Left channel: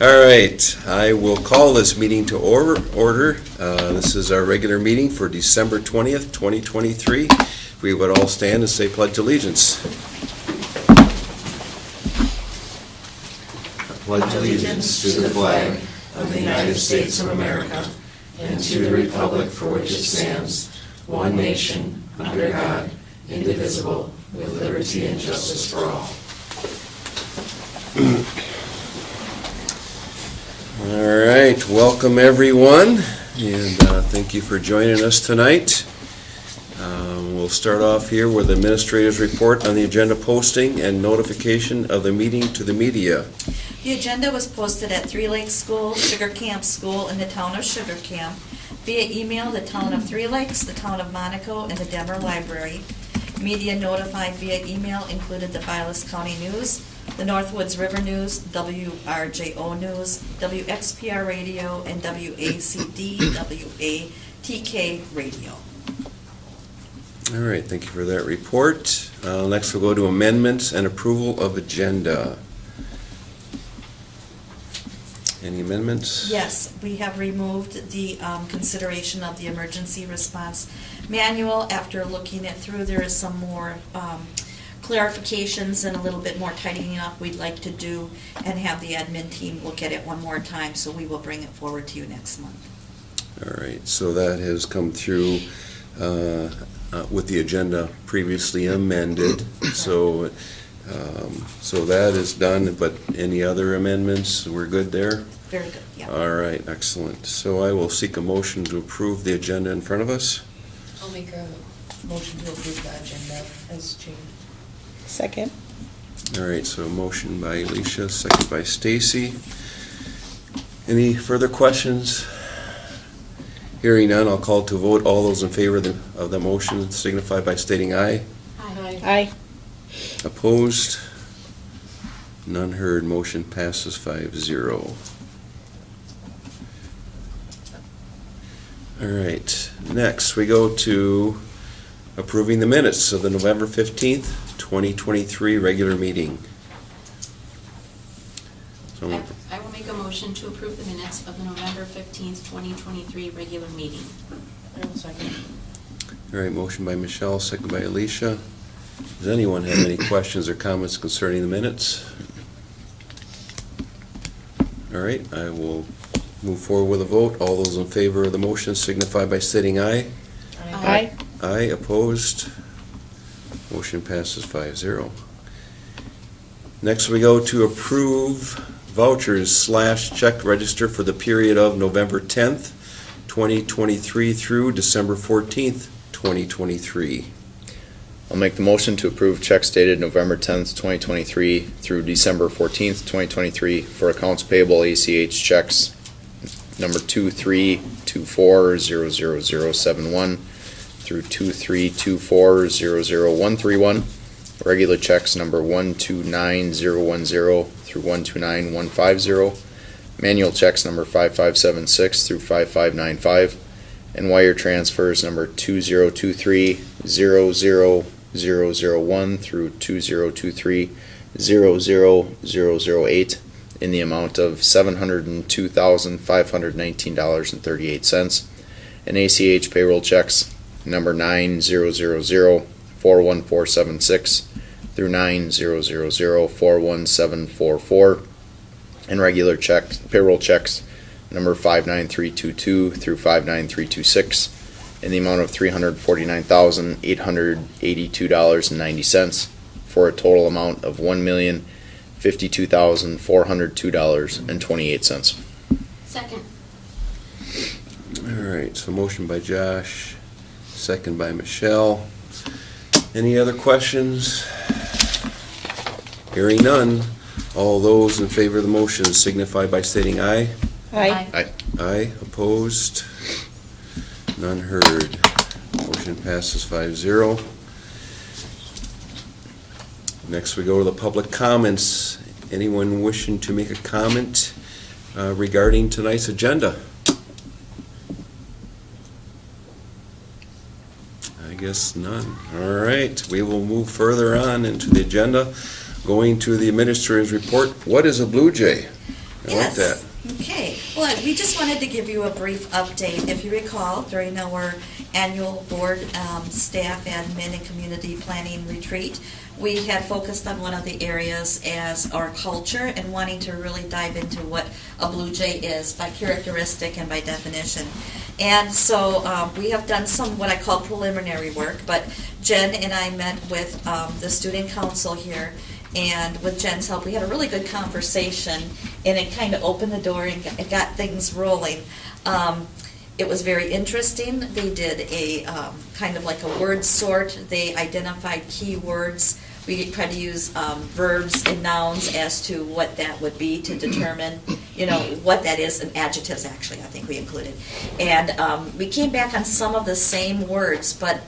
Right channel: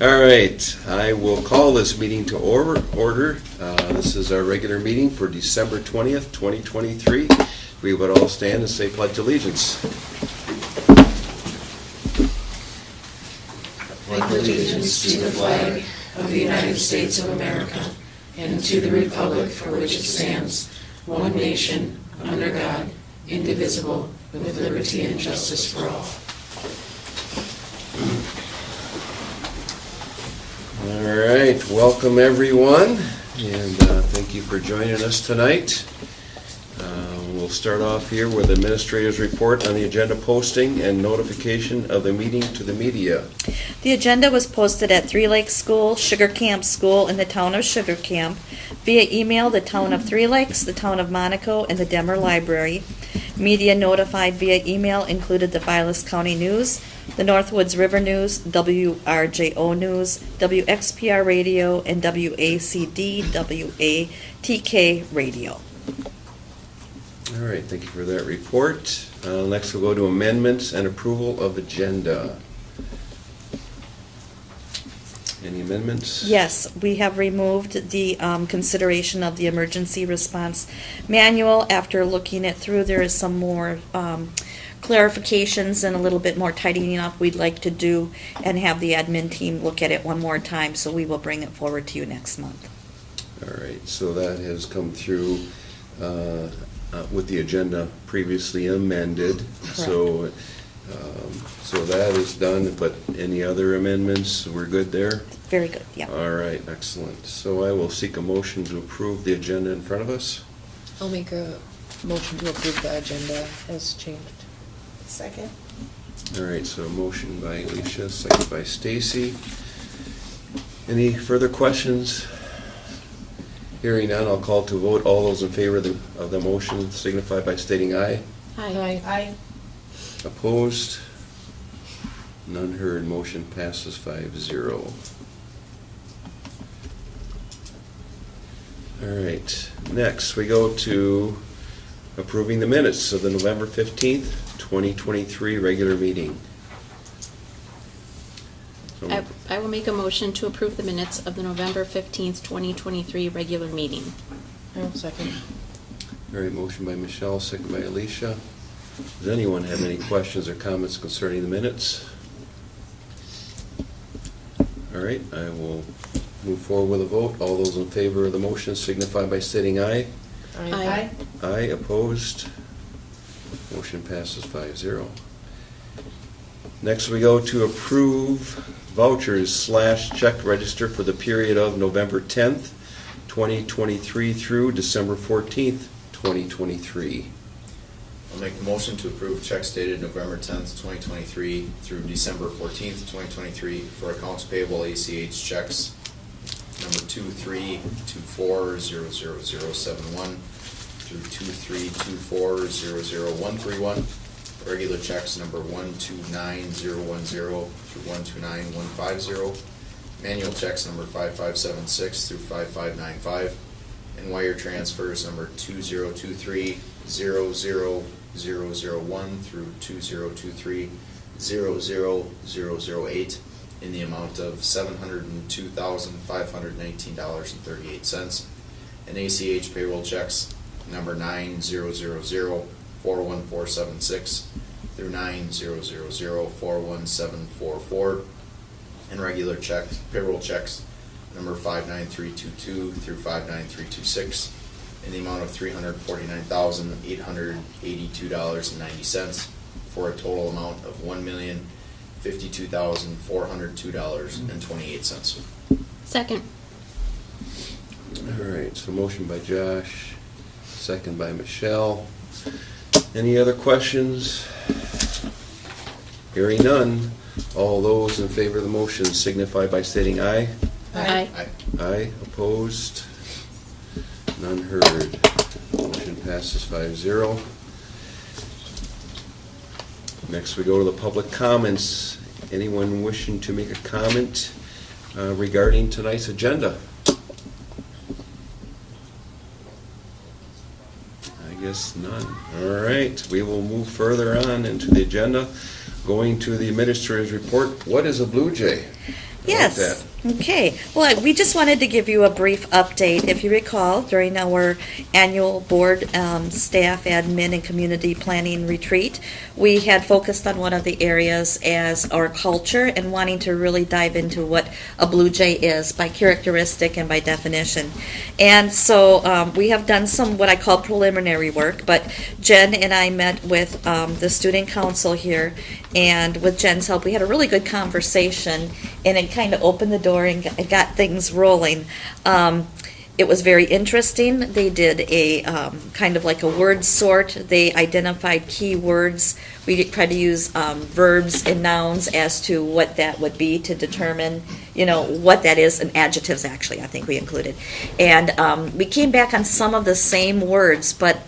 All right, I will call this meeting to order. This is our regular meeting for December 20th, 2023. We would all stand and say pledge allegiance. Pledge allegiance to the flag of the United States of America and to the republic for which it stands, one nation, under God, indivisible, with liberty and justice for all. All right, welcome everyone, and thank you for joining us tonight. We'll start off here with the administrator's report on the agenda posting and notification of the meeting to the media. The agenda was posted at Three Lakes School, Sugar Camp School, in the town of Sugar Camp, via email, the town of Three Lakes, the town of Monaco, and the Denver Library. Media notified via email included the Vilas County News, the Northwoods River News, WRJO News, WXPR Radio, and WACD, WATK Radio. All right, thank you for that report. Next we'll go to amendments and approval of agenda. Any amendments? Yes, we have removed the consideration of the emergency response manual. After looking it through, there is some more clarifications and a little bit more tidying up we'd like to do and have the admin team look at it one more time, so we will bring it forward to you next month. All right, so that has come through with the agenda previously amended. So that is done, but any other amendments, we're good there? Very good, yeah. All right, excellent. So I will seek a motion to approve the agenda in front of us. I'll make a motion to approve the agenda as changed. Second. All right, so a motion by Alicia, second by Stacy. Any further questions? Hearing none, I'll call to vote. All those in favor of the motion signify by stating aye. Aye. Aye. Opposed? None heard. Motion passes 5-0. All right, next we go to approving the minutes of the November 15th, 2023 regular meeting. So, I will make a motion to approve the minutes of the November 15th, 2023 regular meeting. I will second. all right, motion by Michelle, second by Alicia. Does anyone have any questions or comments concerning the minutes? All right, I will move forward with a vote. All those in favor of the motion signify by stating aye. Aye. Aye, opposed? Motion passes 5-0. Next, we go to approve vouchers / check register for the period of November 10th, 2023 through December 14th, 2023. I'll make the motion to approve checks dated November 10th, 2023 through December 14th, 2023 for accounts payable ACH checks number 2324000071 through 2324000131. Regular checks number 129010 through 129150. Manual checks number 5576 through 5595. And wire transfers number 2023-00001 through 2023-00008 in the amount of $702,519.38. And ACH payroll checks number 9000-41476 through 9000-41744. And regular payroll checks number 59322 through 59326 in the amount of $349,882.90 for a total amount of $1,052,402.28. Second. All right, so motion by Josh, second by Michelle. Any other questions? Hearing none, all those in favor of the motion signify by stating aye. Aye. Aye, opposed? None heard. Motion passes 5-0. Next, we go to the public comments. Anyone wishing to make a comment regarding tonight's agenda? I guess none. All right, we will move further on into the agenda. Going to the administrator's report, what is a Blue Jay? I like Yes. that. Okay. Well, we just wanted to give you a brief update. If you recall, during our annual board staff, admin, and community planning retreat, we had focused on one of the areas as our culture and wanting to really dive into what a Blue Jay is by characteristic and by definition. And so we have done some what I call preliminary work, but Jen and I met with the student council here, and with Jen's help, we had a really good conversation, and it kind of opened the door and got things rolling. It was very interesting. They did a kind of like a word sort. They identified key words. We tried to use verbs and nouns as to what that would be to determine, what that is, and adjectives actually, I think we included. And we came back on some of the same words, but,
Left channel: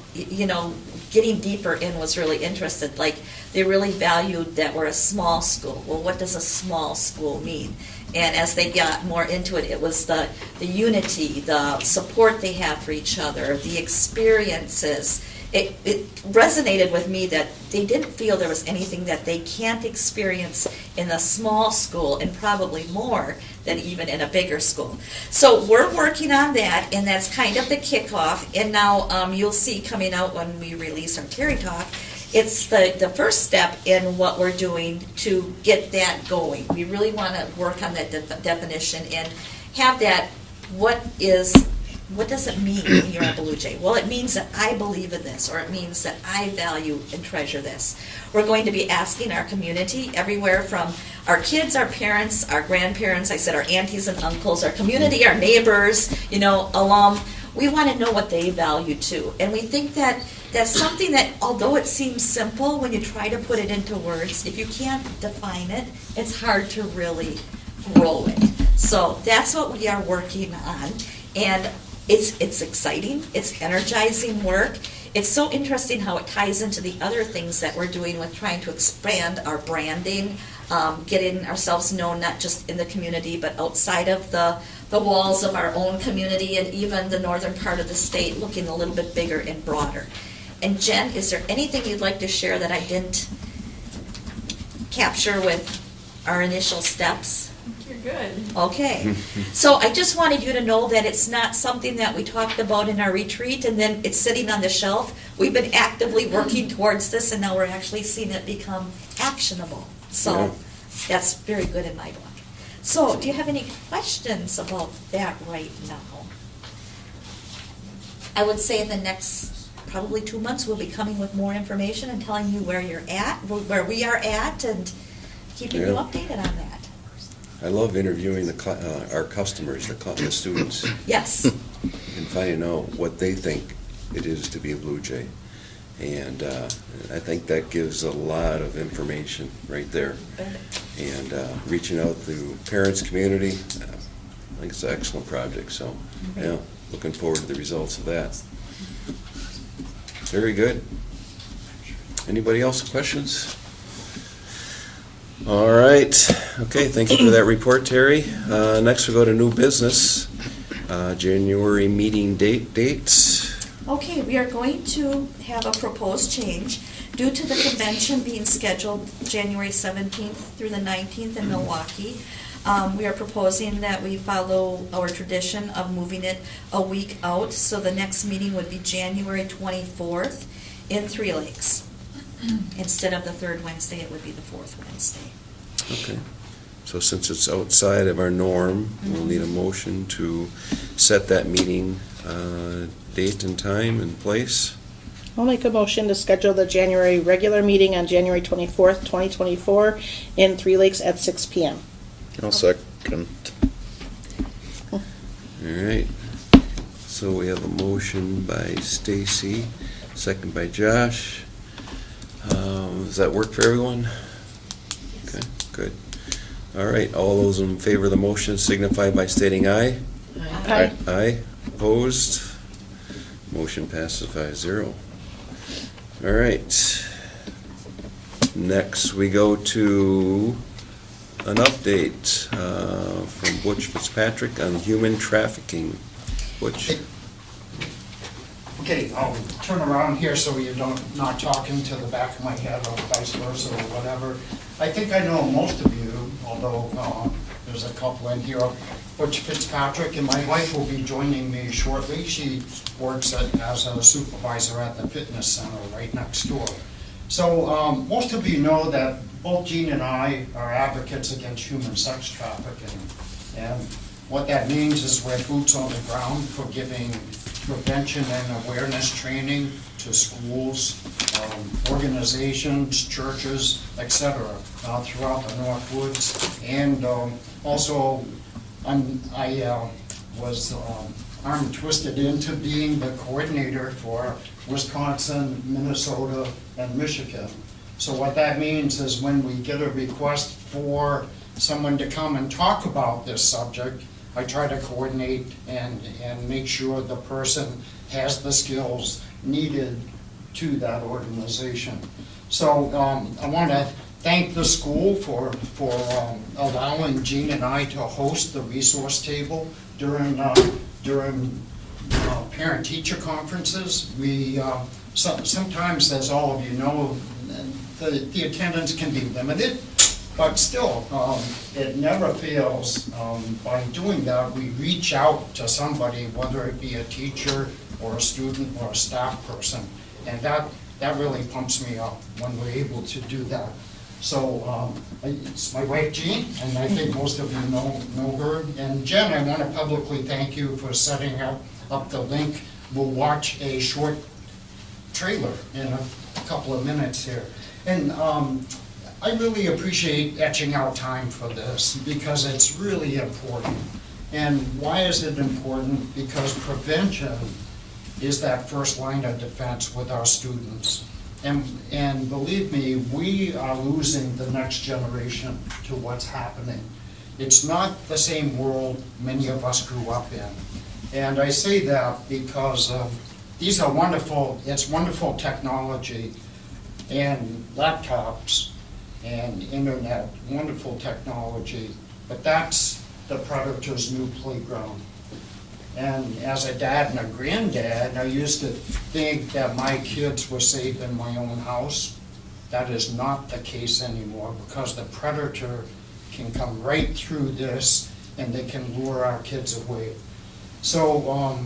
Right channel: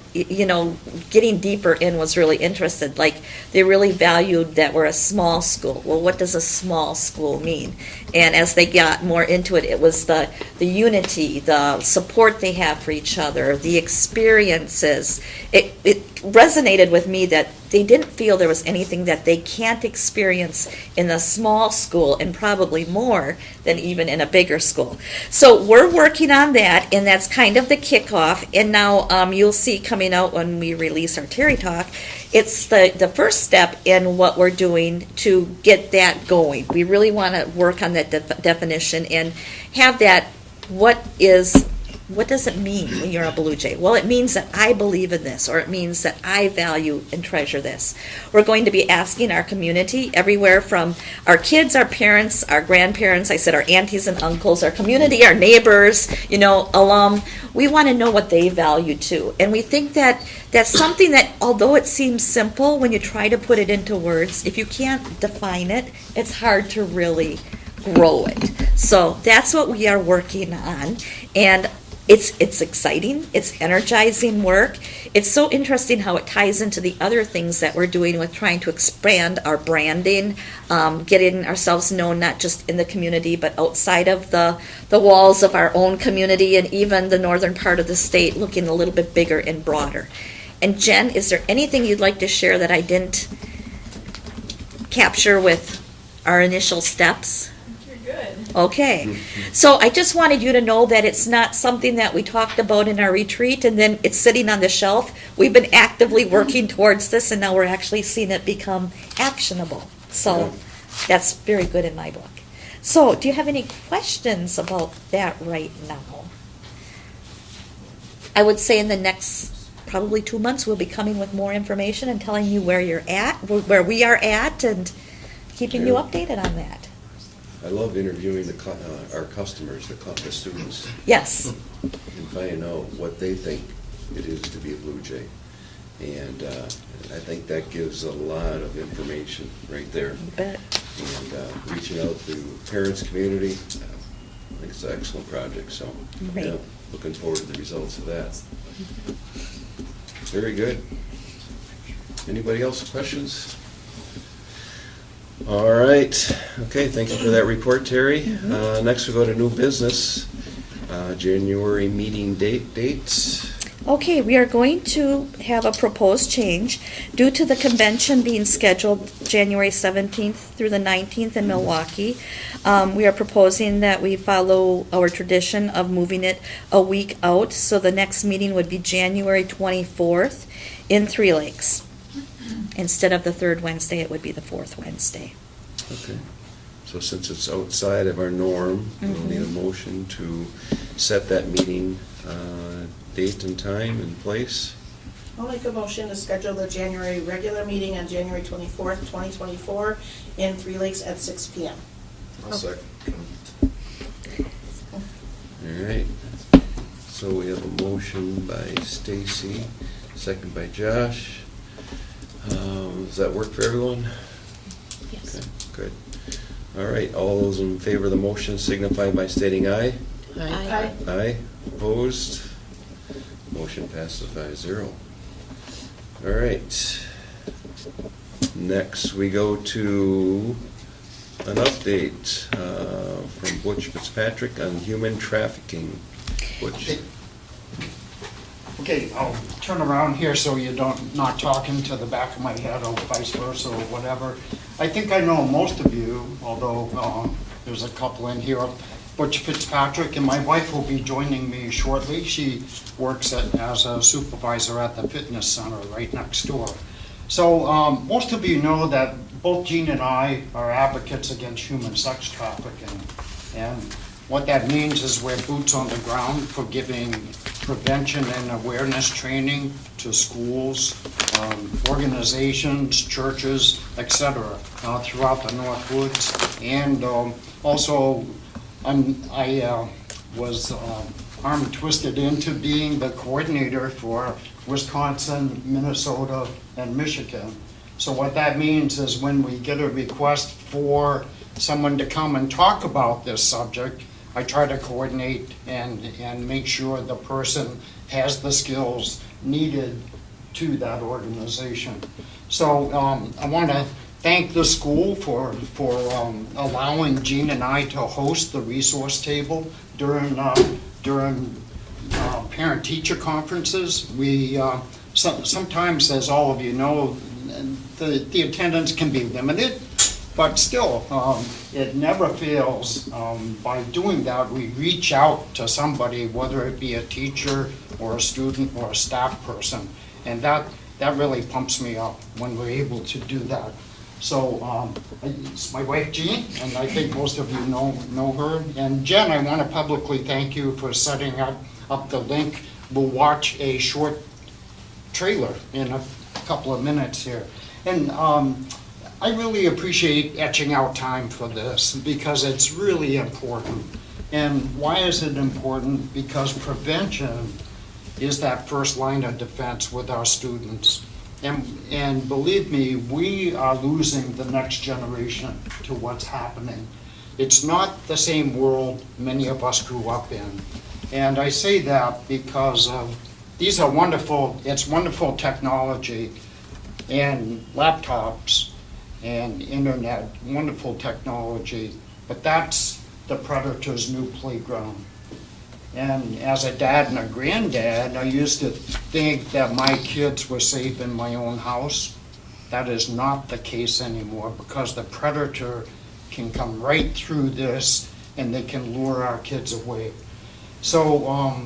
getting deeper in was really interested. Like, they really valued that we're a small school. Well, what does a small school mean? And as they got more into it, it was the unity, the support they have for each other, the experiences. It resonated with me that they didn't feel there was anything that they can't experience in a small school, and probably more than even in a bigger school. So we're working on that, and that's kind of the kickoff. And now you'll see coming out when we release our Terry Talk, it's the first step in what we're doing to get that going. We really want to work on that definition and have that, what does it mean when you're a Blue Jay? Well, it means that I believe in this, or it means that I value and treasure this. We're going to be asking our community, everywhere from our kids, our parents, our grandparents, I said our aunties and uncles, our community, our neighbors, alum. We want to know what they value too. And we think that that's something that, although it seems simple, when you try to put it into words, if you can't define it, it's hard to really grow it. So that's what we are working on. And it's exciting, it's energizing work. It's so interesting how it ties into the other things that we're doing with trying to expand our branding, getting ourselves known not just in the community, but outside of the walls of our own community, and even the northern part of the state, looking a little bit bigger and broader. And Jen, is there anything you'd like to share that I didn't capture with our initial steps? Good. Okay, so I just wanted you to know that it's not something that we talked about in our retreat and then it's sitting on the shelf. We've been actively working towards this, and now we're actually seeing it become actionable. So Yeah. that's very good in my book. So do you have any questions about that right now? I would say in the next probably 2 months, we'll be coming with more information and telling you where you're at, where we are at, and keeping you Yeah. updated on that. I love interviewing our customers, the students, Yes. and finding out what they think it is to be a Blue Jay. And I think that gives a lot of information right there. You bet. And reaching out to parents, community, I think it's an excellent project, so, Great. yeah, looking forward to the results of that. Very good. Anybody else with questions? All right, okay, thank you for that report, Terry. Next we go to new business, January meeting dates. Okay, we are going to have a proposed change due to the convention being scheduled January 17th through the 19th in Milwaukee. We are proposing that we follow our tradition of moving it a week out, so the next meeting would be January 24th in Three Lakes. Instead of the third Wednesday, it would be the fourth Wednesday. Okay, so since it's outside of our norm, we'll need a motion to set that meeting date and time and place. I'll make a motion to schedule the January regular meeting on January 24th, 2024 in Three Lakes at 6 PM. I'll second. All right, so we have a motion by Stacy, second by Josh. Does that work for everyone? Okay, good. All right, all those in favor of the motion signify by stating aye. Aye. Aye, opposed? Motion passes 5-0. All right. Next, we go to an update from Butch Fitzpatrick on human trafficking. Butch? Okay, I'll turn around here so you not talking to the back of my head or vice versa or whatever. I think I know most of you, although there's a couple in here. Butch Fitzpatrick and my wife will be joining me shortly. She works as a supervisor at the fitness center right next door. So most of you know that both Jean and I are advocates against human sex trafficking. And what that means is we're boots on the ground for giving prevention and awareness training to schools, organizations, churches, etc. Throughout the Northwoods. And also I was arm twisted into being the coordinator for Wisconsin, Minnesota, and Michigan. So what that means is when we get a request for someone to come and talk about this subject, I try to coordinate and make sure the person has the skills needed to that organization. So I want to thank the school for allowing Jean and I to host the resource table during parent-teacher conferences. We sometimes, as all of you know, the attendance can be limited, but still, it never fails. By doing that, we reach out to somebody, whether it be a teacher or a student or a staff person, and that really pumps me up when we're able to do that. So it's my wife Jean, and I think most of you know her. And Jen, I want to publicly thank you for setting up the link. We'll watch a short trailer in a couple of minutes here. And I really appreciate etching out time for this because it's really important. And why is it important? Because prevention is that first line of defense with our students. And believe me, we are losing the next generation to what's happening. It's not the same world many of us grew up in. And I say that because these are wonderful, it's wonderful technology and laptops and internet, wonderful technology, but that's the predator's new playground. And as a dad and a granddad, I used to think that my kids were safe in my own house. That is not the case anymore because the predator can come right through this and they can lure our kids away. So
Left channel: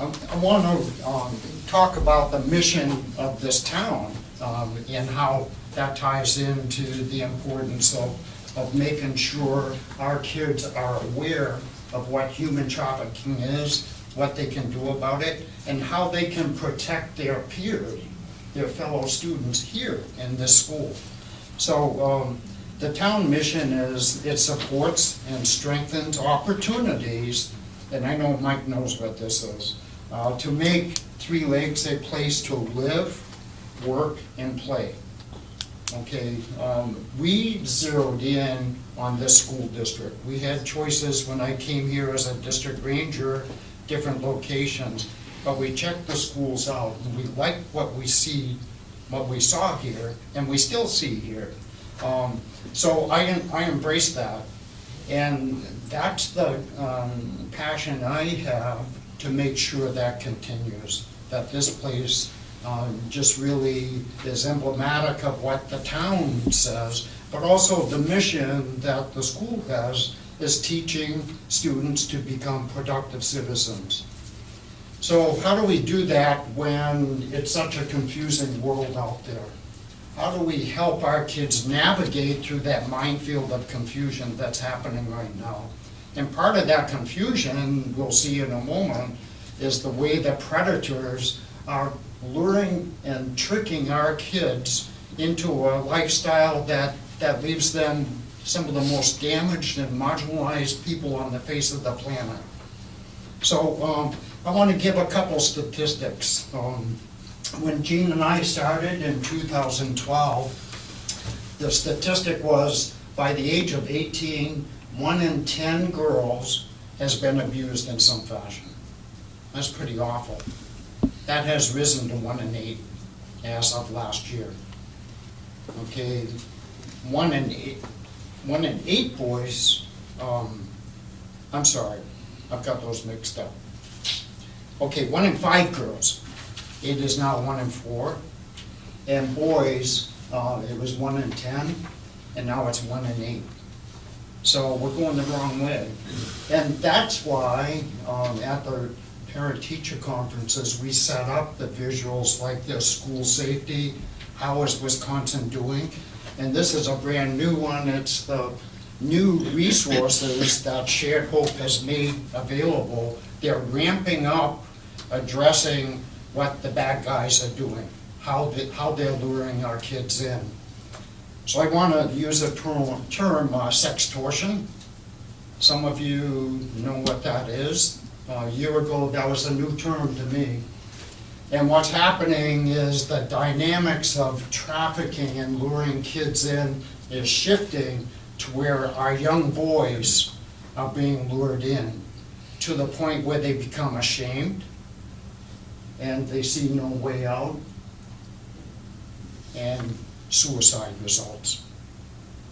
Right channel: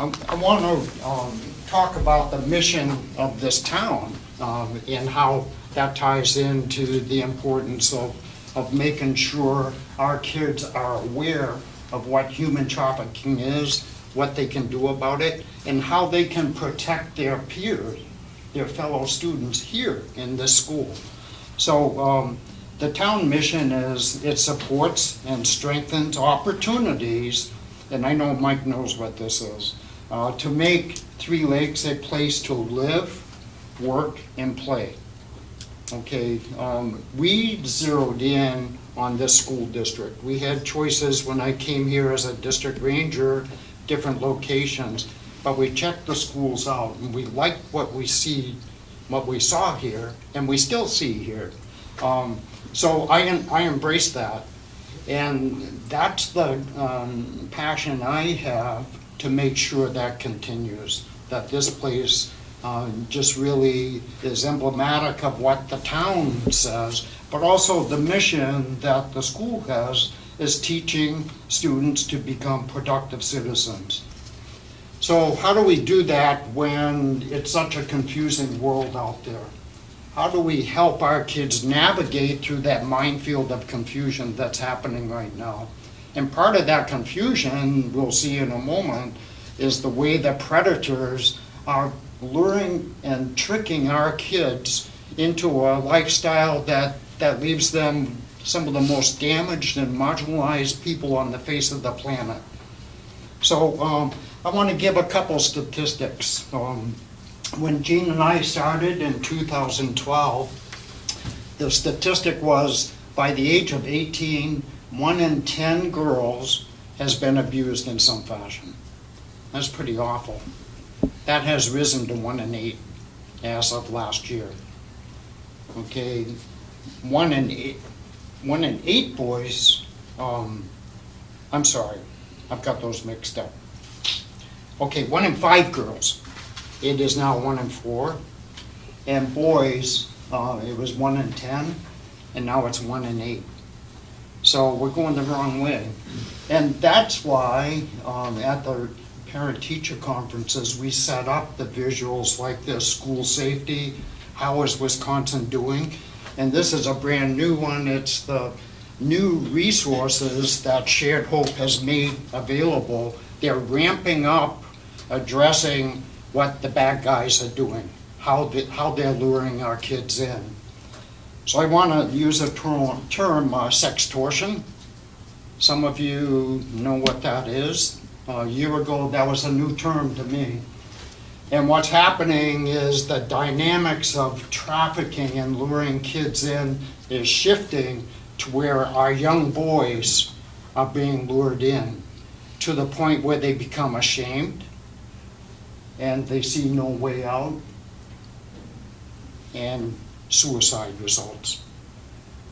I want to talk about the mission of this town and how that ties into the importance of making sure our kids are aware of what human trafficking is, what they can do about it, and how they can protect their peers, their fellow students here in this school. So the town mission is it supports and strengthens opportunities, and I know Mike knows what this is, to make Three Lakes a place to live, work, and play. Okay, we zeroed in on this school district. We had choices when I came here as a district ranger, different locations, but we checked the schools out and we liked what we saw here, and we still see here. So I embrace that, and that's the passion I have to make sure that continues, that this place just really is emblematic of what the town says, but also the mission that the school has is teaching students to become productive citizens. So how do we do that when it's such a confusing world out there? How do we help our kids navigate through that minefield of confusion that's happening right now? And part of that confusion, we'll see in a moment, is the way the predators are luring and tricking our kids into a lifestyle that leaves them some of the most damaged and marginalized people on the face of the planet. So I want to give a couple statistics. When Jean and I started in 2012, the statistic was by the age of 18, 1 in 10 girls has been abused in some fashion. That's pretty awful. That has risen to 1 in 8 as of last year. Okay, 1 in 8 boys, I'm sorry, I've got those mixed up. Okay, 1 in 5 girls, it is now 1 in 4. And boys, it was 1 in 10, and now it's 1 in 8. So we're going the wrong way. And that's why at the parent-teacher conferences, we set up the visuals like this, school safety, how is Wisconsin doing? And this is a brand new one. It's the new resources that Shared Hope has made available. They're ramping up addressing what the bad guys are doing, how they're luring our kids in. So I want to use a term sextortion. Some of you know what that is. A year ago, that was a new term to me. And what's happening is the dynamics of trafficking and luring kids in is shifting to where our young boys are being lured in to the point where they become ashamed and they see no way out, and suicide results.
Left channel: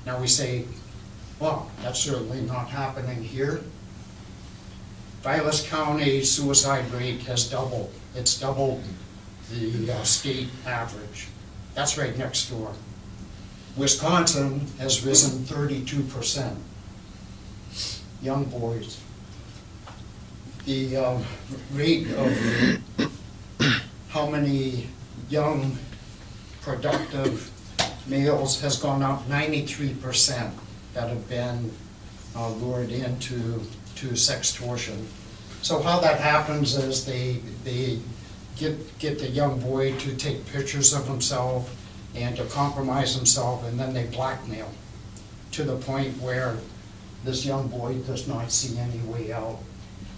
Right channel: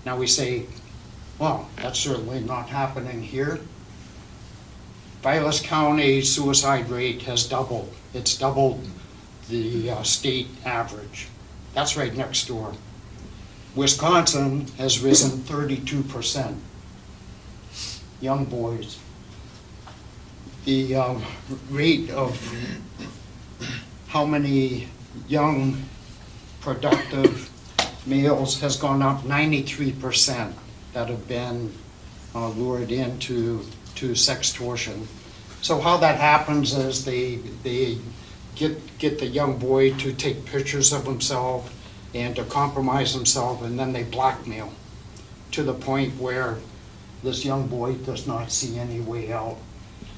Now we say, well, that's certainly not happening here. Vilas County suicide rate has doubled. It's doubled the state average. That's right next door. Wisconsin has risen 32%. Young boys. The rate of how many young, productive males has gone up 93% that have been lured into sextortion. So how that happens is they get the young boy to take pictures of himself and to compromise himself, and then they blackmail to the point where this young boy does not see any way out.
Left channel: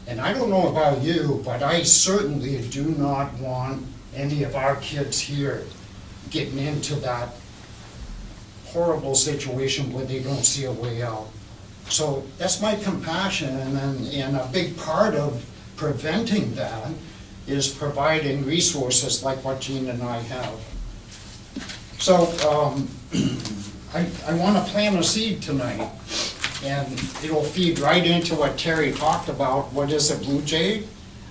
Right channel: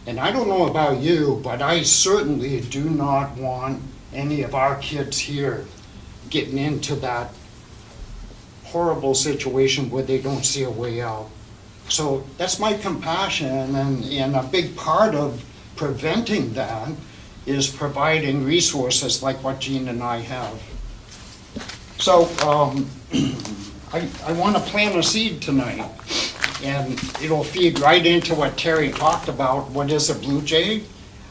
And I don't know about you, but I certainly do not want any of our kids here getting into that horrible situation where they don't see a way out. So that's my compassion, and a big part of preventing that is providing resources like what Jean and I have. So I want to plant a seed tonight, and it'll feed right into what Terry talked about. What is a Blue Jay?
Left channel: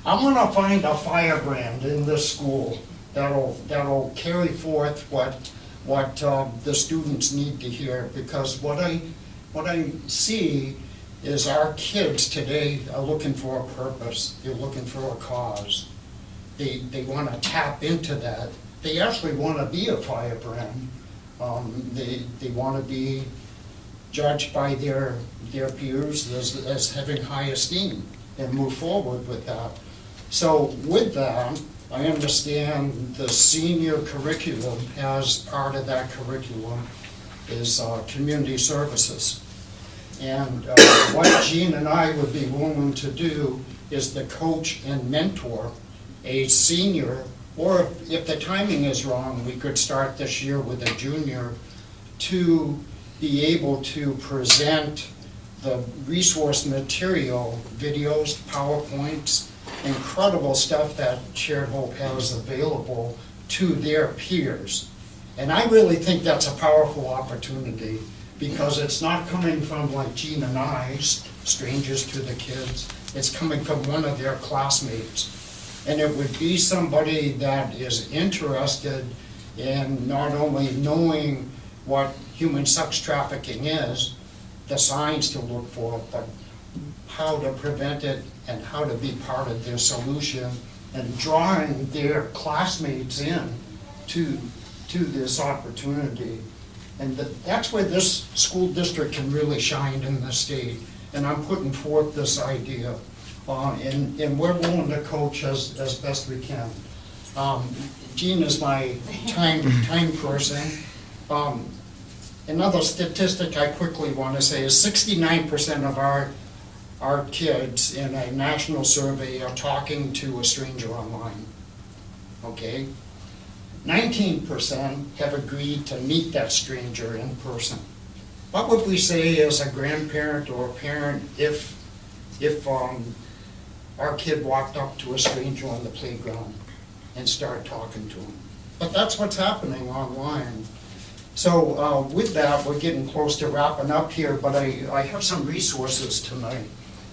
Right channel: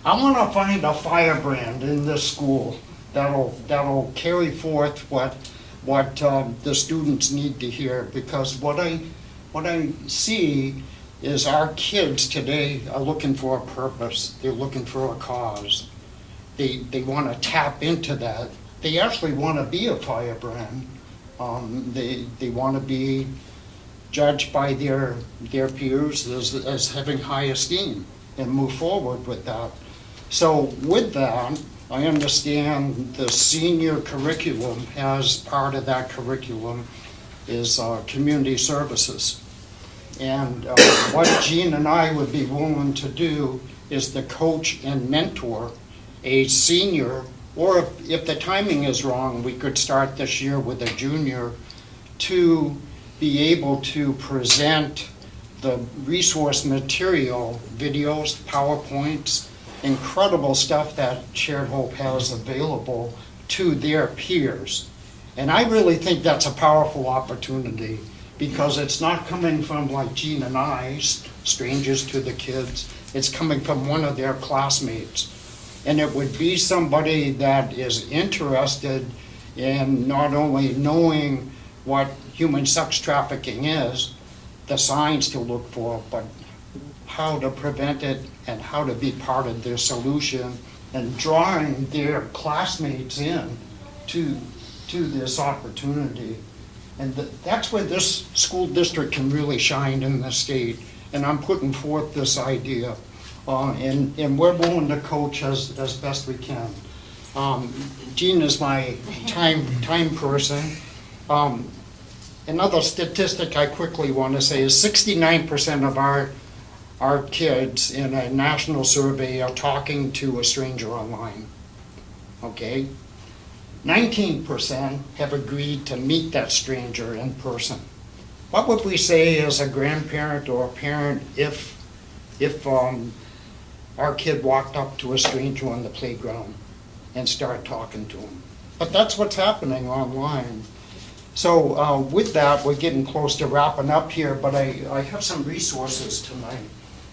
I'm going to find a firebrand in this school that'll carry forth what the students need to hear, because what I see is our kids today are looking for a purpose. They're looking for a cause. They want to tap into that. They actually want to be a firebrand. They want to be judged by their peers as having high esteem and move forward with that. So with that, I understand the senior curriculum, as part of that curriculum is community services. And what Jean and I would be willing to do is to coach and mentor a senior, or if the timing is wrong, we could start this year with a junior, to be able to present the resource material, videos, PowerPoints, incredible stuff that Shared Hope has available to their peers. And I really think that's a powerful opportunity, because it's not coming from like Jean and I, strangers to the kids. It's coming from one of their classmates. And it would be somebody that is interested in not only knowing what human sex trafficking is, the signs to look for, but how to prevent it and how to be part of their solution, and drawing their classmates in to this opportunity. And that's where this school district can really shine in the state. And I'm putting forth this idea. And we're willing to coach as best we can. Jean is my time person. Another statistic I quickly want to say is 69% of our kids in a national survey are talking to a stranger online. Okay? 19% have agreed to meet that stranger in person. What would we say as a grandparent or a parent if our kid walked up to a stranger on the playground and started talking to him? But that's what's happening online. So with that, we're getting close to wrapping up here, but I have some resources tonight.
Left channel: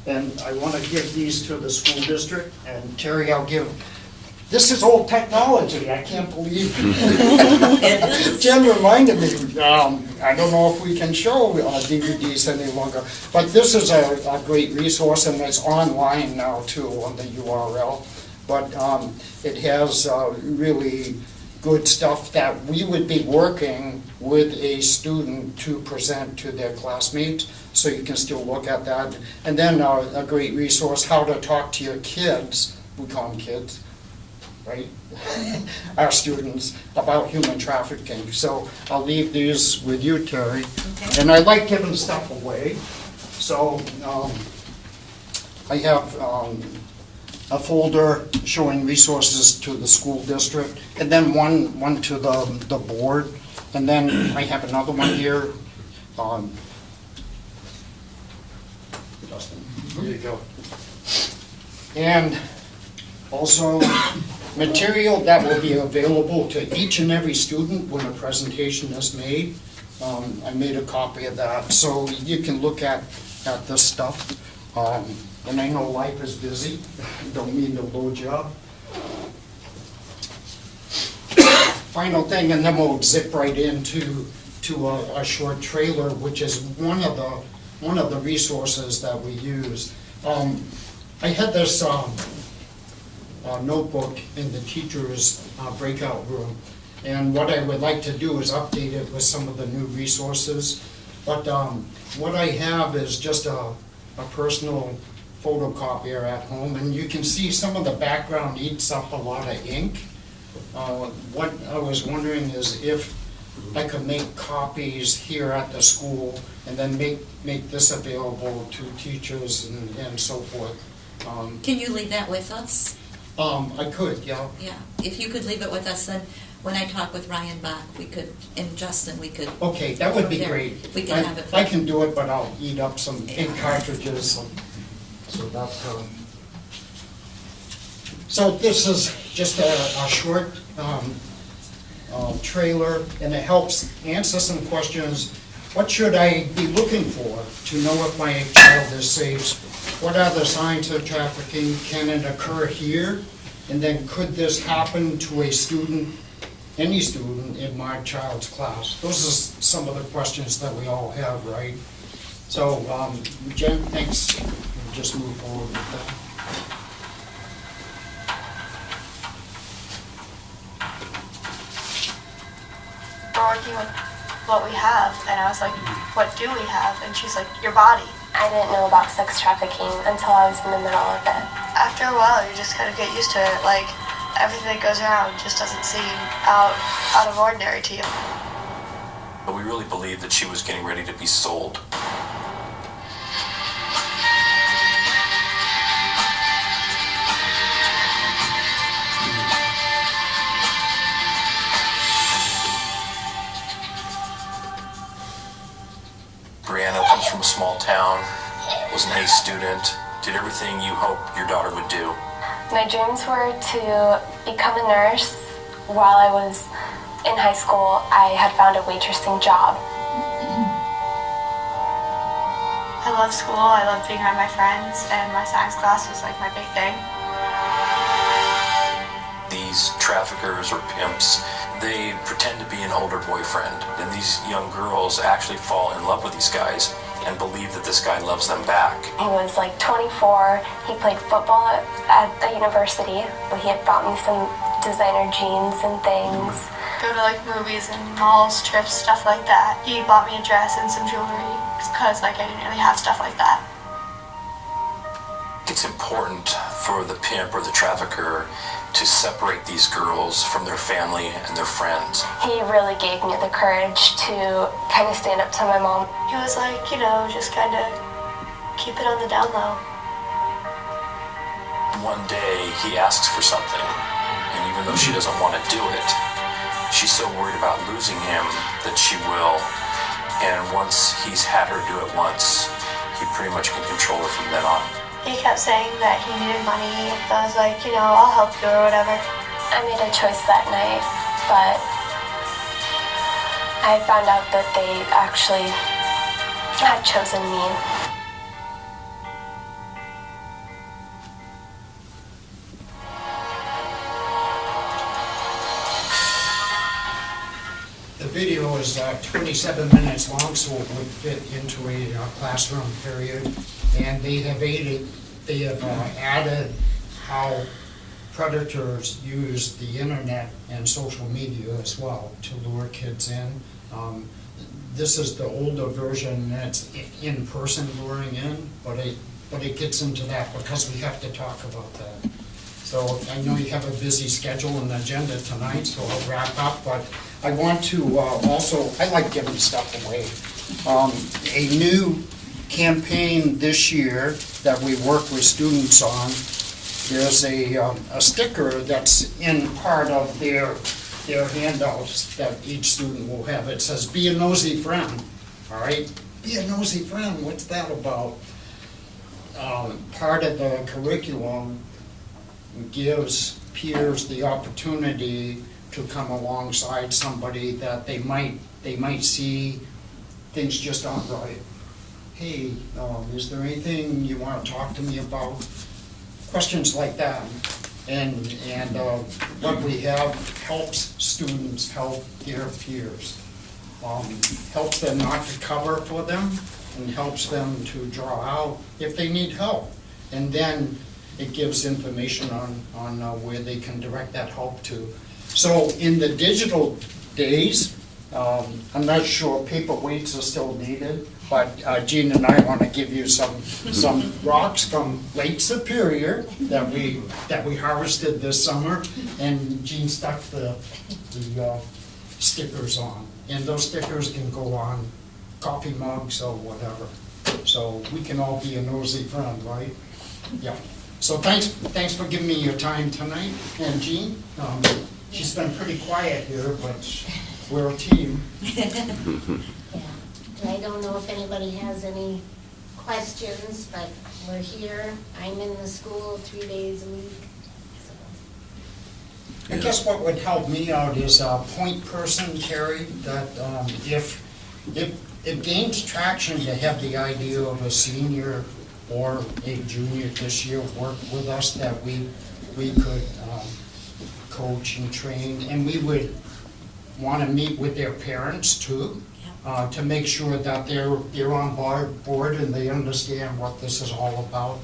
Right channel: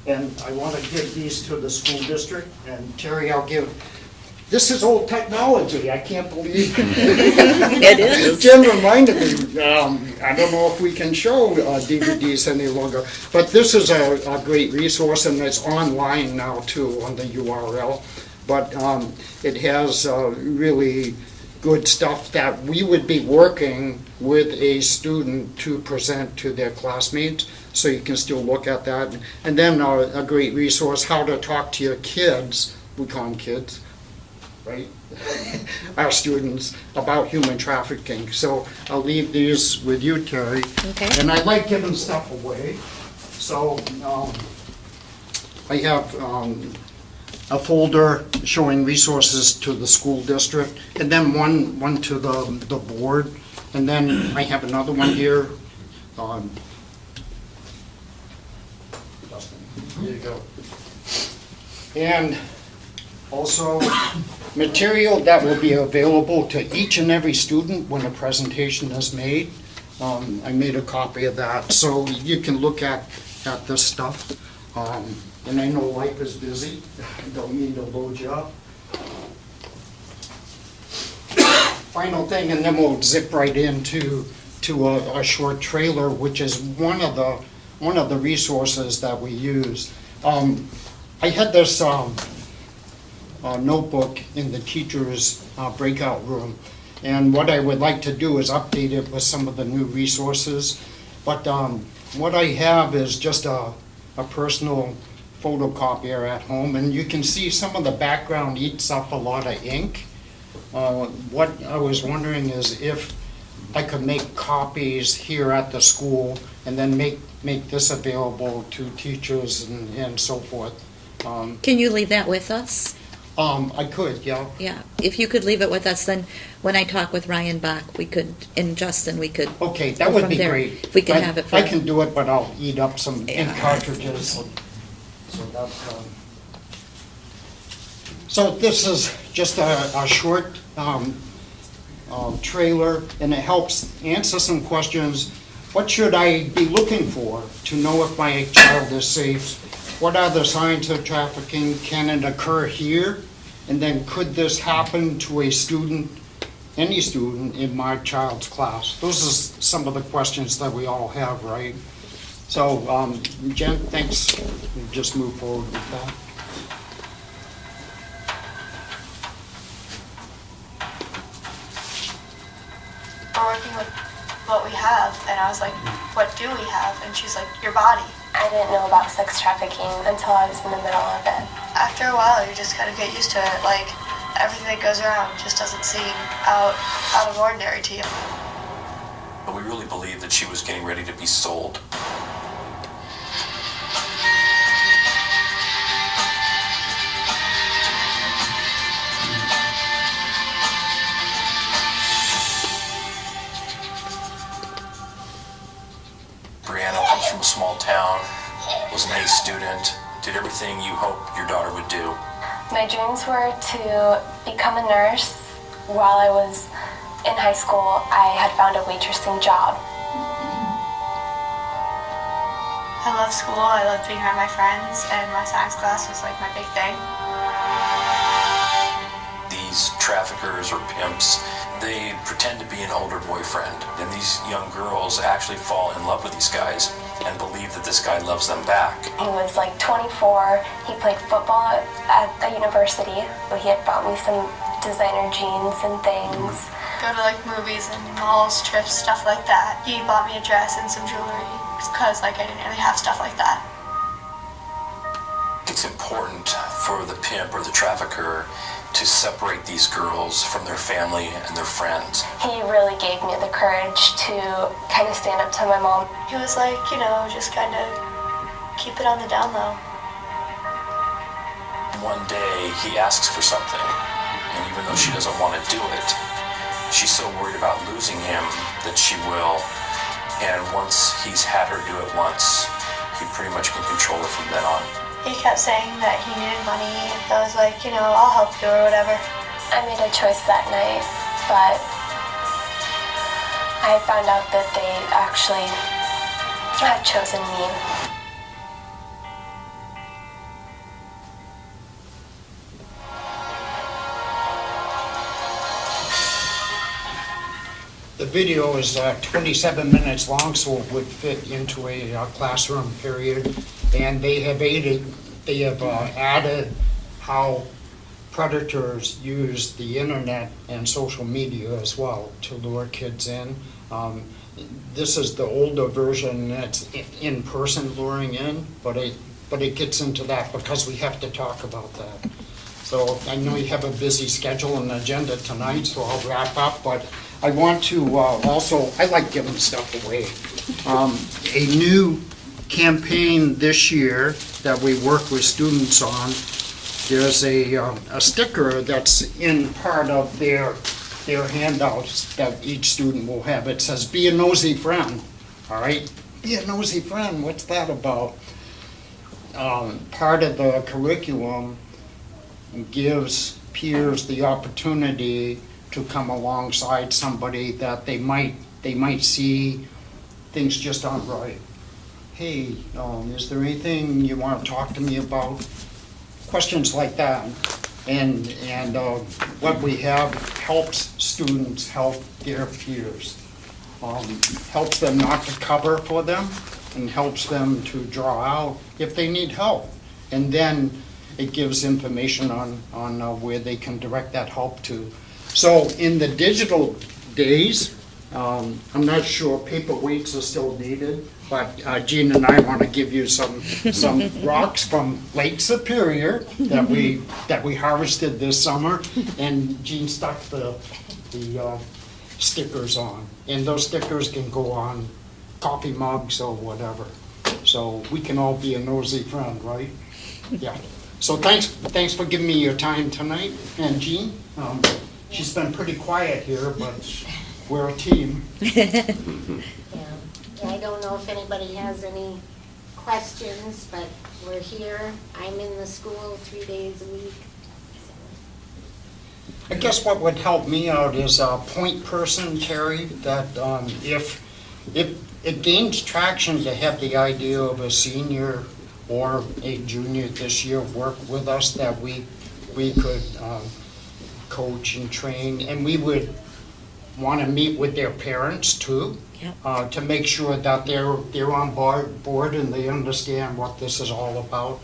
And I want to give these to the school district. And Terry, I'll give this is old technology, I can't believe. It is. Jen reminded me, I don't know if we can show DVDs any longer, but this is a great resource, and it's online now too on the URL. But it has really good stuff that we would be working with a student to present to their classmates, so you can still look at that. And then a great resource, how to talk to your kids, we call them kids, right? Our students, about human trafficking. So I'll leave these with you, Terry. Okay. And I like giving stuff away. So I have a folder showing resources to the school district, and then one to the board. And then I have another one here. Justin, here you go. And also material that will be available to each and every student when a presentation is made. I made a copy of that, so you can look at this stuff. And I know life is busy, don't mean to load you up. Final thing, and then we'll zip right into a short trailer, which is one of the resources that we use. I had this notebook in the teacher's breakout room, and what I would like to do is update it with some of the new resources. But what I have is just a personal photocopier at home, and you can see some of the background eats up a lot of ink. What I was wondering is if I could make copies here at the school and then make this available to teachers and so forth. Can you leave that with us? I could, yeah. Yeah, if you could leave it with us, then when I talk with Ryan Bach, we could, and Justin, we could. Okay, that go would from be there. great. We can have it. For I can do it, but I'll eat up some ink Yeah. cartridges. So that's, so this is just a short trailer, and it helps answer some questions. What should I be looking for to know if my child is safe? What are the signs of trafficking? Can it occur here? And then could this happen to a student, any student in my child's class? Those are some of the questions that we all have, right? So, Jen, thanks. We'll just move forward with that. We're working with what we have, and I was like, what do we have? And she's like, your body. I didn't know about sex trafficking until I was in the middle of it. After a while, you just kind of get used to it. Like, everything that goes around just doesn't seem out of ordinary to you. But we really believed that she was getting ready to be sold. Brianna comes from a small town, was an A student, did everything you hoped your daughter would do. My dreams were to become a nurse. While I was in high school, I had found a waitressing job. I love school, I love being around my friends, and my science class was like my big thing. These traffickers or pimps, they pretend to be an older boyfriend, and these young girls actually fall in love with these guys and believe that this guy loves them back. He was like 24. He played football at the university. He had bought me some designer jeans and things. Go to like movies and malls, trips, stuff like that. He bought me a dress and some jewelry because like I didn't really have stuff like that. It's important for the pimp or the trafficker to separate these girls from their family and their friends. He really gave me the courage to kind of stand up to my mom. He was like, you know, just kind of keep it on the down low. One day he asks for something, and even though she doesn't want to do it, she's so worried about losing him that she will. And once he's had her do it once, he pretty much can control her from then on. He kept saying that he needed money. I was like, you know, I'll help you or whatever. I made a choice that night, but I found out that they actually had chosen me. video is 27 minutes long, so it would fit into a classroom period. And they have added how predators use the internet and social media as well to lure kids in. This is the older version that's in-person luring in, but it gets into that because we have to talk about that. So I know you have a busy schedule and agenda tonight, so I'll wrap up, but I want to also, I like giving stuff away. A new campaign this year that we work with students on, there's a sticker that's in part of their handouts that each student will have. It says, "Be a nosy friend," all right? Be a nosy friend, what's that about? Part of the curriculum gives peers the opportunity to come alongside somebody that they might see things just aren't right. Hey, is there anything you want to talk to me about? Questions like that. And what we have helps students help their peers. Helps them not to cover for them and helps them to draw out if they need help. And then it gives information on where they can direct that help to. So in the digital days, I'm not sure paper weights are still needed, but Jean and I want to give you some rocks from Lake Superior that we harvested this summer, and Jean stuck the stickers on, and those stickers can go on coffee mugs or whatever. So we can all be a nosy friend, right? Yeah. So thanks for giving me your time tonight, and Jean, she's been pretty quiet here, but we're a team. Yeah, I don't know if anybody has any questions, but we're here. I'm in the school 3 days a week. I guess what would help me out is a point person, Terry, that if it gains traction to have the idea of a senior or a junior this year work with us, that we could coach and train, and we would want to meet with their parents too, to make sure that they're on board and they understand what this is all about.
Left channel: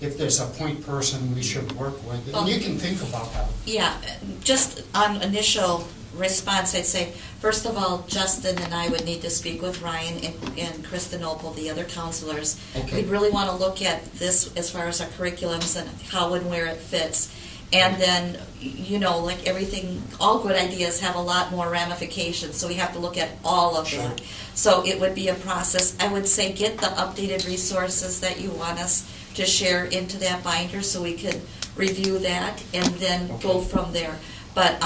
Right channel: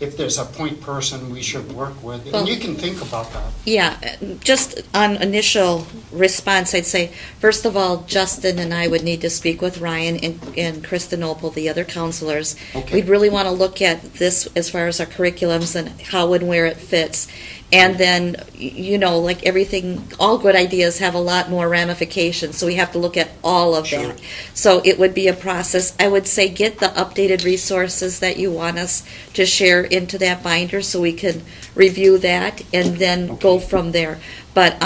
If there's a point person we should work with, and you can think about that. Yeah, just on initial response, I'd say, first of all, Justin and I would need to speak with Ryan and Kristen Opel, the other counselors. Okay. We'd really want to look at this as far as our curriculums and how and where it fits. And then, like everything, all good ideas have a lot more ramifications, so we have to look at all of Sure. that. So it would be a process. I would say get the updated resources that you want us to share into that binder so we can review that and then go from there. But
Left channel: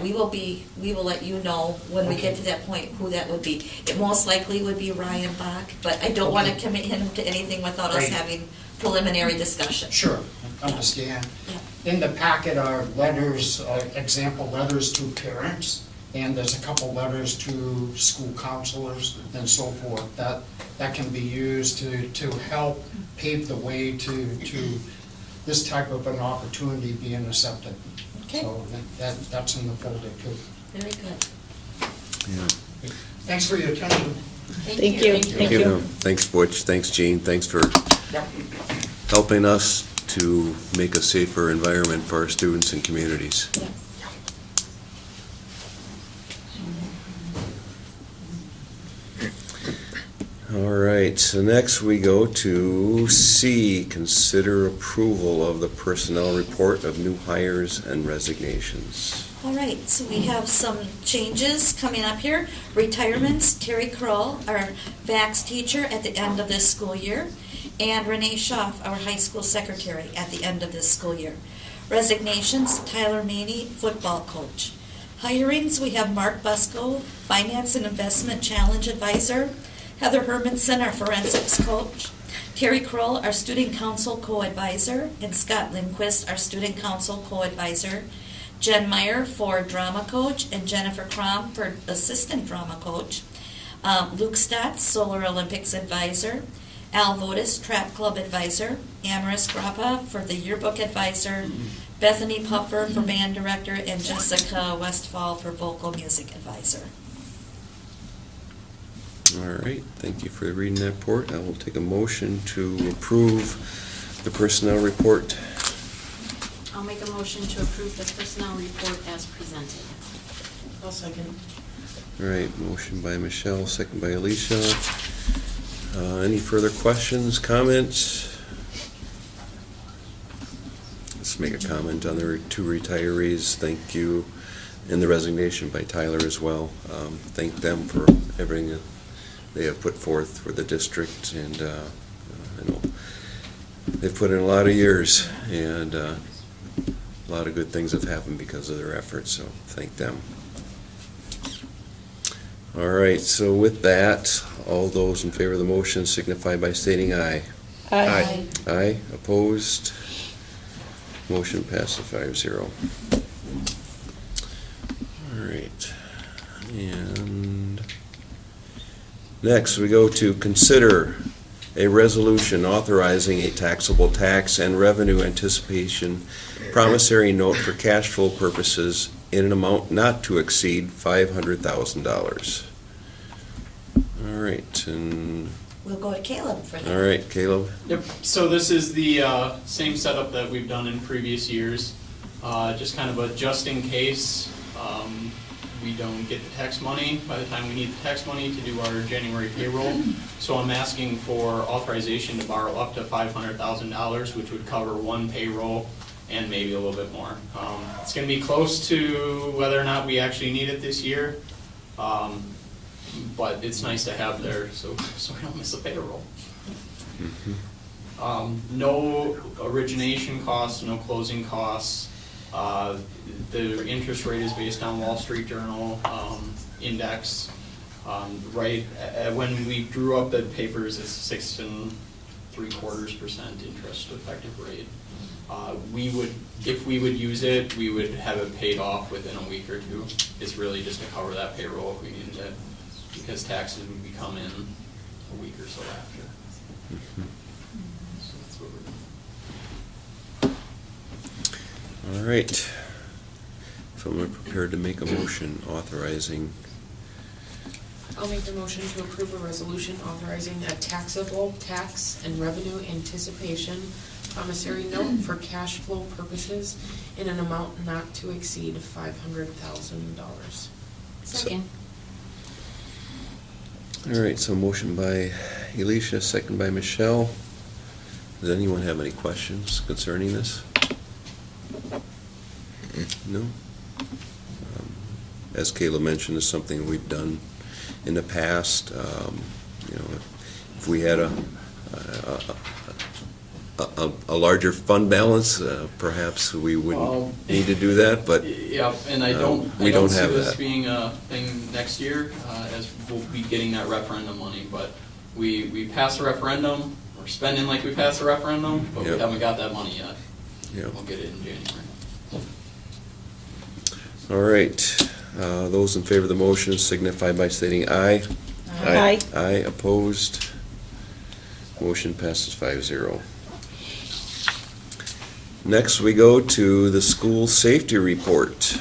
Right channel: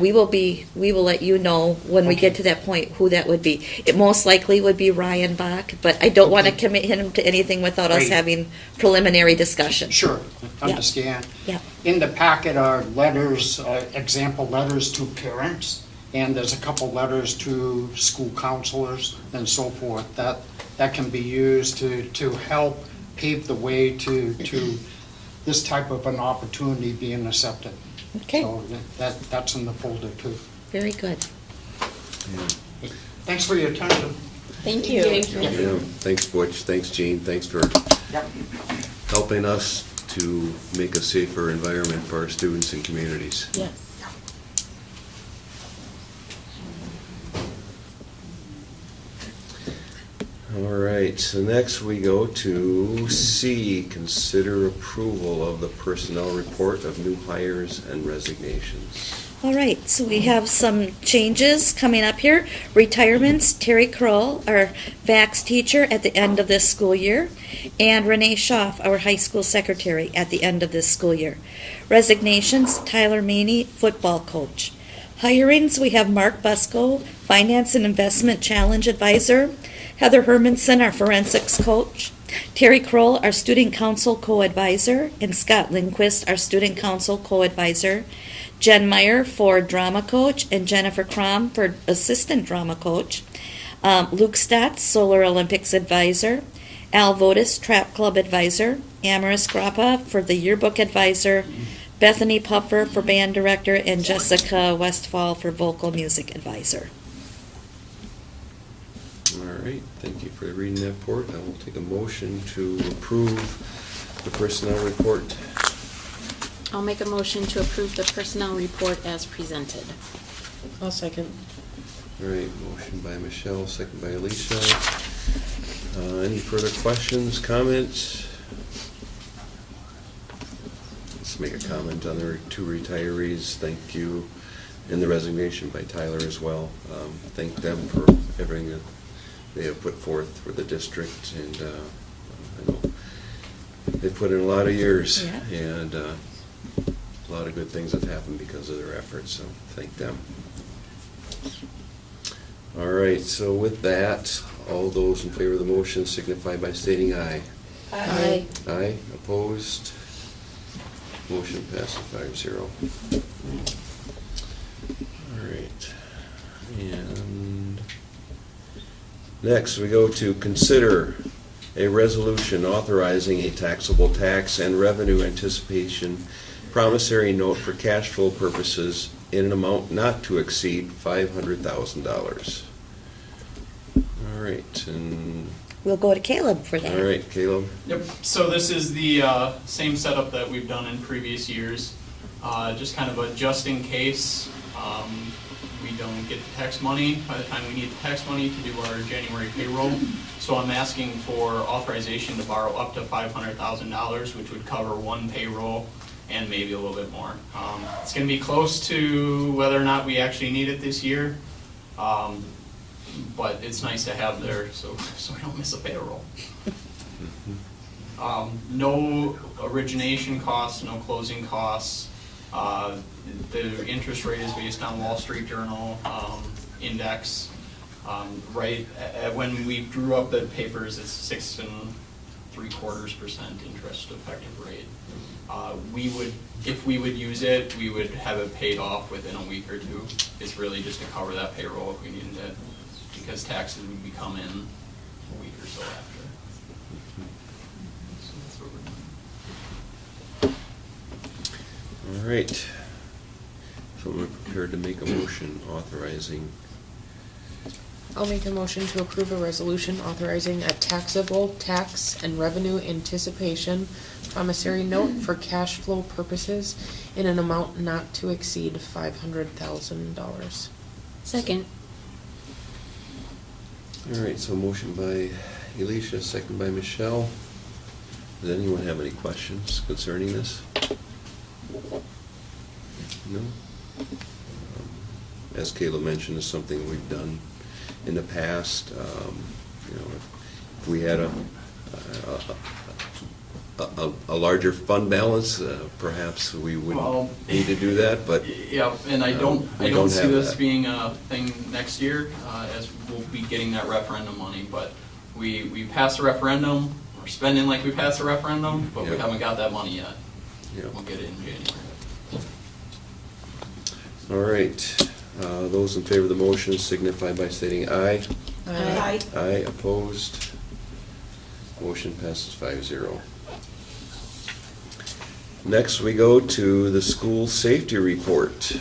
we will let you know when we get to that point who that would be. It most likely would be Ryan Bach, but I don't want to commit him to anything without us Right. having preliminary discussion. Sure, understand. Yeah. In the packet are letters, example letters to parents, and there's a couple letters to school counselors and so forth. That can be used to help pave the way to this type of an opportunity being accepted. Okay. So that's in the folder too. Very good. Yeah. Thanks for your attention. Thank you. Thank you. Thanks, Butch. Thanks, Jean. Thanks for Yep. helping us to make a safer environment for our students and communities. Yes. All right, so next we go to C, consider approval of the personnel report of new hires and resignations. All right, so we have some changes coming up here. Retirements, Terry Kroll, our VAX teacher at the end of this school year, and Renee Schaff, our high school secretary at the end of this school year. Resignations, Tyler Maney, football coach. Hirings, we have Mark Busco, Finance and Investment Challenge Advisor, Heather Hermanson, our forensics coach, Terry Kroll, our student council co-advisor, and Scott Lindquist, our student council co-advisor, Jen Meyer for drama coach, and Jennifer Crom for assistant drama coach, Luke Stotts, Solar Olympics advisor, Al Votis, Trap Club advisor, Amaris Grappa for the yearbook advisor, Bethany Puffer for band director, and Jessica Westfall for vocal music advisor. All right, thank you for reading that report. I will take a motion to approve the personnel report. I'll make a motion to approve the personnel report as presented. I'll second. All right, motion by Michelle, second by Alicia. Any further questions, comments? Let's make a comment on the two retirees. Thank you, and the resignation by Tyler as well. Thank them for everything that they have put forth for the district, and I know they've put in a lot of years, and a lot of good things have happened because of their efforts, so thank them. All right, so with that, all those in favor of the motion signify by stating aye. Aye. Aye, opposed? Motion passes 5-0. All right, and next we go to consider a resolution authorizing a taxable tax and revenue anticipation promissory note for cash flow purposes in an amount not to exceed $500,000. All right, and, We'll go to Caleb for that. all right, Caleb. Yep, so this is the same setup that we've done in previous years. Just kind of a just in case we don't get the tax money by the time we need the tax money to do our January payroll. So I'm asking for authorization to borrow up to $500,000, which would cover one payroll and maybe a little bit more. It's going to be close to whether or not we actually need it this year. But it's nice to have there so we don't miss a payroll. No origination costs, no closing costs. The interest rate is based on Wall Street Journal index. When we drew up the papers, it's 6 3/4% interest effective rate. If we would use it, we would have it paid off within a week or two. It's really just to cover that payroll if we needed it, because taxes would be coming in a week or so after. So that's what we're doing. All right. So I'm prepared to make a motion authorizing. I'll make a motion to approve a resolution authorizing a taxable tax and revenue anticipation promissory note for cash flow purposes in an amount not to exceed $500,000. Second. All right, so motion by Alicia, second by Michelle. Does anyone have any questions concerning this? No? As Caleb mentioned, it's something we've done in the past. If we had a larger fund balance, perhaps we wouldn't need to do that, but Yeah, and I don't we don't see have this that. being a thing next year, as we'll be getting that referendum money, but we passed the referendum, we're spending like we passed the referendum, but we Yep. haven't got that money yet. Yep. We'll get it in January. All right, those in favor of the motion signify by stating aye. Aye. Aye, opposed. Motion passes 5-0. Next, we go to the school safety report.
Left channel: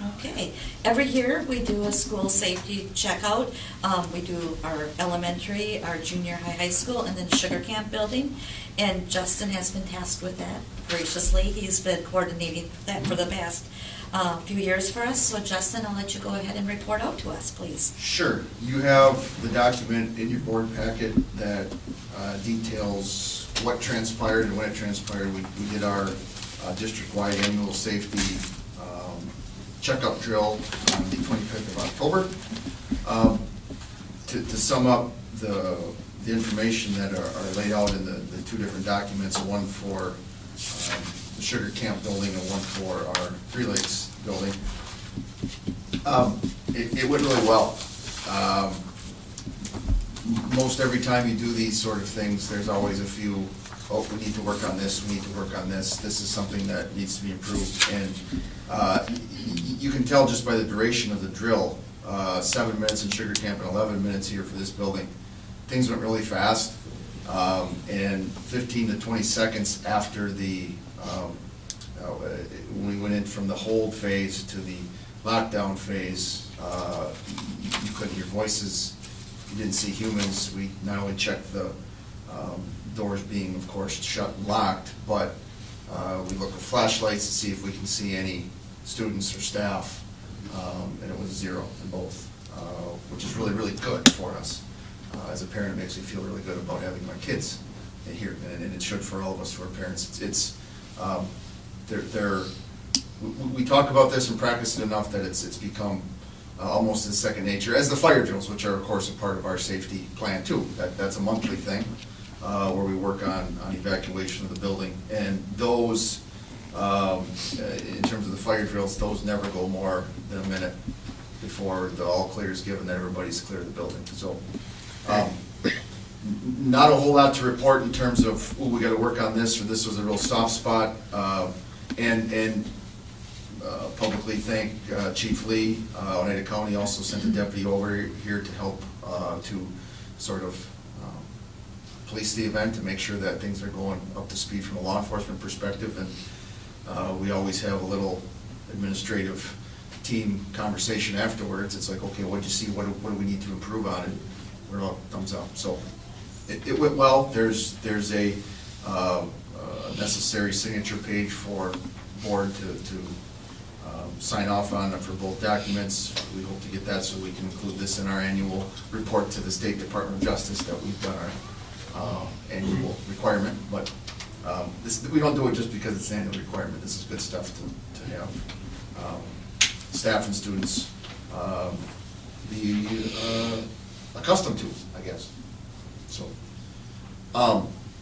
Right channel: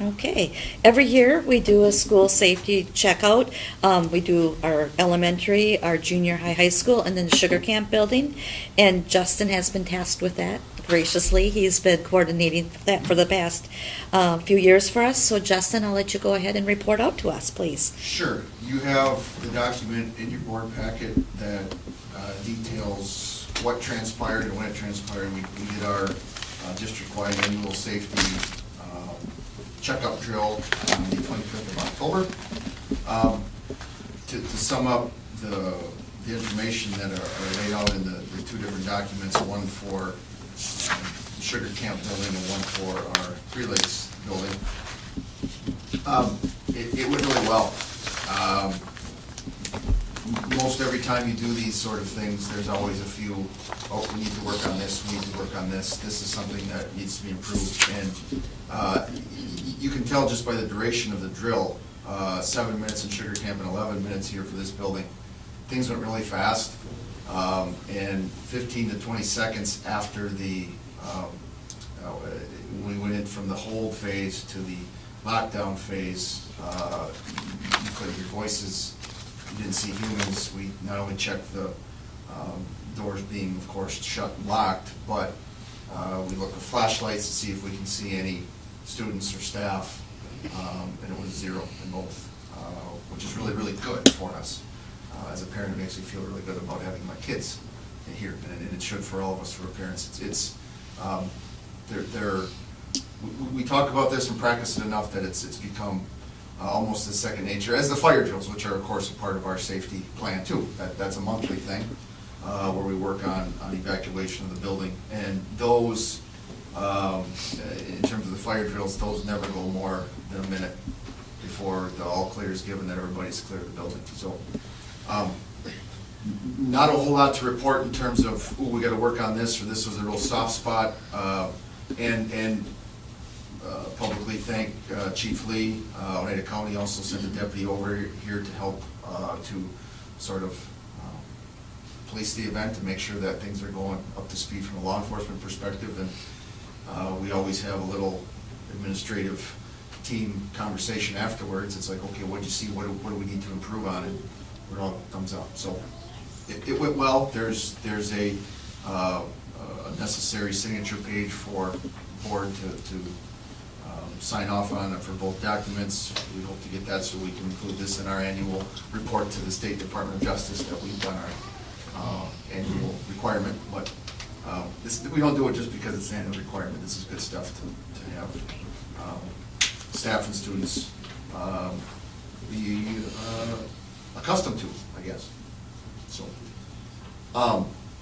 Okay, every year we do a school safety checkout. We do our elementary, our junior high school, and then the Sugar Camp building. And Justin has been tasked with that graciously. He's been coordinating that for the past few years for us. So Justin, I'll let you go ahead and report out to us, please. Sure. You have the document in your board packet that details what transpired and when it transpired. We did our district-wide annual safety checkup drill on the 25th of October. To sum up the information that are laid out in the two different documents, one for the Sugar Camp building and one for our Three Lakes building, it went really well. Most every time you do these sort of things, there's always a few, oh, we need to work on this, we need to work on this, this is something that needs to be improved. And you can tell just by the duration of the drill, 7 minutes in Sugar Camp and 11 minutes here for this building. Things went really fast, and 15 to 20 seconds after the, when we went in from the hold phase to the lockdown phase, you could hear voices you didn't see humans, we not only checked the doors being, of course, shut and locked, but we look with flashlights to see if we can see any students or staff, and it was 0 in both, which is really, really good for us. As a parent, it makes me feel really good about having my kids here, and it should for all of us who are parents. We talk about this and practice it enough that it's become almost as second nature as the fire drills, which are, of course, a part of our safety plan too. That's a monthly thing where we work on evacuation of the building, and those, in terms of the fire drills, those never go more than a minute before the all clear is given that everybody's clear of the building. So, not a whole lot to report in terms of, we got to work on this, or this was a real soft spot, and publicly thank Chief Lee. Oneida County also sent a deputy over here to help to sort of police the event and make sure that things are going up to speed from a law enforcement perspective. And we always have a little administrative team conversation afterwards. It's like, okay, what did you see? What do we need to improve on? And we're all thumbs up. So it went well. There's a necessary signature page for board to sign off on for both documents. We hope to get that so we can include this in our annual report to the State Department of Justice that we've done our annual requirement. But we don't do it just because it's an annual requirement. This is good stuff to have staff and students be accustomed to, I guess. So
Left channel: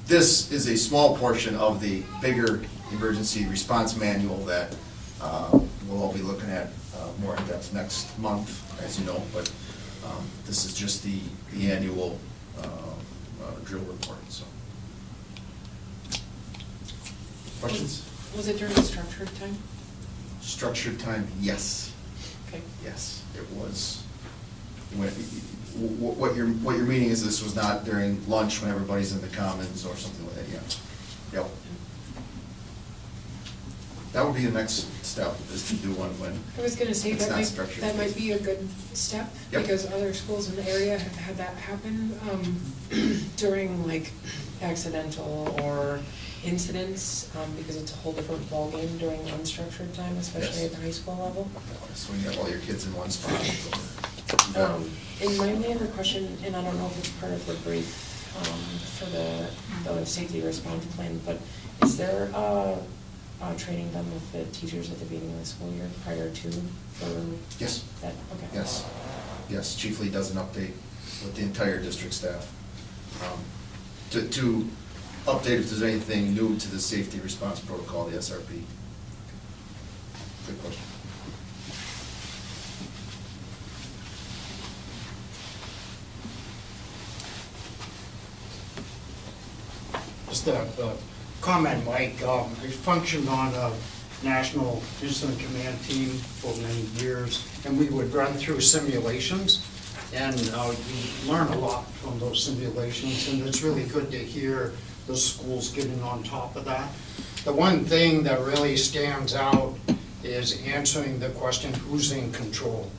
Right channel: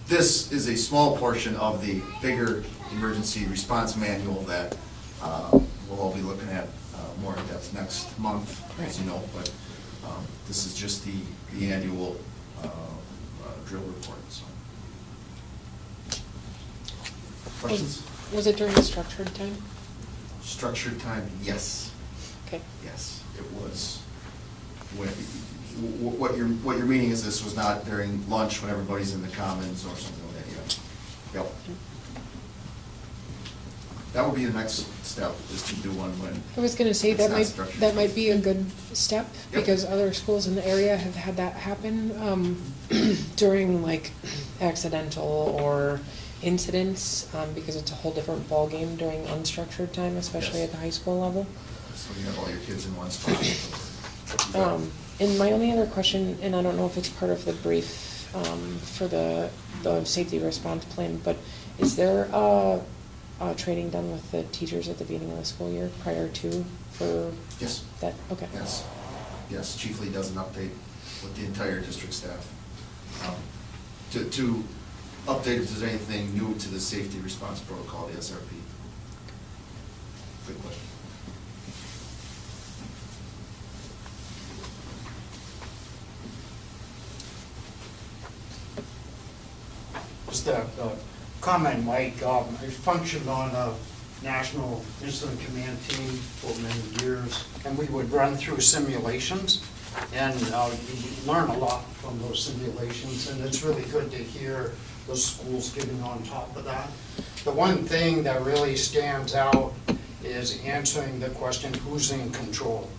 this is a small portion of the bigger emergency response manual that we'll all be looking at more in depth next month, as you know, but this is just the annual drill report. So, questions? Was it during the structured time? Structured time, yes. Okay. Yes, it was. What you're meaning is this was not during lunch when everybody's in the commons or something like that. Yeah. Yep. That would be the next step, is to do one when I was gonna say, it's that not might, structured. that might be a good step, Yep. because other schools in the area have had that happen, during like accidental or incidents, because it's a whole different ballgame during unstructured time, especially Yes. at the high school level. So when you have all your kids in one spot. And my only other question, and I don't know if it's part of the brief, for the safety response plan, but is there training done with the teachers at the beginning of the school year prior to for Yes. that? Okay. Yes. Yes, Chief Lee does an update with the entire district staff. To update if there's anything new to the safety response protocol, the SRP. Good question. Just a comment, Mike. I functioned on a national incident command team for many years, and we would run through simulations, and we learn a lot from those simulations, and it's really good to hear the schools getting on top of that. The one thing that really stands out is answering the question, who's in control?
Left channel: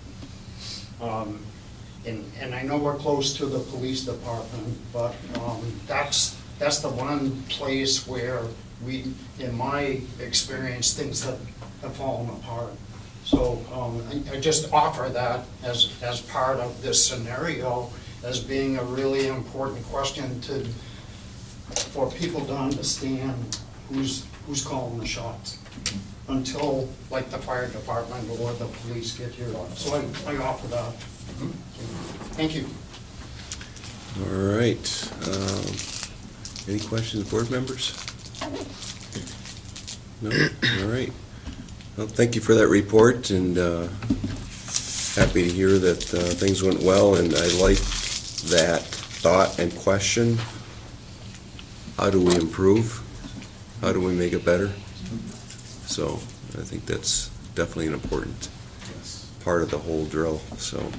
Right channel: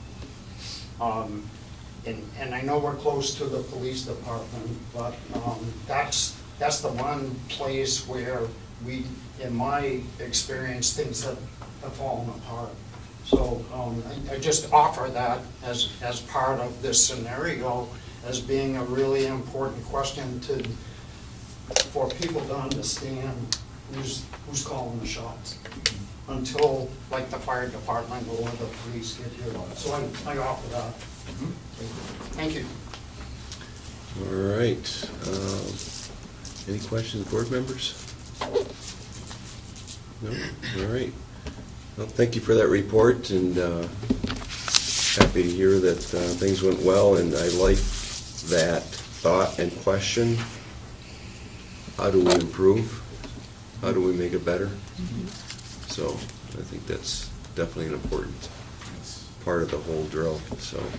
And I know we're close to the police department, but that's the one place where we, in my experience, things have fallen apart. So I just offer that as part of this scenario as being a really important question for people to understand who's calling the shots until like the fire department or the police get here. So I offer that. Thank you. All right. Any questions, board members? No? All right. Well, thank you for that report, and happy to hear that things went well, and I like that thought and question. How do we improve? How do we make it better? So I think that's definitely an important part of the whole drill. So,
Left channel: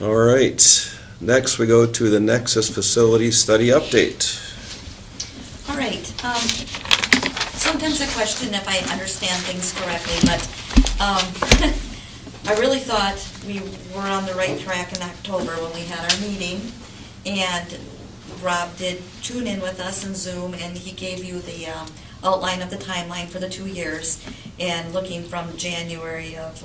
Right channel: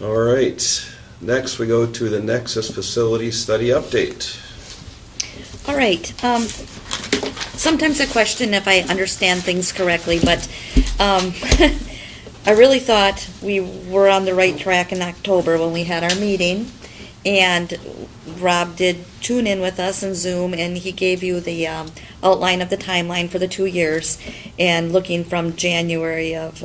all right. Next, we go to the Nexus Facility Study Update. All right. Sometimes I question if I understand things correctly, but I really thought we were on the right track in October when we had our meeting, and Rob did tune in with us in Zoom, and he gave you the outline of the timeline for the 2 years, and looking from January of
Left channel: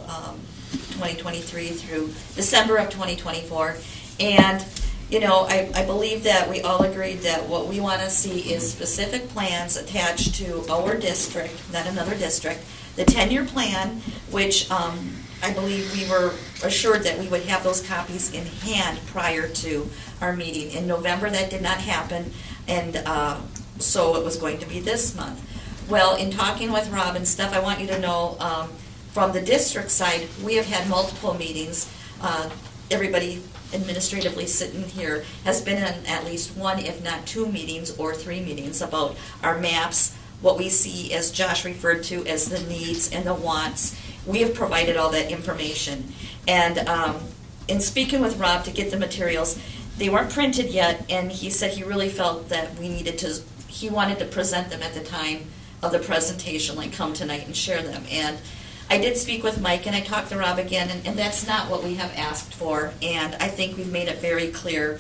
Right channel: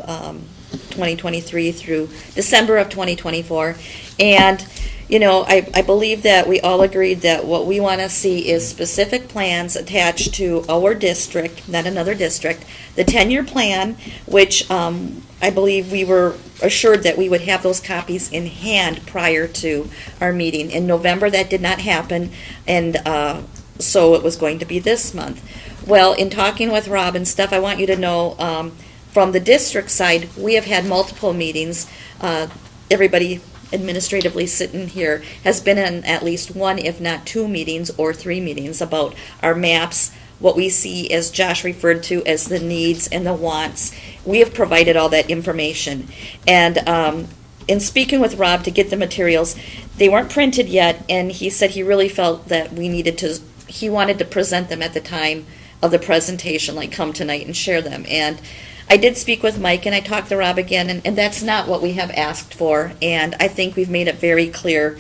2023 through December of 2024. And, you know, I believe that we all agreed that what we want to see is specific plans attached to our district, not another district, the 10-year plan, which I believe we were assured that we would have those copies in hand prior to our meeting. In November, that did not happen, and so it was going to be this month. Well, in talking with Rob and stuff, I want you to know, from the district side, we have had multiple meetings. Everybody administratively sitting here has been in at least one, if not 2 meetings or 3 meetings about our maps, what we see, as Josh referred to, as the needs and the wants. We have provided all that information. And in speaking with Rob to get the materials, they weren't printed yet, and he said he really felt that he wanted to present them at the time of the presentation, like come tonight and share them. And I did speak with Mike, and I talked to Rob again, and that's not what we have asked for, and I think we've made it very clear.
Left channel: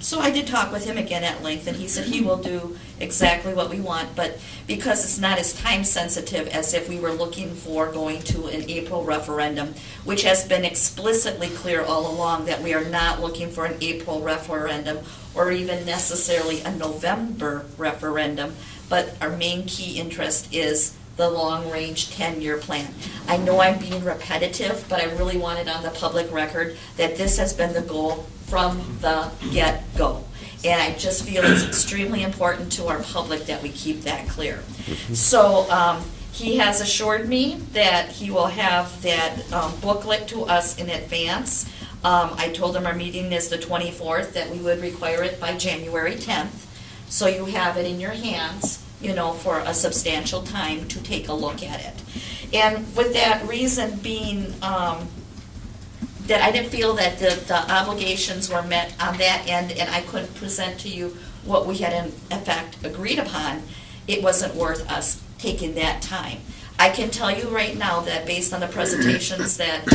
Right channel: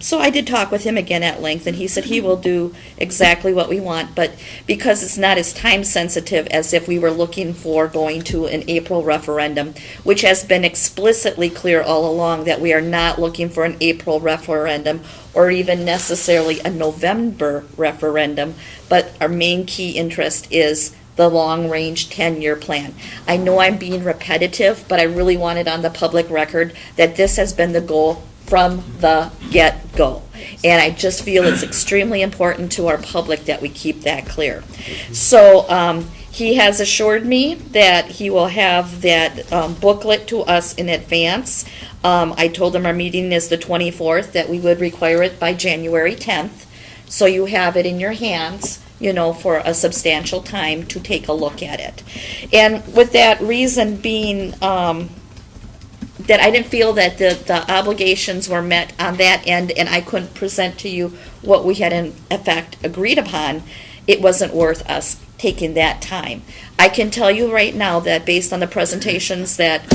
So I did talk with him again at length, and he said he will do exactly what we want, but because it's not as time sensitive as if we were looking for going to an April referendum, which has been explicitly clear all along that we are not looking for an April referendum or even necessarily a November referendum, but our main key interest is the long-range 10-year plan. I know I'm being repetitive, but I really wanted on the public record that this has been the goal from the get-go. And I just feel it's extremely important to our public that we keep that clear. So he has assured me that he will have that booklet to us in advance. I told him our meeting is the 24th, that we would require it by January 10th. So you have it in your hands, you know, for a substantial time to take a look at it. And with that reason being that I didn't feel that the obligations were met on that end, and I couldn't present to you what we had in effect agreed upon, it wasn't worth us taking that time. I can tell you right now that based on the presentations that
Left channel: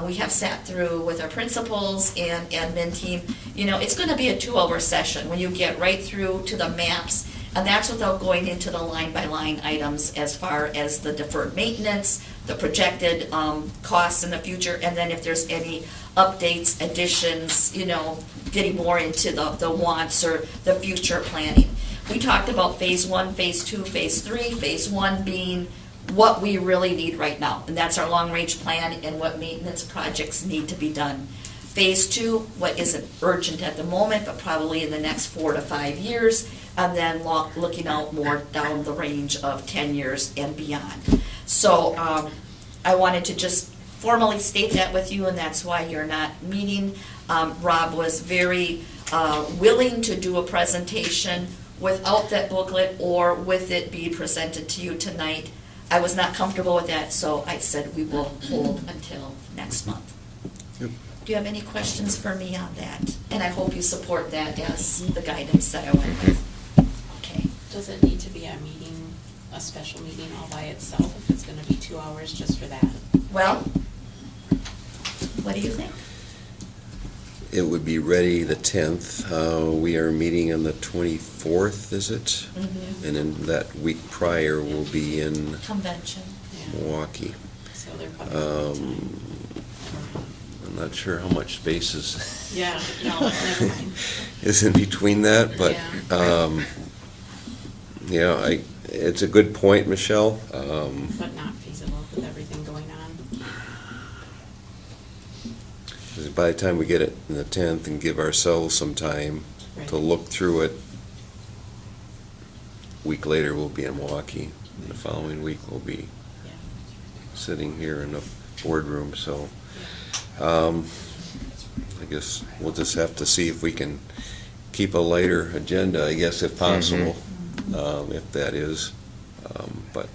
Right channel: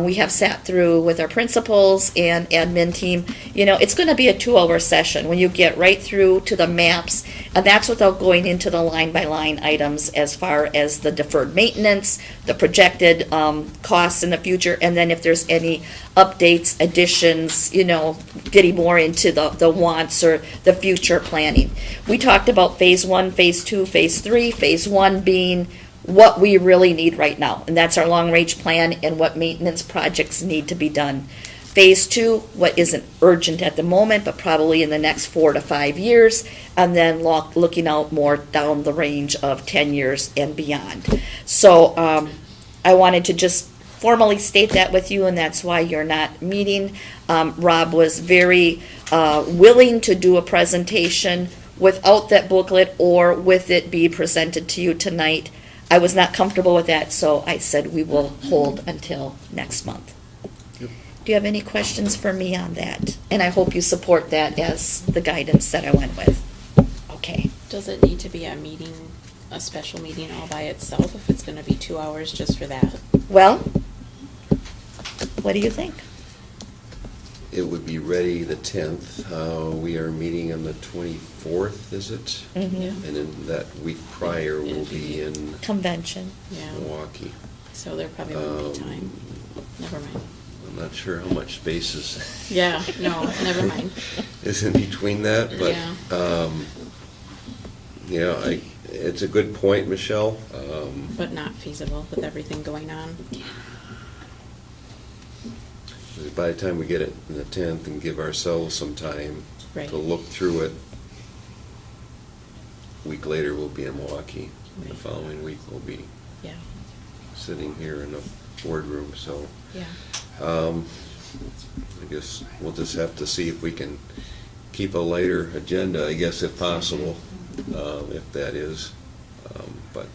we have sat through with our principals and admin team, you know, it's going to be a 2-hour session when you get right through to the maps, and that's without going into the line-by-line items as far as the deferred maintenance, the projected costs in the future, and then if there's any updates, additions, you know, getting more into the wants or the future planning. We talked about phase 1, phase 2, phase 3, phase 1 being what we really need right now, and that's our long-range plan and what maintenance projects need to be done. Phase 2, what isn't urgent at the moment, but probably in the next 4 to 5 years, and then looking out more down the range of 10 years and beyond. So I wanted to just formally state that with you, and that's why you're not meeting. Rob was very willing to do a presentation without that booklet or with it be presented to you tonight. I was not comfortable with that, so I said we will hold until next month. Yep. Do you have any questions for me on that? And I hope you support that as the guidance that I went with. Okay. Does it need to be a special meeting all by itself if it's going to be 2 hours just for that? Well, what do you think? It would be ready the 10th. We are meeting on the 24th, is it? Mhm. And in that week prior, we'll be in Convention. Milwaukee. So they're probably going to need time. Never mind. I'm not sure how much space Yeah, no, never mind. is in between that, but it's a good point, Michelle. But not feasible with everything going on. 'Cause by the time we get it in the 10th and give ourselves some time Right. to look through it, a week later we'll be in Milwaukee. And the following week we'll be Yeah. sitting here in the boardroom, so I guess we'll just have to see if we can keep a lighter agenda, I guess, if possible, if that is. But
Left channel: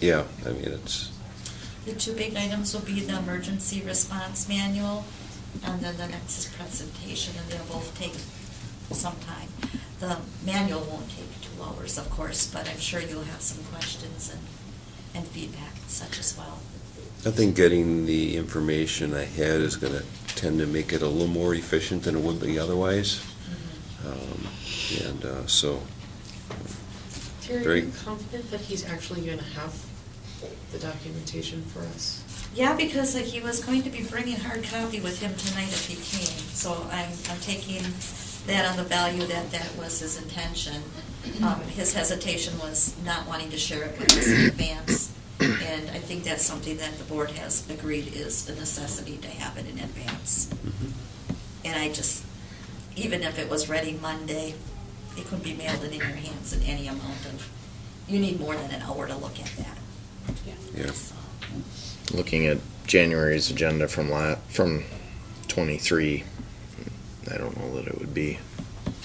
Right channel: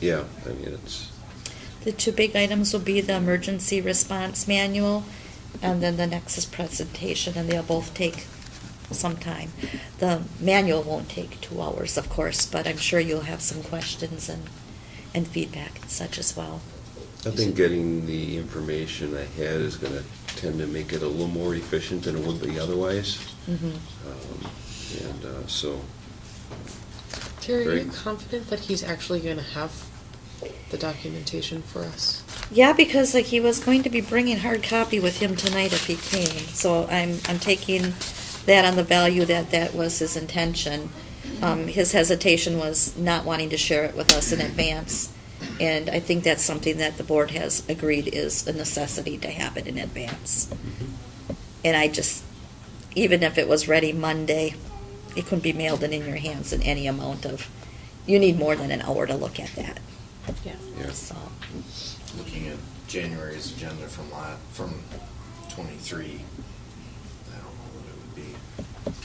yeah, I mean, it's, The 2 big items will be the emergency response manual and then the Nexus presentation, and they'll both take some time. The manual won't take 2 hours, of course, but I'm sure you'll have some questions and feedback and such as well. I think getting the information ahead is gonna tend to make it a little more efficient than it would be otherwise. So, Terry, are Very- you confident that he's actually gonna have the documentation for us? Yeah, because like he was going to be bringing hard copy with him tonight if he came. So I'm taking that on the value that that was his intention. His hesitation was not wanting to share it with us in advance. And I think that's something that the board has agreed is a necessity to have it in advance. And I just, even if it was ready Monday, it could be mailed and in your hands in any amount of, you need more than an hour to look at that. yeah. So, Looking at January's agenda from 23, I don't know that it would be,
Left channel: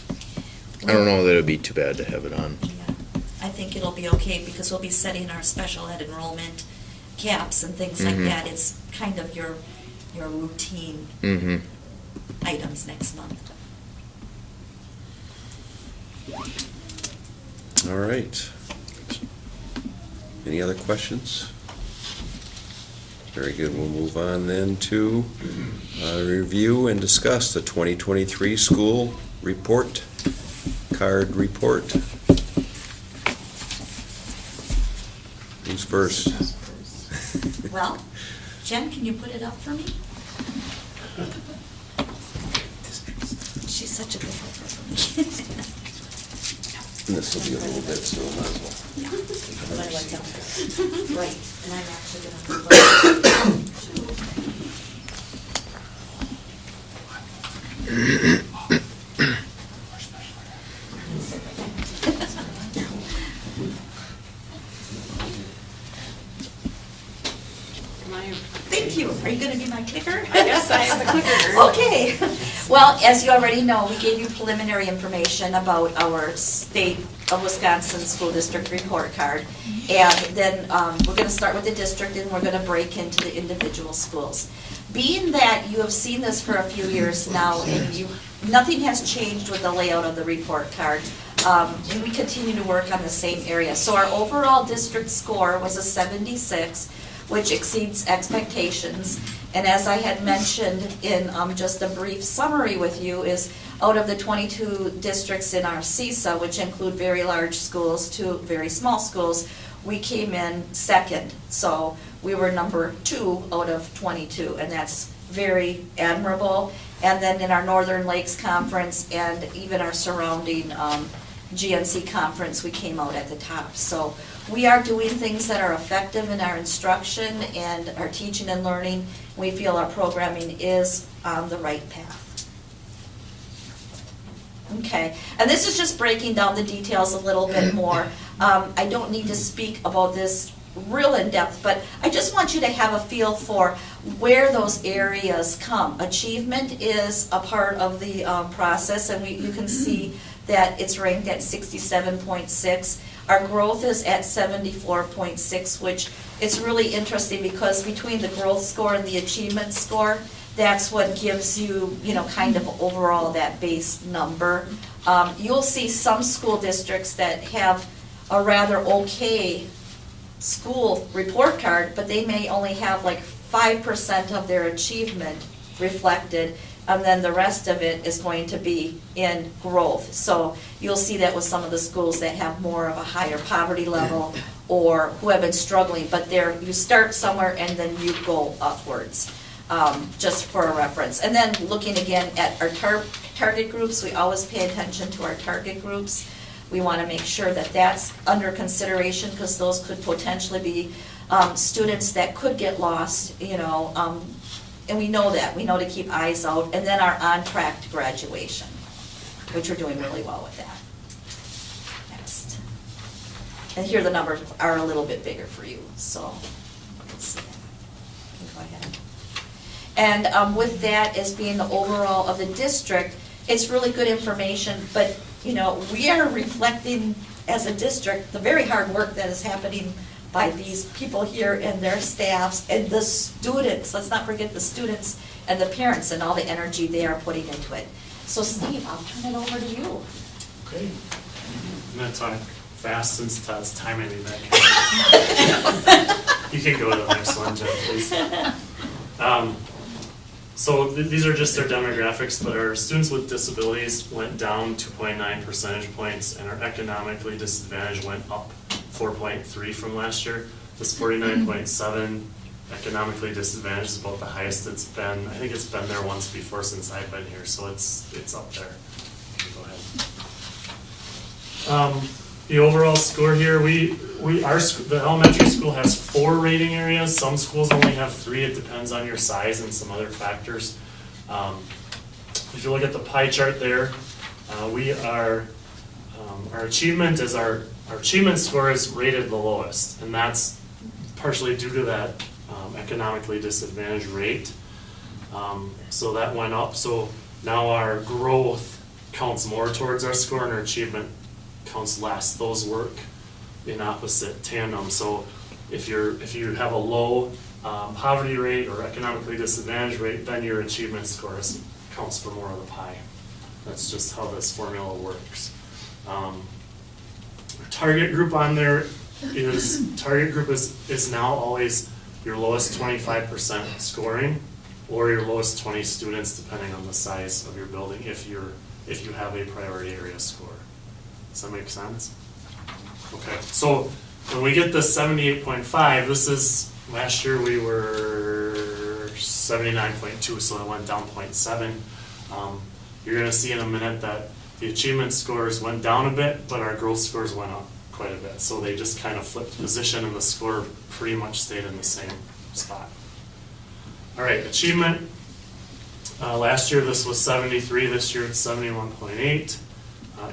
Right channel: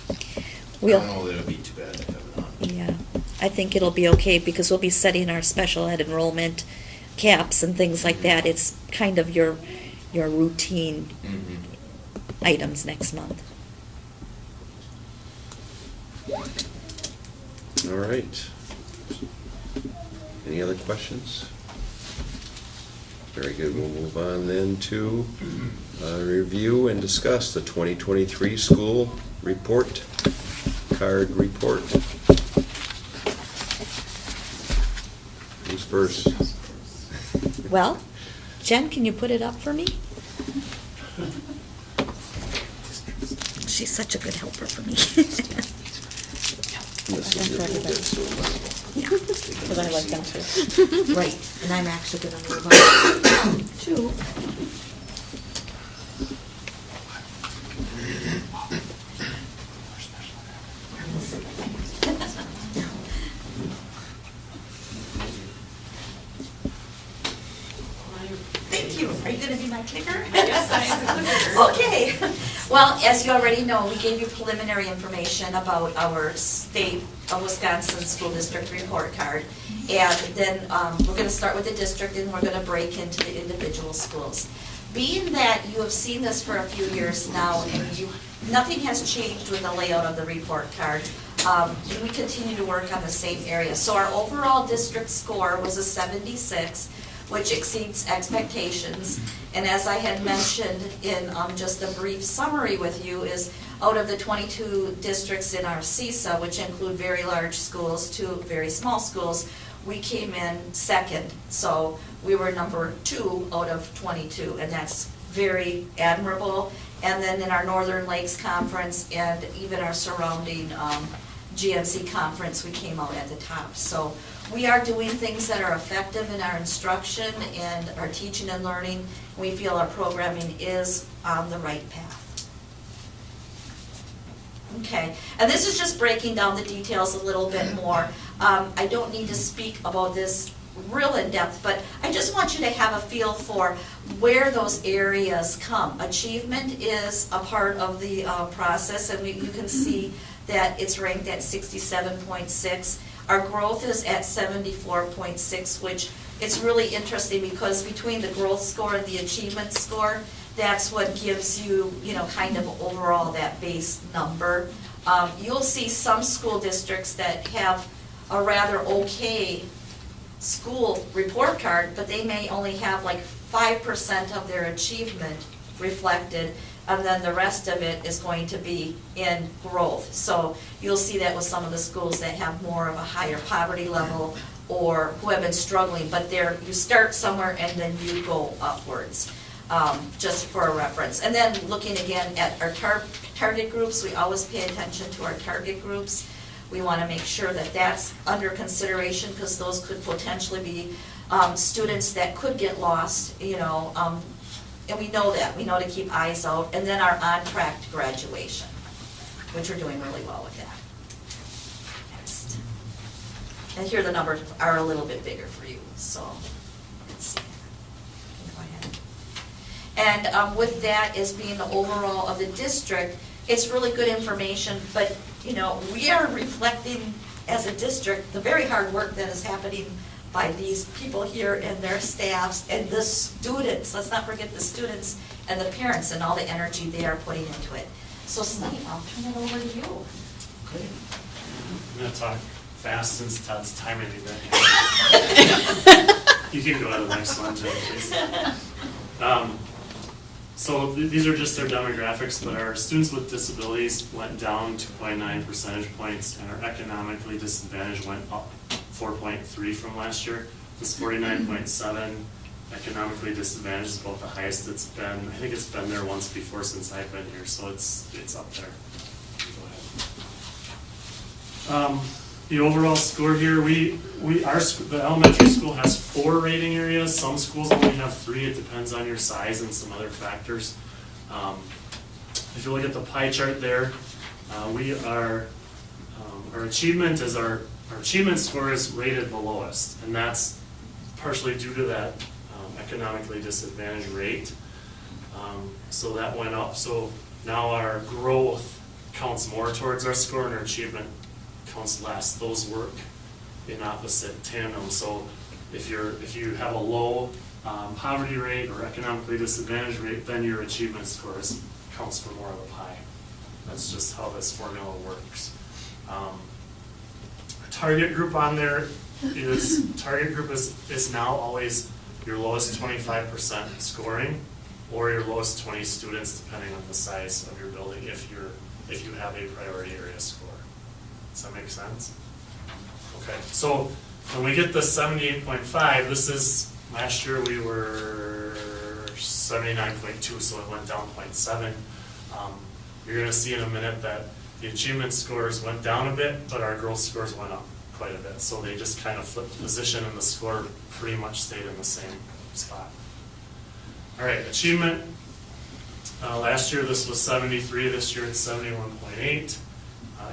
I don't know that it would be too bad to have it on. yeah, I think it'll be okay because we'll be setting our special ed enrollment caps and things like that. It's kind of your routine Mm-hmm. items next month. All right. Any other questions? Very good. We'll move on then to review and discuss the 2023 school report, card report. Who's first? Well, Jen, can you put it up for me? She's such a good helper for me. This will be a little bit, so we might as well. Yeah. But I like that. Right, and I'm actually gonna move on to. Thank you. Are you gonna be my clicker? I guess I am the clicker. Okay. Well, as you already know, we gave you preliminary information about our State of Wisconsin School District Report Card. And then we're gonna start with the district and we're gonna break into the individual schools. Being that you have seen this for a few years now and nothing has changed with the layout of the report card, and we continue to work on the same area. So our overall district score was a 76, which exceeds expectations. And as I had mentioned in just a brief summary with you, is out of the 22 districts in our CISA, which include very large schools to very small schools, we came in second. So we were number 2 out of 22, and that's very admirable. And then in our Northern Lakes Conference and even our surrounding GNC conference, we came out at the top. So we are doing things that are effective in our instruction and our teaching and learning. We feel our programming is on the right path. Okay, and this is just breaking down the details a little bit more. I don't need to speak about this real in depth, but I just want you to have a feel for where those areas come. Achievement is a part of the process, and you can see that it's ranked at 67.6. Our growth is at 74.6, which it's really interesting because between the growth score and the achievement score, that's what gives you, kind of overall that base number. You'll see some school districts that have a rather okay school report card, but they may only have like 5% of their achievement reflected, and then the rest of it is going to be in growth. So you'll see that with some of the schools that have more of a higher poverty level or who have been struggling, but you start somewhere and then you go upwards, just for a reference. And then looking again at our target groups, we always pay attention to our target groups. We want to make sure that that's under consideration because those could potentially be students that could get lost, and we know that. We know to keep eyes out. And then our on-track to graduation, which we're doing really well with that. Next. And here the numbers are a little bit bigger for you, so let's see. You can go ahead. And with that as being the overall of the district, it's really good information, but we are reflecting as a district the very hard work that is happening by these people here and their staffs and the students. Let's not forget the students and the parents and all the energy they are putting into it. So Steve, I'll turn it over to you. Great. I'm going to talk fast since Todd's timing me back. You can go to the next one, Jeff, please. So these are just their demographics, but our students with disabilities went down 2.9 percentage points, and our economically disadvantaged went up 4.3 from last year. This 49.7 economically disadvantaged is about the highest it's been. I think it's been there once before since I've been here, so it's up there. Go ahead. The overall score here, the elementary school has 4 rating areas. Some schools only have 3. It depends on your size and some other factors. If you look at the pie chart there, our achievement is our achievement score is rated the lowest, and that's partially due to that economically disadvantaged rate. So that went up. So now our growth counts more towards our score, and our achievement counts less. Those work in opposite tandem. So if you have a low poverty rate or economically disadvantaged rate, then your achievement scores counts for more of the pie. That's just how this formula works. Our target group on there is now always your lowest 25% scoring, or your lowest 20 students, depending on the size of your building, if you have a priority area score. Does that make sense? Okay, so when we get the 78.5, this is, last year we were 79.2, so it went down 0.7. You're going to see in a minute that the achievement scores went down a bit, but our growth scores went up quite a bit. So they just kind of flipped position, and the score pretty much stayed in the same spot. All right, achievement. Last year this was 73, this year it's 71.8.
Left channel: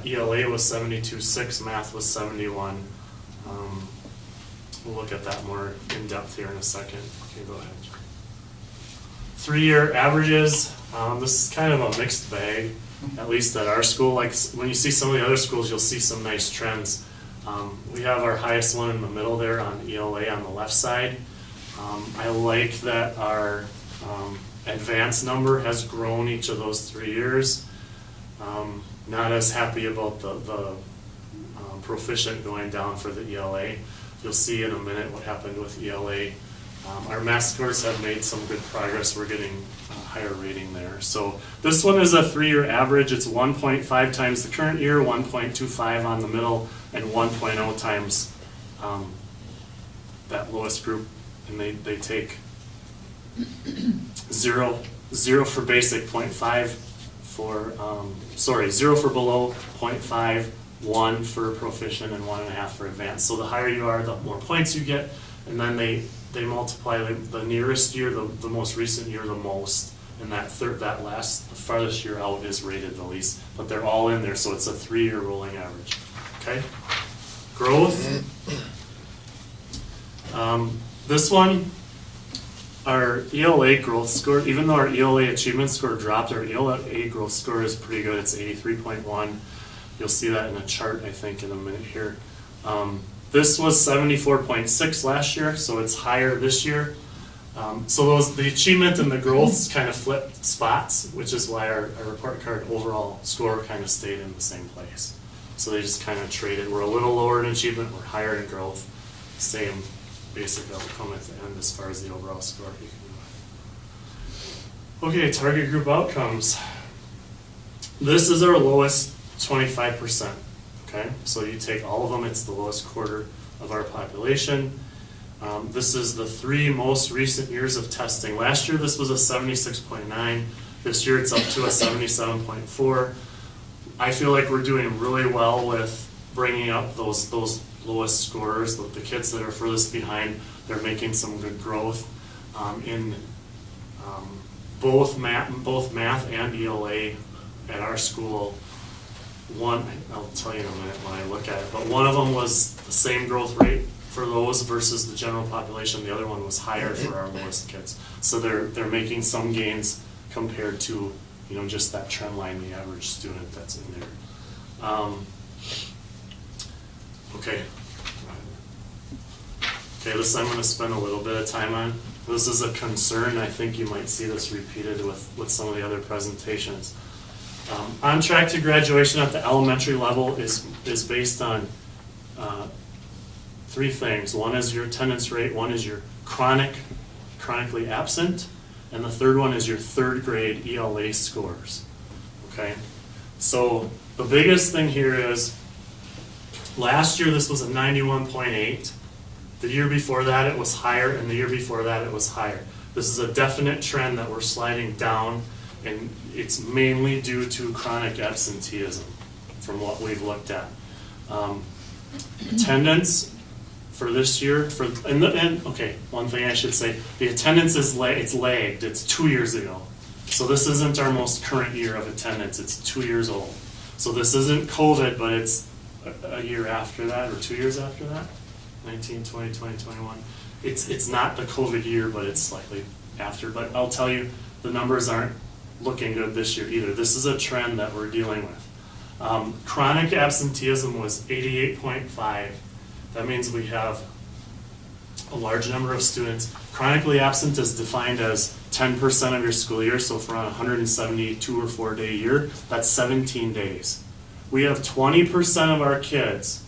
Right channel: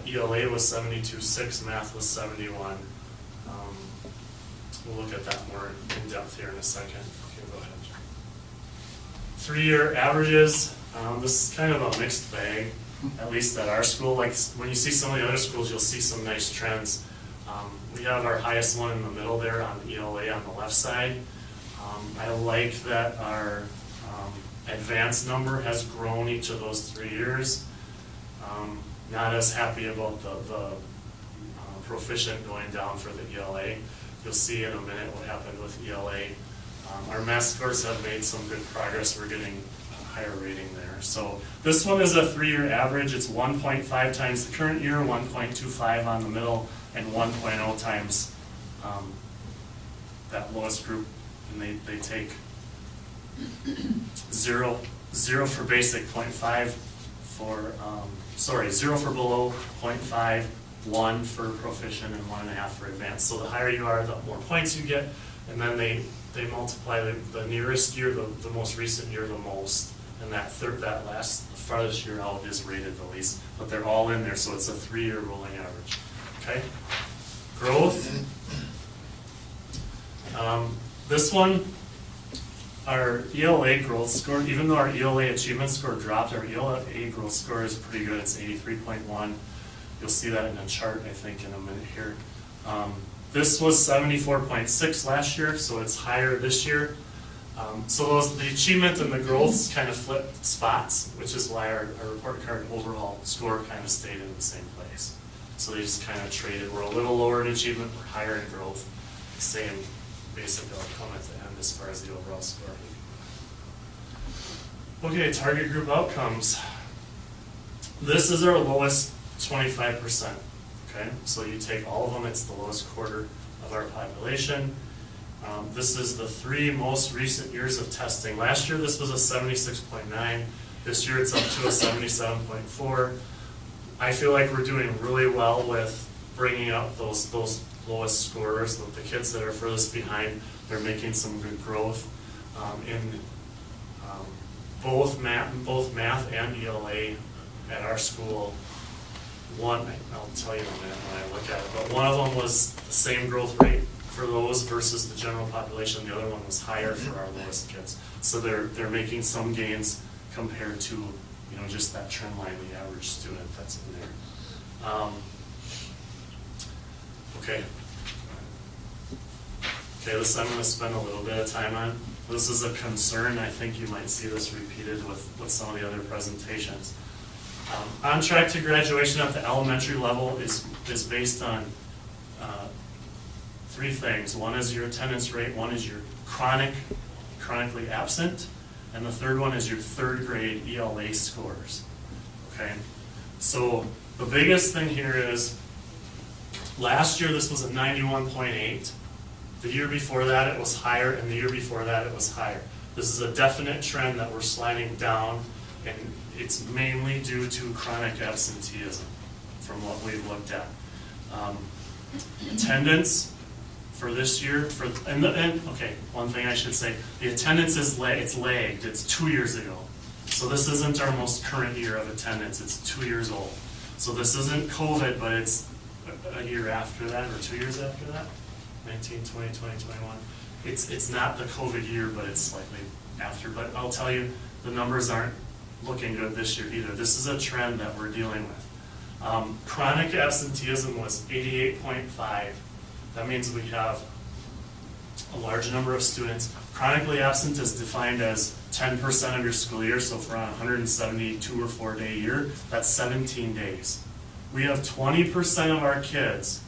ELA was 72.6, math was 71. We'll look at that more in depth here in a second. Okay, go ahead. 3-year averages. This is kind of a mixed bag, at least at our school. Like when you see some of the other schools, you'll see some nice trends. We have our highest one in the middle there on ELA on the left side. I like that our advanced number has grown each of those 3 years. Not as happy about the proficient going down for the ELA. You'll see in a minute what happened with ELA. Our math scores have made some good progress. We're getting a higher rating there. So this one is a 3-year average. It's 1.5 times the current year, 1.25 on the middle, and 1.0 times that lowest group. And they take 0 for basic, 0.5 for, 0 for below, 0.5, 1 for proficient, and 1.5 for advanced. So the higher you are, the more points you get, and then they multiply the nearest year, the most recent year, the most, and the farthest year out is rated the least. But they're all in there, so it's a 3-year rolling average. Okay? Growth. This one, our ELA growth score, even though our ELA achievement score dropped, our ELA growth score is pretty good. It's 83.1. You'll see that in a chart, I think, in a minute here. This was 74.6 last year, so it's higher this year. So the achievement and the growth kind of flipped spots, which is why our report card overall score kind of stayed in the same place. So they just kind of traded. We're a little lower in achievement, we're higher in growth. Same basic outcome at the end as far as the overall score. Okay, target group outcomes. This is our lowest 25%. Okay, so you take all of them, it's the lowest quarter of our population. This is the 3 most recent years of testing. Last year this was a 76.9. This year it's up to a 77.4. I feel like we're doing really well with bringing up those lowest scorers, the kids that are furthest behind. They're making some good growth in both math and ELA at our school. One, I'll tell you in a minute when I look at it, but one of them was the same growth rate for those versus the general population. The other one was higher for our lowest kids. So they're making some gains compared to just that trend line, the average student that's in there. Okay, this I'm going to spend a little bit of time on. This is a concern. I think you might see this repeated with some of the other presentations. On track to graduation at the elementary level is based on three things. One is your attendance rate, one is your chronically absent, and the third one is your third grade ELA scores. Okay? So the biggest thing here is last year this was a 91.8. The year before that it was higher, and the year before that it was higher. This is a definite trend that we're sliding down, and it's mainly due to chronic absenteeism from what we've looked at. Attendance for this year, okay, one thing I should say, the attendance is it's lagged, it's 2 years ago. So this isn't our most current year of attendance, it's 2 years old. So this isn't COVID, but it's a year after that, or 2 years after that, 19, 20, 20, 21. It's not the COVID year, but it's slightly after. But I'll tell you, the numbers aren't looking good this year either. This is a trend that we're dealing with. Chronic absenteeism was 88.5. That means we have a large number of students. Chronically absent is defined as 10% of your school year, so for a 172 or 4 day year, that's 17 days. We have 20% of our kids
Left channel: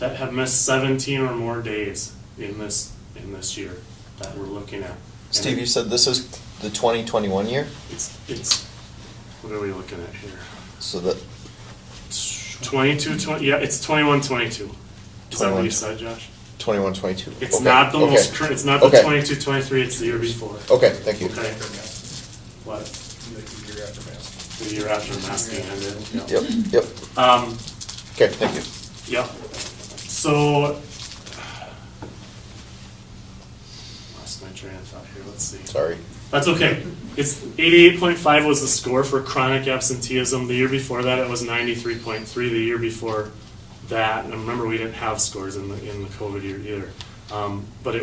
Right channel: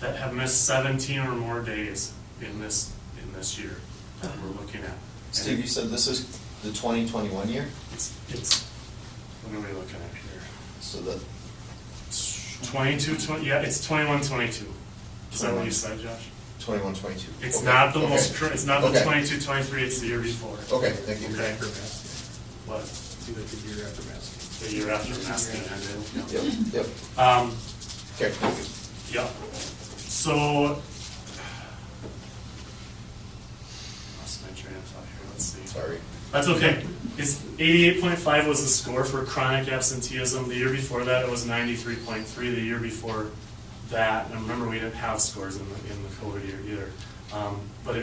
that have missed 17 or more days in this year that we're looking at. Steve, you said this is the 2021 year? It's what are we looking at here? So that 22, yeah, it's 21-22. Is that what you said, Josh? 21-22. It's Okay. not the Okay. most current, it's not the Okay. 22-23, it's the year before. Okay, thank you. Okay. What? The year after masking. The year after masking ended. Yep. Okay, thank you. Yep. So, lost my train of thought here, let's see. Sorry. That's okay. It's 88.5 was the score for chronic absenteeism. The year before that, it was 93.3. The year before that, and remember we didn't have scores in the COVID year either. But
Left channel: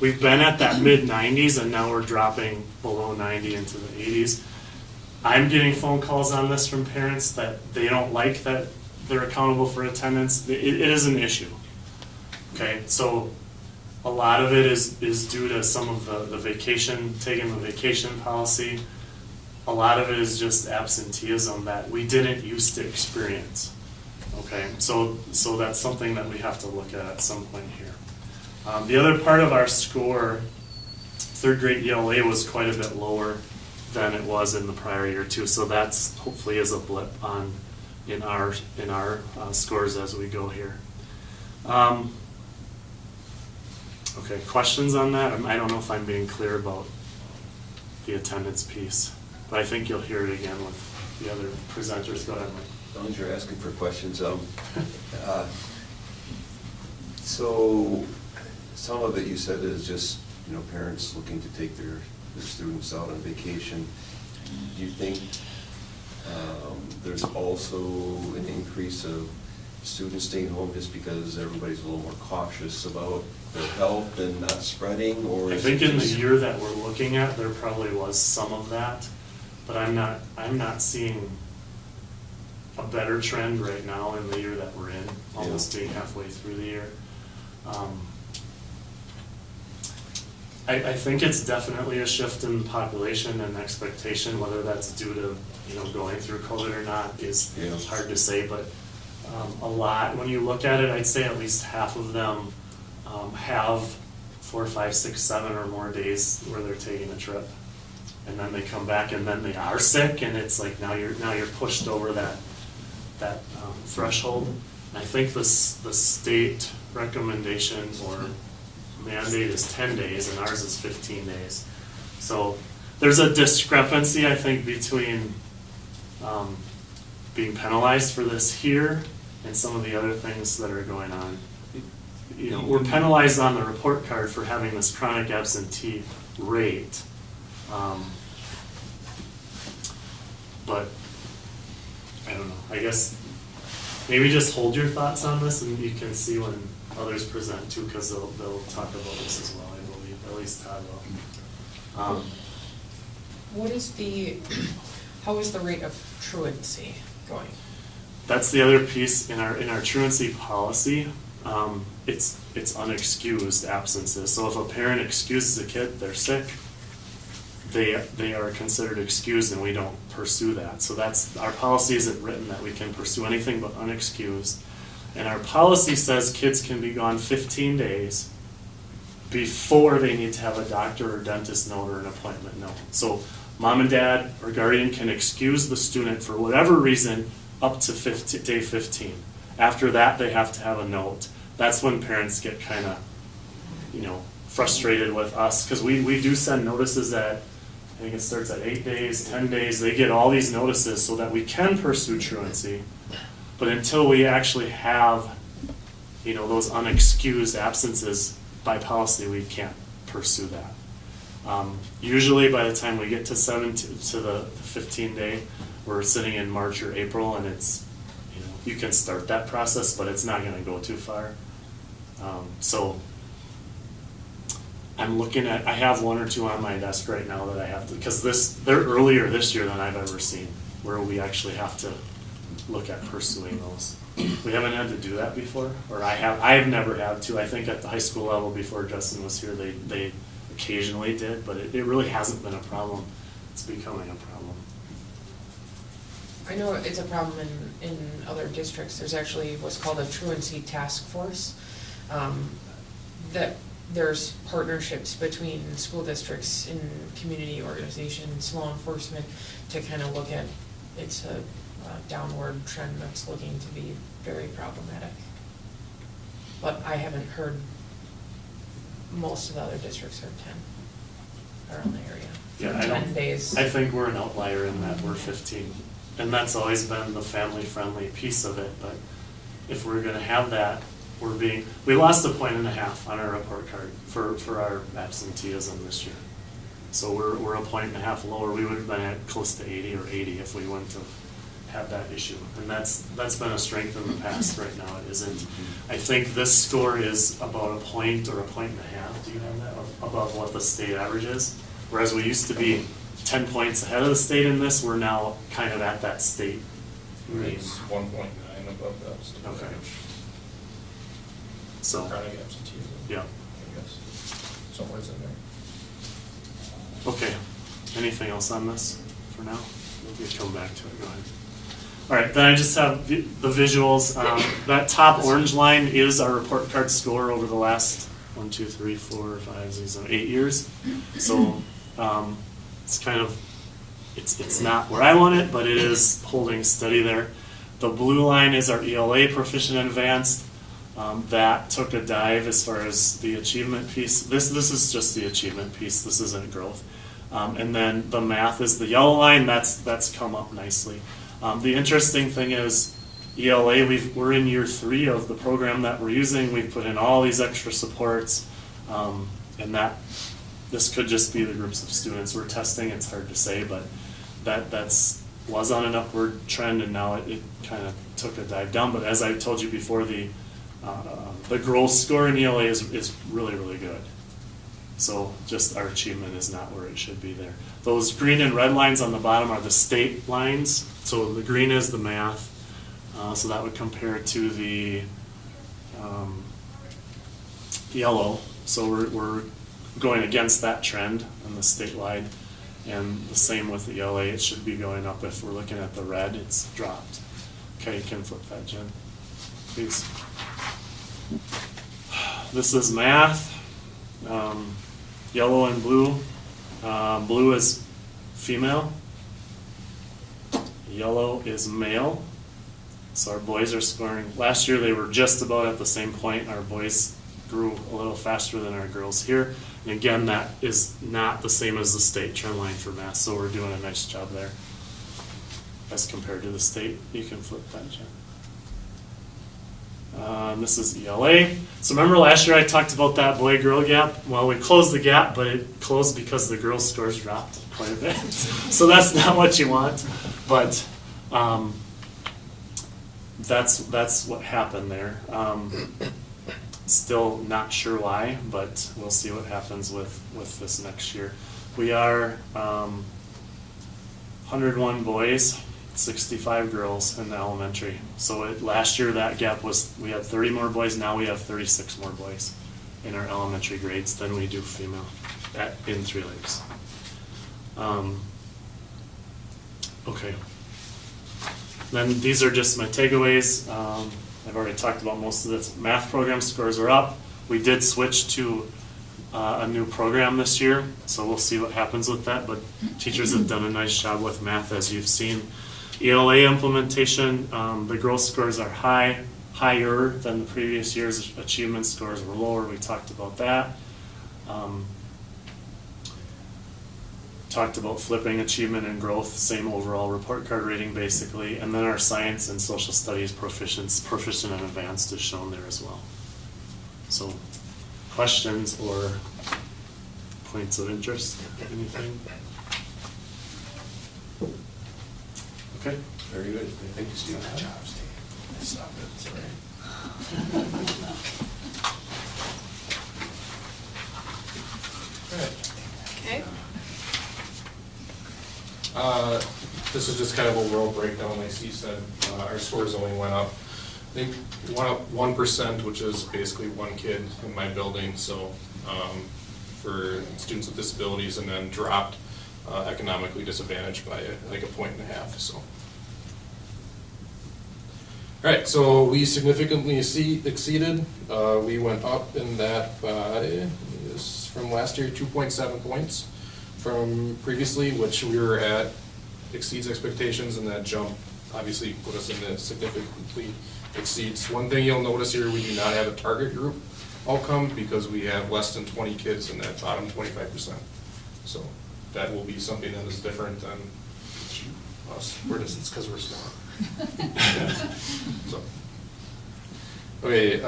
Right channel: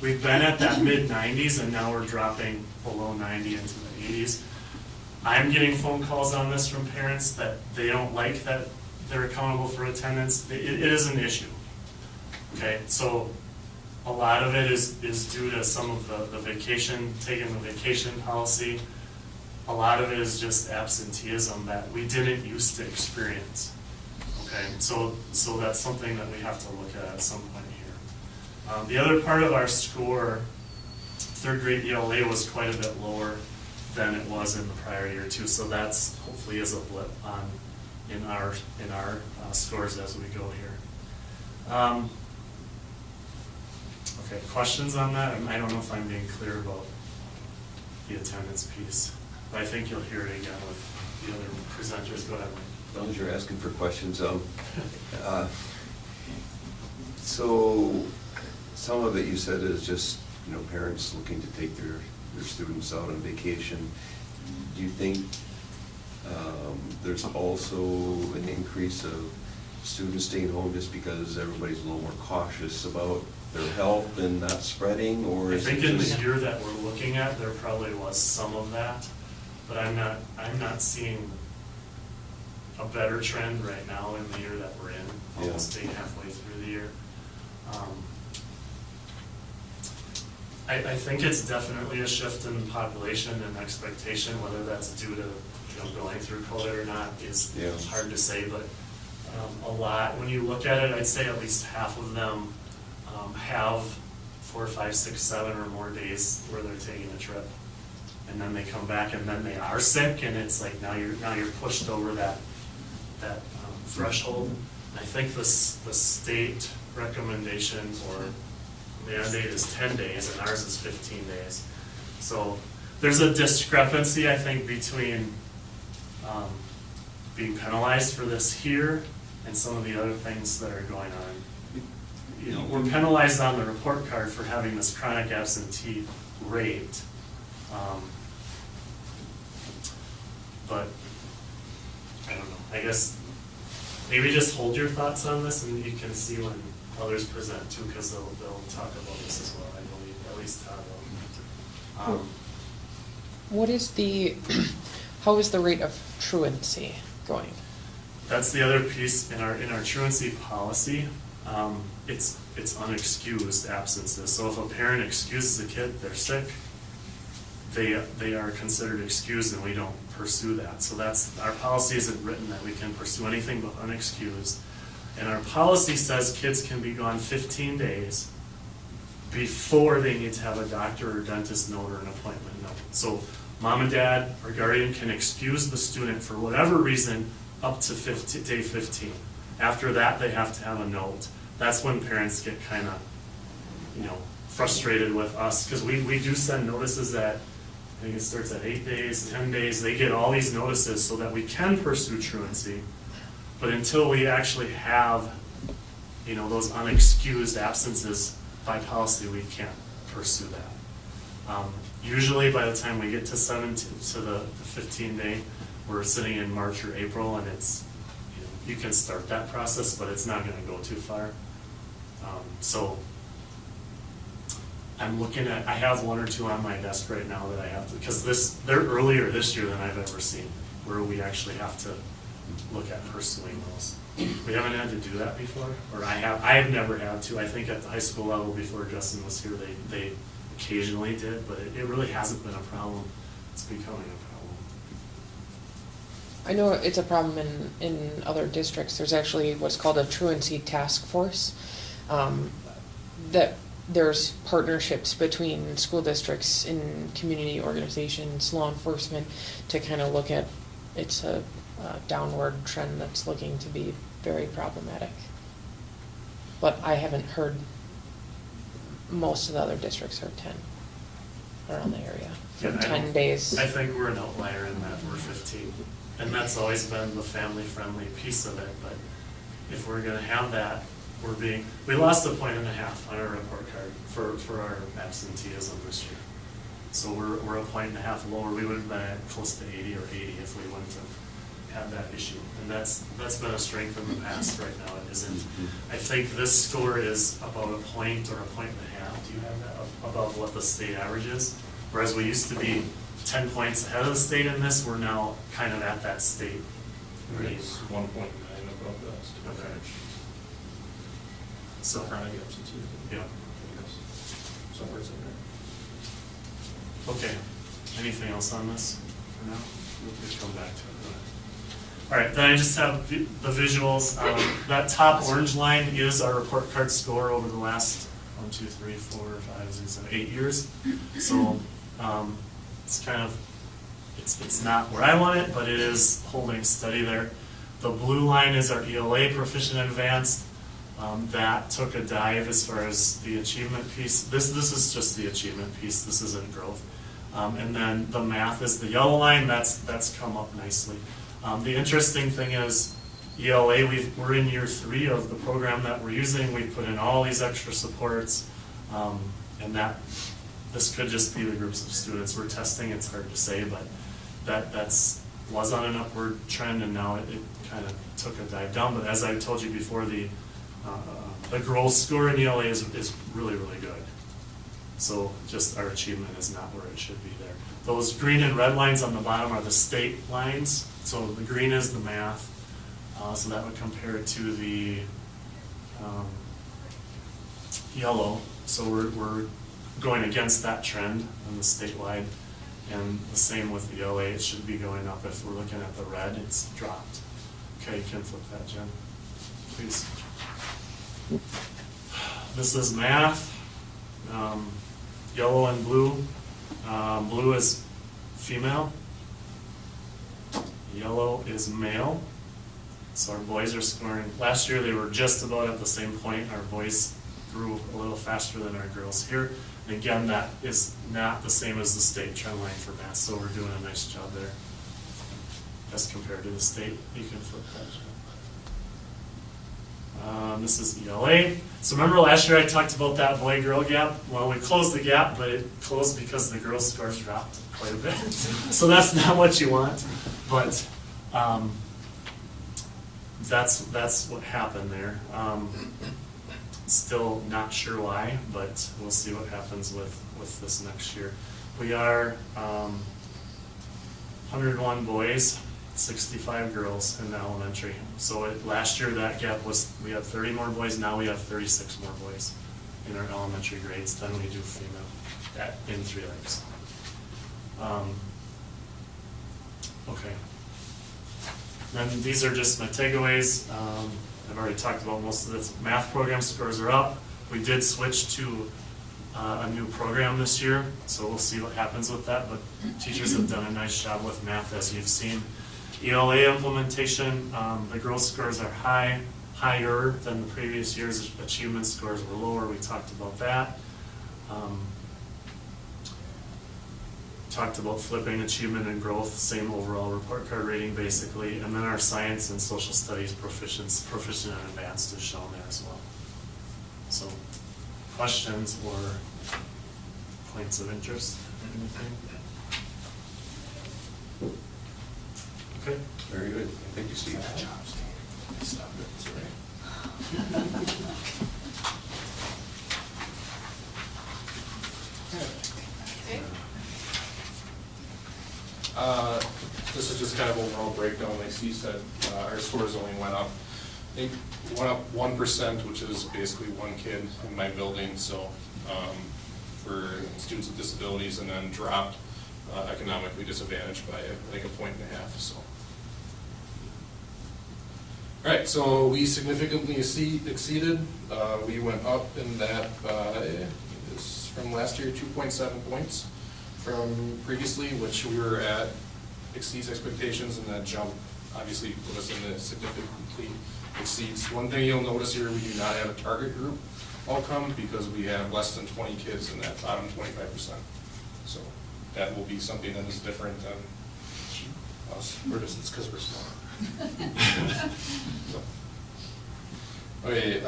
we've been at that mid 90s, and now we're dropping below 90 into the 80s. I'm getting phone calls on this from parents that they don't like that they're accountable for attendance. It is an issue. Okay, so a lot of it is due to some of the taking the vacation policy. A lot of it is just absenteeism that we didn't used to experience. Okay, so that's something that we have to look at some point here. The other part of our score, third grade ELA, was quite a bit lower than it was in the prior year too. So that's hopefully is a blip in our scores as we go here. Okay, questions on that? I don't know if I'm being clear about the attendance piece, but I think you'll hear it again with the other presenters. Go ahead, Mike. As long as you're asking for questions, so some of it you said is just, parents looking to take their students out on vacation. Do you think there's also an increase of students staying home just because everybody's a little more cautious about their health and not spreading, or? I think in the year that we're looking at, there probably was some of that, but I'm not seeing a better trend right now in the year that we're in, almost being halfway through the year. I think it's definitely a shift in population and expectation. Whether that's due to going through COVID or not is hard to say, but a lot, when you look at it, I'd say at least half of them have 4, 5, 6, 7 or more days where they're taking a trip, and then they come back and then they are sick, and it's like now you're pushed over that threshold. And I think the state recommendation or mandate is 10 days, and ours is 15 days. So there's a discrepancy, I think, between being penalized for this here and some of the other things that are going on. We're penalized on the report card for having this chronic absentee rate, but I don't know. I guess maybe just hold your thoughts on this, and you can see when others present too, because they'll talk about this as well, I believe, or at least Todd will. How is the rate of truancy going? That's the other piece in our truancy policy. It's unexcused absences. So if a parent excuses a kid, they're sick, they are considered excused, and we don't pursue that. So that's, our policy isn't written that we can pursue anything but unexcused. And our policy says kids can be gone 15 days before they need to have a doctor or dentist note or an appointment note. So mom and dad or guardian can excuse the student for whatever reason up to day 15. After that, they have to have a note. That's when parents get kind of, frustrated with us, because we do send notices that, I think it starts at 8 days, 10 days. They get all these notices so that we can pursue truancy. But until we actually have, those unexcused absences by policy, we can't pursue that. Usually by the time we get to the 15 day, we're sitting in March or April, and it's, you can start that process, but it's not gonna go too far. So I'm looking at, I have one or two on my desk right now that I have to, because they're earlier this year than I've ever seen, where we actually have to look at pursuing those. We haven't had to do that before, or I've never had to. I think at the high school level before Justin was here, they occasionally did, but it really hasn't been a problem. It's becoming a problem. I know it's a problem in other districts. There's actually what's called a truancy task force. That there's partnerships between school districts and community organizations, law enforcement, to kind of look at, it's a downward trend that's looking to be very problematic. But I haven't heard, most of the other districts are 10 around the area. Yeah, 10 days. I think we're an outlier in that we're 15. And that's always been the family-friendly piece of it, but if we're gonna have that, we lost 1.5 points on our report card for our absenteeism this year. So we're 1.5 points lower. We would have been at close to 80 or 80 if we wouldn't have had that issue. And that's been a strength in the past. Right now it isn't. I think this score is about 1 point or 1.5 points. Do you have that above what the state average is? Whereas we used to be 10 points ahead of the state in this, we're now kind of at that state. It's 1.9 above the state average. So, chronic absenteeism. Yeah. I guess somewhere's in there. Okay. Anything else on this for now? We can come back to it. Go ahead. All right. Then I just have the visuals. That top orange line is our report card score over the last 1, 2, 3, 4, 5, 6, 7, 8 years. So it's kind of it's not where I want it, but it is holding steady there. The blue line is our ELA proficient advanced. That took a dive as far as the achievement piece. This is just the achievement piece. This isn't growth. And then the math is the yellow line. That's come up nicely. The interesting thing is ELA. We're in year 3 of the program that we're using. We've put in all these extra supports, and this could just be the groups of students we're testing. It's hard to say, but that's was on an upward trend, and now it kind of took a dive down. But as I told you before, the growth score in ELA is really, really good. So just our achievement is not where it should be there. Those green and red lines on the bottom are the state lines. So the green is the math. So that would compare to the yellow. So we're going against that trend on the statewide. And the same with the ELA. It should be going up. If we're looking at the red, it's dropped. Okay, you can flip that, Jen, please. This is math, yellow and blue. Blue is female, yellow is male. So our boys are scoring. Last year they were just about at the same point. Our boys grew a little faster than our girls here. And again, that is not the same as the state trend line for math, so we're doing a nice job there as compared to the state. You can flip that, Jen. This is ELA. So remember last year I talked about that boy-girl gap? Well, we closed the gap, but it closed because the girls' scores dropped quite a bit. So that's not what you want, but that's what happened there. Still not sure why, but we'll see what happens with this next year. We are 101 boys, 65 girls in the elementary. So last year that gap was, we had 30 more boys, now we have 36 more boys in our elementary grades than we do female in 3 Lakes. Okay. Then these are just my takeaways. I've already talked about most of this. Math program scores are up. We did switch to a new program this year, so we'll see what happens with that, but teachers have done a nice job with math, as you've seen. ELA implementation, the growth scores are higher than the previous years. Achievement scores were lower. We talked about that. Talked about flipping achievement and growth, same overall report card rating basically, and then our science and social studies proficient and advanced is shown there as well. So, questions or points of interest? Anything? Okay. Very good. Thank you, Steve. Good job, Steve. Nice job. That's right. Okay. This is just kind of overall breakdown. Like Steve said, our scores only went up. I think went up 1%, which is basically one kid in my building. So for students with disabilities, and then dropped economically disadvantaged by like 1.5 points. So. All right, so we significantly exceeded. We went up in that by, from last year, 2.7 points from previously, which we were at, exceeds expectations, and that jump obviously put us in the significantly exceeds. One thing you'll notice here, we do not have a target group outcome because we have less than 20 kids in that bottom 25%. So that will be something that is different than us. We're just, it's because we're small. So. Okay,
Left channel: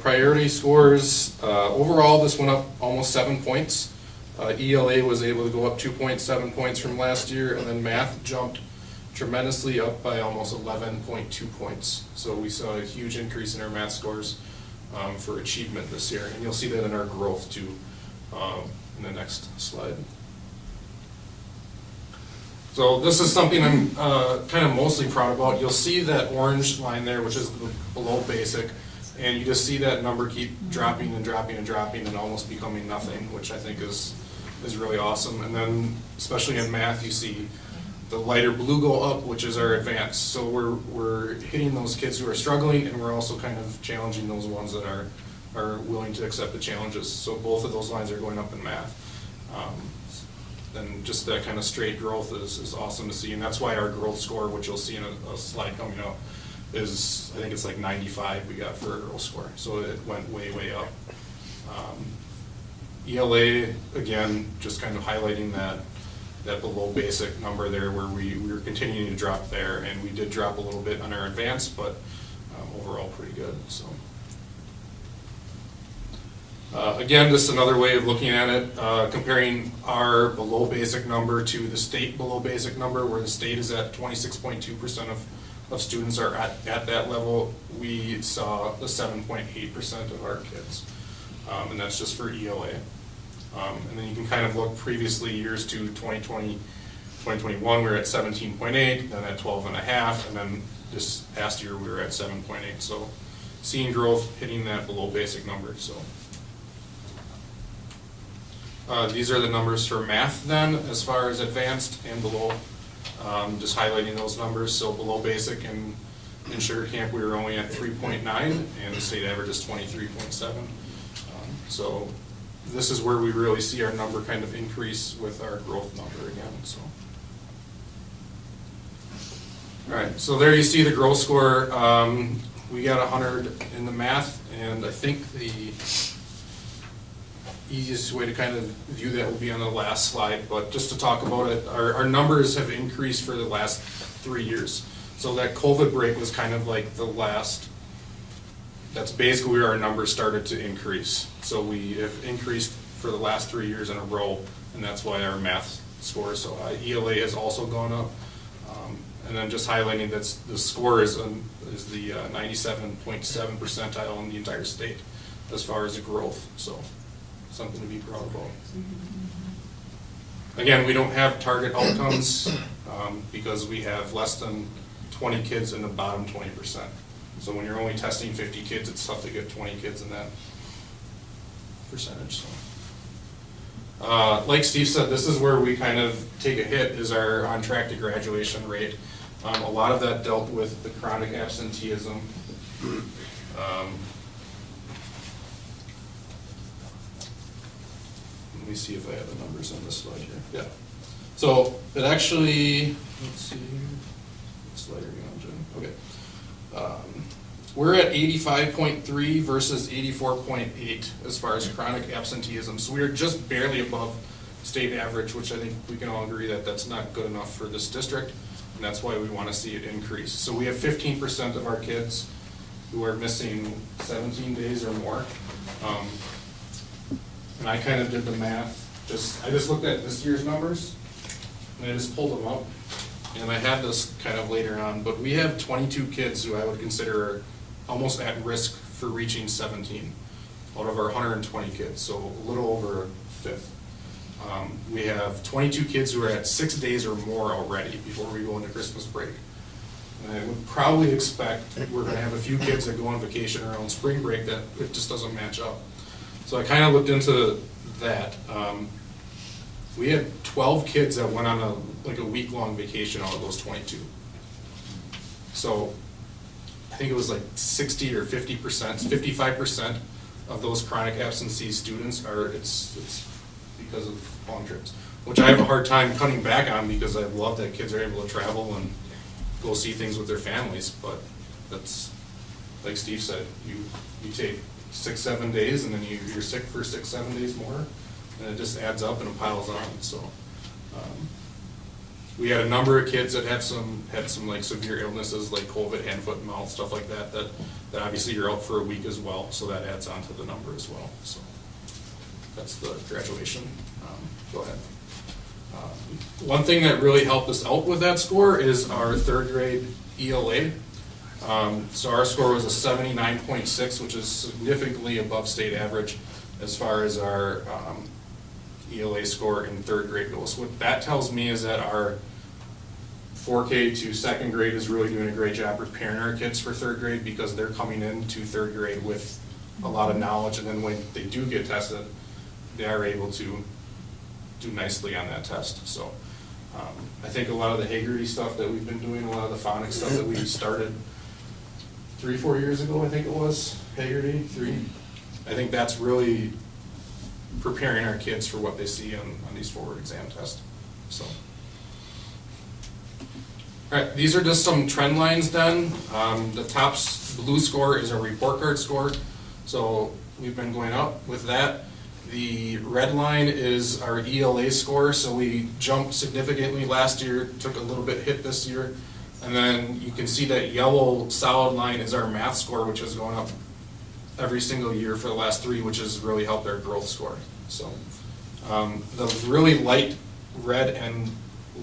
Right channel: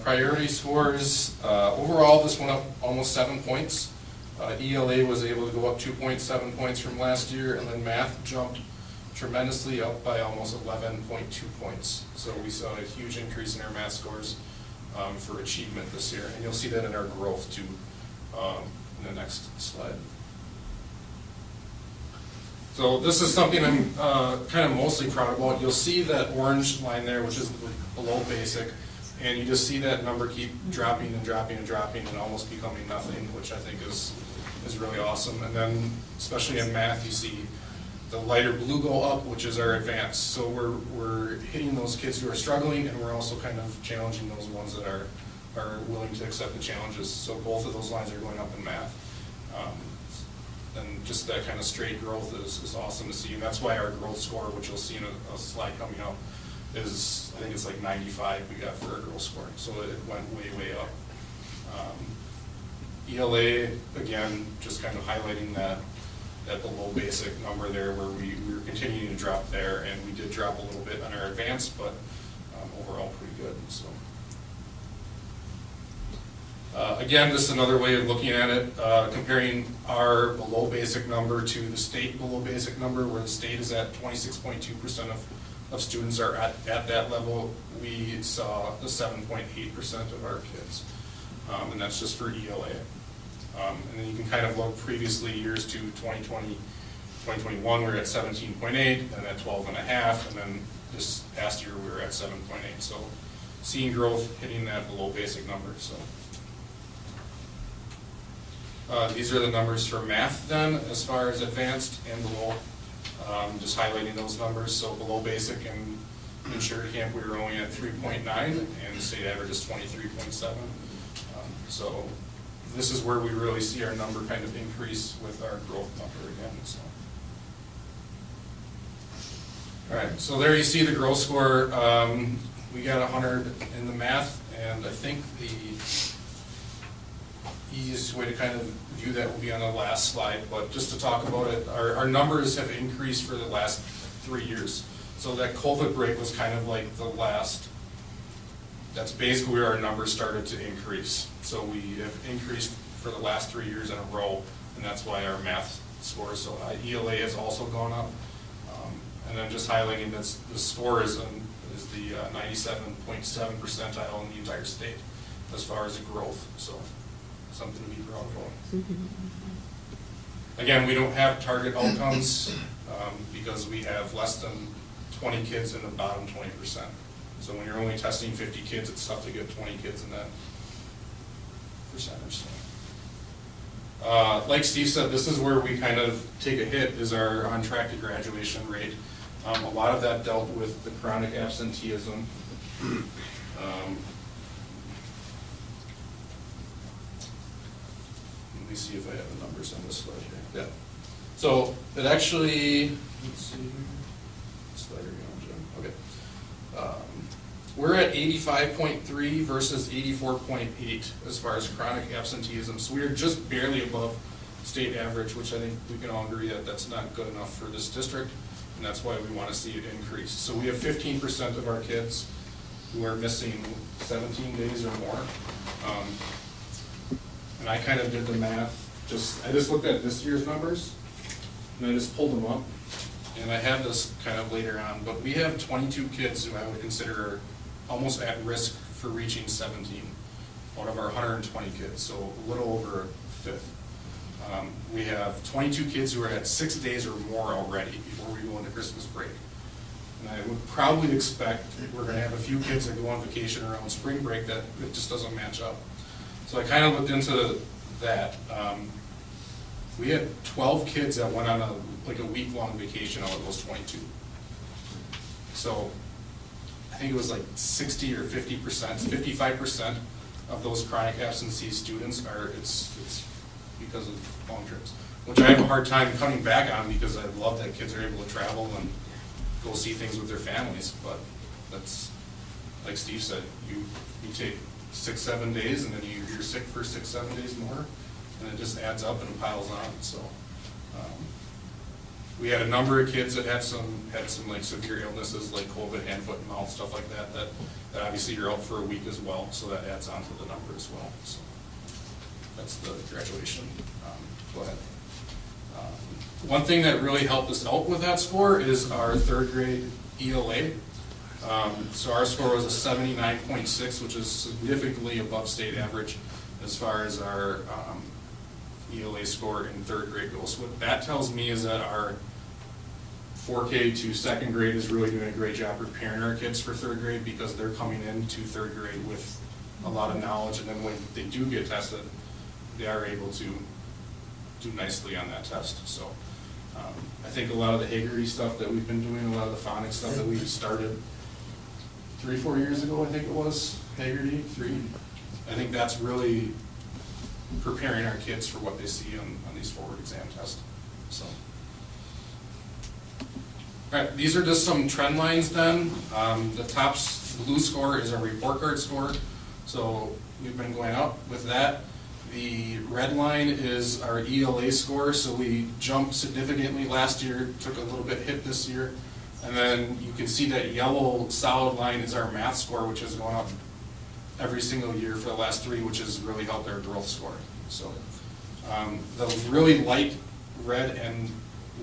priority scores. Overall, this went up almost 7 points. ELA was able to go up 2.7 points from last year, and then math jumped tremendously up by almost 11.2 points. So we saw a huge increase in our math scores for achievement this year, and you'll see that in our growth too in the next slide. So this is something I'm kind of mostly proud about. You'll see that orange line there, which is below basic, and you just see that number keep dropping and dropping and dropping and almost becoming nothing, which I think is really awesome. And then, especially in math, you see the lighter blue go up, which is our advanced. So we're hitting those kids who are struggling, and we're also kind of challenging those ones that are willing to accept the challenges. So both of those lines are going up in math. And just that kind of straight growth is awesome to see, and that's why our growth score, which you'll see in a slide coming up, is, I think it's like 95 we got for a growth score, so it went way up. ELA, again, just kind of highlighting that below basic number there, where we were continuing to drop there, and we did drop a little bit on our advanced, but overall pretty good. So. Again, just another way of looking at it, comparing our below basic number to the state below basic number, where the state is at 26.2% of students are at that level. We saw the 7.8% of our kids, and that's just for ELA. And then you can kind of look previously years to 2020, 2021, we were at 17.8, then at 12.5, and then this past year we were at 7.8. So seeing growth hitting that below basic number. So. These are the numbers for math then, as far as advanced and below, just highlighting those numbers. So below basic and insured camp, we were only at 3.9, and the state average is 23.7. So this is where we really see our number kind of increase with our growth number again. So. All right, so there you see the growth score. We got 100 in the math, and I think the easiest way to kind of view that will be on the last slide, but just to talk about it, our numbers have increased for the last 3 years. So that COVID break was kind of like the last, that's basically where our numbers started to increase. So we have increased for the last 3 years in a row, and that's why our math score, so ELA has also gone up. And then just highlighting that the score is the 97.7 percentile in the entire state as far as the growth. So something to be proud about. Again, we don't have target outcomes because we have less than 20 kids in the bottom 20%. So when you're only testing 50 kids, it's tough to get 20 kids in that percentage. So. Like Steve said, this is where we kind of take a hit, is our on track to graduation rate. A lot of that dealt with the chronic absenteeism. Let me see if I have the numbers on this slide here. Yeah. So it actually, let's see, what slide are we on, Jim? Okay. We're at 85.3 versus 84.8 as far as chronic absenteeism. So we're just barely above state average, which I think we can all agree that that's not good enough for this district, and that's why we want to see it increase. So we have 15% of our kids who are missing 17 days or more. And I kind of did the math. I just looked at this year's numbers, and I just pulled them up. And I had this kind of later on, but we have 22 kids who I would consider almost at risk for reaching 17 out of our 120 kids, so a little over a fifth. We have 22 kids who are at 6 days or more already before we go into Christmas break. And I would probably expect we're going to have a few kids that go on vacation around spring break that it just doesn't match up. So I kind of looked into that. We had 12 kids that went on a week-long vacation out of those 22. So I think it was like 60 or 50%, 55% of those chronic absentee students it's because of long trips, which I have a hard time cutting back on because I love that kids are able to travel and go see things with their families. But that's, like Steve said, you take 6-7 days and then you're sick for 6-7 days more, and it just adds up and it piles on. So we had a number of kids that had some like severe illnesses like COVID, hand, foot, and mouth, stuff like that obviously you're out for a week as well, so that adds on to the number as well. So that's the graduation. Go ahead. One thing that really helped us out with that score is our third grade ELA. So our score was a 79.6, which is significantly above state average as far as our ELA score in third grade goes. So what that tells me is that our 4K to second grade is really doing a great job preparing our kids for third grade, because they're coming into third grade with a lot of knowledge, and then when they do get tested, they are able to do nicely on that test. So I think a lot of the Hagerty stuff that we've been doing, a lot of the phonics stuff that we started 3-4 years ago, I think it was, Hagerty, 3. I think that's really preparing our kids for what they see on these forward exam tests. So, all right, these are just some trend lines then. The top blue score is our report card score. So we've been going up with that. The red line is our ELA score. So we jumped significantly last year, took a little bit hit this year. And then you can see that yellow solid line is our math score, which has gone up every single year for the last 3, which has really helped our growth score. So the really light red and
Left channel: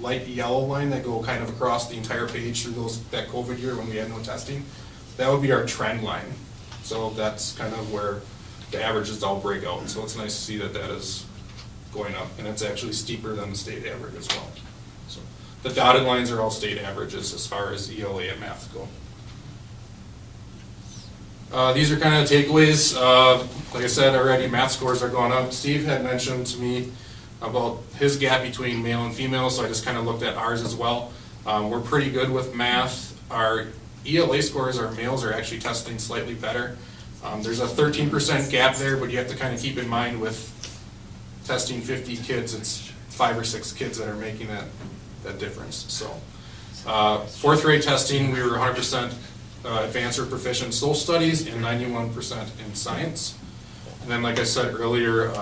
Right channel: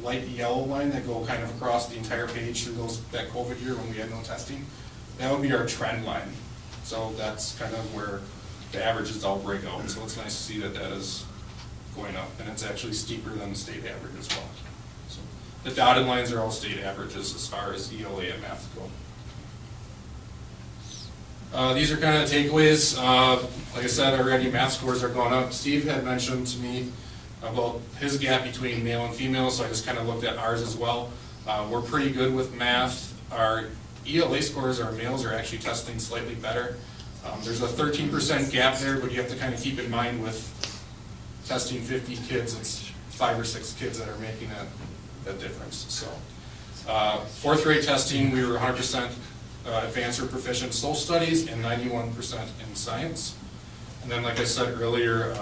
light yellow line that go kind of across the entire page through that COVID year when we had no testing, that would be our trend line. So that's kind of where the averages all break out. So it's nice to see that is going up, and it's actually steeper than the state average as well. So the dotted lines are all state averages as far as ELA and math go. These are kind of the takeaways. Like I said already, math scores are going up. Steve had mentioned to me about his gap between male and female, so I just kind of looked at ours as well. We're pretty good with math. Our ELA scores, our males are actually testing slightly better. There's a 13% gap there, but you have to kind of keep in mind with testing 50 kids, it's 5 or 6 kids that are making that difference. So, 4th grade testing, we were 100% advanced or proficient social studies and 91% in science. And then, like I said earlier,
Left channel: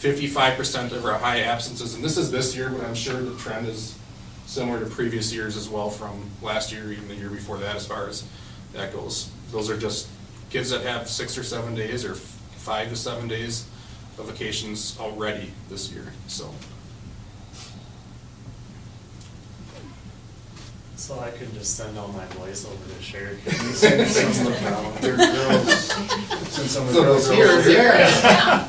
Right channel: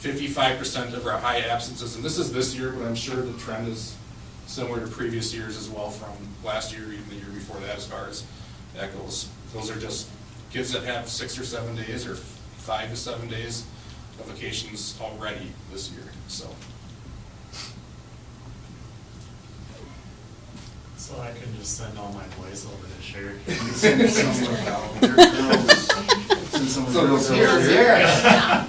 55% of our high absences, and this is this year, but I'm sure the trend is similar to previous years as well from last year, even the year before that, as far as that goes. Those are just kids that have 6 or 7 days or 5 to 7 days of vacations already this year. So I can just send all my boys over to Sherry. Send some of their girls. Send some of the girls over Here. there. Yeah.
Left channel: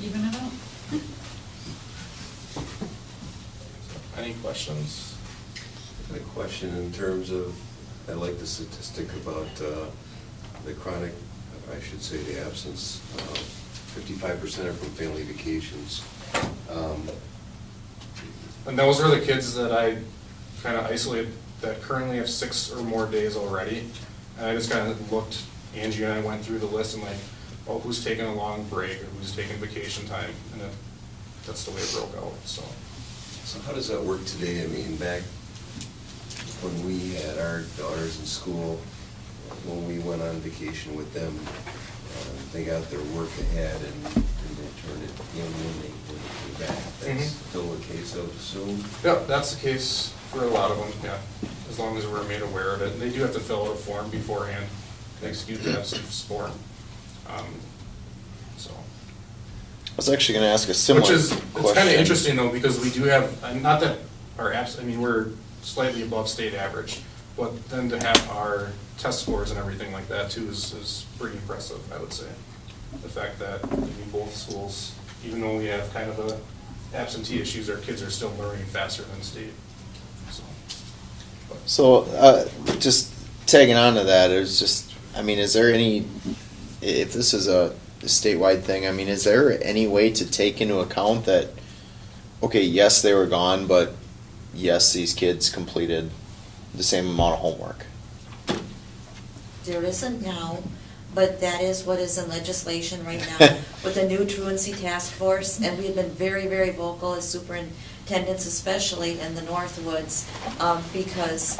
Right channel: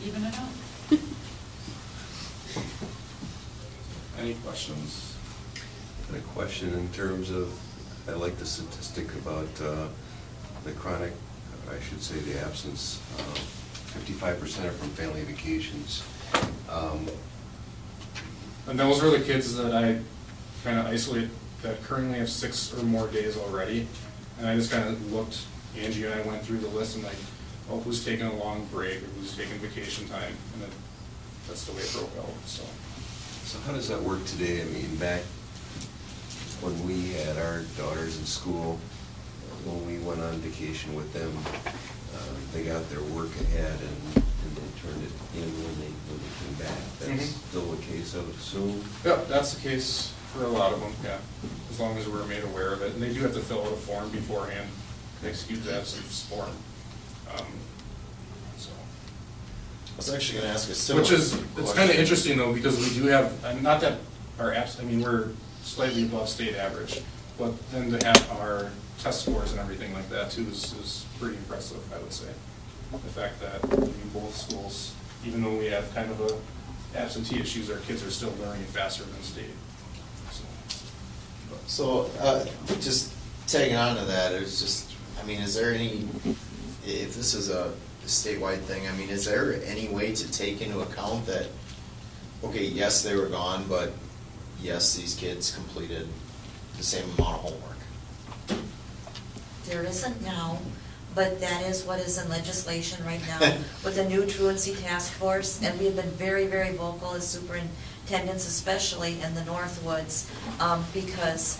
Even it out. any questions? A question in terms of, I like the statistic about the chronic, I should say the absence, 55% are from family vacations. And those are the kids that I kind of isolated that currently have 6 or more days already. And I just kind of looked, Angie and I went through the list and like, oh, who's taking a long break or who's taking vacation time? And that's the way it broke out, so. So how does that work today? I mean, back when we had our daughters in school, when we went on vacation with them, they got their work ahead and they turned it in when they came back. That's still the case, I would assume? Yep, that's the case for a lot of them, yeah, as long as we're made aware of it. And they do have to fill out a form beforehand, an excused absence form. So. I was actually gonna ask a similar Which is, question. it's kind of interesting though, because we do have, and not that our apps, I mean, we're slightly above state average, but then to have our test scores and everything like that too is pretty impressive, I would say. The fact that, I mean, both schools, even though we have kind of a absentee issues, our kids are still learning faster than state, so. So, just tagging on to that, it's just, I mean, is there any, if this is a statewide thing, I mean, is there any way to take into account that, okay, yes, they were gone, but yes, these kids completed the same amount of homework? There isn't now, but that is what is in legislation right now with the new truancy task force, and we have been very, very vocal as superintendents, especially in the Northwoods, because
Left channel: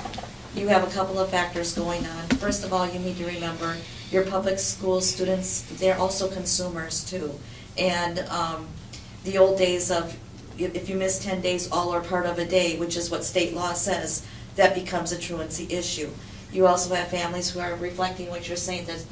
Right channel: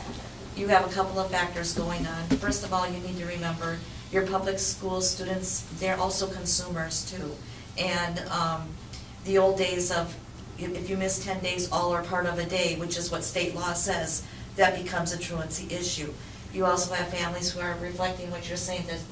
you have a couple of factors going on. First of all, you need to remember your public school students, they're also consumers too. And the old days of if you miss 10 days, all are part of a day, which is what state law says, that becomes a truancy issue. You also have families who are reflecting what you're saying, that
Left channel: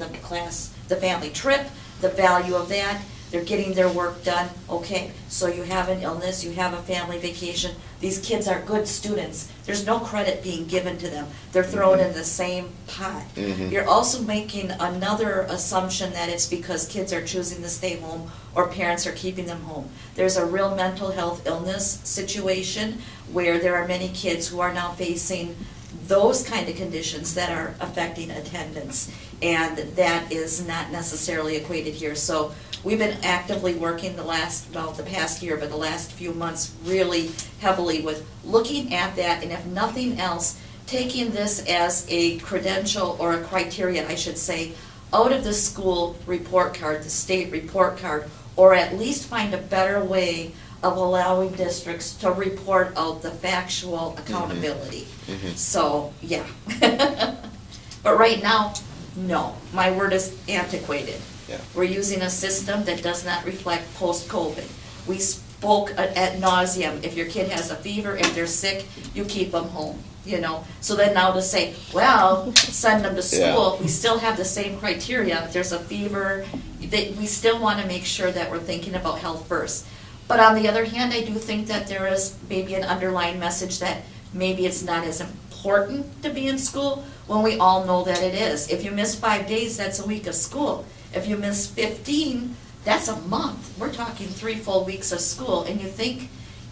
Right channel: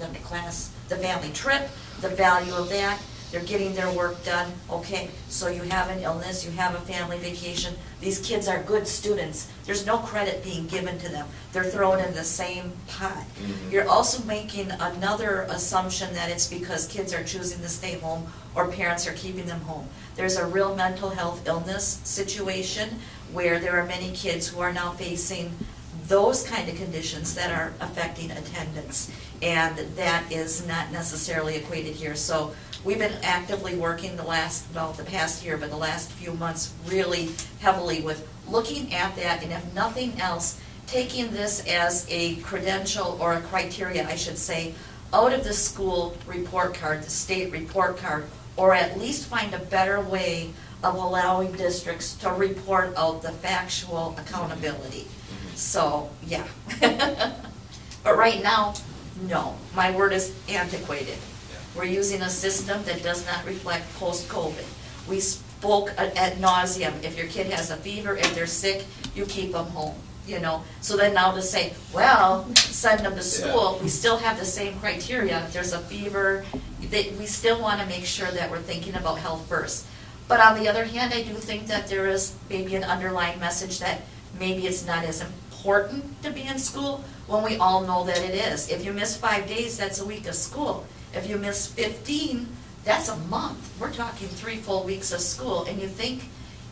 the family trip, the value of that, they're getting their work done. Okay, so you have an illness, you have a family vacation. These kids are good students. There's no credit being given to them. They're thrown in the same pot. Mhm. You're also making another assumption that it's because kids are choosing to stay home or parents are keeping them home. There's a real mental health illness situation where there are many kids who are now facing those kind of conditions that are affecting attendance, and that is not necessarily equated here. So we've been actively working the past year, but the last few months really heavily with looking at that, and if nothing else, taking this as a credential or a criteria, I should say, out of the school report card, the state report card, or at least find a better way of allowing districts to report out the factual accountability. Mhm. So, yeah. But right now, no, my word is antiquated. Yeah. We're using a system that does not reflect post-COVID. We spoke ad nauseum, if your kid has a fever, if they're sick, you keep them home, you know? So then now to say, well, send them to school, we still have the same criteria. If there's a fever, we still want to make sure that we're thinking about health first. But on the other hand, I do think that there is maybe an underlying message that maybe it's not as important to be in school when we all know that it is. If you miss 5 days, that's a week of school. If you miss 15, that's a month. We're talking 3 full weeks of school. And you think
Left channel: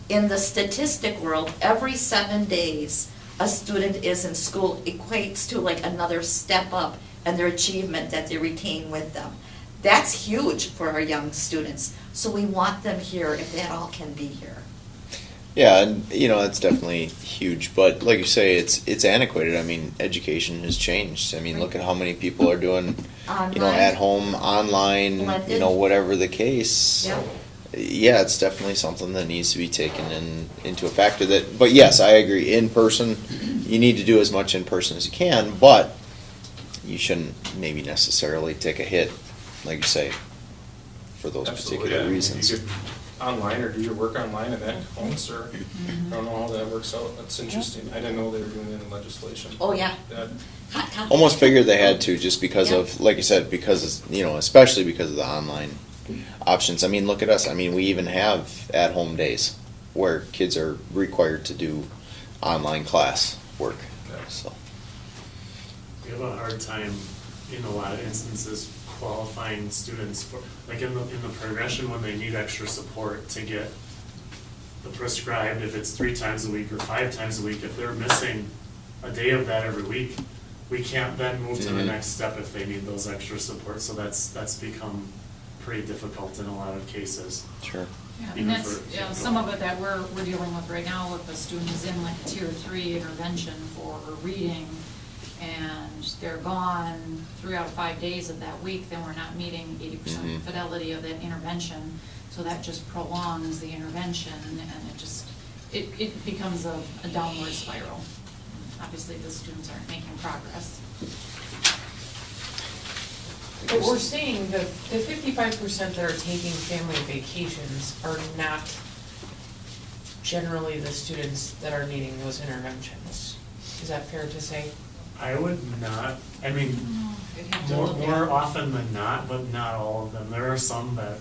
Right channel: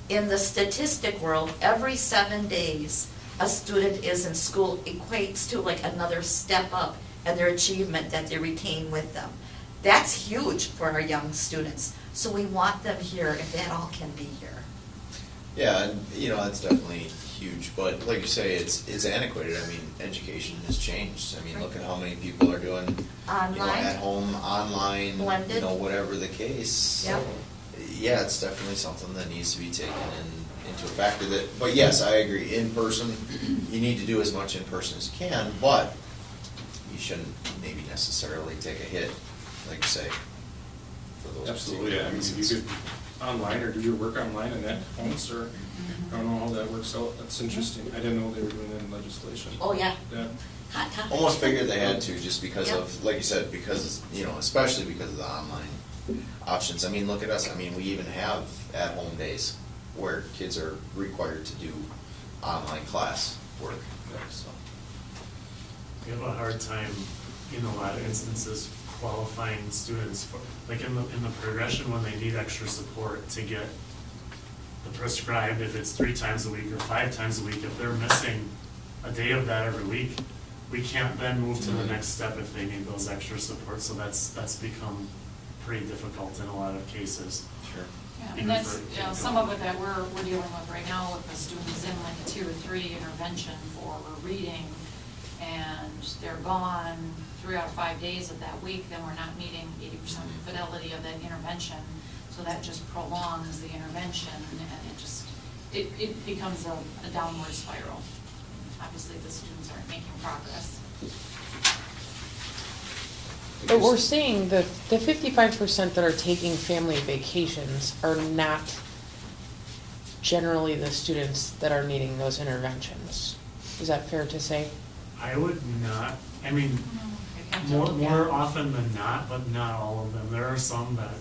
in the statistic world, every 7 days a student is in school equates to like another step up in their achievement that they retain with them. That's huge for our young students. So we want them here if that all can be here. Yeah, and, you know, it's definitely huge, but like you say, it's antiquated. I mean, education has changed. I mean, look at how many people are doing, you know, Online. at home, online, Blended. you know, whatever the case. Yeah. Yeah, it's definitely something that needs to be taken into a factor that, but yes, I agree, in person, you need to do as much in person as you can, but you shouldn't maybe necessarily take a hit, like you say, for those Absolutely, particular yeah. reasons. You could online or do your work online and then phones, or I don't know how that works out. That's interesting. I didn't know they were doing it in legislation. Oh, yeah. Yeah. Hot topic. Almost figured they had to, just because Yep. of, like you said, because, you know, especially because of the online options. I mean, look at us. I mean, we even have at-home days where kids are required to do online class work, so. We have a hard time in a lot of instances qualifying students for, like in the progression when they need extra support to get the prescribed, if it's 3 times a week or 5 times a week, if they're missing a day of that every week, we can't then move to the next step if they need those extra support. So that's become pretty difficult in a lot of cases. Sure. Yeah, even and that's, for- you know, some of it that we're dealing with right now with the students in like tier 3 intervention for reading, and they're gone 3 out of 5 days of that week, then we're not meeting 80% fidelity of that intervention, so that just prolongs the intervention, and it becomes a downward spiral. Obviously, the students aren't making progress. But we're saying that the 55% that are taking family vacations are not generally the students that are needing those interventions. Is that fair to say? I would not, I mean, You'd have to more, look more at- often than not, but not all of them. There are some that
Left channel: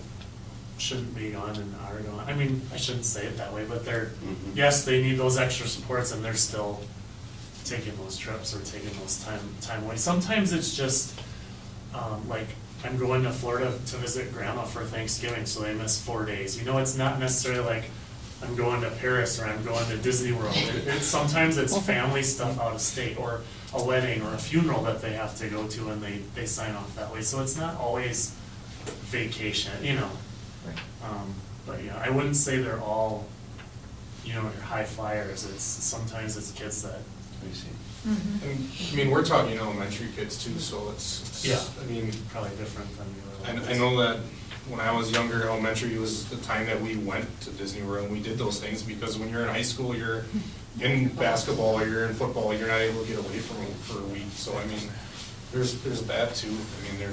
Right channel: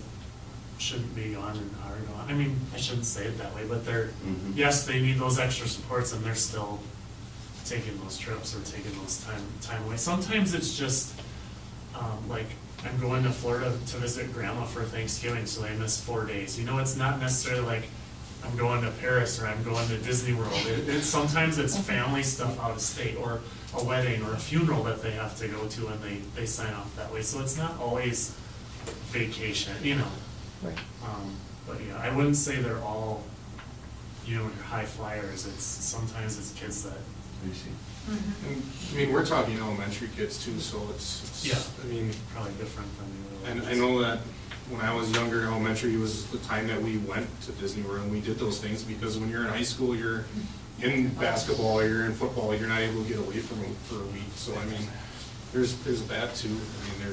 shouldn't be gone and are gone. I mean, I shouldn't say it that way, but they're, yes, they need those extra supports and they're still taking those trips or taking those time away. Sometimes it's just, like, I'm going to Florida to visit grandma for Thanksgiving, so they miss 4 days. You know, it's not necessarily like I'm going to Paris or I'm going to Disney World. Sometimes it's family stuff out of state, or a wedding or a funeral that they have to go to, and they sign off that way. So it's not always vacation, you know. Right. But yeah, I wouldn't say they're all, you know, your high flyers. Sometimes it's kids that. And, I mean, we're talking elementary kids too, so it's Yeah. I mean, Probably different than I know that when I was younger, elementary was the time that we went to Disney World, and we did those things, because when you're in high school, you're in basketball, or you're in football, you're not able to get away from it for a week. So I mean, there's that too. I mean,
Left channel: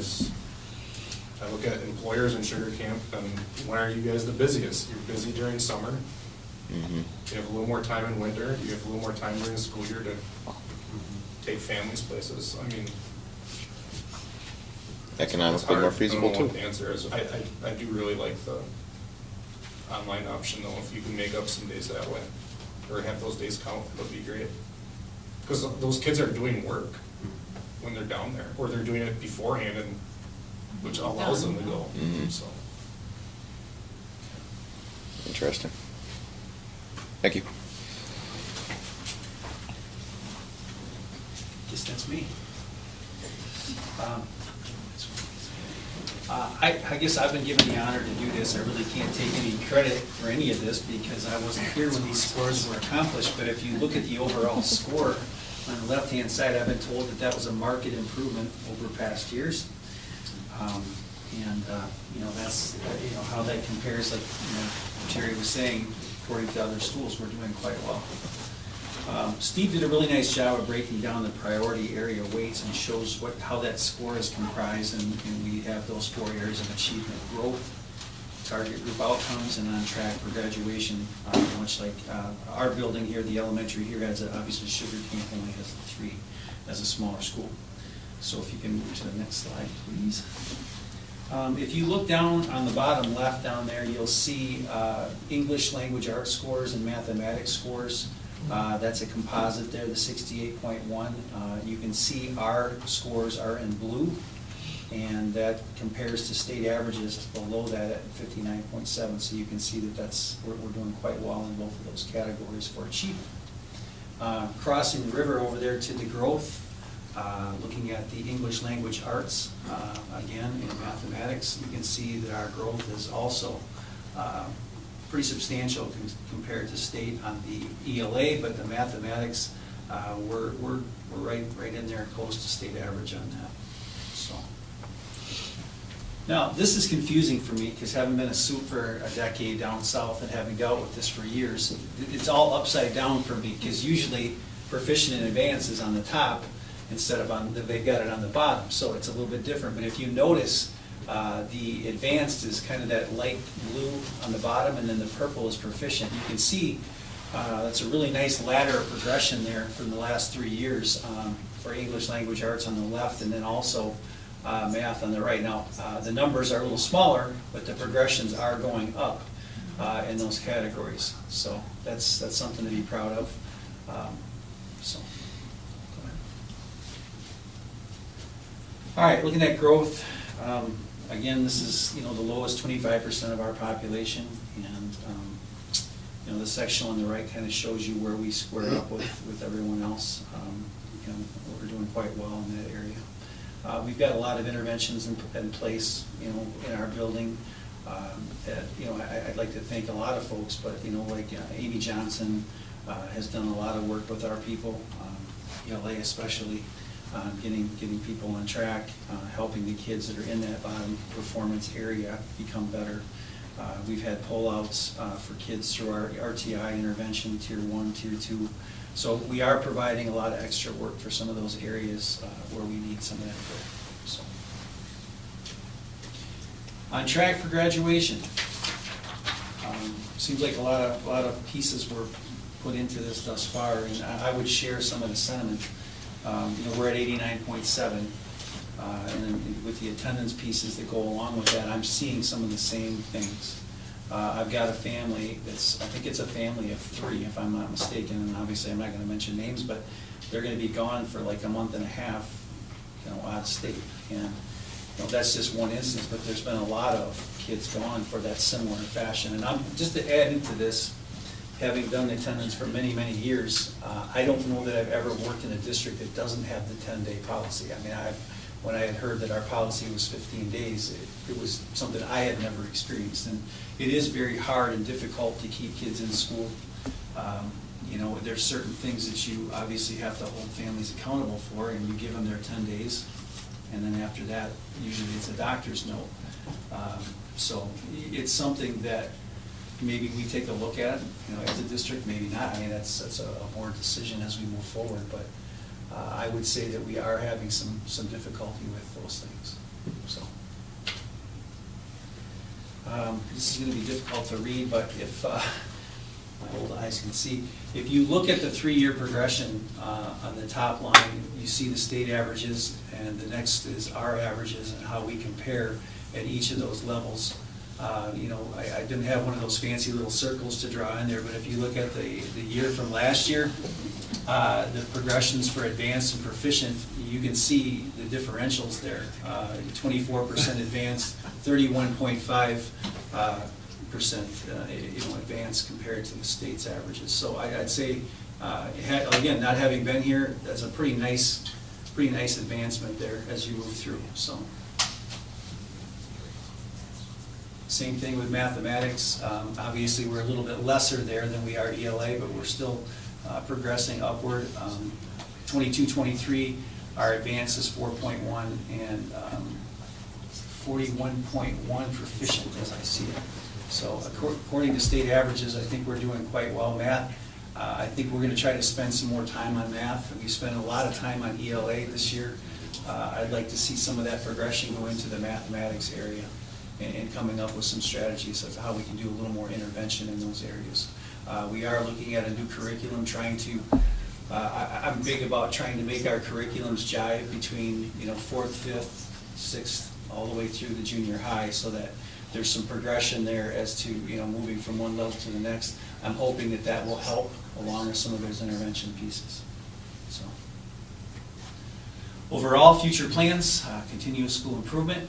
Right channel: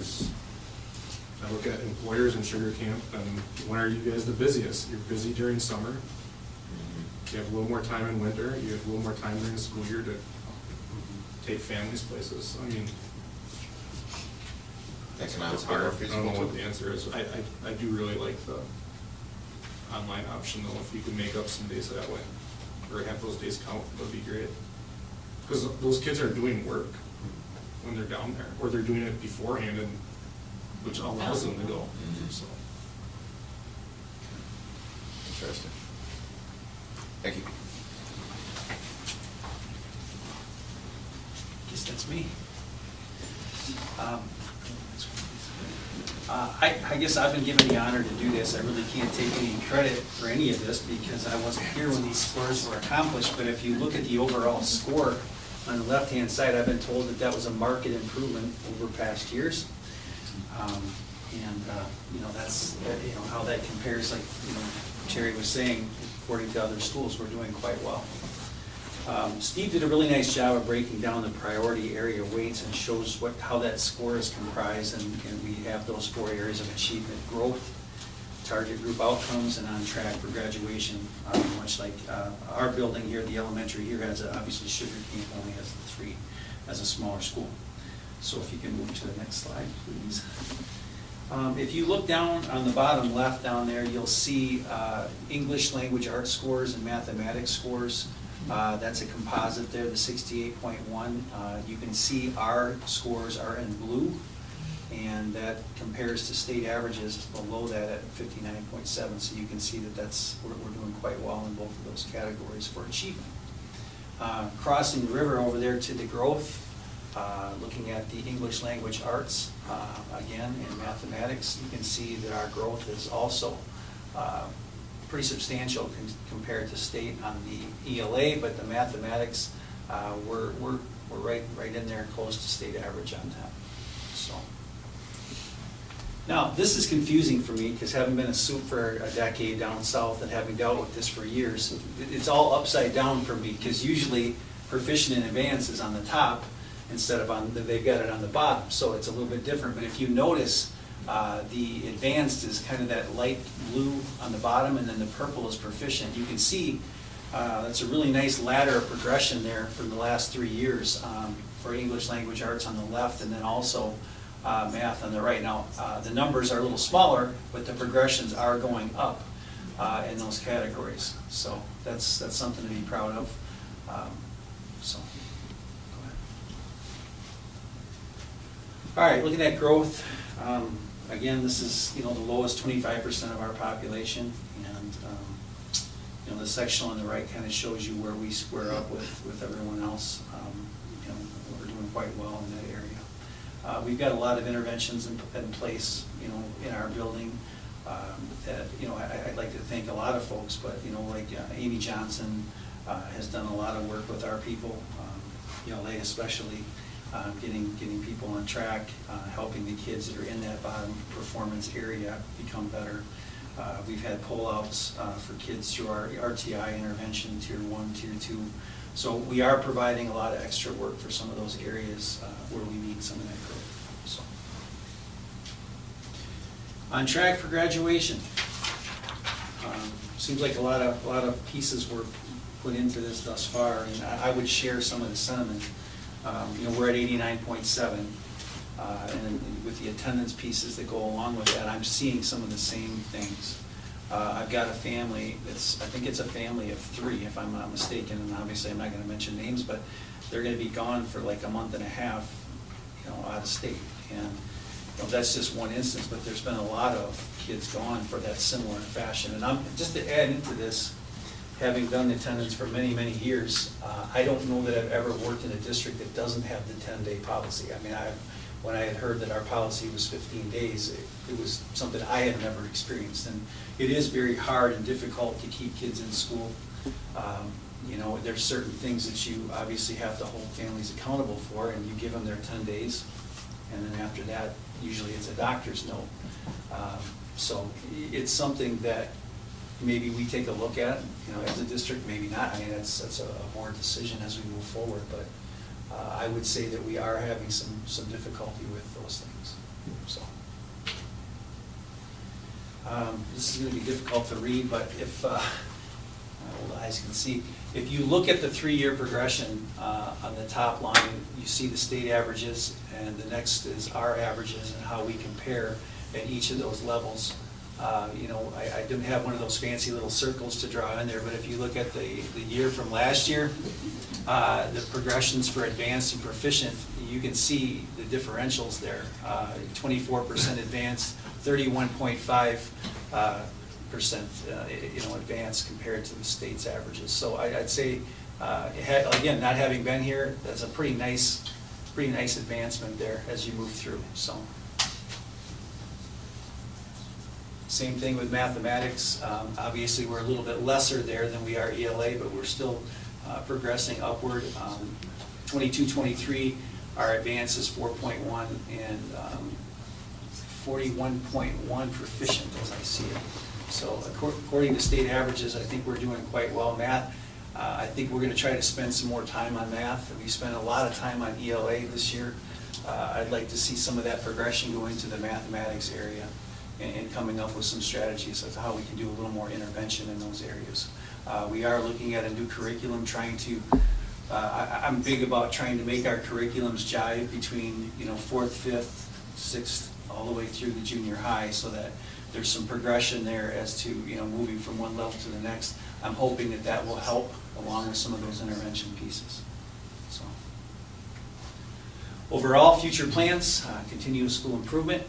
I look at employers in Sugar Camp, and when are you guys the busiest? You're busy during summer. You have a little more time in winter. You have a little more time during the school year to take families places. I mean, Economically hard. more feasible I don't know too. what the answer is. I do really like the online option though, if you can make up some days that way, or have those days count, that'd be great. Because those kids are doing work when they're down there, or they're doing it beforehand, and which allows them to go, so. Interesting. Thank you. Guess that's me. I guess I've been given the honor to do this. I really can't take any credit for any of this because I wasn't here when these scores were accomplished. But if you look at the overall score on the left-hand side, I've been told that that was a marked improvement over past years. You know, that's, you know, how that compares, like, you know, Terry was saying, according to other schools, we're doing quite well. Steve did a really nice job of breaking down the priority area weights and shows how that score is comprised, and we have those 4 areas of achievement: growth, target group outcomes, and on track for graduation. Much like our building here, the elementary here has, obviously Sugar Camp only has 3 as a smaller school. So if you can move to the next slide, please. If you look down on the bottom left down there, you'll see English language arts scores and mathematics scores. That's a composite there, the 68.1. You can see our scores are in blue, and that compares to state averages below that at 59.7. So you can see that we're doing quite well in both of those categories for achievement. Crossing the river over there to the growth, looking at the English language arts, again, in mathematics, you can see that our growth is also pretty substantial compared to state on the ELA, but the mathematics, we're right in there, close to state average on that. So now this is confusing for me because having been a soup for a decade down south and having dealt with this for years, it's all upside down for me because usually proficient in advanced is on the top instead of they've got it on the bottom, so it's a little bit different. But if you notice, the advanced is kind of that light blue on the bottom, and then the purple is proficient. You can see it's a really nice ladder of progression there from the last 3 years for English language arts on the left, and then also math on the right. Now, the numbers are a little smaller, but the progressions are going up in those categories. So that's something to be proud of. So, go ahead. All right, looking at growth. Again, this is, you know, the lowest 25% of our population, and you know, the section on the right kind of shows you where we square up with everyone else. You know, we're doing quite well in that area. We've got a lot of interventions in place, you know, in our building. That, I'd like to thank a lot of folks, but, like Amy Johnson has done a lot of work with our people, ELA especially, getting people on track, helping the kids that are in that bottom performance area become better. We've had pull-outs for kids through our RTI intervention, Tier 1, Tier 2. So we are providing a lot of extra work for some of those areas where we need some of that growth. So, on track for graduation. Seems like a lot of pieces were put into this thus far, and I would share some of the sentiment. We're at 89.7, and with the attendance pieces that go along with that, I'm seeing some of the same things. I've got a family I think it's a family of 3, if I'm not mistaken, and obviously I'm not going to mention names, but they're going to be gone for like a month and a half, out of state. And that's just one instance, but there's been a lot of kids gone for that similar fashion. And just to add into this, having done attendance for many, many years, I don't know that I've ever worked in a district that doesn't have the 10-day policy. I mean, when I had heard that our policy was 15 days, it was something I had never experienced. And it is very hard and difficult to keep kids in school. There's certain things that you obviously have to hold families accountable for, and you give them their 10 days. And then after that, usually it's a doctor's note. So it's something that maybe we take a look at, as a district, maybe not. I mean, that's a board decision as we move forward, but I would say that we are having some difficulty with those things, so. This is gonna be difficult to read, but if, my old eyes can see, if you look at the 3-year progression on the top line, you see the state averages, and the next is our averages and how we compare at each of those levels. I didn't have one of those fancy little circles to draw in there, but if you look at the year from last year, the progressions for advanced and proficient, you can see the differentials there. 24% advanced, 31.5% advanced compared to the state's averages. So I'd say, again, not having been here, that's a pretty nice advancement there as you move through. So. Same thing with mathematics. Obviously, we're a little bit lesser there than we are ELA, but we're still progressing upward. 22-23, our advance is 4.1 and 41.1 proficient, as I see it. So according to state averages, I think we're doing quite well. Math, I think we're going to try to spend some more time on math. We spent a lot of time on ELA this year. I'd like to see some of that progression go into the mathematics area, and coming up with some strategies as to how we can do a little more intervention in those areas. We are looking at a new curriculum, trying to, I'm big about trying to make our curriculums jive between, 4th, 5th, 6th, all the way through the junior high, so that there's some progression there as to, moving from one level to the next. I'm hoping that will help along with some of those intervention pieces. So, overall, future plans, continuous school improvement.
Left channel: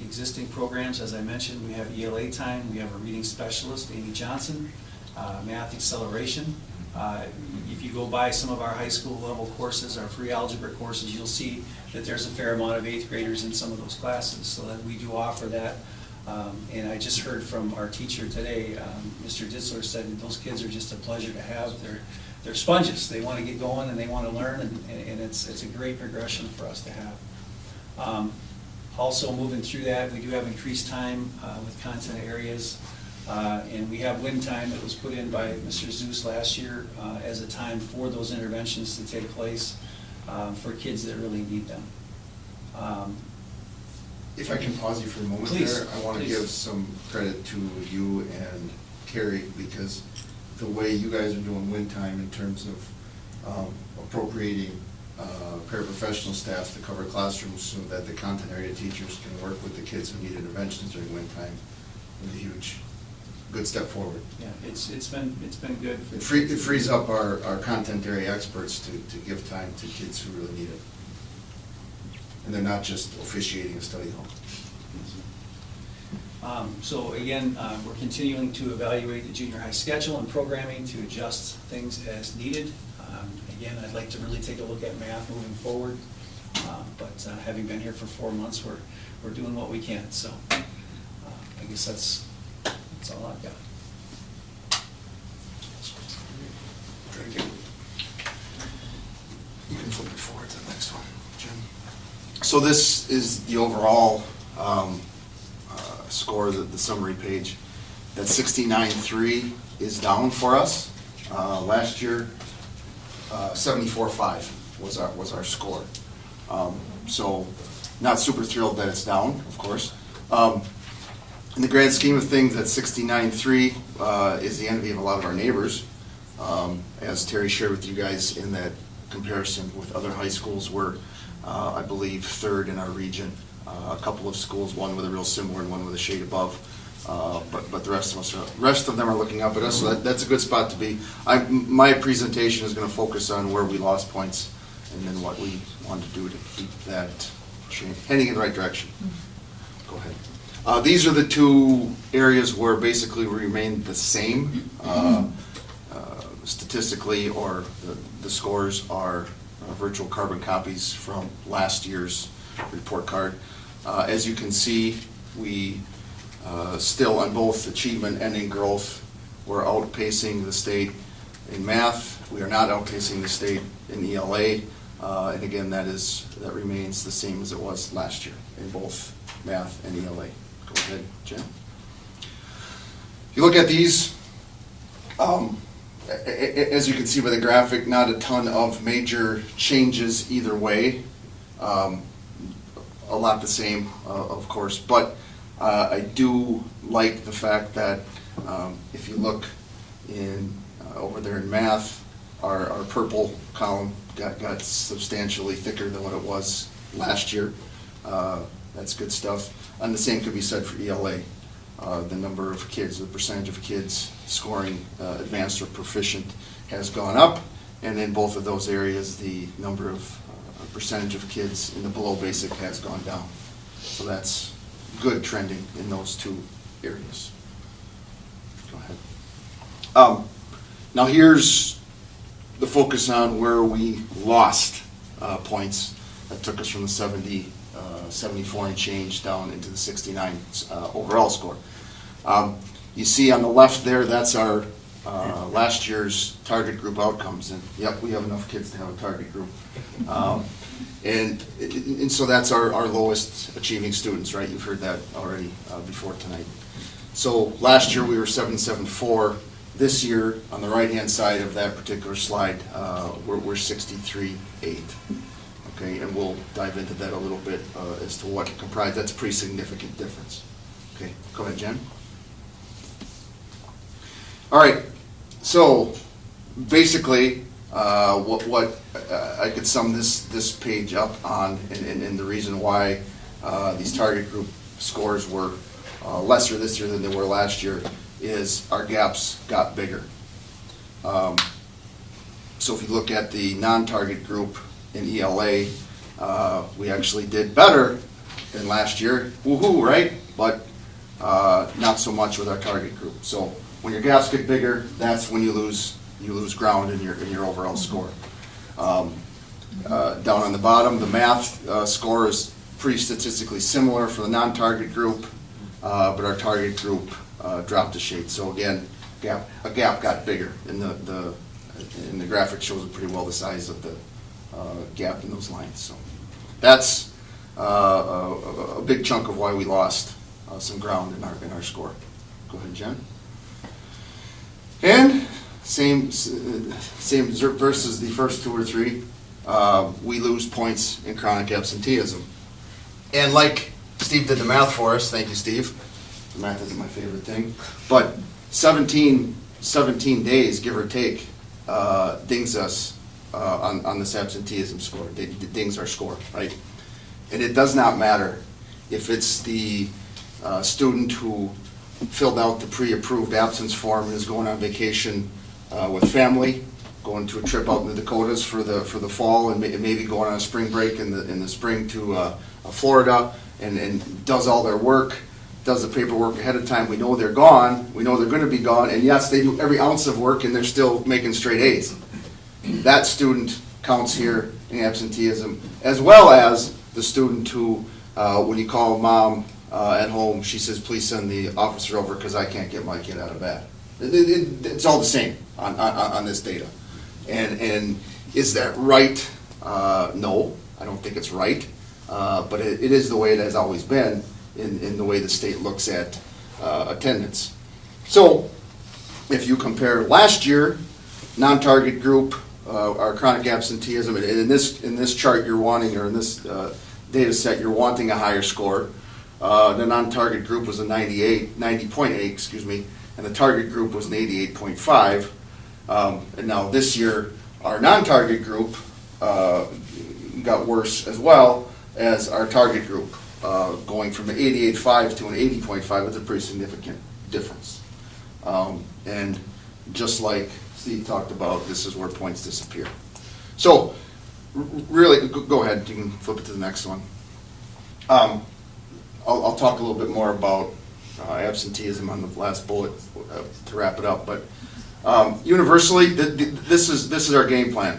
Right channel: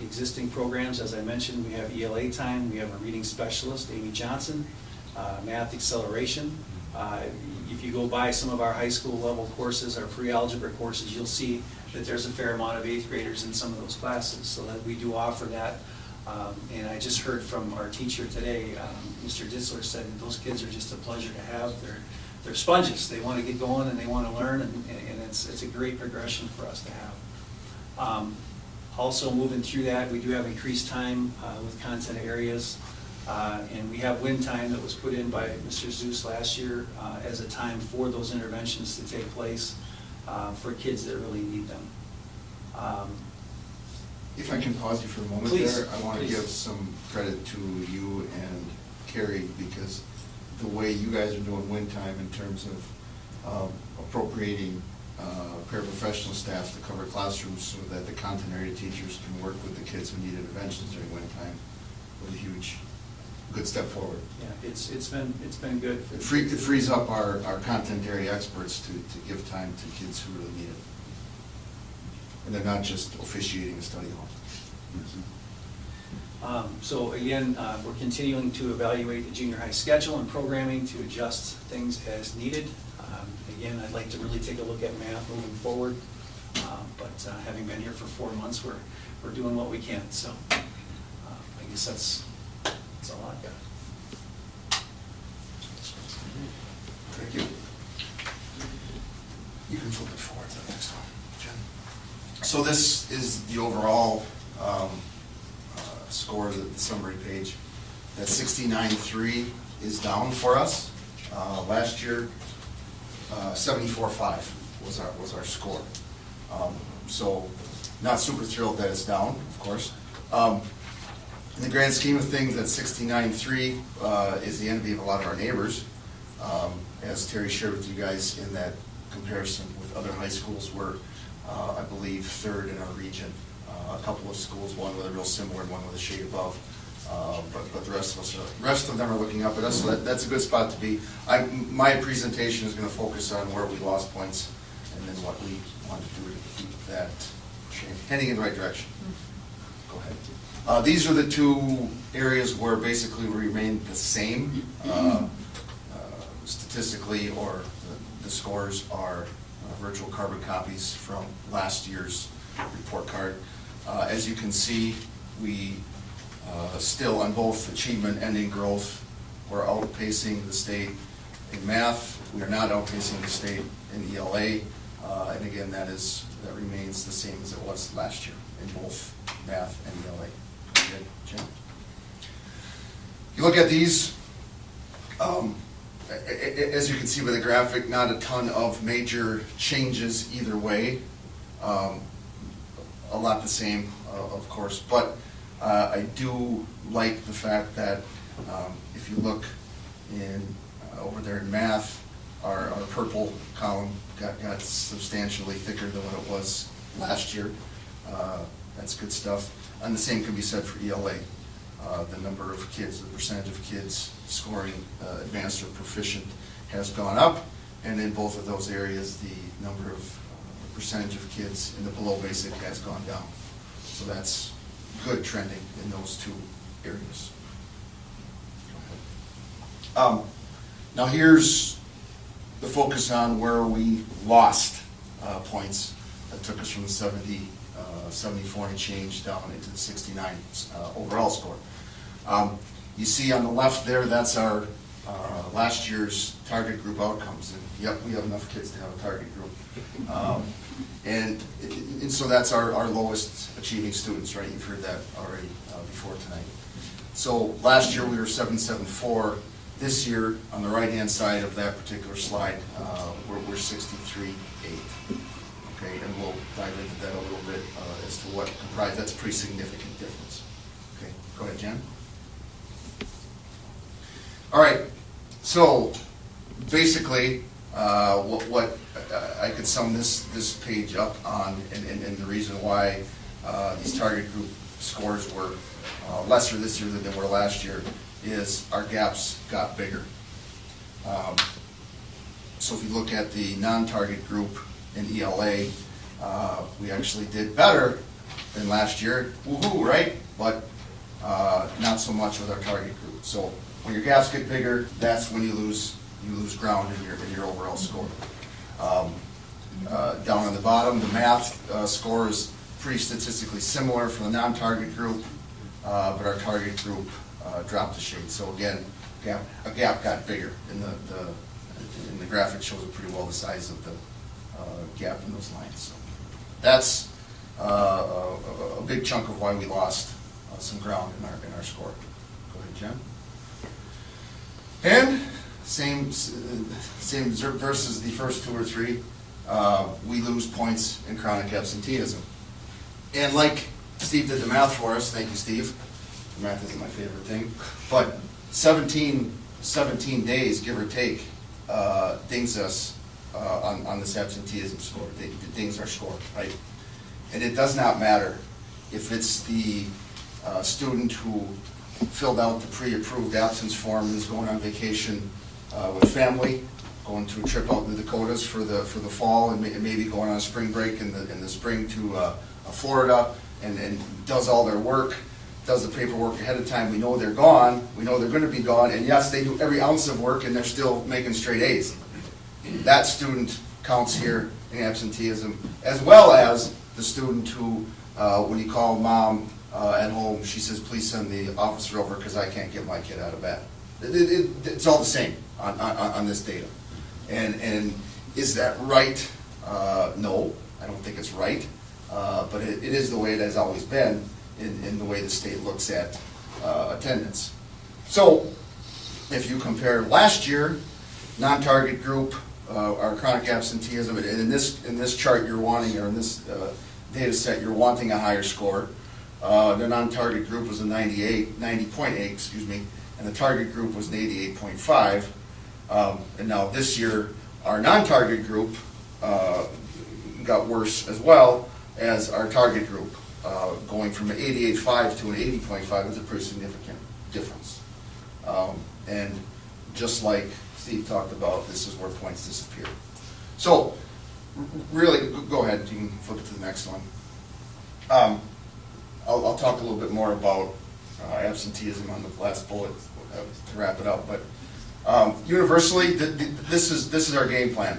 Existing programs, as I mentioned, we have ELA time, we have a reading specialist, Amy Johnson, math acceleration. If you go by some of our high school level courses, our pre-algebra courses, you'll see that there's a fair amount of 8th graders in some of those classes, so that we do offer that. And I just heard from our teacher today, Mr. Ditzler said that those kids are just a pleasure to have. They're sponges. They want to get going and they want to learn, and it's a great progression for us to have. Also moving through that, we do have increased time with content areas, and we have win time that was put in by Mr. Zeus last year as a time for those interventions to take place for kids that really need them. If I can pause you for a moment Please, there, I want to please. give some credit to you and Carrie, because the way you guys are doing win time in terms of appropriating paraprofessional staff to cover classrooms so that the content area teachers can work with the kids who need interventions during win time was a good step forward. Yeah, it's been good. It frees up our content area experts to give time to kids who really need it. And they're not just officiating a study hall. So again, we're continuing to evaluate the junior high schedule and programming to adjust things as needed. Again, I'd like to really take a look at math moving forward, but having been here for 4 months, we're doing what we can. So guess that's all I've got. Very good. You can flip it forward to the next one, Jim. So this is the overall score, the summary page. That 69.3 is down for us. Last year, 74.5 was our score. So not super thrilled that it's down, of course. In the grand scheme of things, that 69.3 is the envy of a lot of our neighbors. As Terry shared with you guys in that comparison with other high schools, we're, I believe, third in our region. A couple of schools, one with a real similar, one with a shade above. But the rest of them are looking up at us, so that's a good spot to be. My presentation is going to focus on where we lost points and then what we want to do to keep that heading in the right direction. Go ahead. These are the two areas where basically we remain the same statistically, or the scores are virtual carbon copies from last year's report card. As you can see, we still on both achievement and in growth, we're outpacing the state in math. We are not outpacing the state in ELA. And again, that remains the same as it was last year in both math and ELA. Go ahead, Jim. You look at these, as you can see by the graphic, not a ton of major changes either way. A lot the same, of course, but I do like the fact that if you look in over there in math, our purple column got substantially thicker than what it was last year. That's good stuff. And the same could be said for ELA. The number of kids, the percentage of kids scoring advanced or proficient has gone up, and in both of those areas, the number of percentage of kids in the below basic has gone down. So that's good trending in those two areas. Go ahead. Now here's the focus on where we lost points. That took us from the 74 and change down into the 69 overall score. You see on the left there, that's our last year's target group outcomes. And yep, we have enough kids to have a target group. And so that's our lowest achieving students, right? You've heard that already before tonight. So last year we were 774. This year, on the right-hand side of that particular slide, we're 63.8. Okay, and we'll dive into that a little bit as to what comprised. That's a pretty significant difference. Okay, go ahead, Jen. All right, so basically, what I could sum this page up on, and the reason why these target group scores were lesser this year than they were last year is our gaps got bigger. So if you look at the non-target group in ELA, we actually did better than last year. Woohoo, right? But not so much with our target group. So when your gaps get bigger, that's when you lose ground in your overall score. Down on the bottom, the math score is pretty statistically similar for the non-target group, but our target group dropped a shade. So again, a gap got bigger, and the graphic shows it pretty well the size of the gap in those lines. So that's a big chunk of why we lost some ground in our score. Go ahead, Jen. And same versus the first two or three, we lose points in chronic absenteeism. And like Steve did the math for us, thank you, Steve. Math isn't my favorite thing, but 17 days, give or take, dings us on this absenteeism score. It dings our score, right? And it does not matter if it's the student who filled out the pre-approved absence form and is going on vacation with family, going to a trip out in the Dakotas for the fall, and maybe going on a spring break in the spring to Florida, and does all their work, does the paperwork ahead of time. We know they're gone. We know they're going to be gone. And yes, they do every ounce of work, and they're still making straight A's. That student counts here in absenteeism, as well as the student who, when you call mom at home, she says, please send the officer over because I can't get my kid out of bed. It's all the same on this data. And is that right? No, I don't think it's right. But it is the way it has always been in the way the state looks at attendance. So if you compare last year, non-target group, our chronic absenteeism, and in this chart you're wanting, or in this data set, you're wanting a higher score. The non-target group was a 90.8, excuse me, and the target group was an 88.5. And now this year, our non-target group got worse as well as our target group, going from an 88.5 to an 80.5. It's a pretty significant difference. And just like Steve talked about, this is where points disappear. So, really, go ahead, you can flip it to the next one. I'll talk a little bit more about absenteeism on the last bullet to wrap it up. But universally, this is our game plan.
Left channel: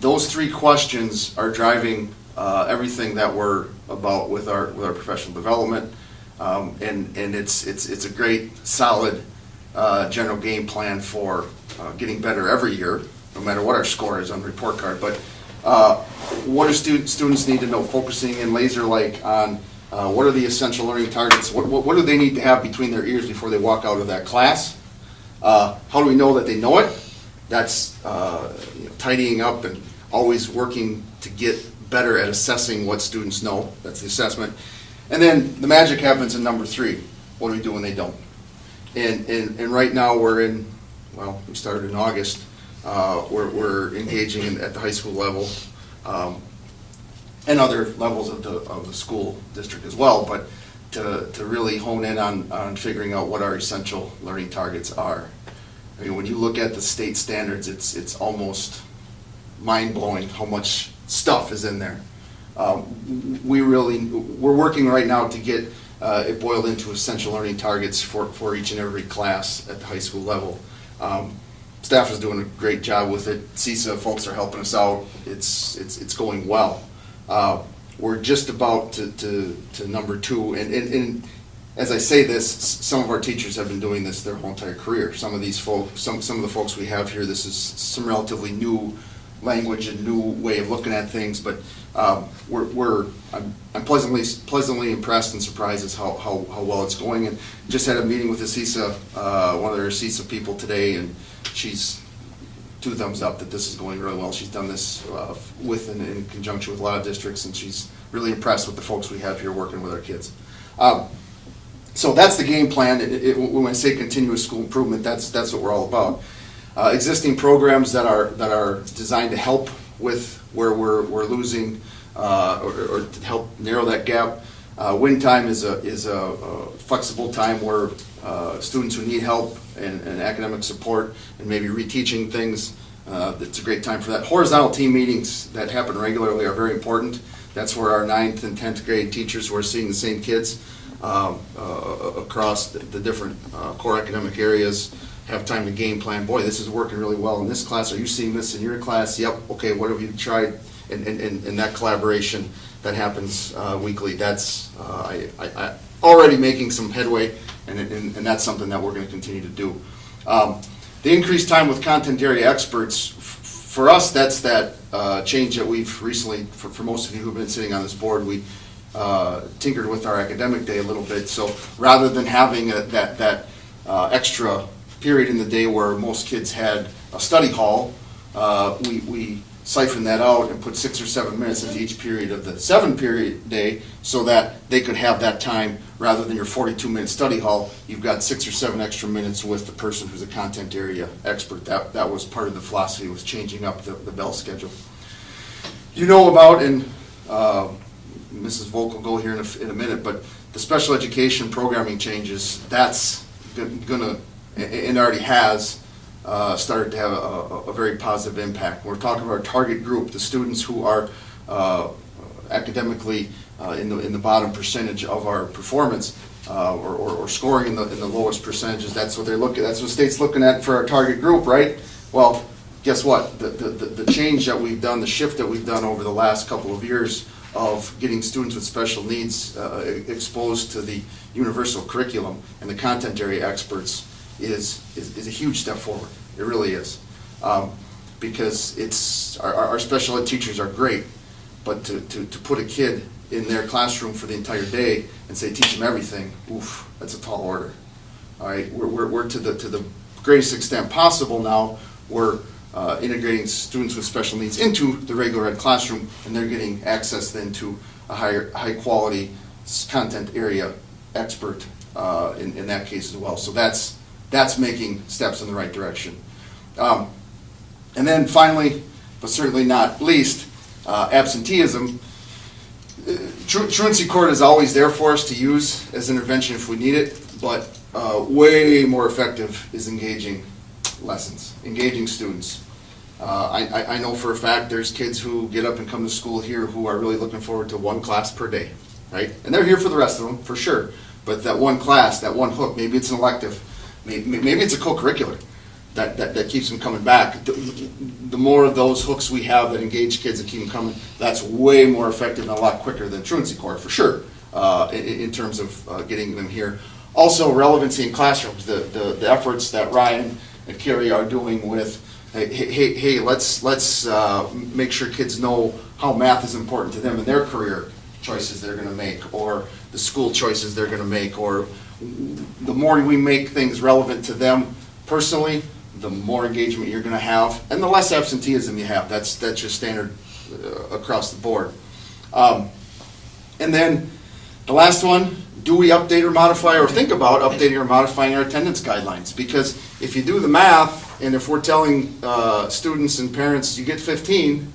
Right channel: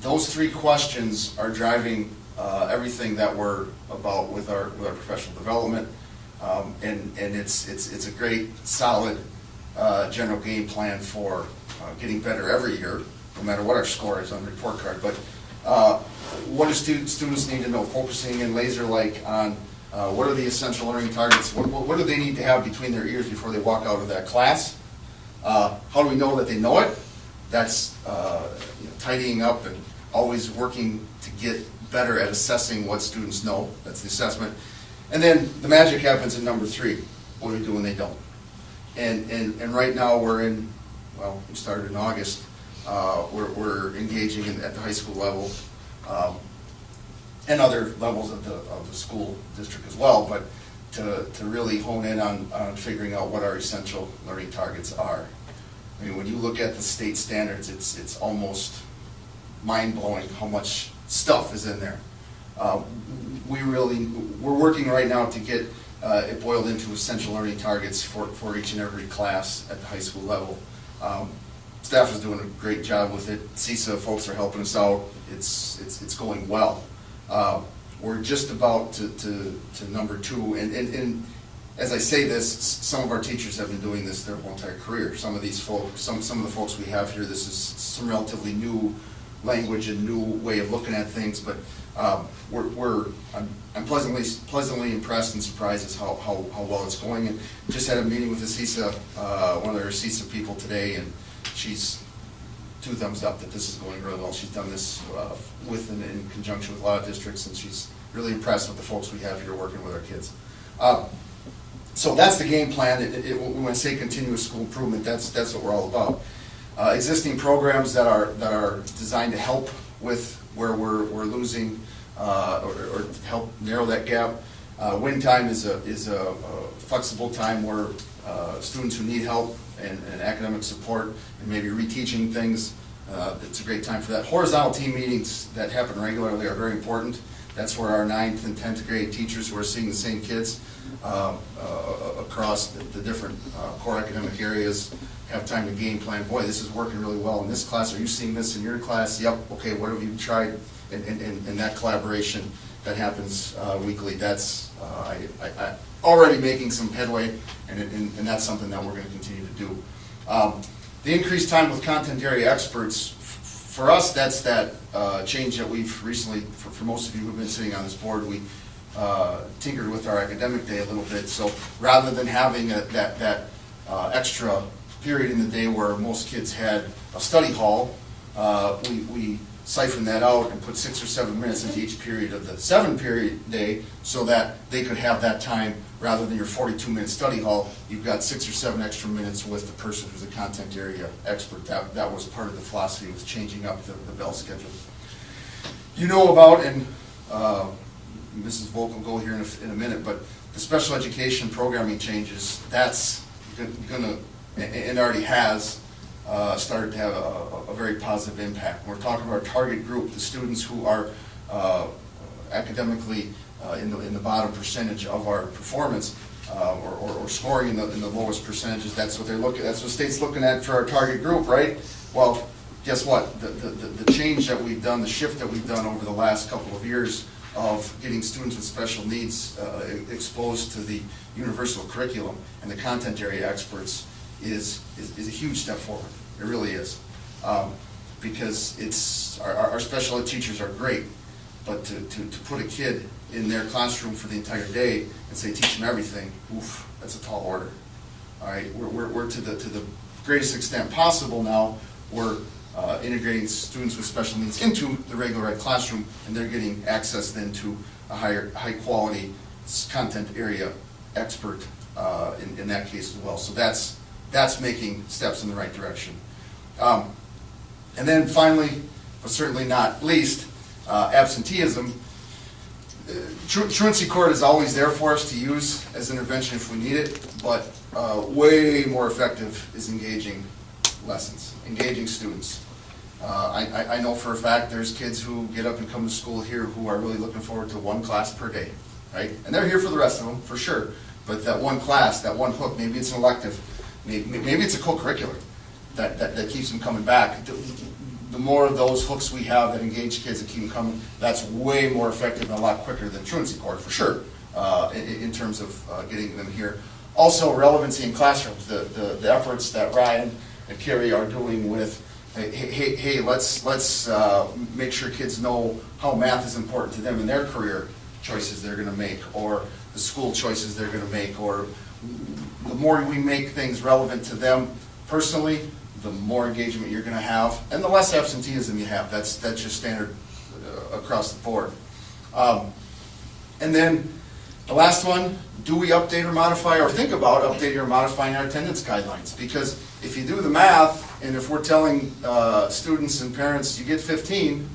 Those three questions are driving everything that we're about with our professional development, and it's a great, solid general game plan for getting better every year, no matter what our score is on the report card. But what do students need to know? Focusing in laser-like on what are the essential learning targets? What do they need to have between their ears before they walk out of that class? How do we know that they know it? That's tidying up and always working to get better at assessing what students know. That's the assessment. And then the magic happens in number 3. What do we do when they don't? And right now we're in, well, we started in August. We're engaging at the high school level and other levels of the school district as well, but to really hone in on figuring out what our essential learning targets are. I mean, when you look at the state standards, it's almost mind-blowing how much stuff is in there. We're working right now to get it boiled into essential learning targets for each and every class at the high school level. Staff is doing a great job with it. CISA folks are helping us out. It's going well. We're just about to number 2, and as I say this, some of our teachers have been doing this their whole entire career. Some of these folks, some of the folks we have here, this is some relatively new language and new way of looking at things, but I'm pleasantly impressed and surprised as how well it's going. And just had a meeting with the CISA, one of their CISA people today, and she's 2 thumbs up that this is going really well. She's done this with and in conjunction with a lot of districts, and she's really impressed with the folks we have here working with our kids. So that's the game plan. When I say continuous school improvement, that's what we're all about. Existing programs that are designed to help with where we're losing or to help narrow that gap. Win time is a flexible time where students who need help and academic support and maybe reteaching things, it's a great time for that. Horizontal team meetings that happen regularly are very important. That's where our 9th and 10th grade teachers who are seeing the same kids across the different core academic areas have time to game plan. Boy, this is working really well in this class. Are you seeing this in your class? Yep. Okay, what have you tried? And that collaboration that happens weekly, that's I already making some headway, and that's something that we're going to continue to do. The increased time with content area experts, for us, that's that change that we've recently, for most of you who've been sitting on this board, we tinkered with our academic day a little bit. So rather than having that extra period in the day where most kids had a study hall, we siphoned that out and put 6 or 7 minutes into each period of the 7-period day so that they could have that time rather than your 42-minute study hall. You've got 6 or 7 extra minutes with the person who's a content area expert. That was part of the philosophy with changing up the bell schedule. You know about, and Mrs. Volk will go here in a minute, but the special education programming changes, that's gonna, and already has, started to have a very positive impact. We're talking about our target group, the students who are academically in the bottom percentage of our performance, or scoring in the lowest percentages. That's what they're looking. That's what state's looking at for our target group, right? Well, guess what? The change that we've done, the shift that we've done over the last couple of years of getting students with special needs exposed to the universal curriculum and the content area experts is a huge step forward. It really is. Because it's, our special ed teachers are great, but to put a kid in their classroom for the entire day and say, teach them everything, oof, that's a tall order. All right, we're to the greatest extent possible now, we're integrating students with special needs into the regular ed classroom, and they're getting access then to a high quality content area expert in that case as well. So that's making steps in the right direction. And then finally, but certainly not least, absenteeism. Truancy court is always there for us to use as intervention if we need it, but way more effective is engaging lessons, engaging students. I know for a fact there's kids who get up and come to school here who are really looking forward to one class per day, right? And they're here for the rest of them, for sure. But that one class, that one hook, maybe it's an elective, maybe it's a co-curricular that keeps them coming back. The more of those hooks we have that engage kids and keep them coming, that's way more effective and a lot quicker than truancy court, for sure, in terms of getting them here. Also, relevancy in classrooms, the efforts that Ryan and Carrie are doing with, hey, let's make sure kids know how math is important to them in their career choices they're going to make, or the school choices they're going to make, or the more we make things relevant to them personally, the more engagement you're going to have, and the less absenteeism you have. That's just standard across the board. And then the last one, do we update or modify, or think about updating or modifying our attendance guidelines? Because if you do the math, and if we're telling students and parents you get 15,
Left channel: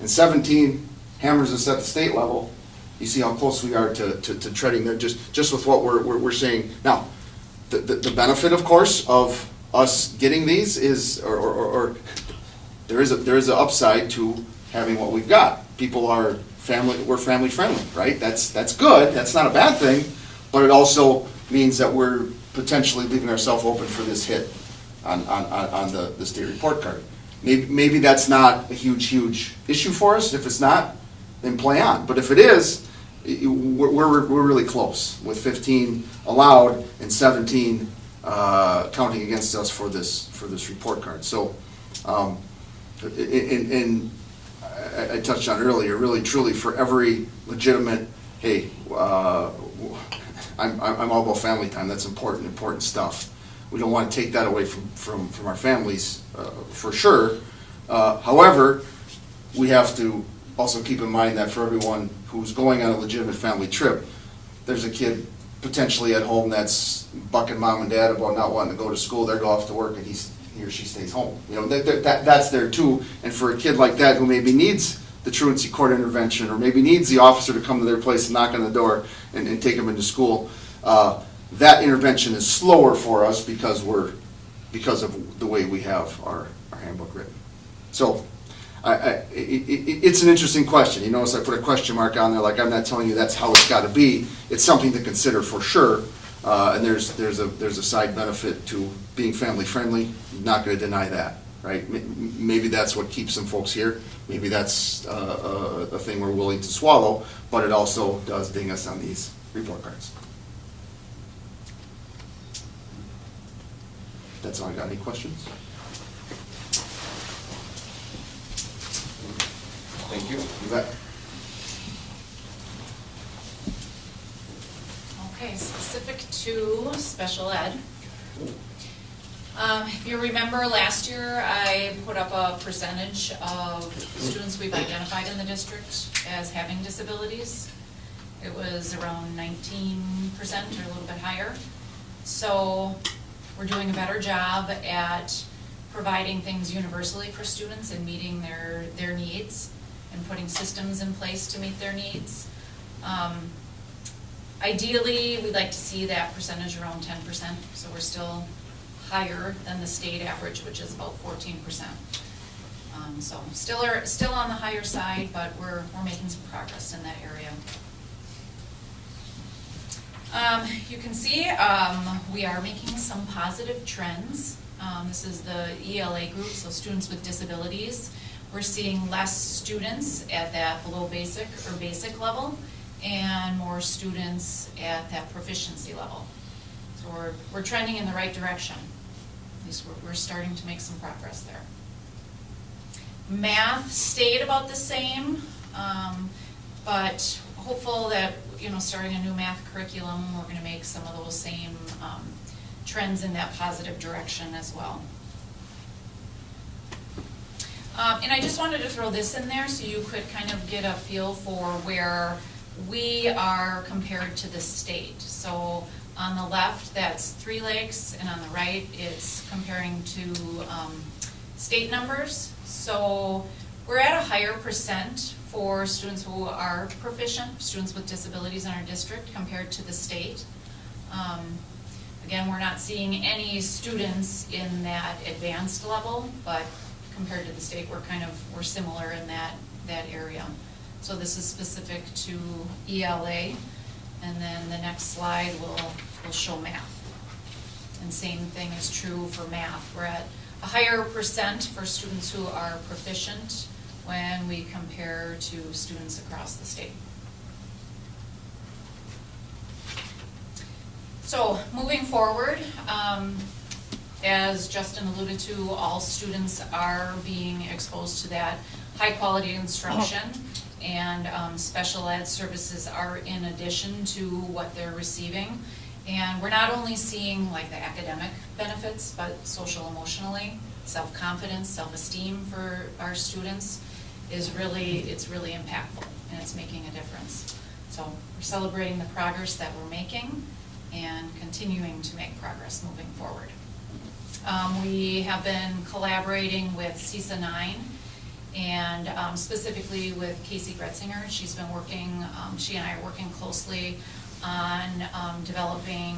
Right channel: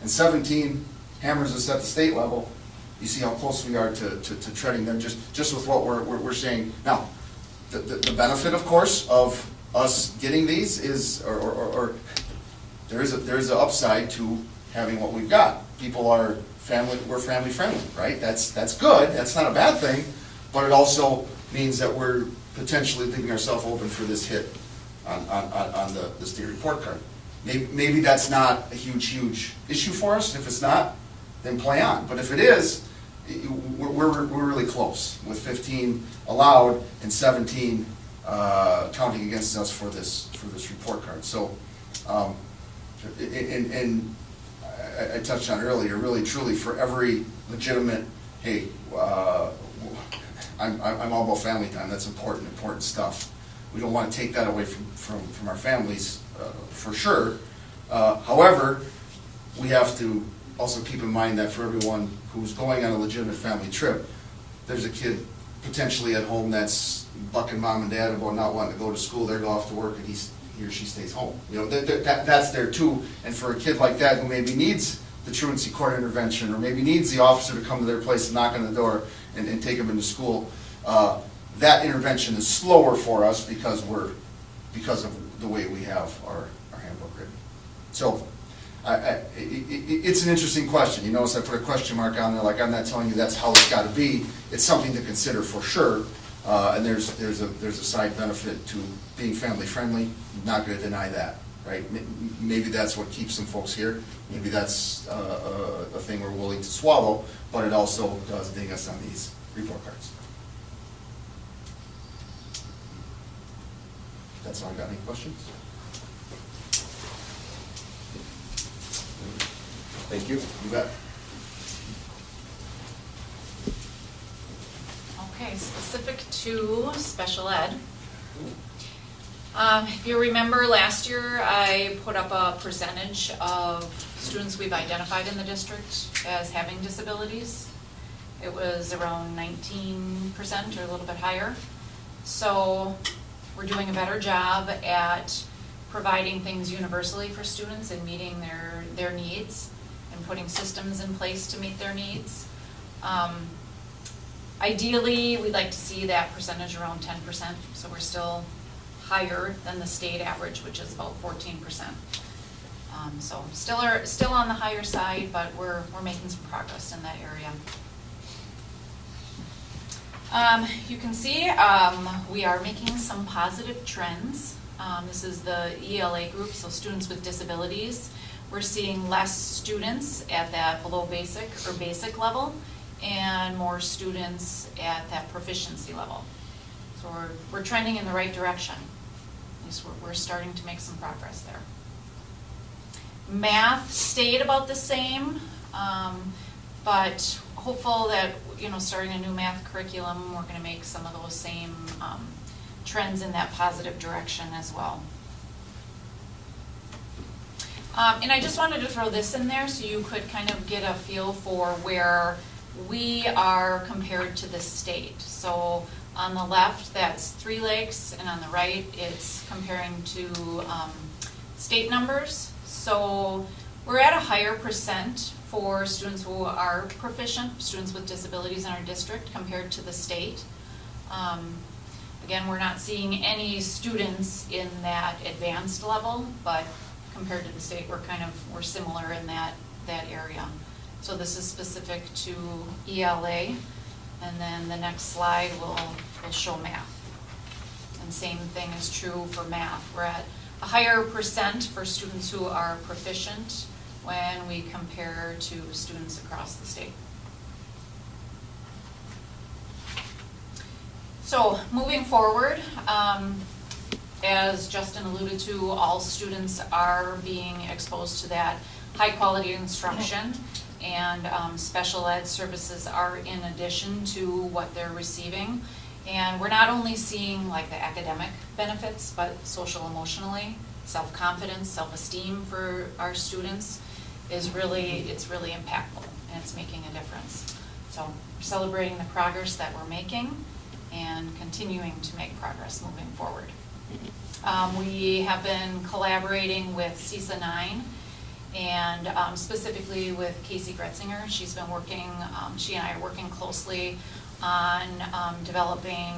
and 17 hammers us at the state level, you see how close we are to treading there just with what we're saying. Now, the benefit, of course, of us getting these is, or there is an upside to having what we've got. People are we're family friendly, right? That's good. That's not a bad thing, but it also means that we're potentially leaving ourselves open for this hit on the state report card. Maybe that's not a huge issue for us. If it's not, then play on. But if it is, we're really close with 15 allowed and 17 counting against us for this report card. So, and I touched on earlier, really truly for every legitimate, hey, I'm all about family time. That's important stuff. We don't want to take that away from our families, for sure. However, we have to also keep in mind that for everyone who's going on a legitimate family trip, there's a kid potentially at home that's bucking mom and dad about not wanting to go to school. They're off to work, and he or she stays home. You know, that's there too. And for a kid like that who maybe needs the truancy court intervention, or maybe needs the officer to come to their place and knock on the door and take them into school, that intervention is slower for us because of the way we have our handbook written. So it's an interesting question. You notice I put a question mark on there, like I'm not telling you that's how it's got to be. It's something to consider for sure. And there's a side benefit to being family friendly. Not going to deny that, right? Maybe that's what keeps some folks here. Maybe that's a thing we're willing to swallow, but it also does ding us on these report cards. That's all I got. Any questions? Thank you. You bet. Okay, specific to special ed. If you remember last year, I put up a percentage of students we've identified in the district as having disabilities. It was around 19% or a little bit higher. So we're doing a better job at providing things universally for students and meeting their needs and putting systems in place to meet their needs. Ideally, we'd like to see that percentage around 10%, so we're still higher than the state average, which is about 14%. So still on the higher side, but we're making some progress in that area. You can see we are making some positive trends. This is the ELA group, so students with disabilities. we're seeing less students at that below basic or basic level and more students at that proficiency level. So we're trending in the right direction. At least we're starting to make some progress there. Math stayed about the same, but hopeful that, starting a new math curriculum, we're going to make some of those same trends in that positive direction as well. And I just wanted to throw this in there so you could kind of get a feel for where we are compared to the state. So on the left, that's 3 Lakes, and on the right, it's comparing to state numbers. So we're at a higher percent for students who are proficient, students with disabilities in our district compared to the state. Again, we're not seeing any students in that advanced level, but compared to the state, we're similar in that area. So this is specific to ELA, and then the next slide will show math. And same thing is true for math. We're at a higher percent for students who are proficient when we compare to students across the state. So moving forward, as Justin alluded to, all students are being exposed to that high quality instruction, and special ed services are in addition to what they're receiving. And we're not only seeing like the academic benefits, but social emotionally, self-confidence, self-esteem for our students it's really impactful, and it's making a difference. So we're celebrating the progress that we're making and continuing to make progress moving forward. We have been collaborating with CISA 9 and specifically with Casey Gretzinger. She's been working, she and I are working closely on developing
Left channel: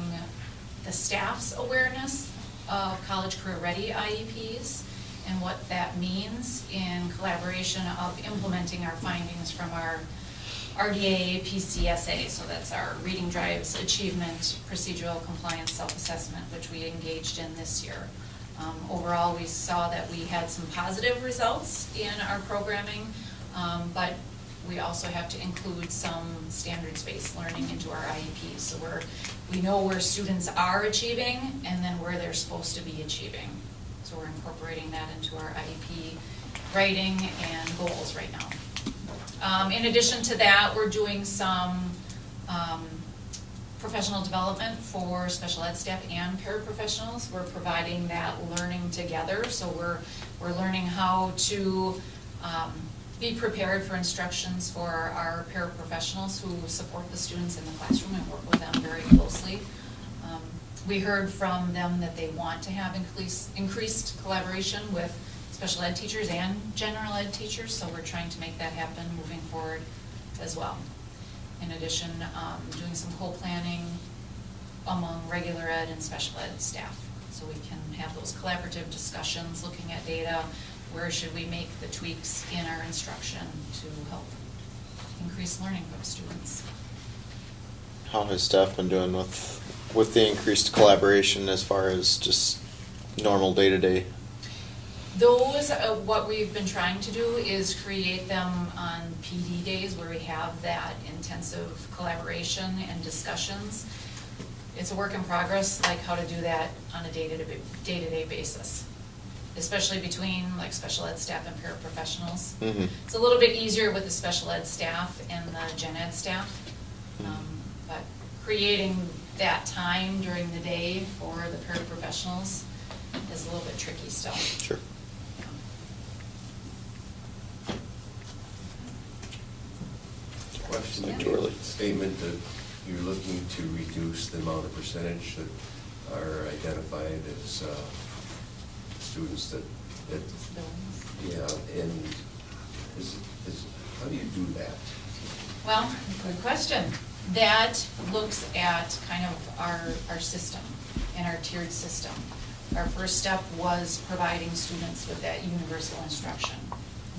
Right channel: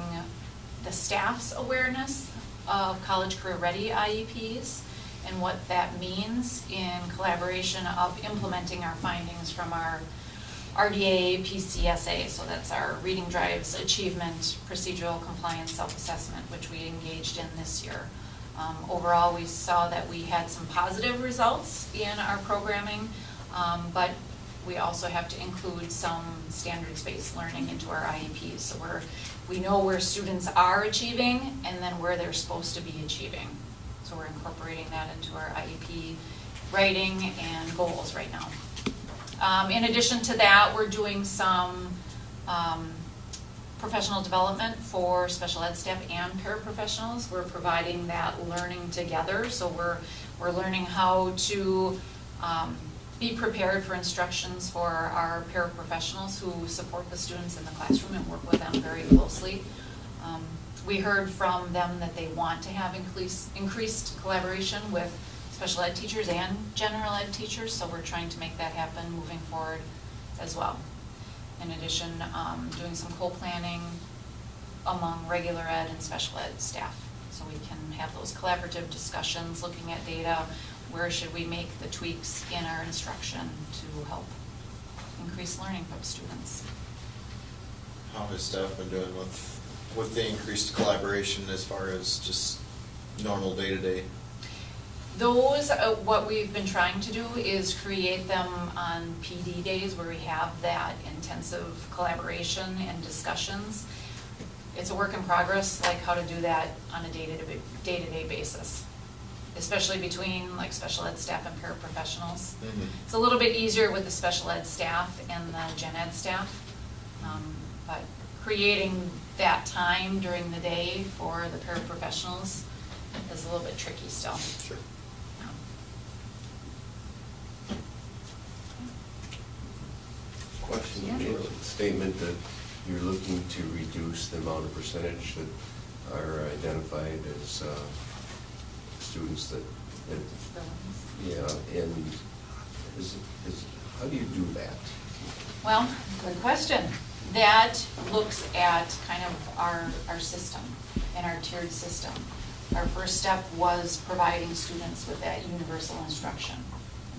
the staff's awareness of College Career Ready IEPs and what that means in collaboration of implementing our findings from our RDA PCSA, so that's our Reading Drives Achievement Procedural Compliance Self-Assessment, which we engaged in this year. Overall, we saw that we had some positive results in our programming, but we also have to include some standards-based learning into our IEPs. So we know where students are achieving and then where they're supposed to be achieving. So we're incorporating that into our IEP writing and goals right now. In addition to that, we're doing some professional development for special ed staff and paraprofessionals. We're providing that learning together, so we're learning how to be prepared for instructions for our paraprofessionals who support the students in the classroom and work with them very closely. We heard from them that they want to have increased collaboration with special ed teachers and general ed teachers, so we're trying to make that happen moving forward as well. In addition, doing some co-planning among regular ed and special ed staff, so we can have those collaborative discussions, looking at data, where should we make the tweaks in our instruction to help increase learning from students. How has staff been doing with the increased collaboration as far as just normal day-to-day? Those, what we've been trying to do is create them on PD days where we have that intensive collaboration and discussions. It's a work in progress, like how to do that on a day-to-day basis, especially between like special ed staff and paraprofessionals. Mm-hmm. It's a little bit easier with the special ed staff and the gen ed staff, but creating that time during the day for the paraprofessionals is a little bit tricky still. Sure. Question, you made a statement that you're looking to reduce the amount of percentage that are identified as students that yeah, and how do you do that? Well, good question. That looks at kind of our system and our tiered system. Our first step was providing students with that universal instruction,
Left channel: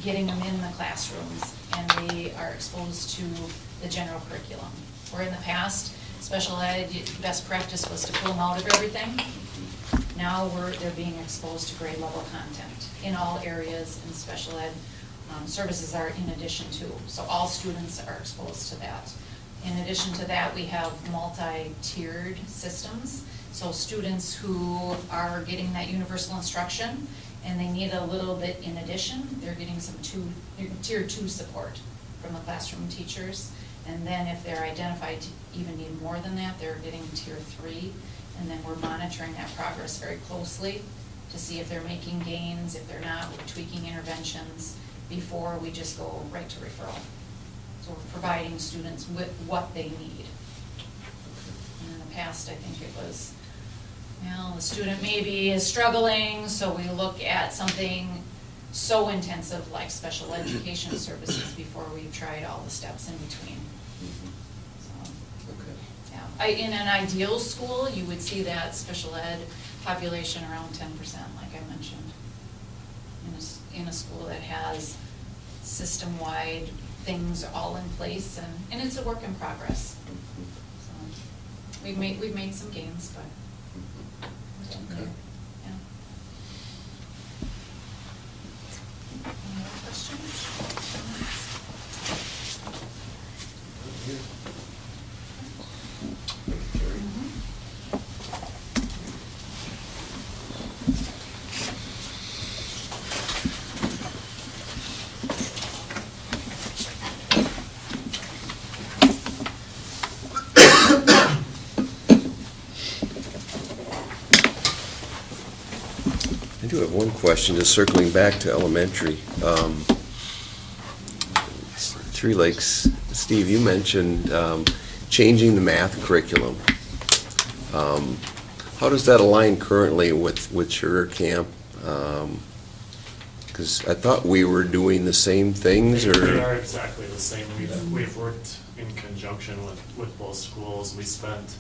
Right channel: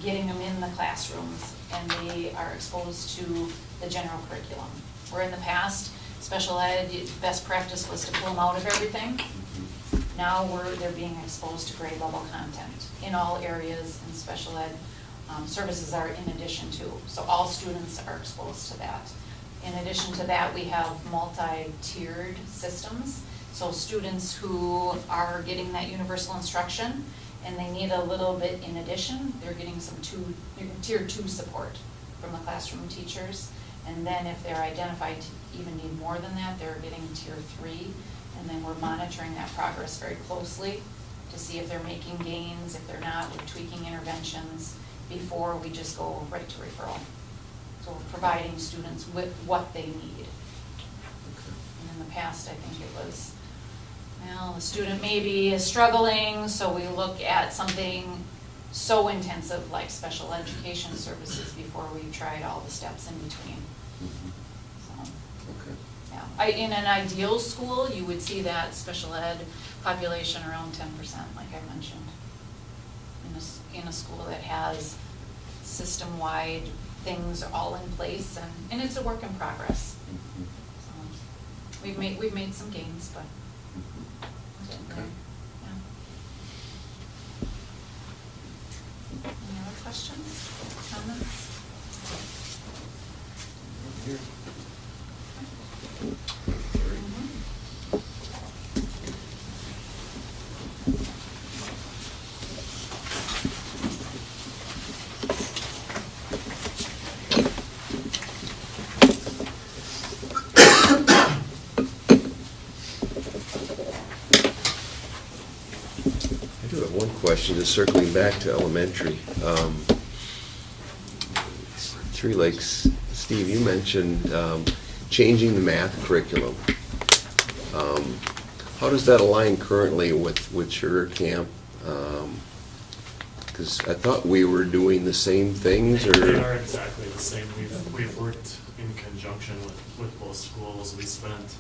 getting them in the classrooms, and they are exposed to the general curriculum. Where in the past, special ed, best practice was to pull them out of everything. Now they're being exposed to grade level content in all areas in special ed. services are in addition to. So all students are exposed to that. In addition to that, we have multi-tiered systems. So students who are getting that universal instruction and they need a little bit in addition, they're getting some tier 2 support from the classroom teachers. And then if they're identified to even need more than that, they're getting tier 3. And then we're monitoring that progress very closely to see if they're making gains. If they're not, we're tweaking interventions before we just go right to referral. So we're providing students with what they need. And in the past, I think it was, well, the student maybe is struggling, so we look at something so intensive like special education services before we've tried all the steps in between. So, yeah. In an ideal school, you would see that special ed population around 10%, like I mentioned. In a school that has system-wide things all in place, and it's a work in progress. So we've made some gains, but we're getting there. Yeah. Any other questions, comments? I do have one question, just circling back to elementary. Three Lakes, Steve, you mentioned changing the math curriculum. How does that align currently with Sugar Camp? Because I thought we were doing the same things, or? They are exactly the same. We've worked in conjunction with both schools. We spent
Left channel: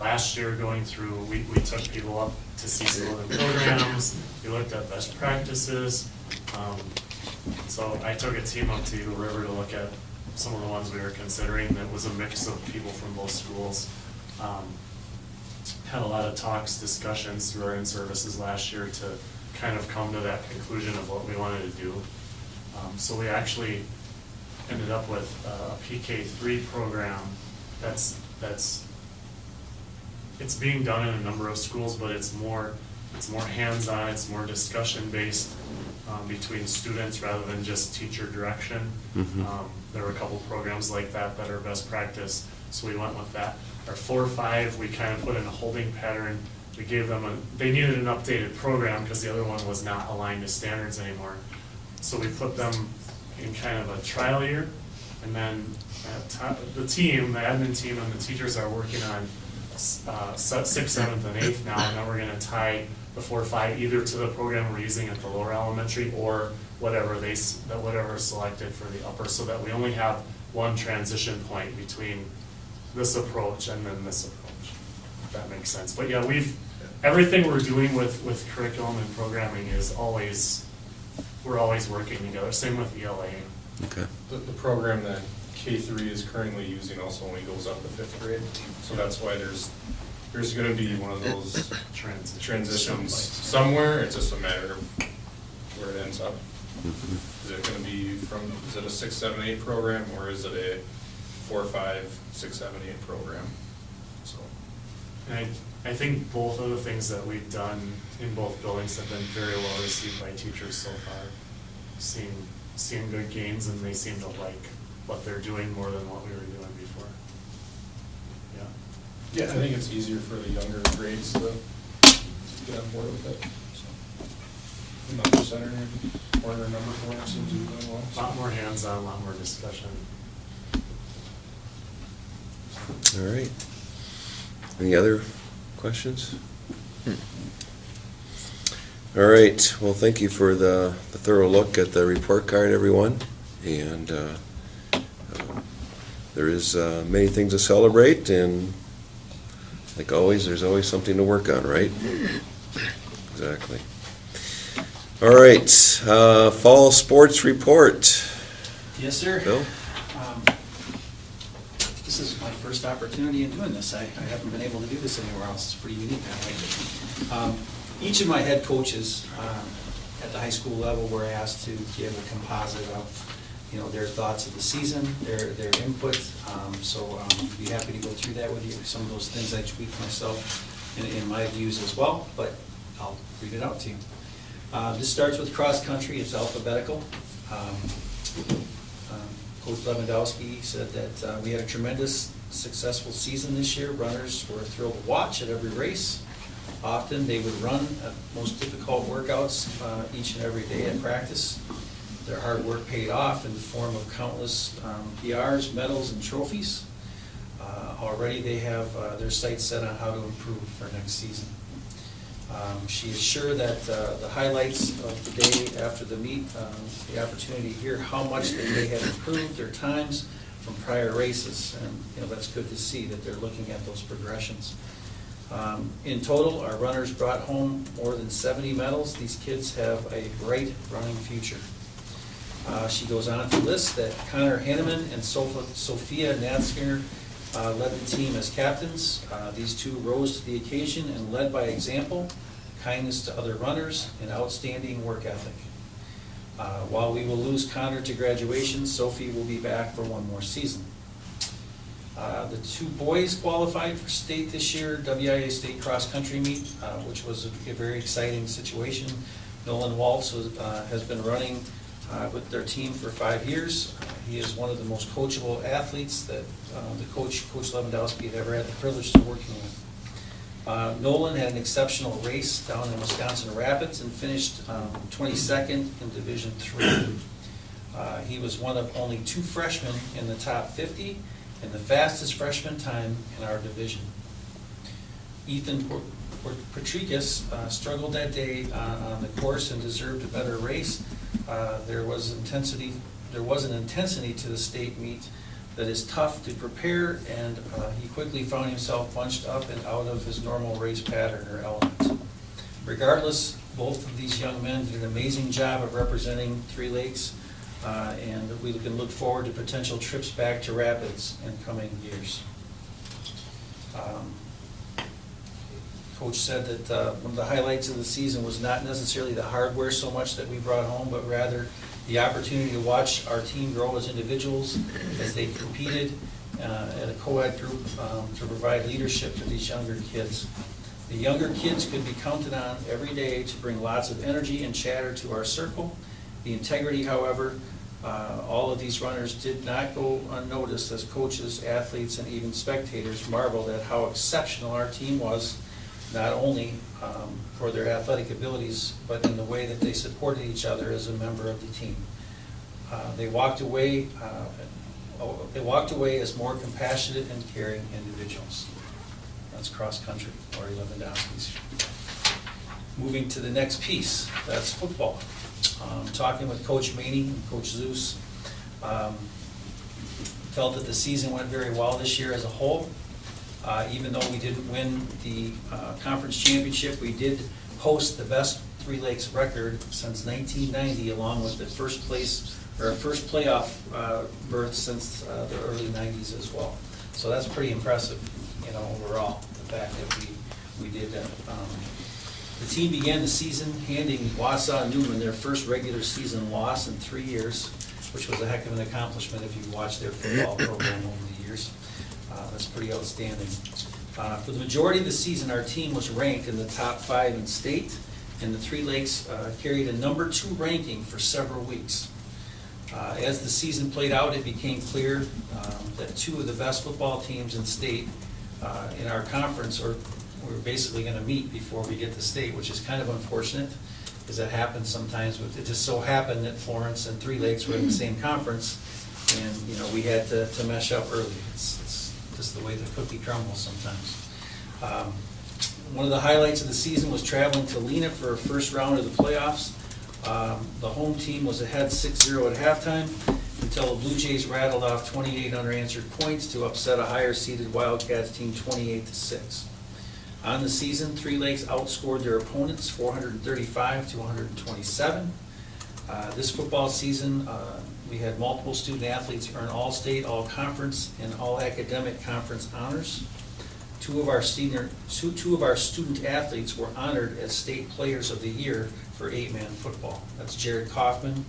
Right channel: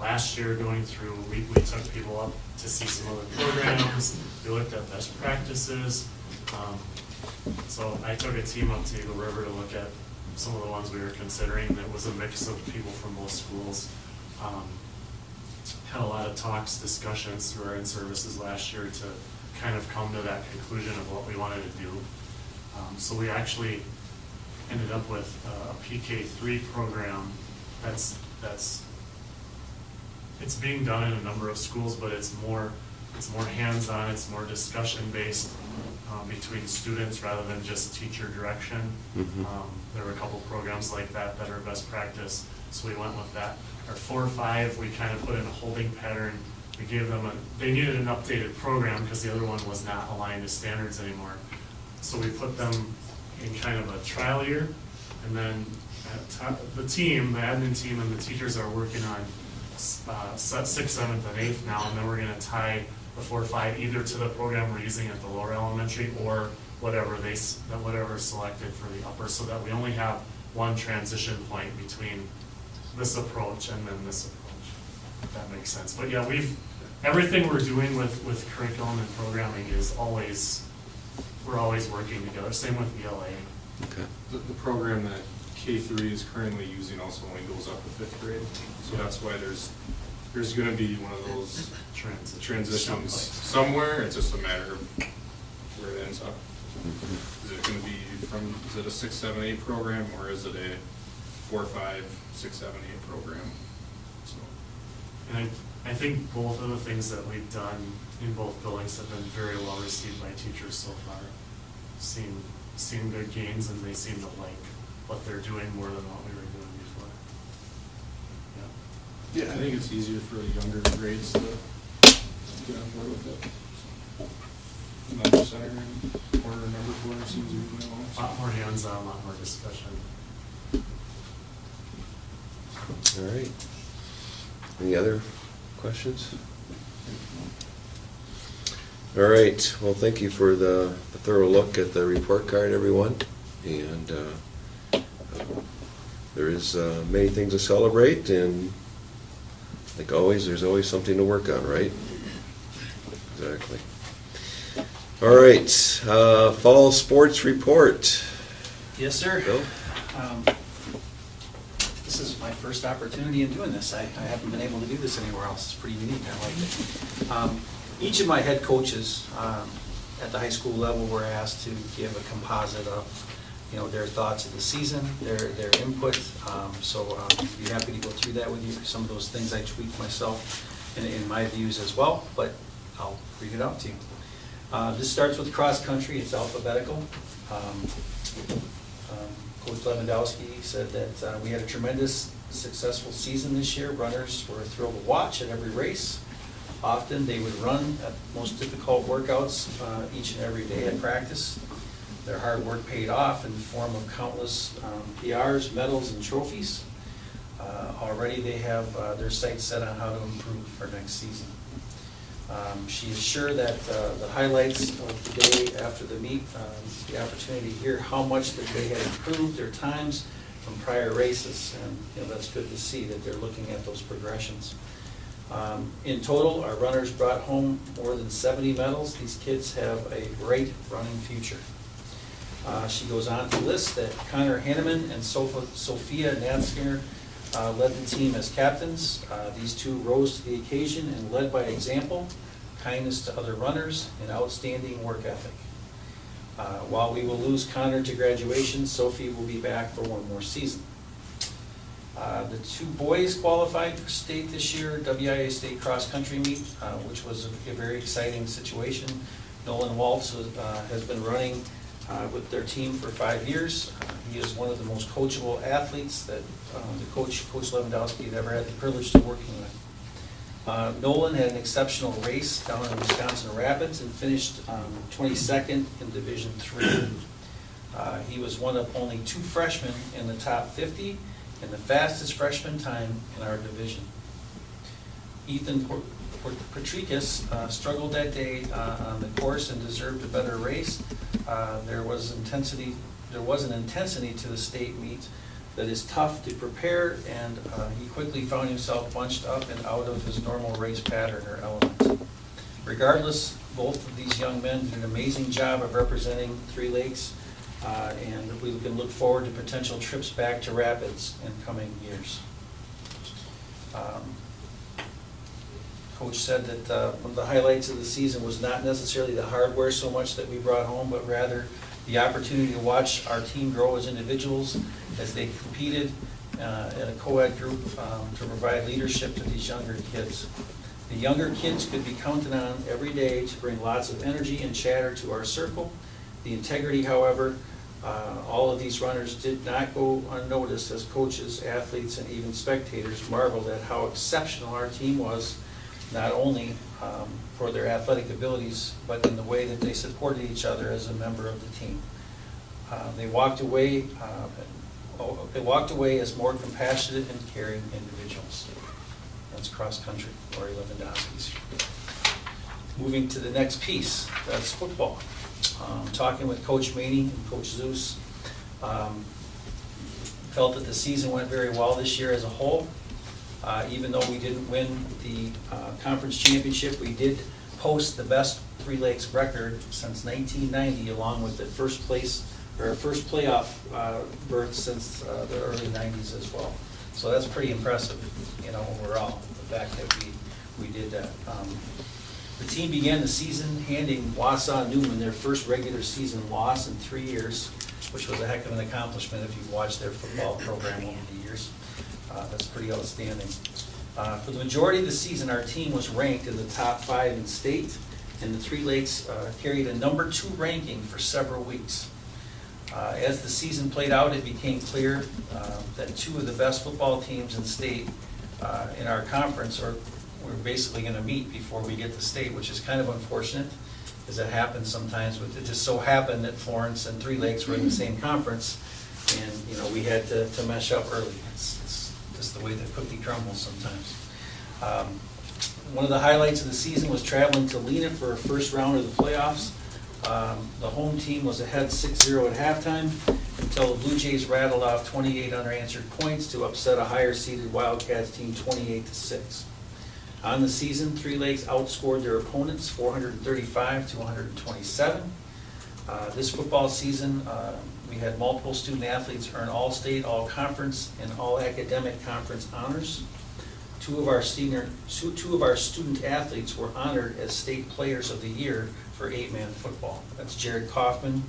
last year going through, we took people up to see some other programs. We looked at best practices. So I took a team up to Eagle River to look at some of the ones we were considering. That was a mix of people from both schools. Had a lot of talks, discussions through our in-services last year to kind of come to that conclusion of what we wanted to do. So we actually ended up with a PK3 program it's being done in a number of schools, but it's more hands-on, it's more discussion-based between students rather than just teacher direction. There were a couple programs like that are best practice, so we went with that. Our 4-5, we kind of put in a holding pattern. We gave them they needed an updated program because the other one was not aligned to standards anymore. So we put them in kind of a trial year, and then the admin team and the teachers are working on 6th, 7th, and 8th now, and then we're going to tie the 4-5 either to the program we're using at the lower elementary or whatever is selected for the upper, so that we only have one transition point between this approach and then this approach, if that makes sense. But yeah, everything we're doing with curriculum and programming is we're always working together. Same with ELA. Okay. The program that K3 is currently using also only goes up to 5th grade, so that's why there's going to be one of those transitions somewhere. It's just a matter of where it ends up. Is it going to be is it a 6, 7, 8 program, or is it a 4, 5, 6, 7, 8 program? So, and I think both of the things that we've done in both buildings have been very well received by teachers so far. Seeing good gains, and they seem to like what they're doing more than what we were doing before. Yeah, I think it's easier for the younger grades to get on board with it. So, number center and corner number 4 seems to be going along. A lot more hands-on, a lot more discussion. All right. Any other questions? All right. Well, thank you for the thorough look at the report card, everyone. And there is many things to celebrate, and like always, there's always something to work on, right? Exactly. All right. Fall sports report. Yes, sir. Bill? This is my first opportunity in doing this. I haven't been able to do this anywhere else. It's pretty unique. I like it. Each of my head coaches at the high school level were asked to give a composite of, their thoughts of the season, their input. So I'd be happy to go through that with you. Some of those things I tweaked myself in my views as well, but I'll read it out to you. This starts with cross country. It's alphabetical. Coach Lewandowski said that we had a tremendous, successful season this year. Runners were thrilled to watch at every race. Often they would run at most difficult workouts each and every day at practice. Their hard work paid off in the form of countless PRs, medals, and trophies. Already they have their sights set on how to improve for next season. She is sure that the highlights of the day after the meet, the opportunity to hear how much that they had improved their times from prior races, and that's good to see that they're looking at those progressions. In total, our runners brought home more than 70 medals. These kids have a great running future. She goes on to list that Connor Hanneman and Sophia Nanskinger led the team as captains. These two rose to the occasion and led by example, kindness to other runners, and outstanding work ethic. While we will lose Connor to graduation, Sophie will be back for one more season. The two boys qualified for state this year, WIA State Cross Country Meet, which was a very exciting situation. Nolan Waltz has been running with their team for 5 years. He is one of the most coachable athletes that Coach Lewandowski had ever had the privilege of working with. Nolan had an exceptional race down in Wisconsin Rapids and finished 22nd in Division III. He was one of only 2 freshmen in the top 50 and the fastest freshman time in our division. Ethan Patricus struggled that day on the course and deserved a better race. There was an intensity to the state meet that is tough to prepare, and he quickly found himself bunched up and out of his normal race pattern or element. Regardless, both of these young men did an amazing job of representing Three Lakes, and we can look forward to potential trips back to Rapids in coming years. Coach said that one of the highlights of the season was not necessarily the hardware so much that we brought home, but rather the opportunity to watch our team grow as individuals as they competed in a co-ed group to provide leadership to these younger kids. The younger kids could be counted on every day to bring lots of energy and chatter to our circle. The integrity, however, all of these runners did not go unnoticed as coaches, athletes, and even spectators marveled at how exceptional our team was, not only for their athletic abilities, but in the way that they supported each other as a member of the team. They walked away as more compassionate and caring individuals. That's cross country, Lori Lewandowski's. Moving to the next piece, that's football. Talking with Coach Maney and Coach Zeus, felt that the season went very well this year as a whole. Even though we didn't win the conference championship, we did post the best Three Lakes record since 1990, along with the first playoff berth since the early 90s as well. So that's pretty impressive, overall, the fact that we did that. The team began the season handing Wausau Newman their first regular season loss in 3 years, which was a heck of an accomplishment if you've watched their football program over the years. That's pretty outstanding. For the majority of the season, our team was ranked in the top 5 in state, and the Three Lakes carried a number 2 ranking for several weeks. As the season played out, it became clear that 2 of the best football teams in state in our conference we're basically going to meet before we get to state, which is kind of unfortunate, because that happens sometimes. It just so happened that Florence and Three Lakes were in the same conference, and we had to mesh up early. It's just the way the cookie crumbles sometimes. One of the highlights of the season was traveling to Lena for our first round of the playoffs. The home team was ahead 6-0 at halftime until the Blue Jays rattled off 28 unanswered points to upset a higher-seeded Wildcats team 28-6. On the season, Three Lakes outscored their opponents 435 to 127. This football season, we had multiple student athletes earn all-state, all-conference, and all-academic conference honors. Two of our student athletes were honored as state players of the year for 8-man football. That's Jared Kaufman,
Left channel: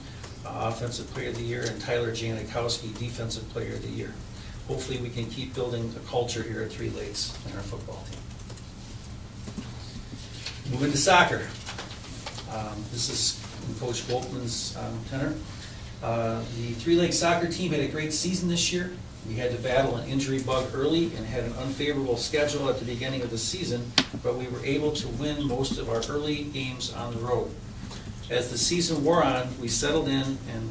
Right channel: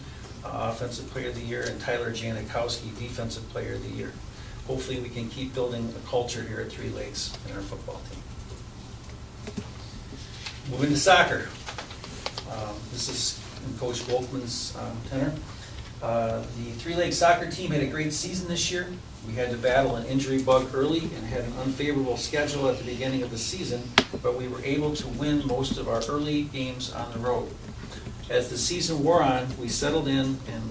Offensive Player of the Year, and Tyler Janikowski, Defensive Player of the Year. Hopefully we can keep building a culture here at Three Lakes in our football team. Moving to soccer. This is in Coach Volkman's tenor. The Three Lakes soccer team had a great season this year. We had to battle an injury bug early and had an unfavorable schedule at the beginning of the season, but we were able to win most of our early games on the road. As the season wore on, we settled in and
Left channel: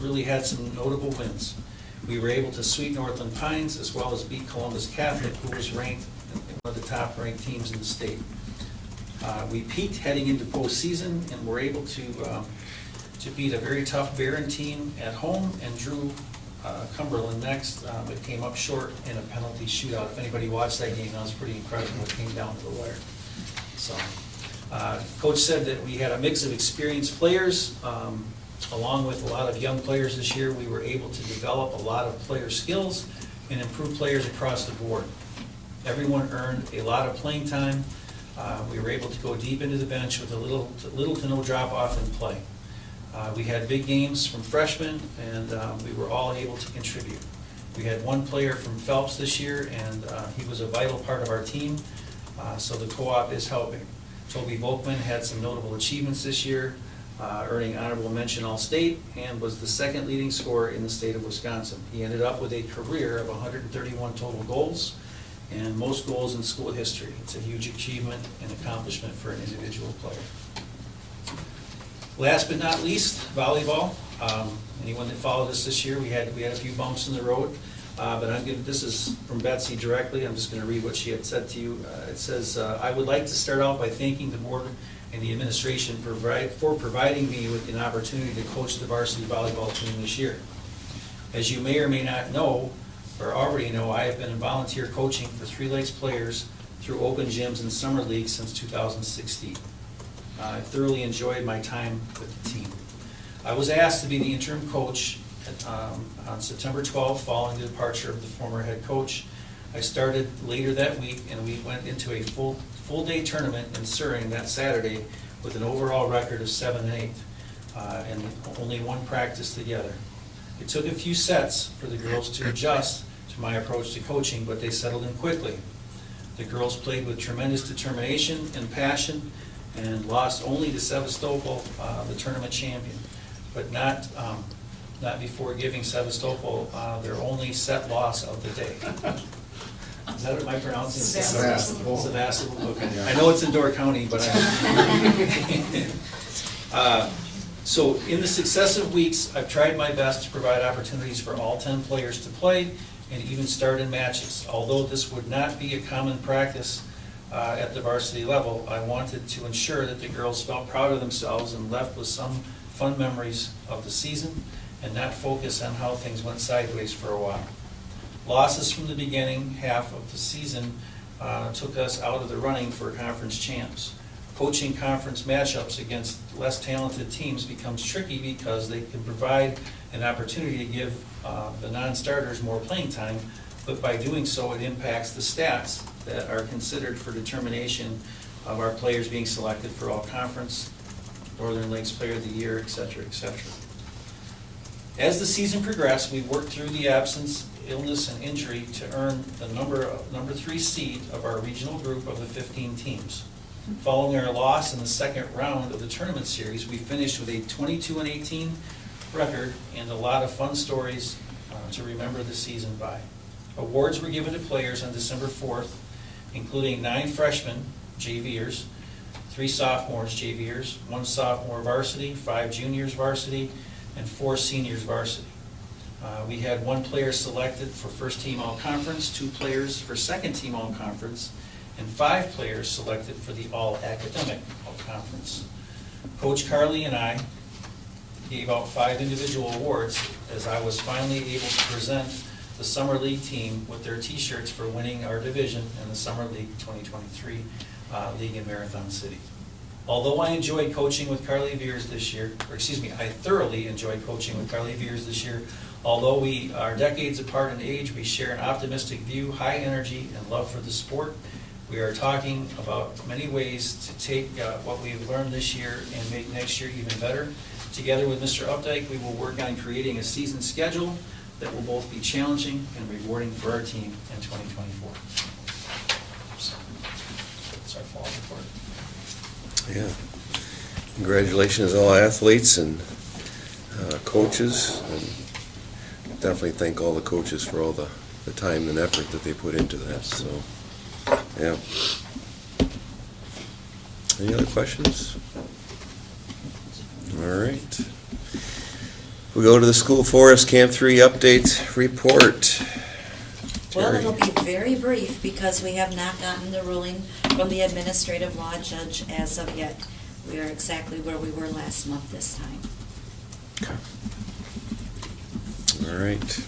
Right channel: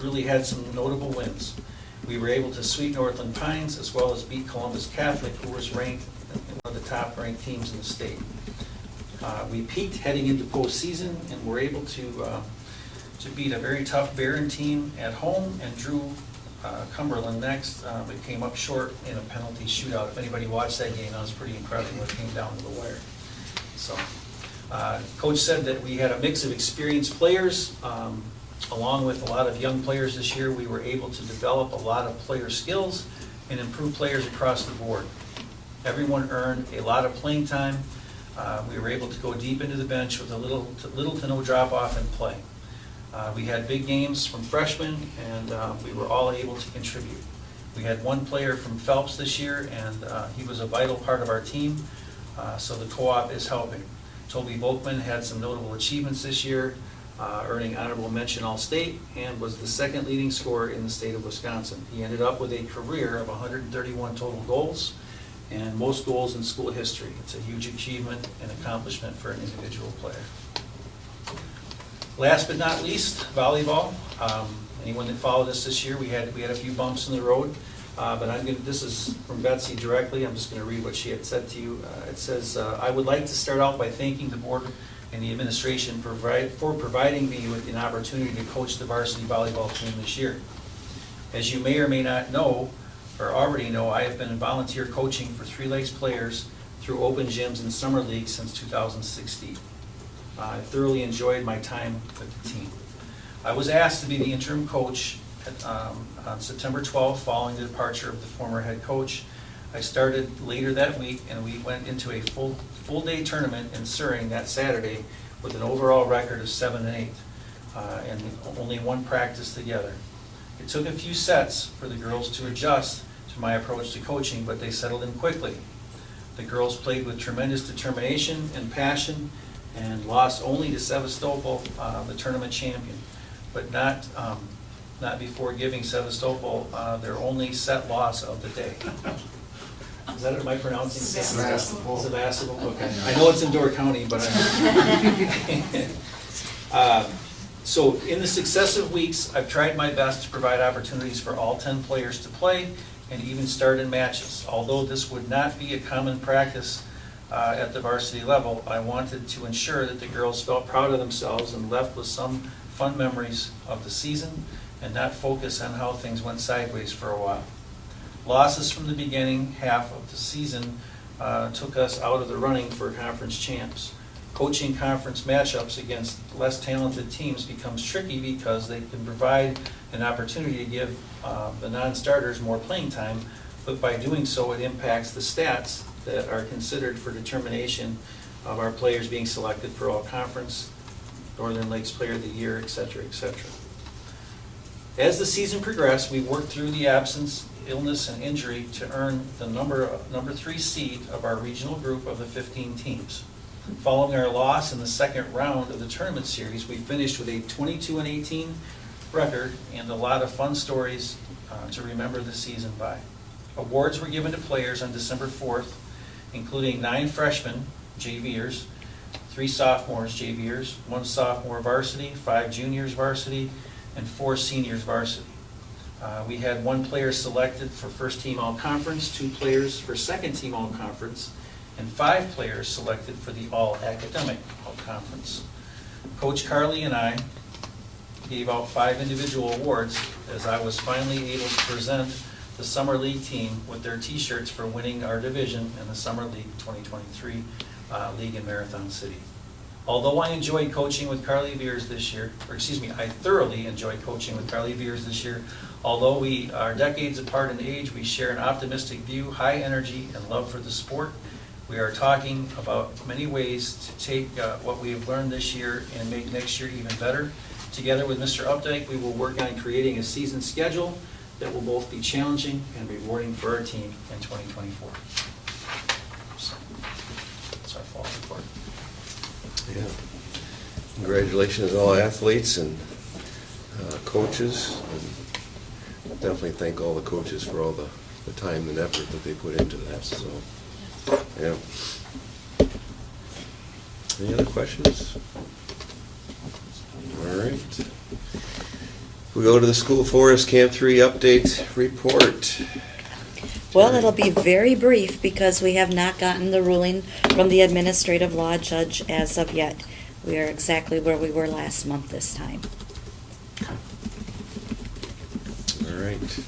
really had some notable wins. We were able to sweep Northland Pines as well as beat Columbus Catholic, who was ranked one of the top-ranked teams in the state. We peaked heading into postseason and were able to beat a very tough Barron team at home and drew Cumberland next, but came up short in a penalty shootout. If anybody watched that game, that was pretty incredible. It came down to the wire. So, Coach said that we had a mix of experienced players, along with a lot of young players this year. We were able to develop a lot of player skills and improve players across the board. Everyone earned a lot of playing time. We were able to go deep into the bench with a little to no drop-off in play. We had big games from freshmen, and we were all able to contribute. We had one player from Phelps this year, and he was a vital part of our team, so the co-op is helping. Toby Volkman had some notable achievements this year, earning honorable mention All-State, and was the second leading scorer in the state of Wisconsin. He ended up with a career of 131 total goals, and most goals in school history. It's a huge achievement and accomplishment for an individual player. Last but not least, volleyball. Anyone that followed us this year, we had a few bumps in the road, but this is from Betsy directly. I'm just going to read what she had said to you. It says, I would like to start out by thanking the board and the administration for providing me with an opportunity to coach the varsity volleyball team this year. As you may or may not know, or already know, I have been in volunteer coaching for Three Lakes players through open gyms and summer leagues since 2016. I thoroughly enjoyed my time with the team. I was asked to be the interim coach on September 12th following the departure of the former head coach. I started later that week, and we went into a full-day tournament in Suring that Saturday with an overall record of 7-8 and only one practice together. It took a few sets for the girls to adjust to my approach to coaching, but they settled in quickly. The girls played with tremendous determination and passion and lost only to Sevastopol, the tournament champion, but not before giving Sevastopol their only set loss of the day. Is that what am I pronouncing? Sevastopol. Sevastopol, okay. I know it's in Door County, but so in the successive weeks, I've tried my best to provide opportunities for all 10 players to play and even start in matches. Although this would not be a common practice at the varsity level, I wanted to ensure that the girls felt proud of themselves and left with some fun memories of the season and not focus on how things went sideways for a while. Losses from the beginning half of the season took us out of the running for conference champs. Coaching conference matchups against less talented teams becomes tricky because they can provide an opportunity to give the non-starters more playing time, but by doing so it impacts the stats that are considered for determination of our players being selected for all conference, Northern Lakes Player of the Year, etc., etc. As the season progressed, we worked through the absence, illness, and injury to earn the number 3 seed of our regional group of the 15 teams. Following our loss in the second round of the tournament series, we finished with a 22-18 record and a lot of fun stories to remember the season by. Awards were given to players on December 4th, including 9 freshmen, JVers, 3 sophomores, JVers, 1 sophomore varsity, 5 juniors varsity, and 4 seniors varsity. We had 1 player selected for first team all-conference, 2 players for second team all-conference, and 5 players selected for the all-academic all-conference. Coach Carly and I gave out 5 individual awards as I was finally able to present the Summer League team with their t-shirts for winning our division in the Summer League 2023 League in Marathon City. Although I enjoyed coaching with Carly Veers this year, I thoroughly enjoyed coaching with Carly Veers this year. Although we are decades apart in age, we share an optimistic view, high energy, and love for the sport. We are talking about many ways to take what we have learned this year and make next year even better. Together with Mr. Updike, we will work on creating a season schedule that will both be challenging and rewarding for our team in 2024. So, that's our fall report. Yeah. Congratulations all athletes and coaches, and definitely thank all the coaches for all the time and effort that they put into that, so, yeah. Any other questions? All right. We go to the School Forest Camp 3 update report. Well, Terry. it'll be very brief because we have not gotten the ruling from the administrative law judge as of yet. We are exactly where we were last month this time. All right.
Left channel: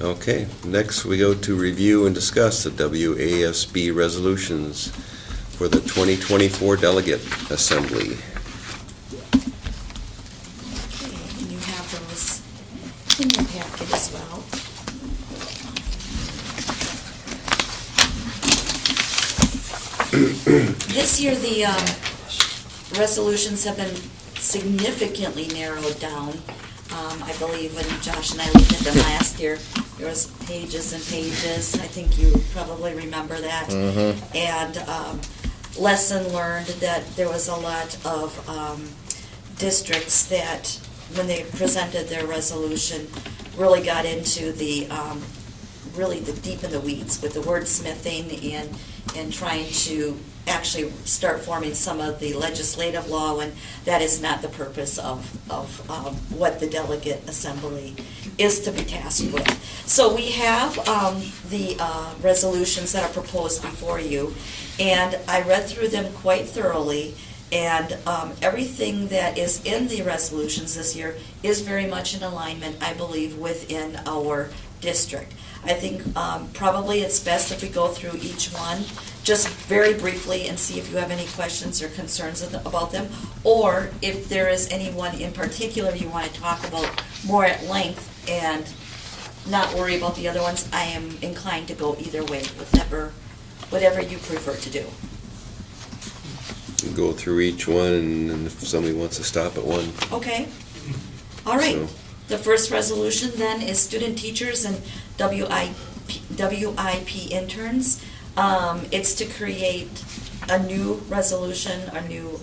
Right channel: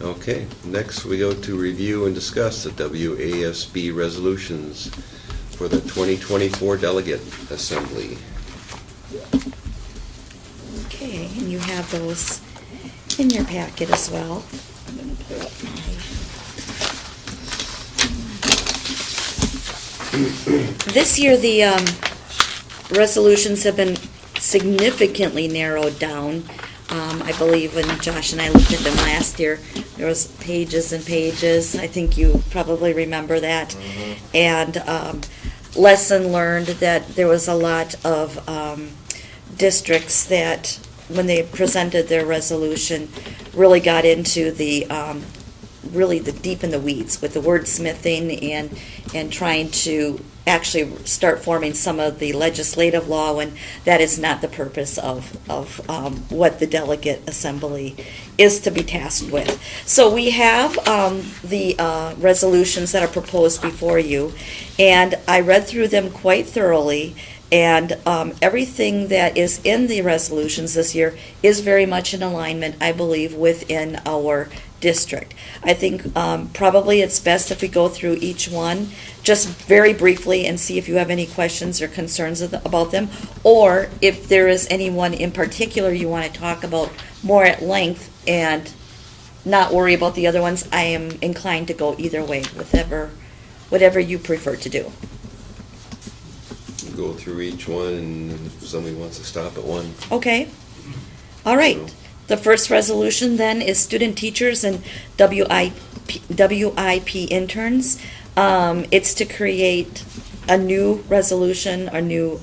Okay, next we go to review and discuss the WASB resolutions for the 2024 Delegate Assembly. Okay, and you have those in your packet as well. This year, the resolutions have been significantly narrowed down. I believe when Josh and I looked at them last year, there was pages and pages. I think you probably remember that. Mm-hmm. And lesson learned that there was a lot of districts that, when they presented their resolution, really got into the really the deep in the weeds with the wordsmithing and trying to actually start forming some of the legislative law, and that is not the purpose of what the delegate assembly is to be tasked with. So we have the resolutions that are proposed before you, and I read through them quite thoroughly, and everything that is in the resolutions this year is very much in alignment, I believe, within our district. I think probably it's best if we go through each one just very briefly and see if you have any questions or concerns about them, or if there is anyone in particular you want to talk about more at length and not worry about the other ones. I am inclined to go either way, whatever you prefer to do. Go through each one, and if somebody wants to stop at one. Okay. All right. So- The first resolution then is student teachers and WIP interns. It's to create a new resolution, a new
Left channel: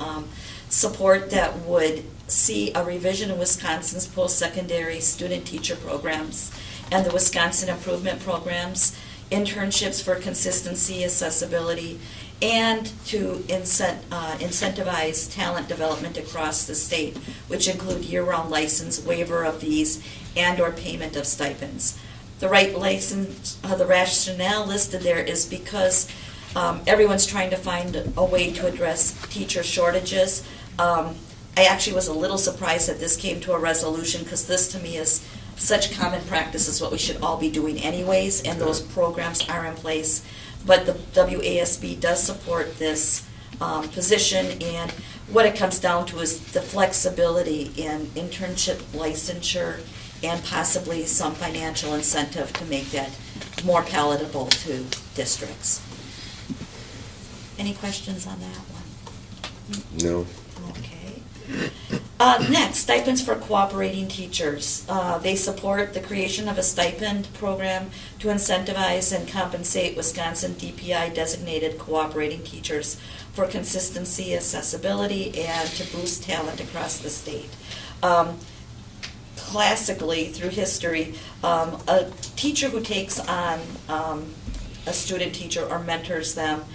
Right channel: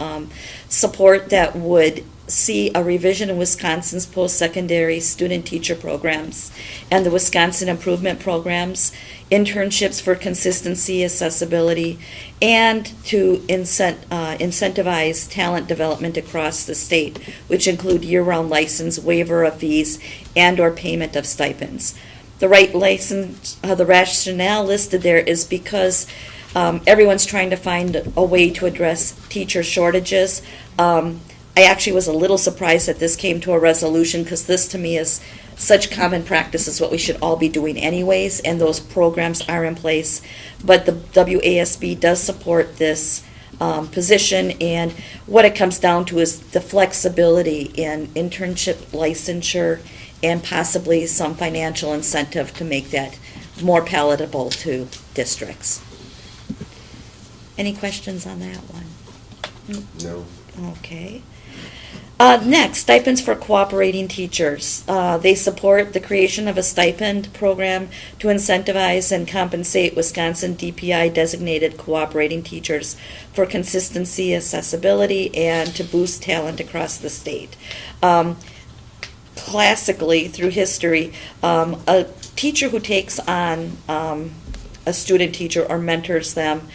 support that would see a revision in Wisconsin's post-secondary student teacher programs and the Wisconsin improvement programs, internships for consistency, accessibility, and to incentivize talent development across the state, which include year-round license, waiver of fees, and/or payment of stipends. The the rationale listed there is because everyone's trying to find a way to address teacher shortages. I actually was a little surprised that this came to a resolution, because this to me is such common practice, is what we should all be doing anyways, and those programs are in place. But the WASB does support this position, and what it comes down to is the flexibility in internship licensure and possibly some financial incentive to make that more palatable to districts. Any questions on that one? No. Okay. Next, stipends for cooperating teachers. They support the creation of a stipend program to incentivize and compensate Wisconsin DPI designated cooperating teachers for consistency, accessibility, and to boost talent across the state. Classically, through history, a teacher who takes on a student teacher or mentors them,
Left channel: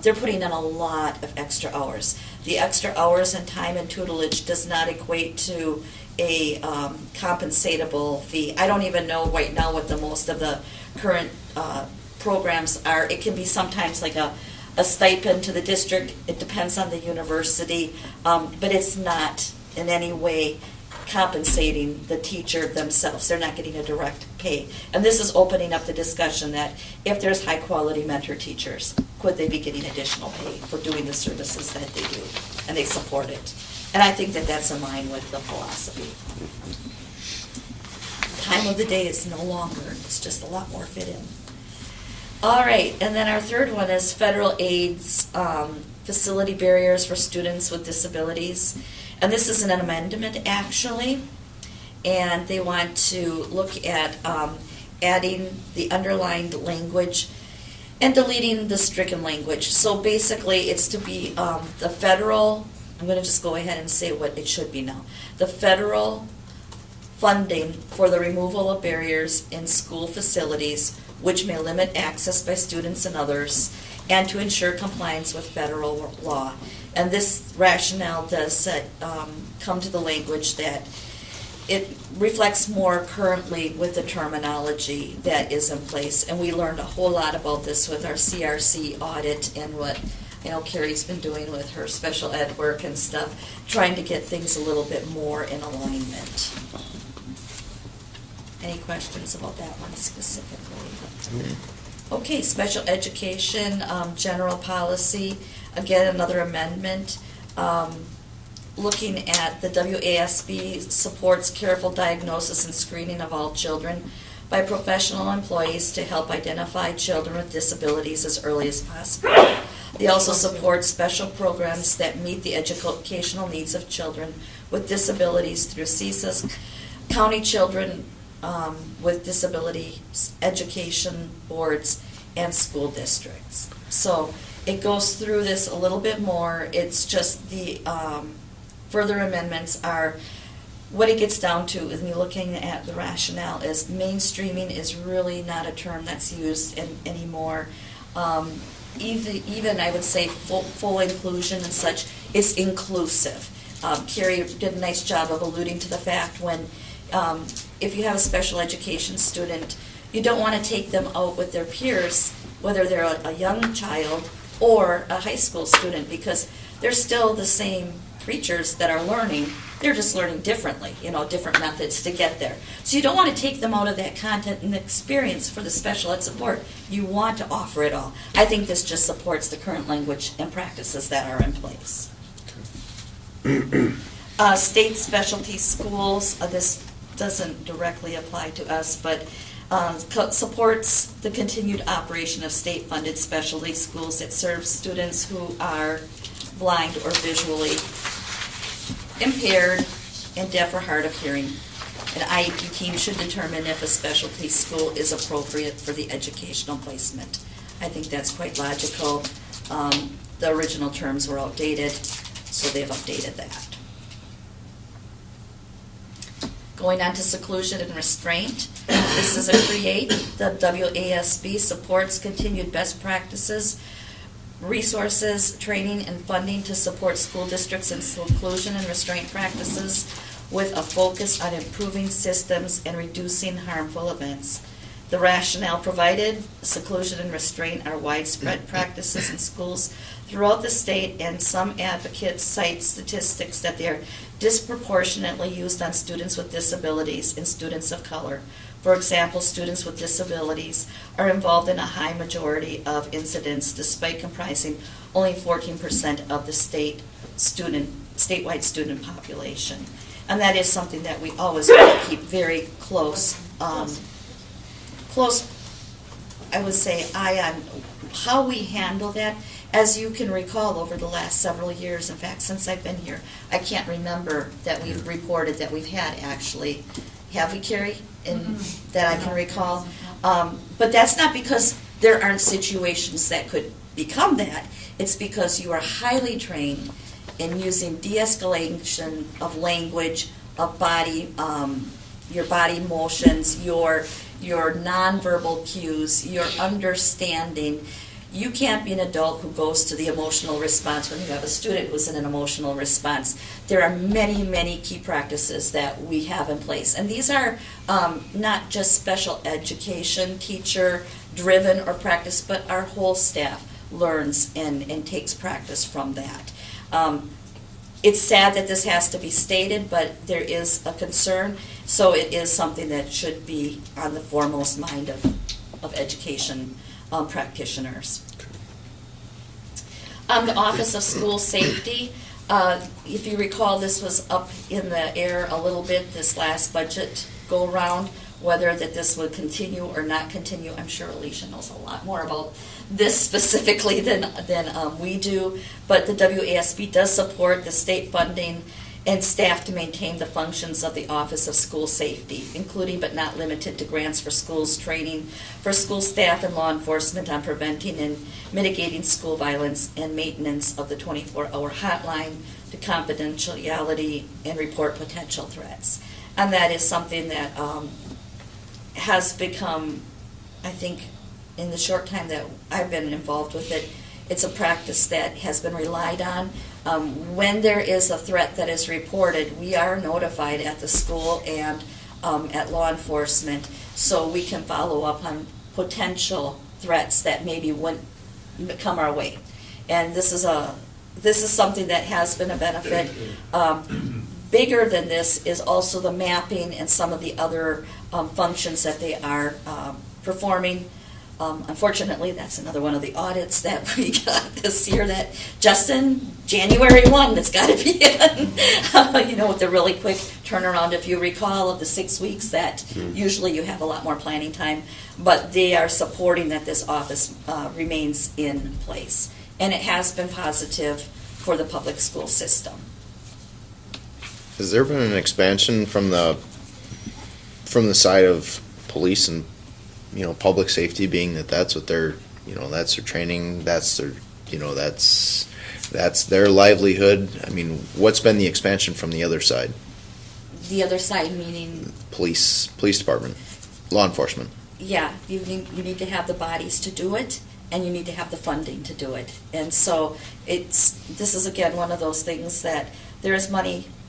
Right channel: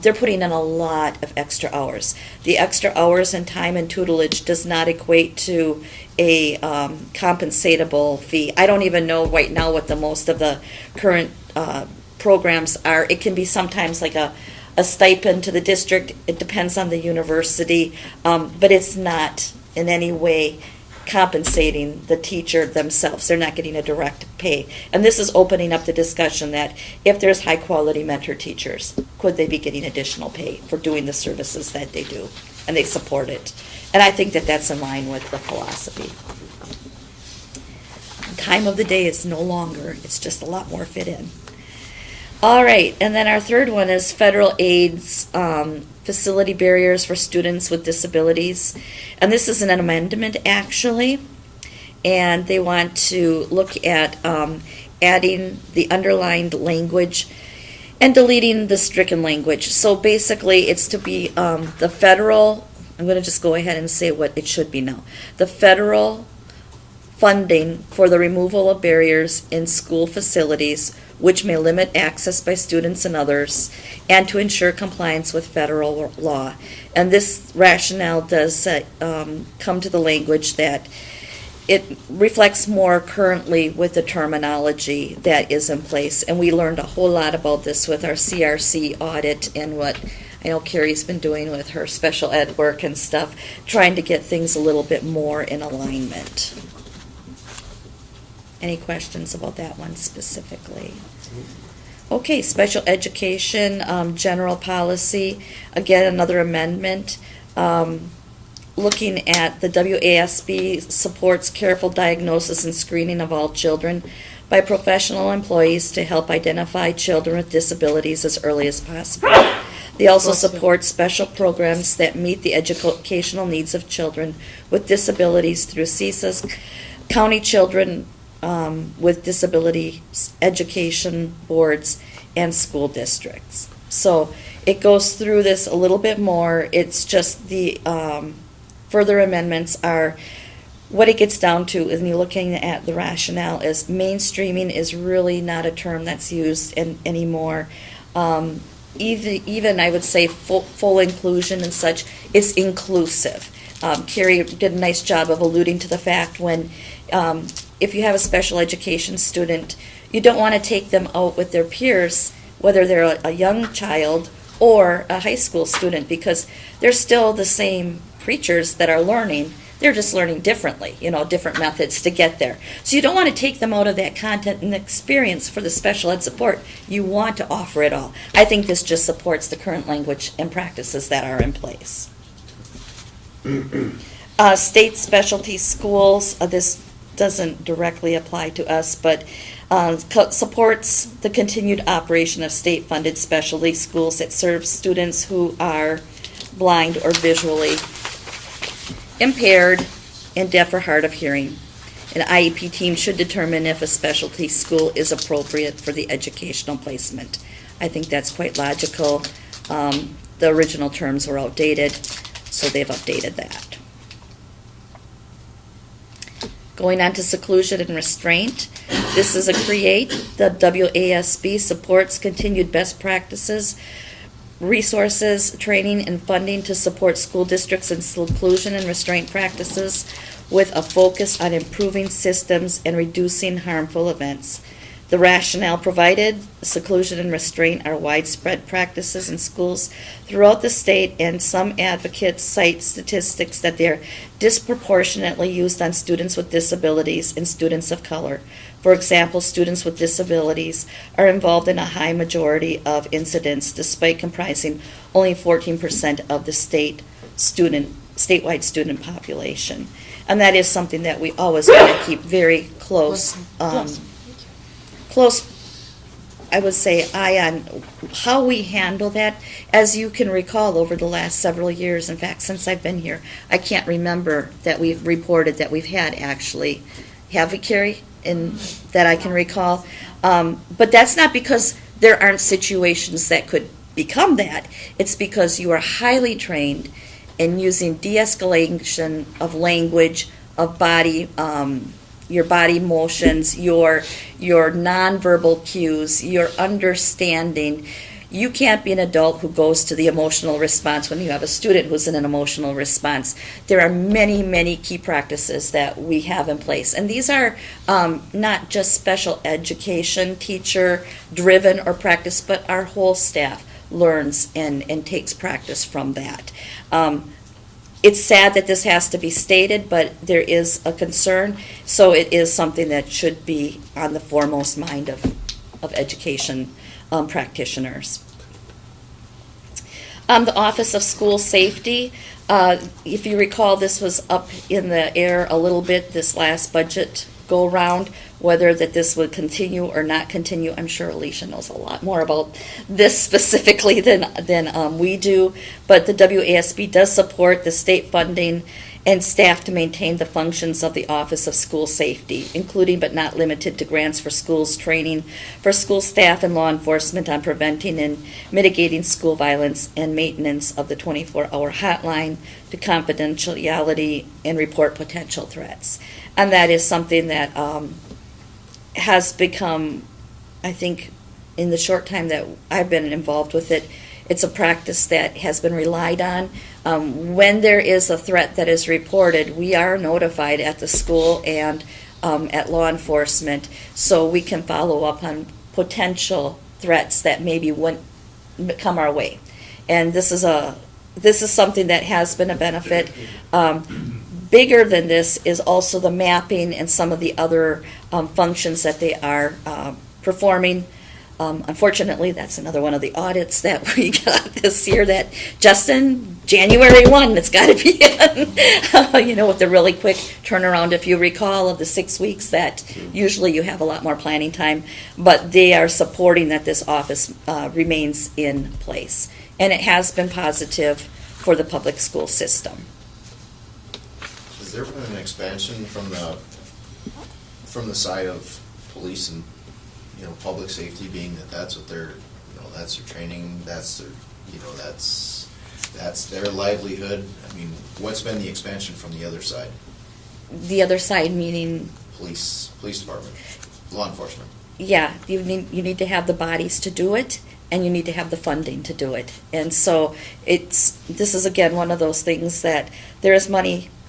they're putting in a lot of extra hours. The extra hours and time and tutelage does not equate to a compensatable fee. I don't even know right now what the most of the current programs are. It can be sometimes like a stipend to the district. It depends on the university, but it's not in any way compensating the teacher themselves. They're not getting a direct pay. And this is opening up the discussion that if there's high quality mentor teachers, could they be getting additional pay for doing the services that they do? And they support it. And I think that that's in line with the philosophy. Time of the day is no longer, it's just a lot more fit in. All right, and then our third one is federal aids, facility barriers for students with disabilities. And this is an amendment, actually. And they want to look at adding the underlined language and deleting the stricken language. So basically, it's to be the federal, I'm going to just go ahead and say what it should be now. The federal funding for the removal of barriers in school facilities which may limit access by students and others, and to ensure compliance with federal law. And this rationale does come to the language that it reflects more currently with the terminology that is in place. And we learned a whole lot about this with our CRC audit and what I know Carrie's been doing with her special ed work and stuff, trying to get things a little bit more in alignment. Any questions about that one specifically? Okay, special education, general policy, again, another amendment. Looking at the WASB supports careful diagnosis and screening of all children by professional employees to help identify children with disabilities as early as possible. They also support special programs that meet the educational needs of children with disabilities through CESA's County Children with Disability Education Boards and school districts. So it goes through this a little bit more. It's just the further amendments are what it gets down to, and you're looking at the rationale, is mainstreaming is really not a term that's used anymore. Even I would say full inclusion and such is inclusive. Carrie did a nice job of alluding to the fact when if you have a special education student, you don't want to take them out with their peers, whether they're a young child or a high school student, because they're still the same creatures that are learning. They're just learning differently, different methods to get there. So you don't want to take them out of that content and experience for the special ed support. You want to offer it all. I think this just supports the current language and practices that are in place. State specialty schools, this doesn't directly apply to us, but supports the continued operation of state-funded specialty schools that serve students who are blind or visually impaired and deaf or hard of hearing. An IEP team should determine if a specialty school is appropriate for the educational placement. I think that's quite logical. The original terms were outdated, so they've updated that. Going on to seclusion and restraint. This is a CREATE. The WASB supports continued best practices, resources, training, and funding to support school districts in seclusion and restraint practices with a focus on improving systems and reducing harmful events. The rationale provided, seclusion and restraint are widespread practices in schools throughout the state, and some advocates cite statistics that they are disproportionately used on students with disabilities and students of color. For example, students with disabilities are involved in a high majority of incidents, despite comprising only 14% of the statewide student population. And that is something that we always want to keep very close, I would say, eye on how we handle that. As you can recall, over the last several years, in fact, since I've been here, I can't remember that we've reported that we've had actually, have we, Carrie, that I can recall? But that's not because there aren't situations that could become that. It's because you are highly trained in using de-escalation of language, of body, your body motions, your nonverbal cues, your understanding. You can't be an adult who goes to the emotional response when you have a student who's in an emotional response. There are many, many key practices that we have in place. And these are not just special education teacher driven or practice, but our whole staff learns and takes practice from that. It's sad that this has to be stated, but there is a concern, so it is something that should be on the foremost mind of education practitioners. The Office of School Safety, if you recall, this was up in the air a little bit this last budget go-round. Whether that this would continue or not continue, I'm sure Alicia knows a lot more about this specifically than we do. But the WASB does support the state funding and staff to maintain the functions of the Office of School Safety, including but not limited to grants for schools, training for school staff and law enforcement on preventing and mitigating school violence, and maintenance of the 24-hour hotline to confidentiality and report potential threats. And that is something that has become, I think, in the short time that I've been involved with it, it's a practice that has been relied on. When there is a threat that is reported, we are notified at the school and at law enforcement, so we can follow up on potential threats that maybe wouldn't come our way. And this is something that has been a benefit. Bigger than this is also the mapping and some of the other functions that they are performing. Unfortunately, that's another one of the audits that we got this year that, Justin, January 1, it's got to be in. With the really quick turnaround, if you recall, of the 6 weeks that usually you have a lot more planning time. But they are supporting that this office remains in place. And it has been positive for the public school system. Has there been an expansion from the side of police and, public safety, being that's what they're, that's their training, that's their, that's their livelihood? I mean, what's been the expansion from the other side? The other side meaning? Police department, law enforcement. Yeah, you need to have the bodies to do it, and you need to have the funding to do it. And so this is again one of those things that there is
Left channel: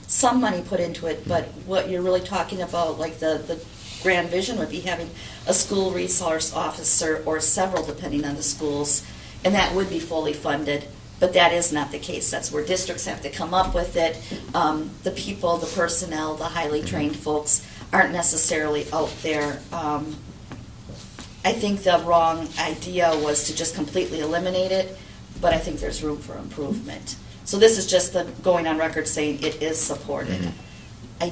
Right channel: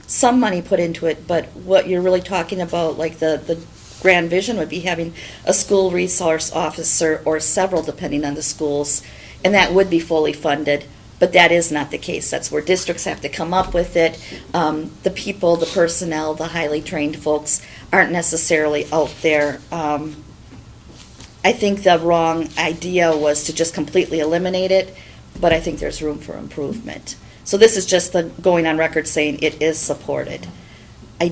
some money put into it, but what you're really talking about, like the grand vision, would be having a school resource officer or several, depending on the schools, and that would be fully funded. But that is not the case. That's where districts have to come up with it. The people, the personnel, the highly trained folks aren't necessarily out there. I think the wrong idea was to just completely eliminate it, but I think there's room for improvement. So this is just going on record saying it is supported. I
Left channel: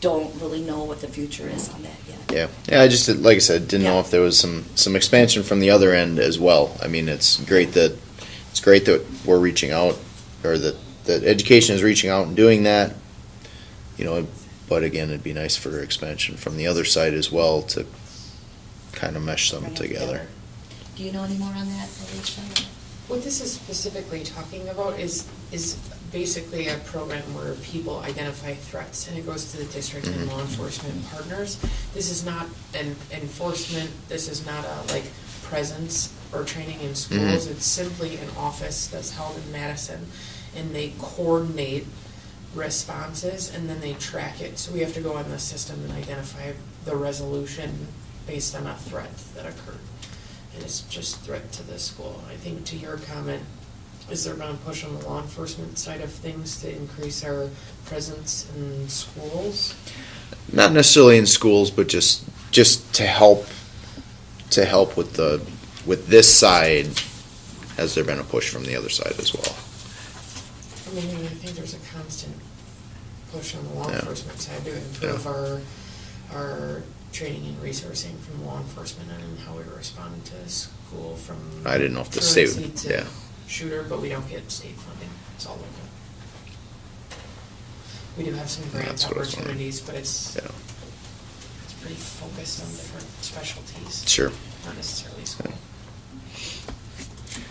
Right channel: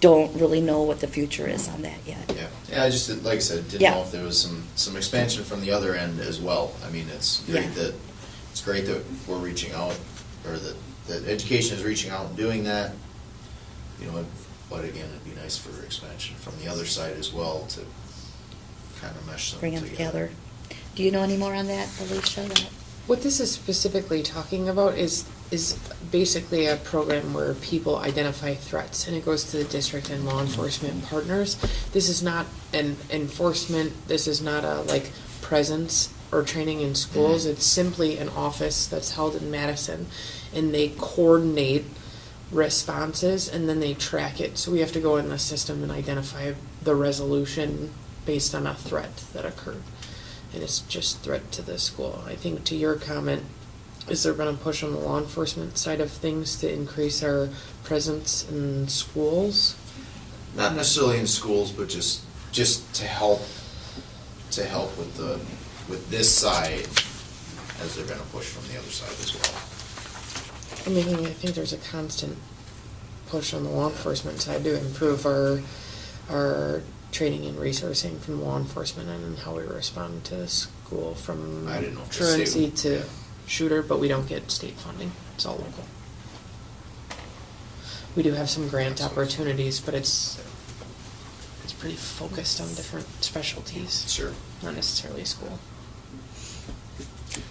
don't really know what the future is on that yet. Yeah. I just, like I said, didn't know if there was some expansion from the other end as well. I mean, it's great that we're reaching out, or that education is reaching out and doing that. But again, it'd be nice for expansion from the other side as well to kind of mesh them together. Do you know any more on that, Alicia? What this is specifically talking about is basically a program where people identify threats, and it goes to the district and law enforcement partners. This is not an enforcement. This is not a presence or training in schools. It's simply an office that's held in Madison, and they coordinate responses and then they track it. So we have to go in the system and identify the resolution based on a threat that occurred. And it's just threat to the school. I think to your comment, is there been a push on the law enforcement side of things to increase our presence in schools? Not necessarily in schools, but just to help with this side. Has there been a push from the other side as well? I mean, I think there's a constant push on the law enforcement side to improve our training and resourcing from law enforcement and how we respond to school from I didn't know if the state truancy to shooter, but we don't get state funding. It's all local. We do have some grant opportunities, but it's pretty focused on different specialties. Sure. Not necessarily school.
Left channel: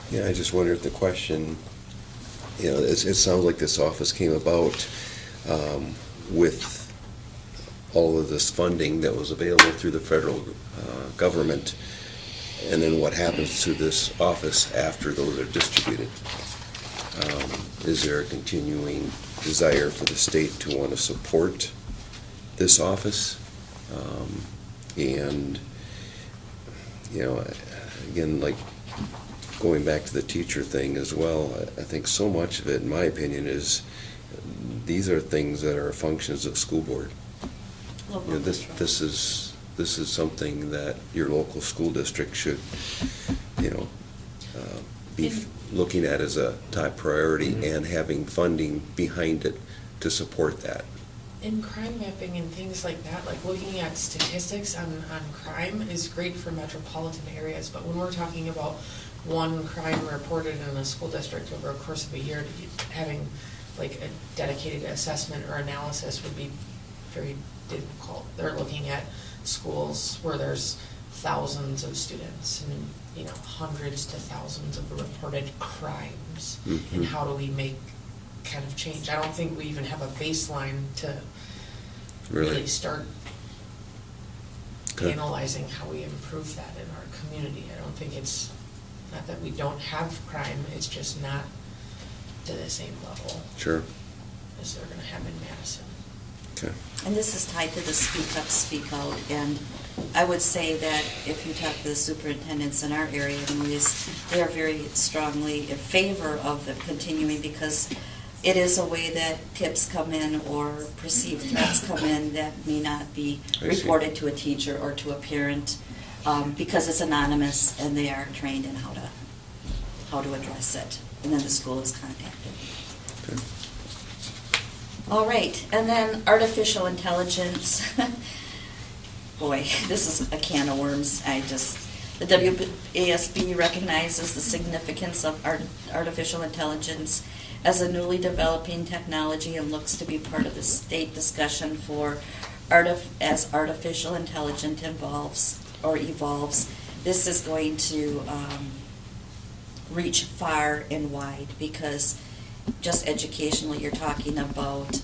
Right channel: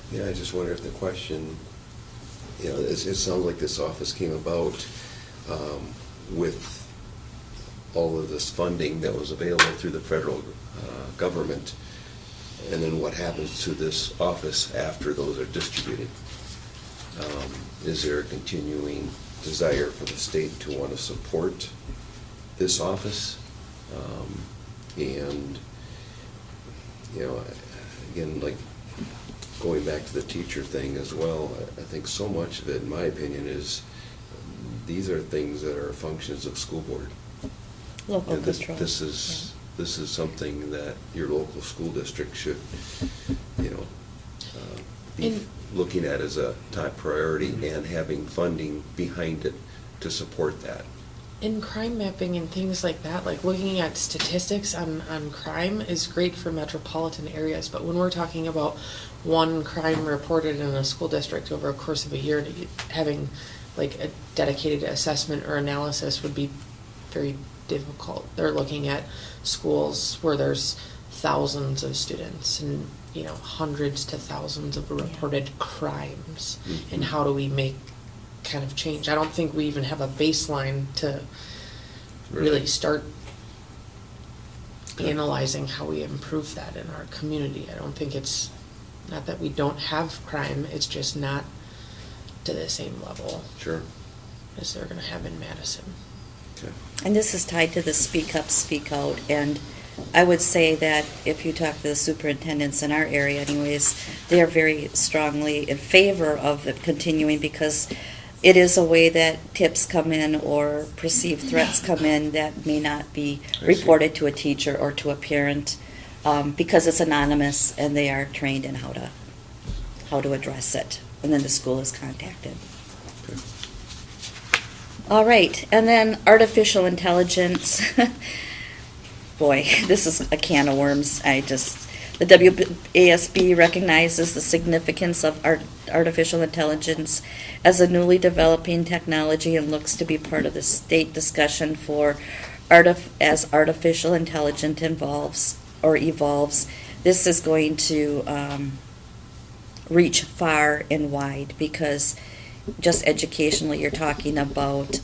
Yeah, I just wonder if the question, it sounds like this office came about with all of this funding that was available through the federal government, and then what happens to this office after those are distributed? Is there a continuing desire for the state to want to support this office? And, again, like going back to the teacher thing as well, I think so much of it, in my opinion, is these are things that are functions of school board. Local control. This is something that your local school district should, be looking at as a top priority and having funding behind it to support that. in crime mapping and things like that, like looking at statistics on crime is great for metropolitan areas, but when we're talking about one crime reported in a school district over a course of a year, having like a dedicated assessment or analysis would be very difficult. They're looking at schools where there's thousands of students and, you know, hundreds to thousands of reported crimes. Mhm. And how do we make kind of change? I don't think we even have a baseline to really start Good. analyzing how we improve that in our community. I don't think it's, not that we don't have crime, it's just not to the same level Sure. as they're gonna have in Madison. Okay. And this is tied to the speak up, speak out, and I would say that if you talk to the superintendents in our area anyways, they are very strongly in favor of the continuing because it is a way that tips come in or perceived threats come in that may not be I see. reported to a teacher or to a parent because it's anonymous and they are trained in how to address it. And then the school is contacted. Okay. All right, and then artificial intelligence. Boy, this is a can of worms. The WASB recognizes the significance of artificial intelligence as a newly developing technology and looks to be part of the state discussion for as artificial intelligence evolves. This is going to reach far and wide because just educationally, you're talking about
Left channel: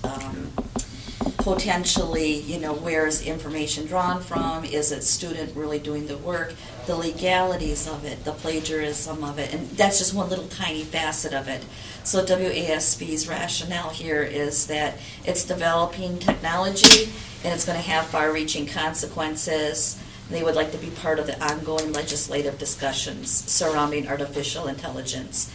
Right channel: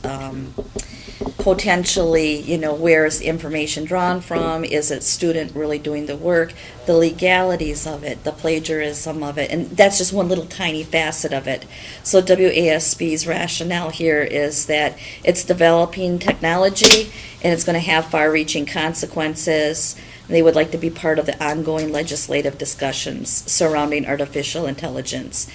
potentially, where is the information drawn from? Is it student really doing the work? The legalities of it, the plagiarism of it, and that's just one little tiny facet of it. So WASB's rationale here is that it's developing technology and it's going to have far-reaching consequences. They would like to be part of the ongoing legislative discussions surrounding artificial intelligence,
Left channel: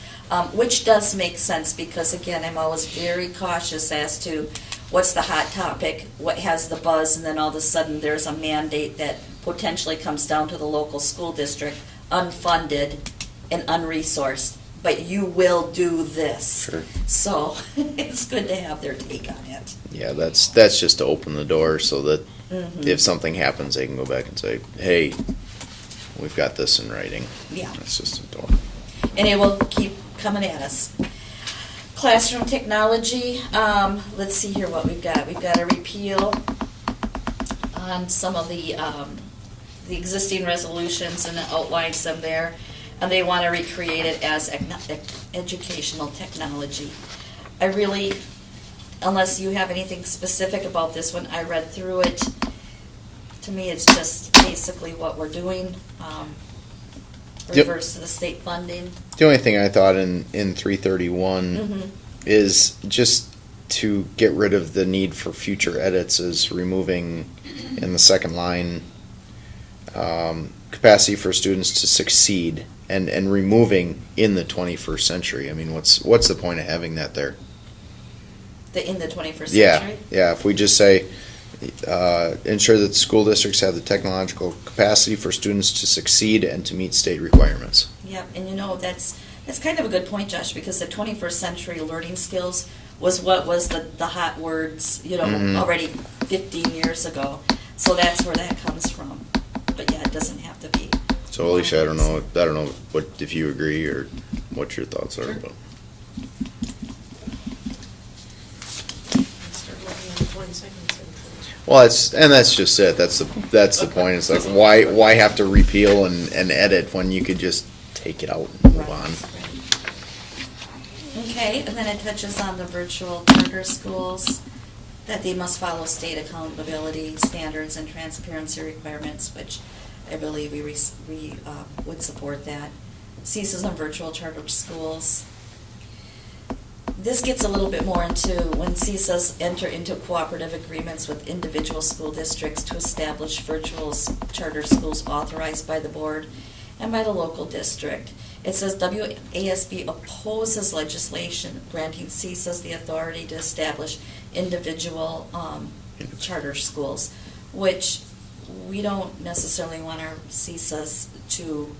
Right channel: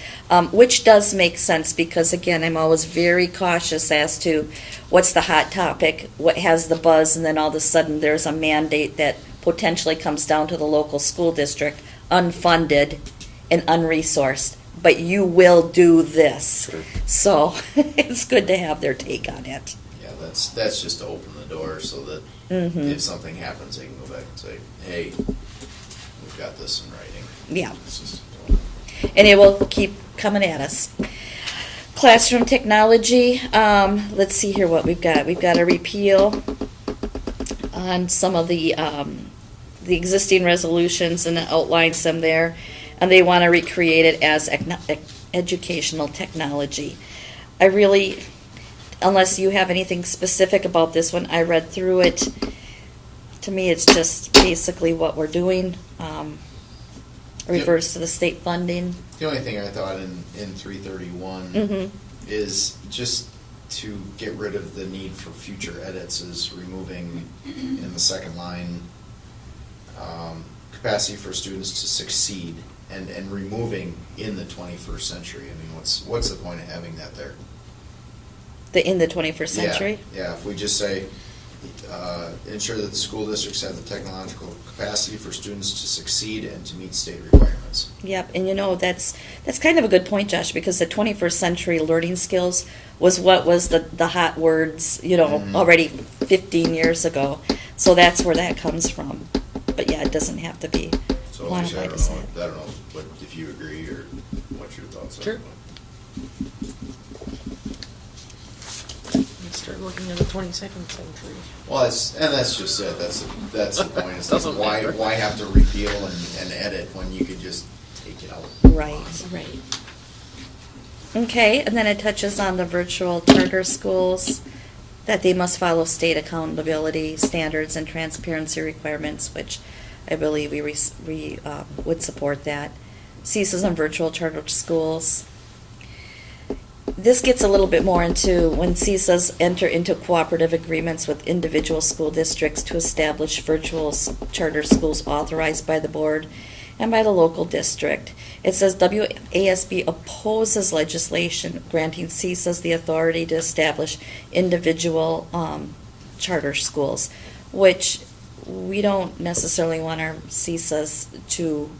which does make sense because, again, I'm always very cautious as to what's the hot topic, what has the buzz, and then all of a sudden there's a mandate that potentially comes down to the local school district, unfunded and unresourced, but you will do this. Sure. So it's good to have their take on it. Yeah, that's just to open the door so that if something happens, they can go back and say, hey, we've got this in writing. Yeah. That's just a door. And it will keep coming at us. Classroom technology, let's see here what we've got. We've got a repeal on some of the existing resolutions, and it outlines them there. And they want to recreate it as educational technology. I really, unless you have anything specific about this one, I read through it. To me, it's just basically what we're doing. Reverse to the state funding. The only thing I thought in 331 is just to get rid of the need for future edits is removing in the second line capacity for students to succeed and removing in the 21st century. I mean, what's the point of having that there? In the 21st century? Yeah, if we just say, ensure that the school districts have the technological capacity for students to succeed and to meet state requirements. Yep, and that's kind of a good point, Josh, because the 21st century learning skills was what was the hot words, already 15 years ago. So that's where that comes from. But yeah, it doesn't have to be. So Alicia, I don't know what if you agree or what your thoughts are. Sure. But. Start looking at the 22nd century. Well, that's just it. That's the point. It's like why have to repeal and edit when you could just take it out and move Right, on. right. Okay, and then it touches on the virtual charter schools, that they must follow state accountability standards and transparency requirements, which I believe we would support that. CESAs and virtual charter schools. This gets a little bit more into when CESAs enter into cooperative agreements with individual school districts to establish virtual charter schools authorized by the board and by the local district. It says WASB opposes legislation granting CESAs the authority to establish individual charter schools, which we don't necessarily want our CESAs to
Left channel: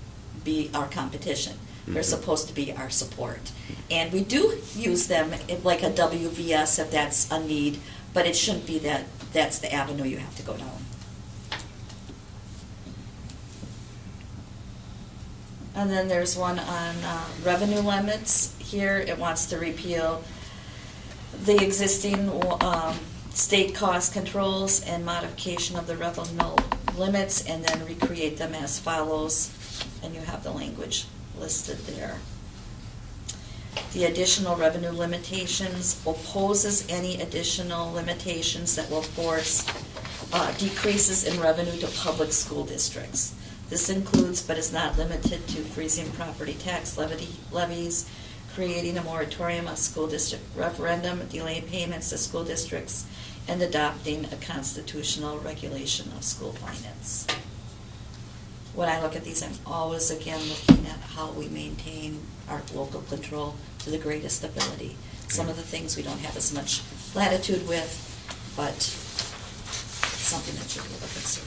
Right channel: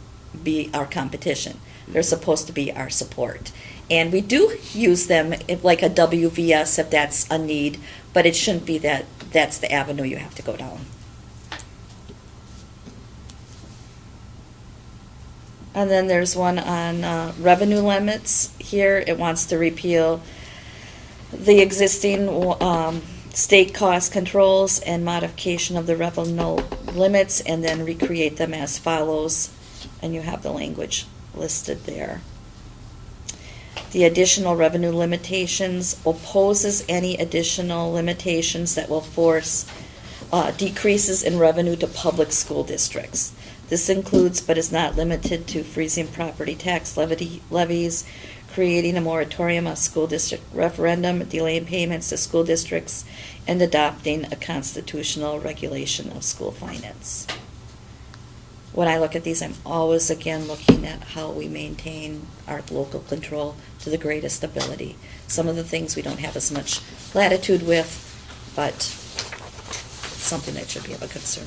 be our competition. They're supposed to be our support. And we do use them like a WVS if that's a need, but it shouldn't be that's the avenue you have to go down. And then there's one on revenue limits here. It wants to repeal the existing state cost controls and modification of the revenue limits, and then recreate them as follows. And you have the language listed there. The additional revenue limitations opposes any additional limitations that will force decreases in revenue to public school districts. This includes, but is not limited to, freezing property tax levies, creating a moratorium of school district referendum, delaying payments to school districts, and adopting a constitutional regulation of school finance. When I look at these, I'm always again looking at how we maintain our local control to the greatest ability. Some of the things we don't have as much latitude with, but it's something that should be of a concern.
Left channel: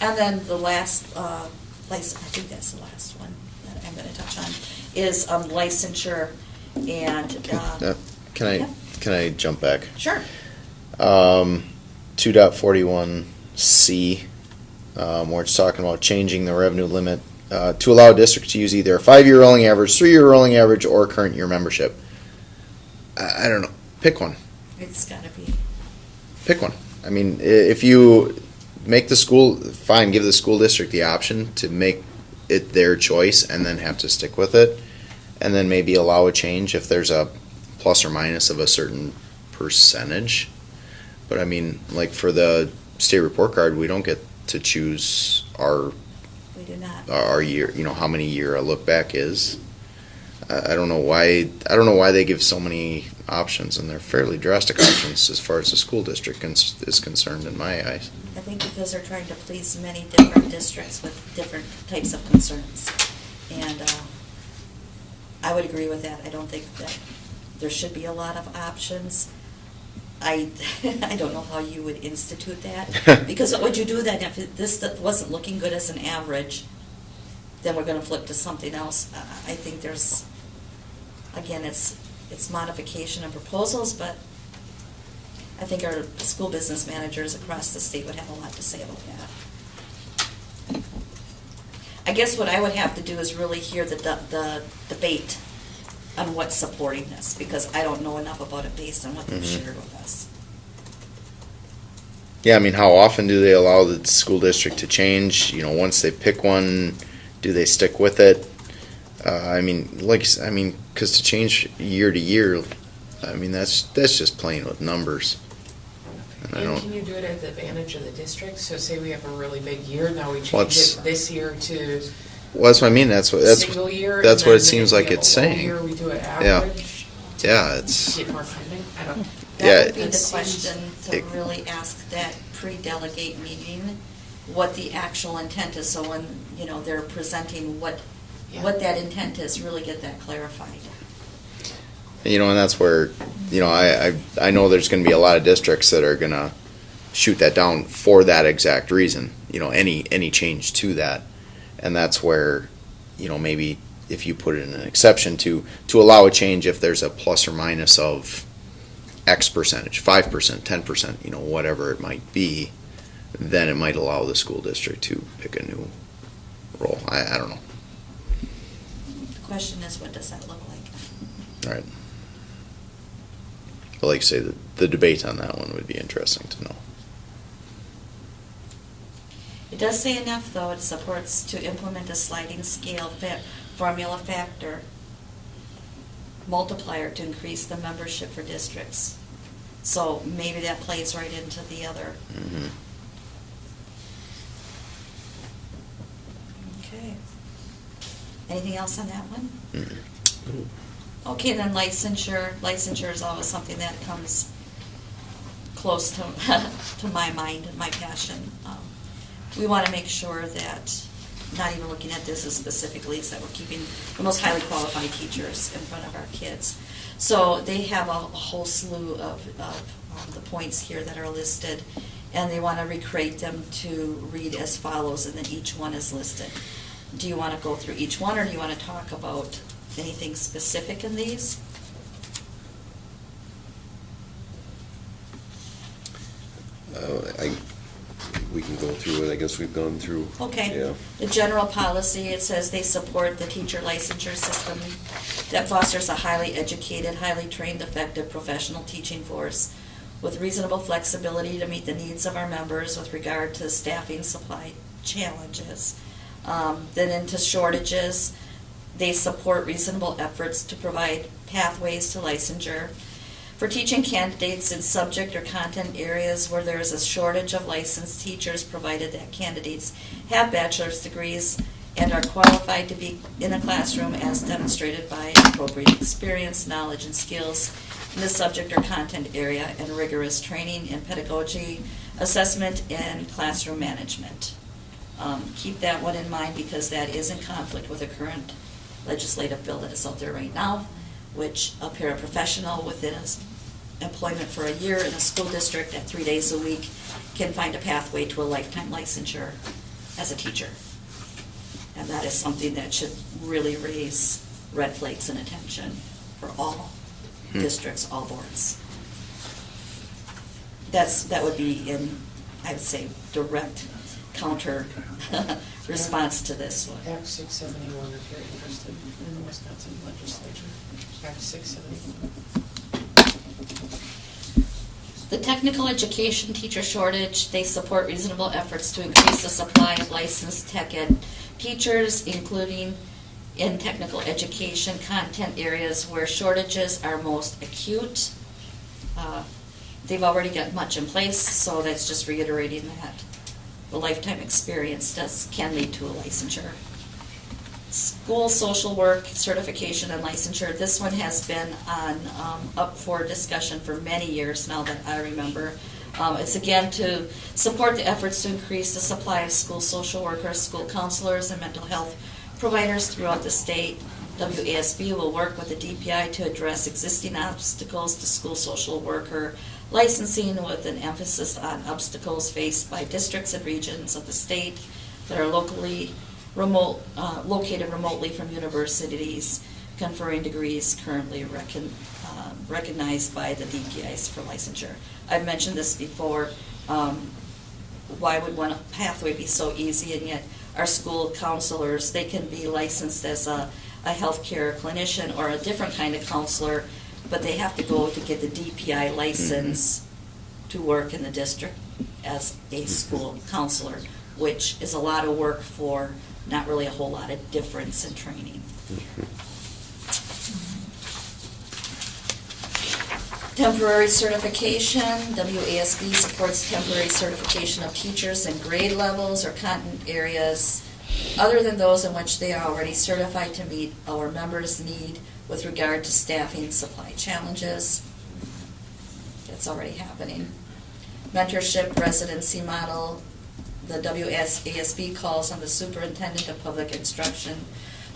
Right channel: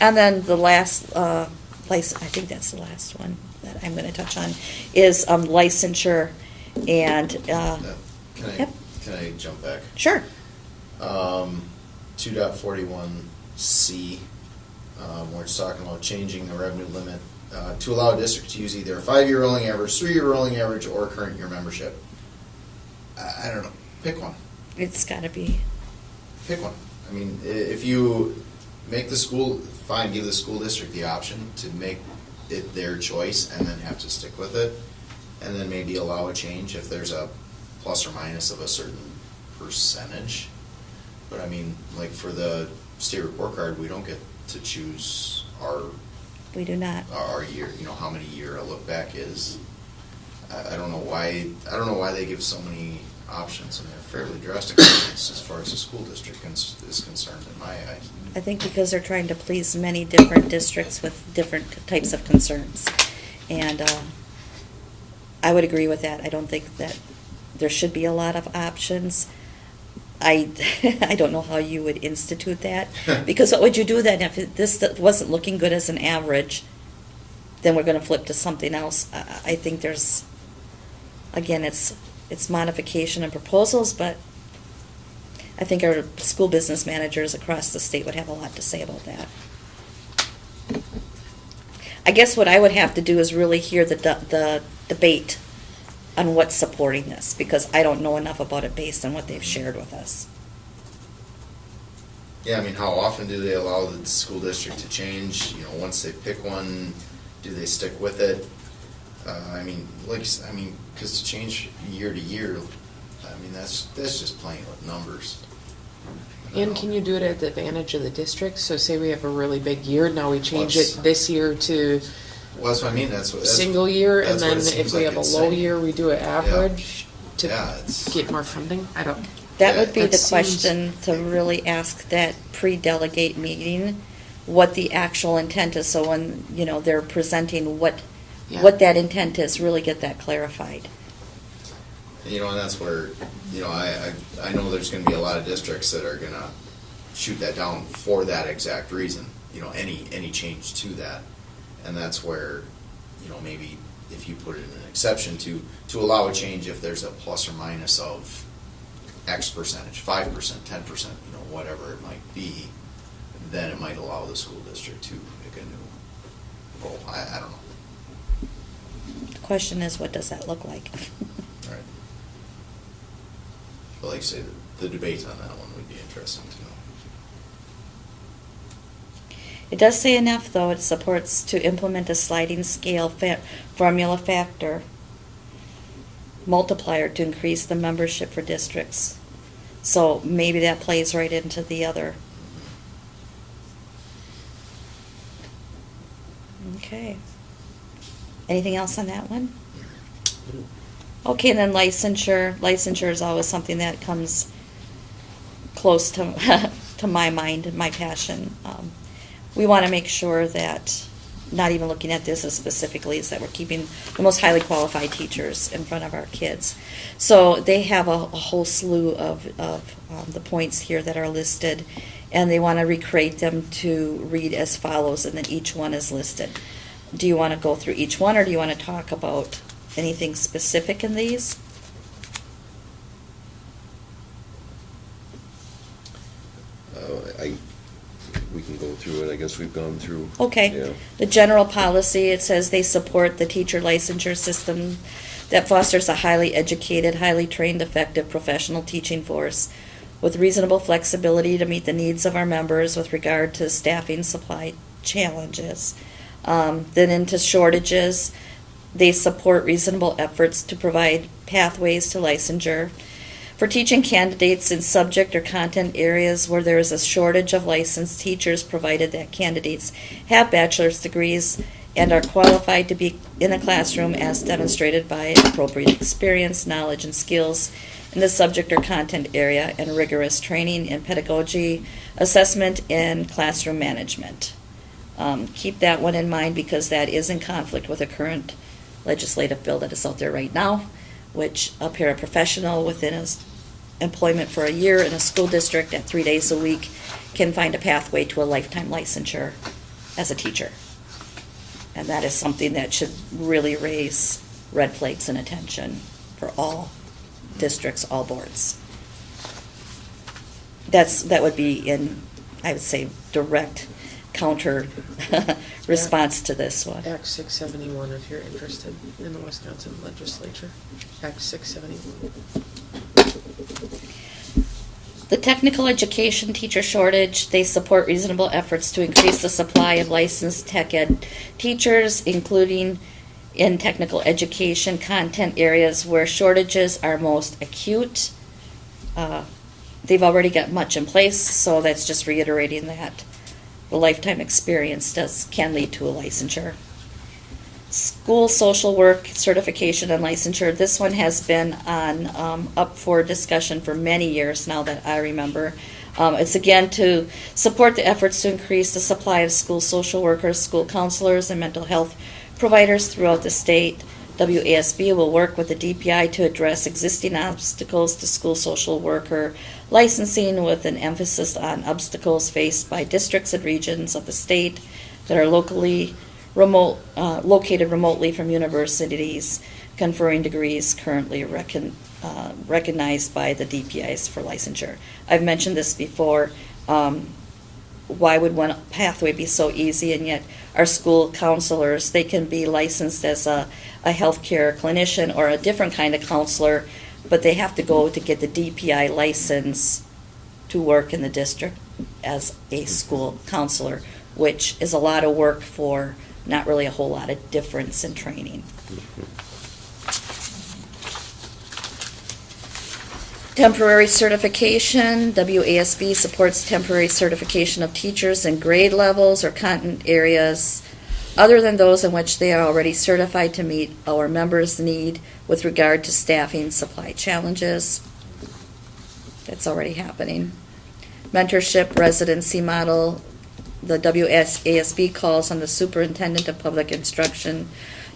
And then the last, I think that's the last one that I'm going to touch on, is licensure and. Can I jump back? Sure. 2.41C, where it's talking about changing the revenue limit to allow a district to use either a 5-year rolling average, 3-year rolling average, or current year membership. I don't know. Pick one. It's got to be. Pick one. I mean, if you make the school, fine, give the school district the option to make it their choice and then have to stick with it, and then maybe allow a change if there's a plus or minus of a certain percentage. But I mean, like for the state report card, we don't get to choose our. We do not. Our year, how many year a look back is. I don't know why they give so many options, and they're fairly drastic options as far as the school district is concerned in my eyes. I think because they're trying to please many different districts with different types of concerns. And I would agree with that. I don't think that there should be a lot of options. I don't know how you would institute that. Because what would you do then if this wasn't looking good as an average, then we're going to flip to something else. I think there's, again, it's modification and proposals, but I think our school business managers across the state would have a lot to say about that. I guess what I would have to do is really hear the debate on what's supporting this, because I don't know enough about it based on what they've shared with us. Yeah, I mean, how often do they allow the school district to change? Once they pick one, do they stick with it? Because to change year to year, I mean, that's just playing with numbers. And can you do it at the advantage of the district? So say we have a really big year, now we change it this year to well, that's what I mean. That's single year. That's and what it then seems if we like have it's a low saying. year, we do it average. It's Get more funding. I don't. That would be It the seems- question to really ask that pre-delegate meeting, what the actual intent is. So when, they're presenting what that intent is, really get that clarified. And that's where, I know there's going to be a lot of districts that are going to shoot that down for that exact reason. Any change to that, and that's where, maybe if you put it in an exception to allow a change if there's a plus or minus of X percentage, 5%, 10%, whatever it might be, then it might allow the school district to pick a new role. I don't know. The question is, what does that look like? Right. But like I say, the debate on that one would be interesting to know. It does say enough, though. It supports to implement a sliding scale formula factor multiplier to increase the membership for districts. So maybe that plays right into the other. Okay. Anything else on that one? Okay, and then licensure. Licensure is always something that comes close to to my mind and my passion. We want to make sure that, not even looking at this as specifically, is that we're keeping the most highly qualified teachers in front of our kids. So they have a whole slew of the points here that are listed, and they want to recreate them to read as follows, and then each one is listed. Do you want to go through each one, or do you want to talk about anything specific in these? We can go through it, I guess we've gone through. Okay. Yeah. The general policy, it says they support the teacher licensure system that fosters a highly educated, highly trained, effective professional teaching force with reasonable flexibility to meet the needs of our members with regard to staffing supply challenges. Then into shortages, they support reasonable efforts to provide pathways to licensure. For teaching candidates in subject or content areas where there is a shortage of licensed teachers, provided that candidates have bachelor's degrees and are qualified to be in a classroom as demonstrated by appropriate experience, knowledge, and skills in the subject or content area, and rigorous training in pedagogy, assessment, and classroom management. Keep that one in mind because that is in conflict with a current legislative bill that is out there right now, which a paraprofessional within his employment for a year in a school district at 3 days a week can find a pathway to a lifetime licensure as a teacher. And that is something that should really raise red flags and attention for all districts, all boards. That would be in, I would say, direct counter response to this one. Act 671, if you're interested in the Wisconsin legislature. Act 671. The technical education teacher shortage, they support reasonable efforts to increase the supply of licensed tech ed teachers, including in technical education content areas where shortages are most acute. They've already got much in place, so that's just reiterating that. The lifetime experience can lead to a licensure. School social work certification and licensure. This one has been on up for discussion for many years now that I remember. It's again to support the efforts to increase the supply of school social workers, school counselors, and mental health providers throughout the state. WASB will work with the DPI to address existing obstacles to school social worker licensing, with an emphasis on obstacles faced by districts and regions of the state that are located remotely from universities conferring degrees currently recognized by the DPIs for licensure. I've mentioned this before. Why would one pathway be so easy, and yet our school counselors, they can be licensed as a healthcare clinician or a different kind of counselor, but they have to go to get the DPI license to work in the district as a school counselor, which is a lot of work for not really a whole lot of difference in training. Temporary certification. WASB supports temporary certification of teachers in grade levels or content areas other than those in which they are already certified to meet our members' need with regard to staffing supply challenges. That's already happening. Mentorship residency model. The WASB calls on the superintendent of public instruction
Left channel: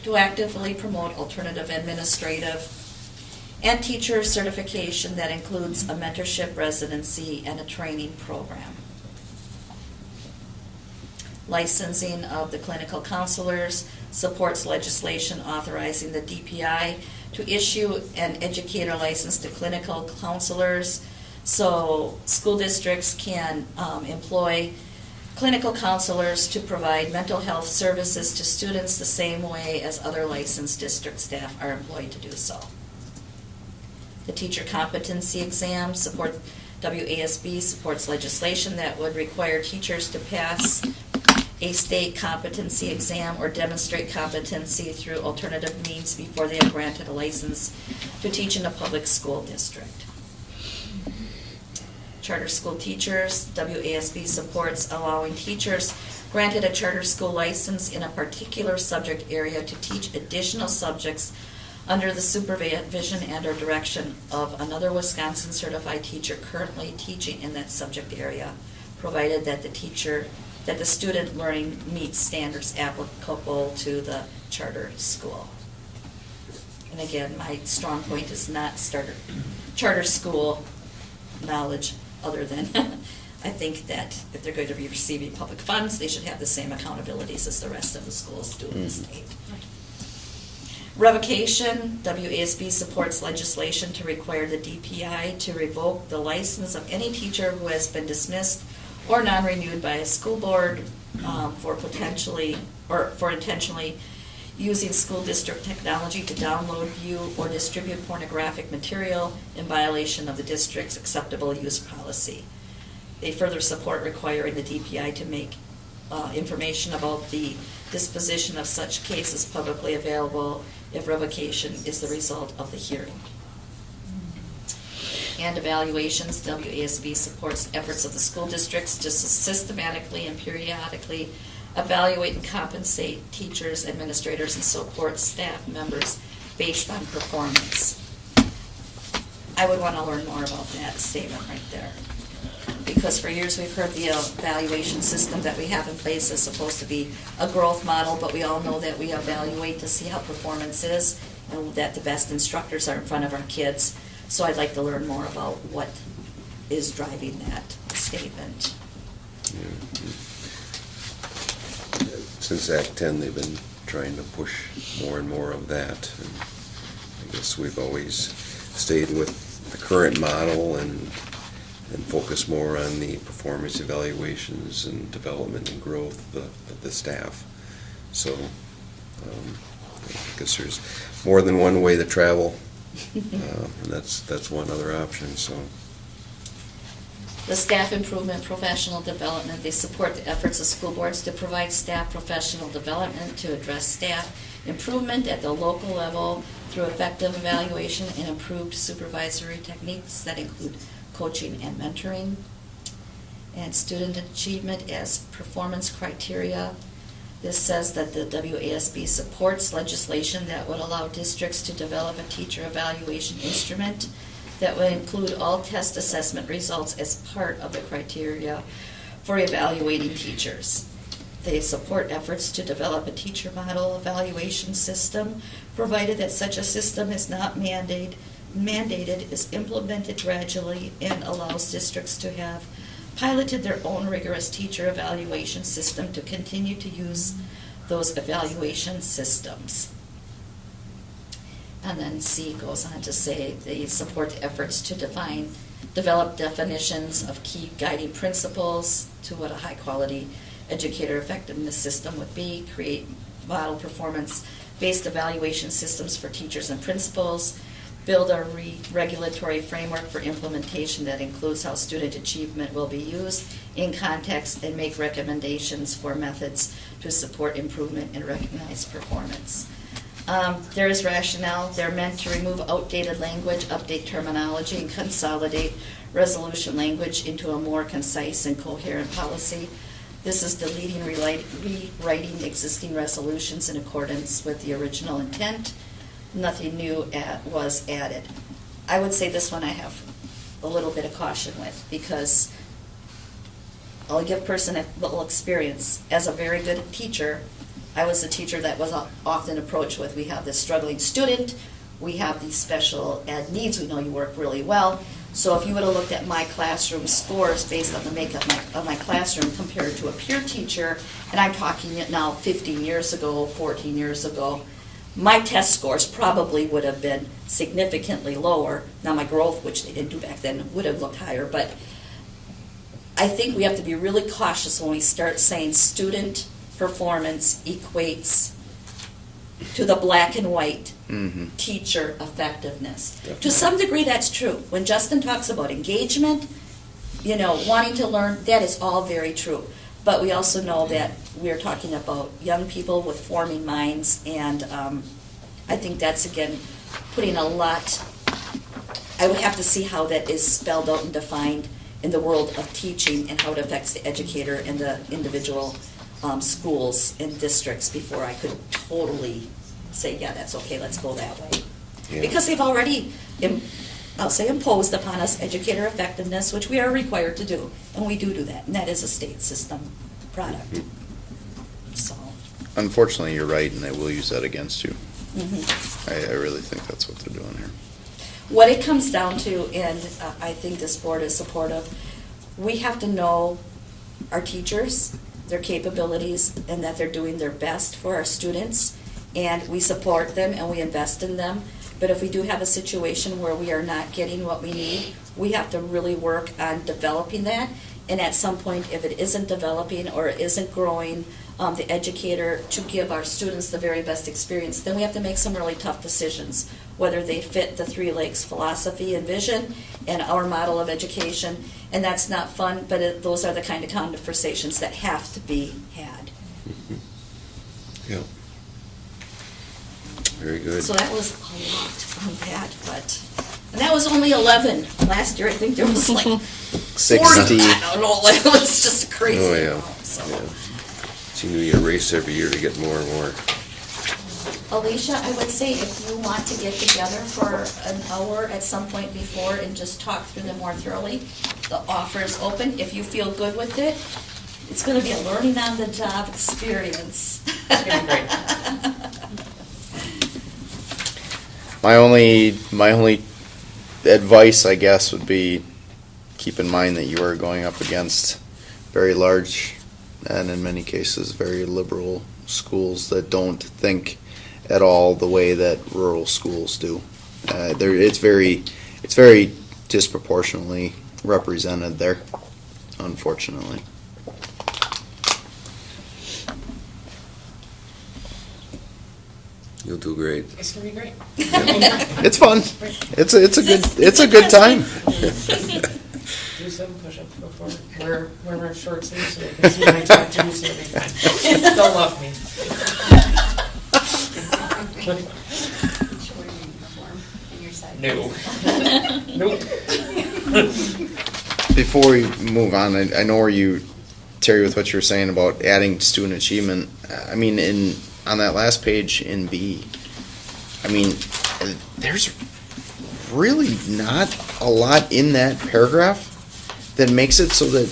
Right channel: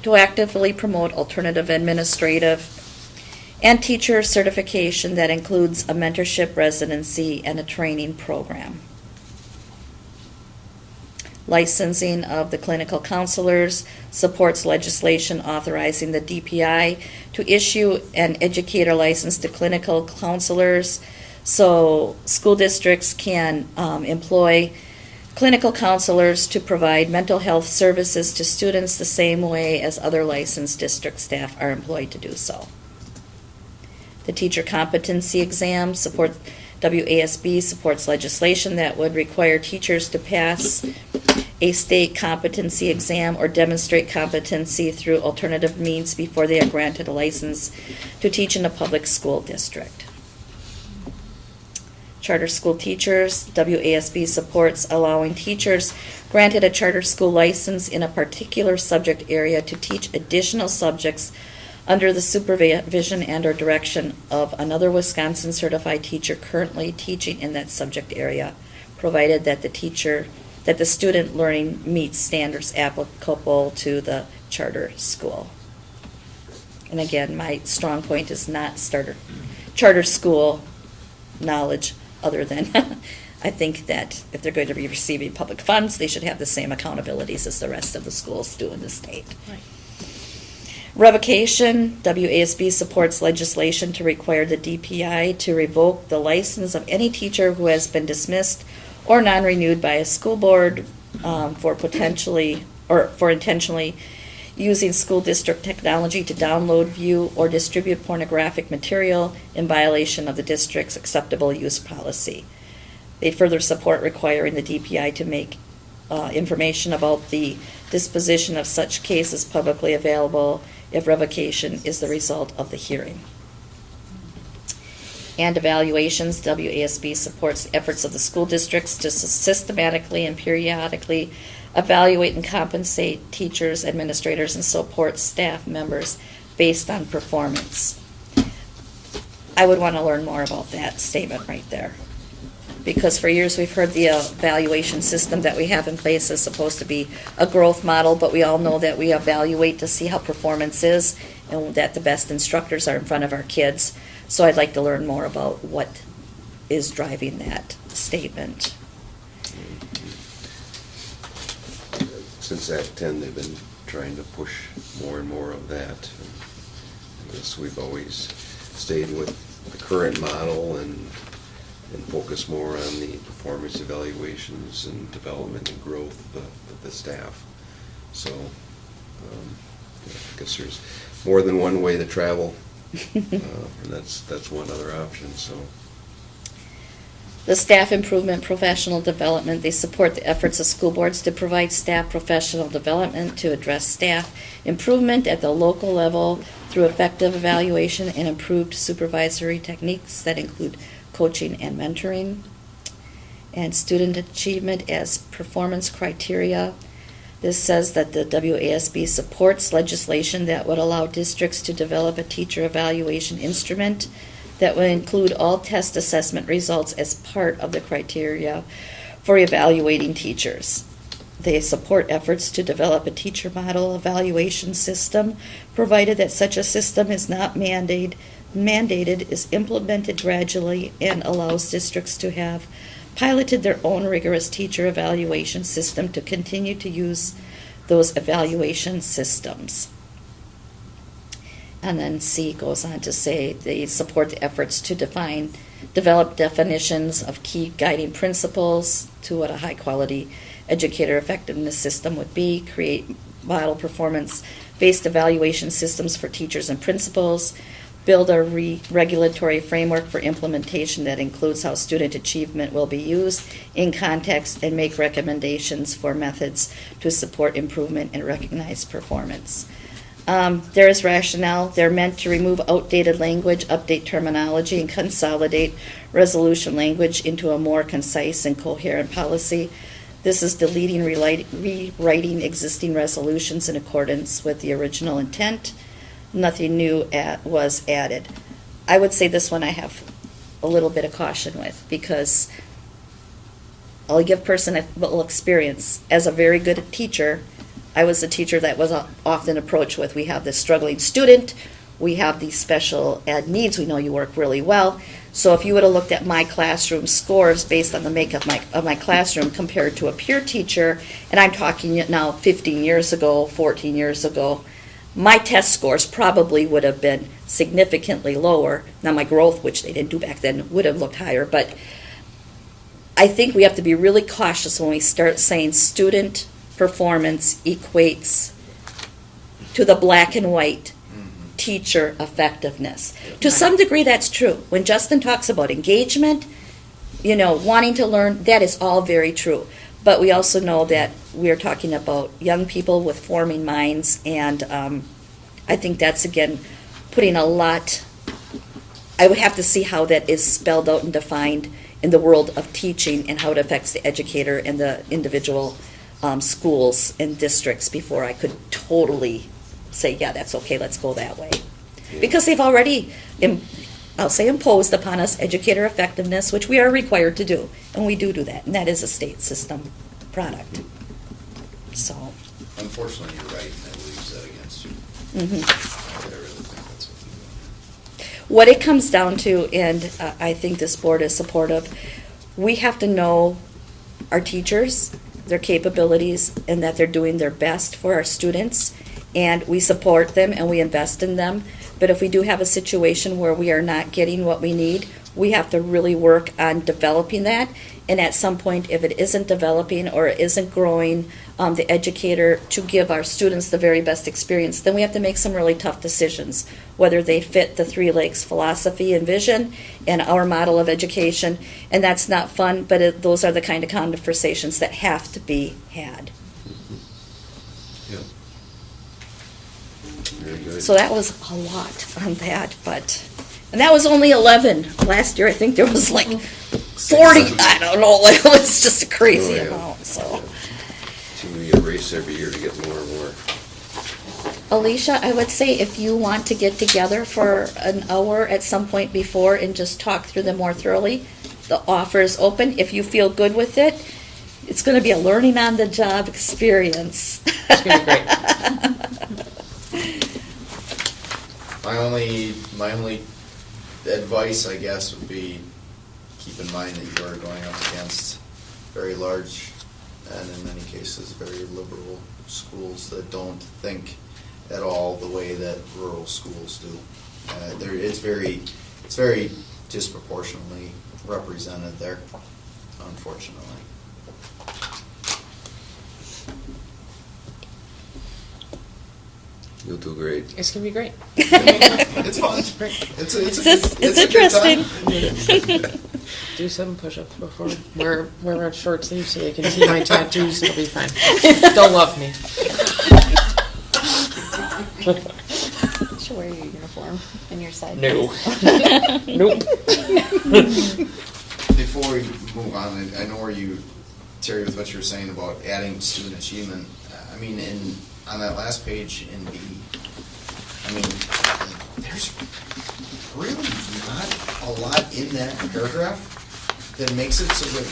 to actively promote alternative administrative and teacher certification that includes a mentorship residency and a training program. Licensing of the clinical counselors supports legislation authorizing the DPI to issue an educator license to clinical counselors, so school districts can employ clinical counselors to provide mental health services to students the same way as other licensed district staff are employed to do so. The teacher competency exam support. WASB supports legislation that would require teachers to pass a state competency exam or demonstrate competency through alternative means before they are granted a license to teach in a public school district. Charter school teachers. WASB supports allowing teachers granted a charter school license in a particular subject area to teach additional subjects under the supervision and or direction of another Wisconsin certified teacher currently teaching in that subject area, provided that the student learning meets standards applicable to the charter school. And again, my strong point is not charter school knowledge, other than, I think that if they're going to be receiving public funds, they should have the same accountabilities as the rest of the schools do in the state. Revocation, WASB supports legislation to require the DPI to revoke the license of any teacher who has been dismissed or non-renewed by a school board for intentionally using school district technology to download, view, or distribute pornographic material in violation of the district's acceptable use policy. They further support requiring the DPI to make information about the disposition of such cases publicly available if revocation is the result of the hearing. And evaluations, WASB supports the efforts of the school districts to systematically and periodically evaluate and compensate teachers, administrators, and support staff members based on performance. I would want to learn more about that statement right there. Because for years we've heard the evaluation system that we have in place is supposed to be a growth model, but we all know that we evaluate to see how performance is and that the best instructors are in front of our kids. So I'd like to learn more about what is driving that statement. Since Act 10, they've been trying to push more and more of that. And I guess we've always stayed with the current model and focus more on the performance evaluations and development and growth of the staff. So I guess there's more than one way to travel, and that's one other option. So. The staff improvement professional development, they support the efforts of school boards to provide staff professional development to address staff improvement at the local level through effective evaluation and improved supervisory techniques that include coaching and mentoring. And student achievement as performance criteria. This says that the WASB supports legislation that would allow districts to develop a teacher evaluation instrument that would include all test assessment results as part of the criteria for evaluating teachers. They support efforts to develop a teacher model evaluation system, provided that such a system is not mandated, is implemented gradually, and allows districts to have piloted their own rigorous teacher evaluation system to continue to use those evaluation systems. And then C goes on to say they support the efforts to develop definitions of key guiding principles to what a high-quality educator effectiveness system would be, create model performance-based evaluation systems for teachers and principals, build a regulatory framework for implementation that includes how student achievement will be used in context, and make recommendations for methods to support improvement and recognize performance. There is rationale. They're meant to remove outdated language, update terminology, and consolidate resolution language into a more concise and coherent policy. This is deleting, rewriting existing resolutions in accordance with the original intent. Nothing new was added. I would say this one I have a little bit of caution with, because I'll give person a little experience. As a very good teacher, I was the teacher that was often approached with, we have this struggling student, we have these special ed needs, we know you work really well. So if you would have looked at my classroom scores based on the makeup of my classroom compared to a peer teacher, and I'm talking now 15 years ago, 14 years ago, my test scores probably would have been significantly lower. Now my growth, which they didn't do back then, would have looked higher, but I think we have to be really cautious when we start saying student performance equates to the black and white teacher effectiveness. Yep. To some degree, that's true. When Justin talks about engagement, wanting to learn, that is all very true. But we also know that we're talking about young people with forming minds, and I think that's, again, putting a lot, I would have to see how that is spelled out and defined in the world of teaching and how it affects the educator and the individual schools and districts before I could totally say, yeah, that's okay, let's go that way. Yeah. Because they've already, I'll say, imposed upon us educator effectiveness, which we are required to do, and we do that, and that is a state system product. Mm-hmm. So, unfortunately, you're right, and they will use that against you. Mm-hmm. I really think that's what they're doing here. What it comes down to, and I think this board is supportive, we have to know our teachers, their capabilities, and that they're doing their best for our students, and we support them and we invest in them. But if we do have a situation where we are not getting what we need, we have to really work on developing that. And at some point, if it isn't developing or it isn't growing, the educator to give our students the very best experience, then we have to make some really tough decisions, whether they fit the Three Lakes philosophy and vision and our model of education. And that's not fun, but those are the kind of conversations that have to be had. Yeah. Very good. So that was a lot on that, and that was only 11. Last year, I think there was like 40. 60. I don't know. It was just a crazy Oh, yeah. amount. So, Yeah. Seem to be a race every year to get more and more. Alicia, I would say if you want to get together for an hour at some point before and just talk through them more thoroughly, the offer is open. If you feel good with it, it's going to be a learning on the job experience. It's gonna be great. My only advice, I guess, would be keep in mind that you are going up against very large and in many cases very liberal schools that don't think at all the way that rural schools do. It's very disproportionately represented there, unfortunately. You'll do great. It's gonna be great. It's fun. It's a good time. Do 7 push-ups before. Wear short sleeves so they can see my tattoos. It'll be fine. Don't love me. You should wear your uniform and your side. No. Nope. Before we move on, I know where you, Terry, with what you were saying about adding student achievement. I mean, on that last page in B, I mean, there's really not a lot in that paragraph that makes it so that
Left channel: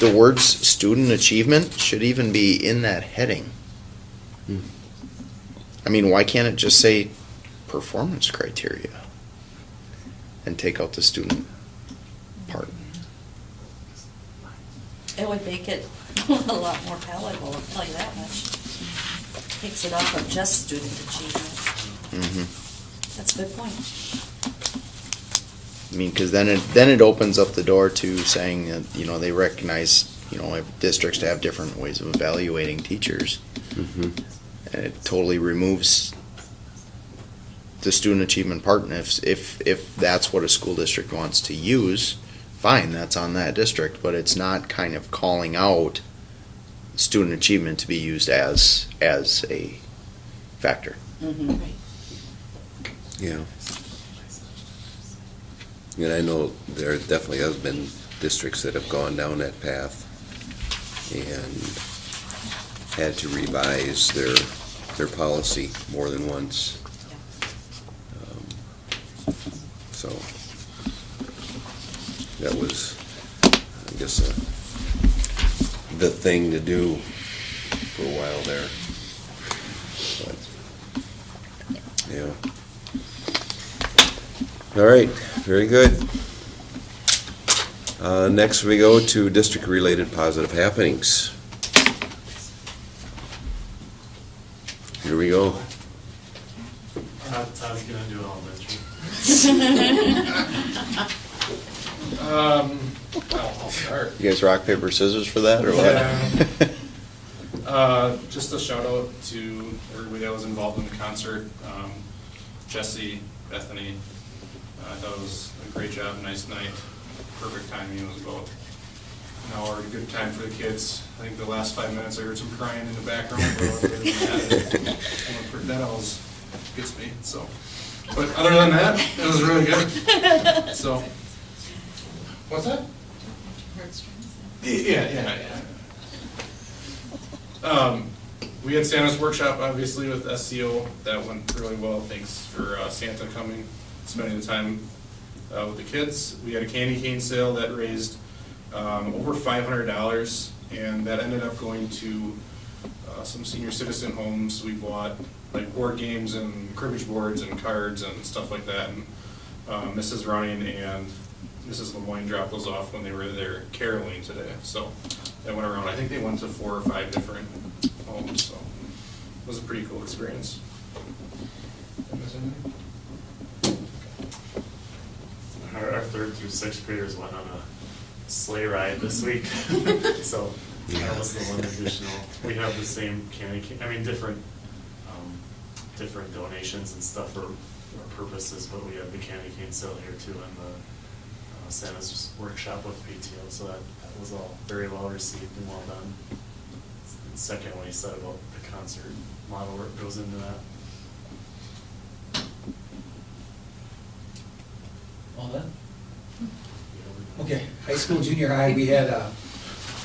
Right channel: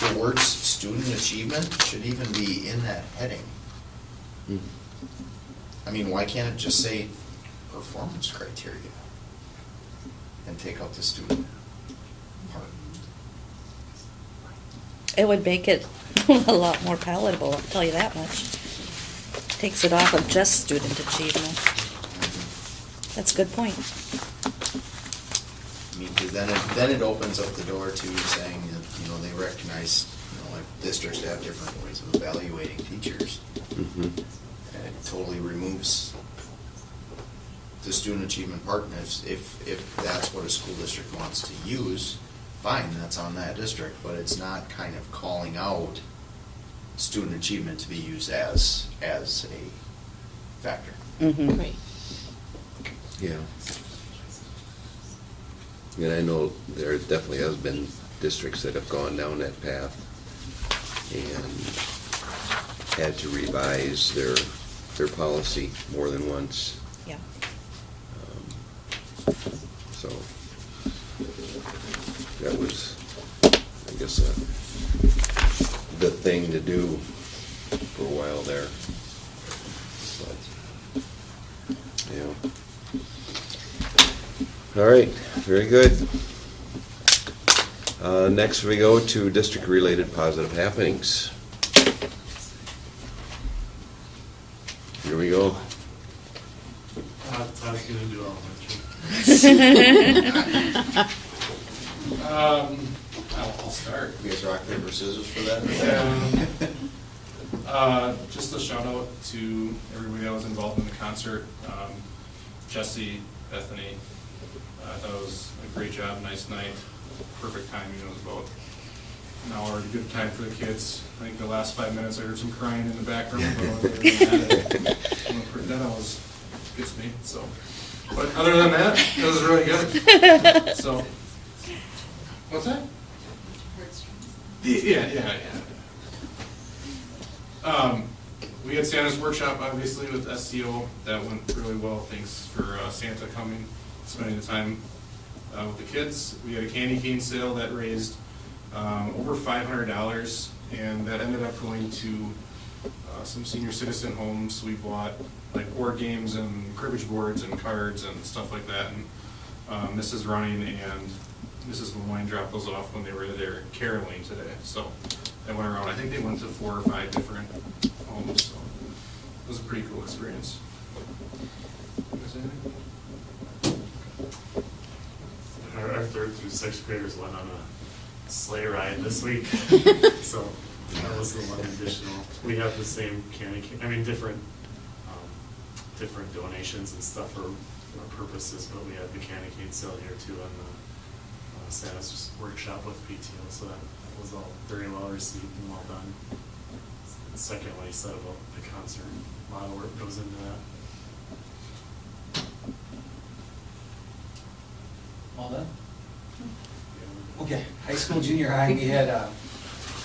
the words student achievement should even be in that heading. I mean, why can't it just say performance criteria and take out the student part? It would make it a lot more palatable, I'll tell you that much. Takes it off of just student achievement. That's a good point. I mean, because then it opens up the door to saying that, you know, they recognize, you know, districts have different ways of evaluating teachers. And it totally removes the student achievement part. And if that's what a school district wants to use, fine, that's on that district. But it's not kind of calling out student achievement to be used as a factor. Right. Yeah. And I know there definitely has been districts that have gone down that path and had to revise their policy more than once. Yeah. So that was, I guess, the thing to do for a while there. But, yeah. All right, very good. Next we go to district-related positive happenings. Here we go. Todd's gonna do elementary. I'll start. You guys rock, paper, scissors for that, or what? Just a shout out to everybody that was involved in the concert. Jesse, Bethany, I thought it was a great job, nice night, perfect timing. It was about an hour, a good time for the kids. I think the last 5 minutes I heard some crying in the background. That always gets me. So, but other than that, it was really good. So, what's that? Yeah. We had Santa's workshop, obviously, with SCO. That went really well. Thanks for Santa coming, spending the time with the kids. We had a candy cane sale that raised over $500, and that ended up going to some senior citizen homes. We bought like board games and cribbage boards and cards and stuff like that. And Mrs. Running and Mrs. Lemoyne dropped those off when they were there caroling today. So they went around, I think they went to 4 or 5 different homes, so it was a pretty cool experience. Was anything? Our 3rd through 6th graders went on a sleigh ride this week, so that was the one additional. We have the same different donations and stuff for our purposes, but we have the candy cane sale here too, and the Santa's workshop with PTO, so that was all very well received and well done. The second one he said about the concert, a lot of work goes into that. All done? Okay, high school, junior high, we had a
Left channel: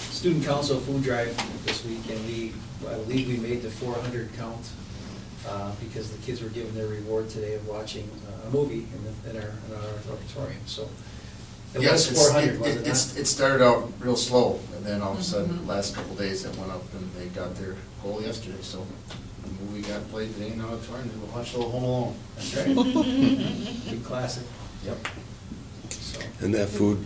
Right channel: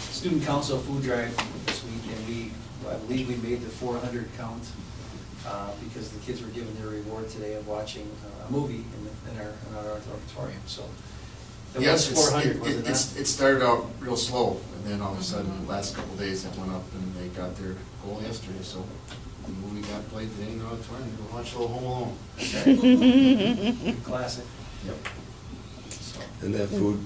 student council food drive this week, and I believe we made the 400 count, because the kids were given their reward today of watching a movie in our auditorium, so. It Yes, was 400, wasn't it? it started out real slow, and then all of a sudden, last couple of days, it went up, and they got their goal yesterday, so the movie got played today in the auditorium, they will watch the Home Alone. Good classic. Yep. And that food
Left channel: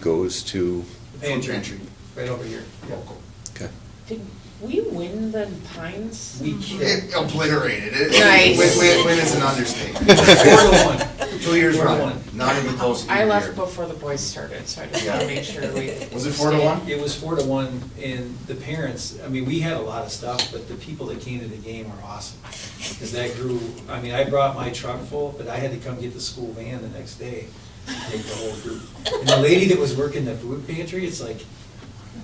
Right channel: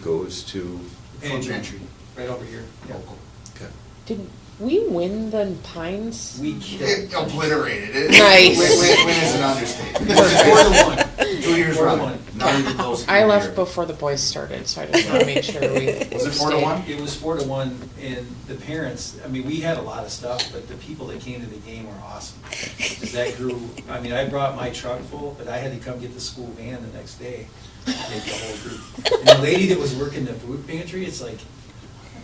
goes to? Food pantry, right over here. Local. Okay. Did we win the Pines? We It obliterated it. Nice. Win is an understatement. 4-1. 2 years running, not even close. I left before the boys started, so I just want to make sure we. Was it 4-1? It was 4-1, and the parents, we had a lot of stuff, but the people that came to the game were awesome. Because that grew, I brought my truck full, but I had to come get the school van the next day. And the whole group. And the lady that was working the food pantry, it's like,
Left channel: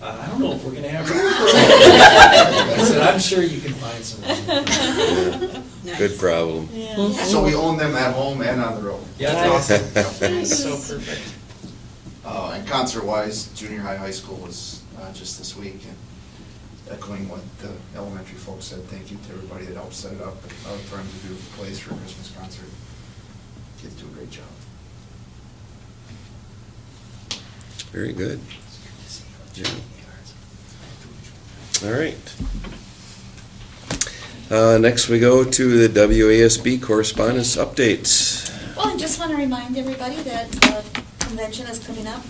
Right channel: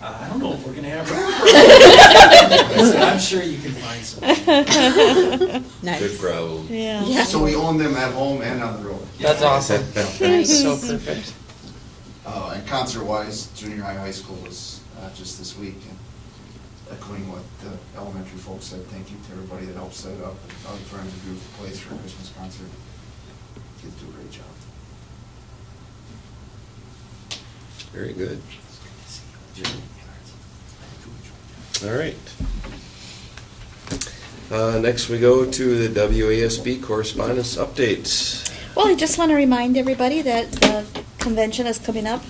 I don't know if we're gonna have room. I said, I'm sure you can find something. Nice. Good problem. Yeah. So we own them at home and on the road. That's awesome. That's so perfect. And concert-wise, junior high school was just this week, and echoing what the elementary folks said, thank you to everybody that helped set it up, and auditorium's a beautiful place for a Christmas concert. Kids do a great job. Very good. Yeah. All right. Next we go to the WASB correspondence updates. Well, I just want to remind everybody that the convention is coming up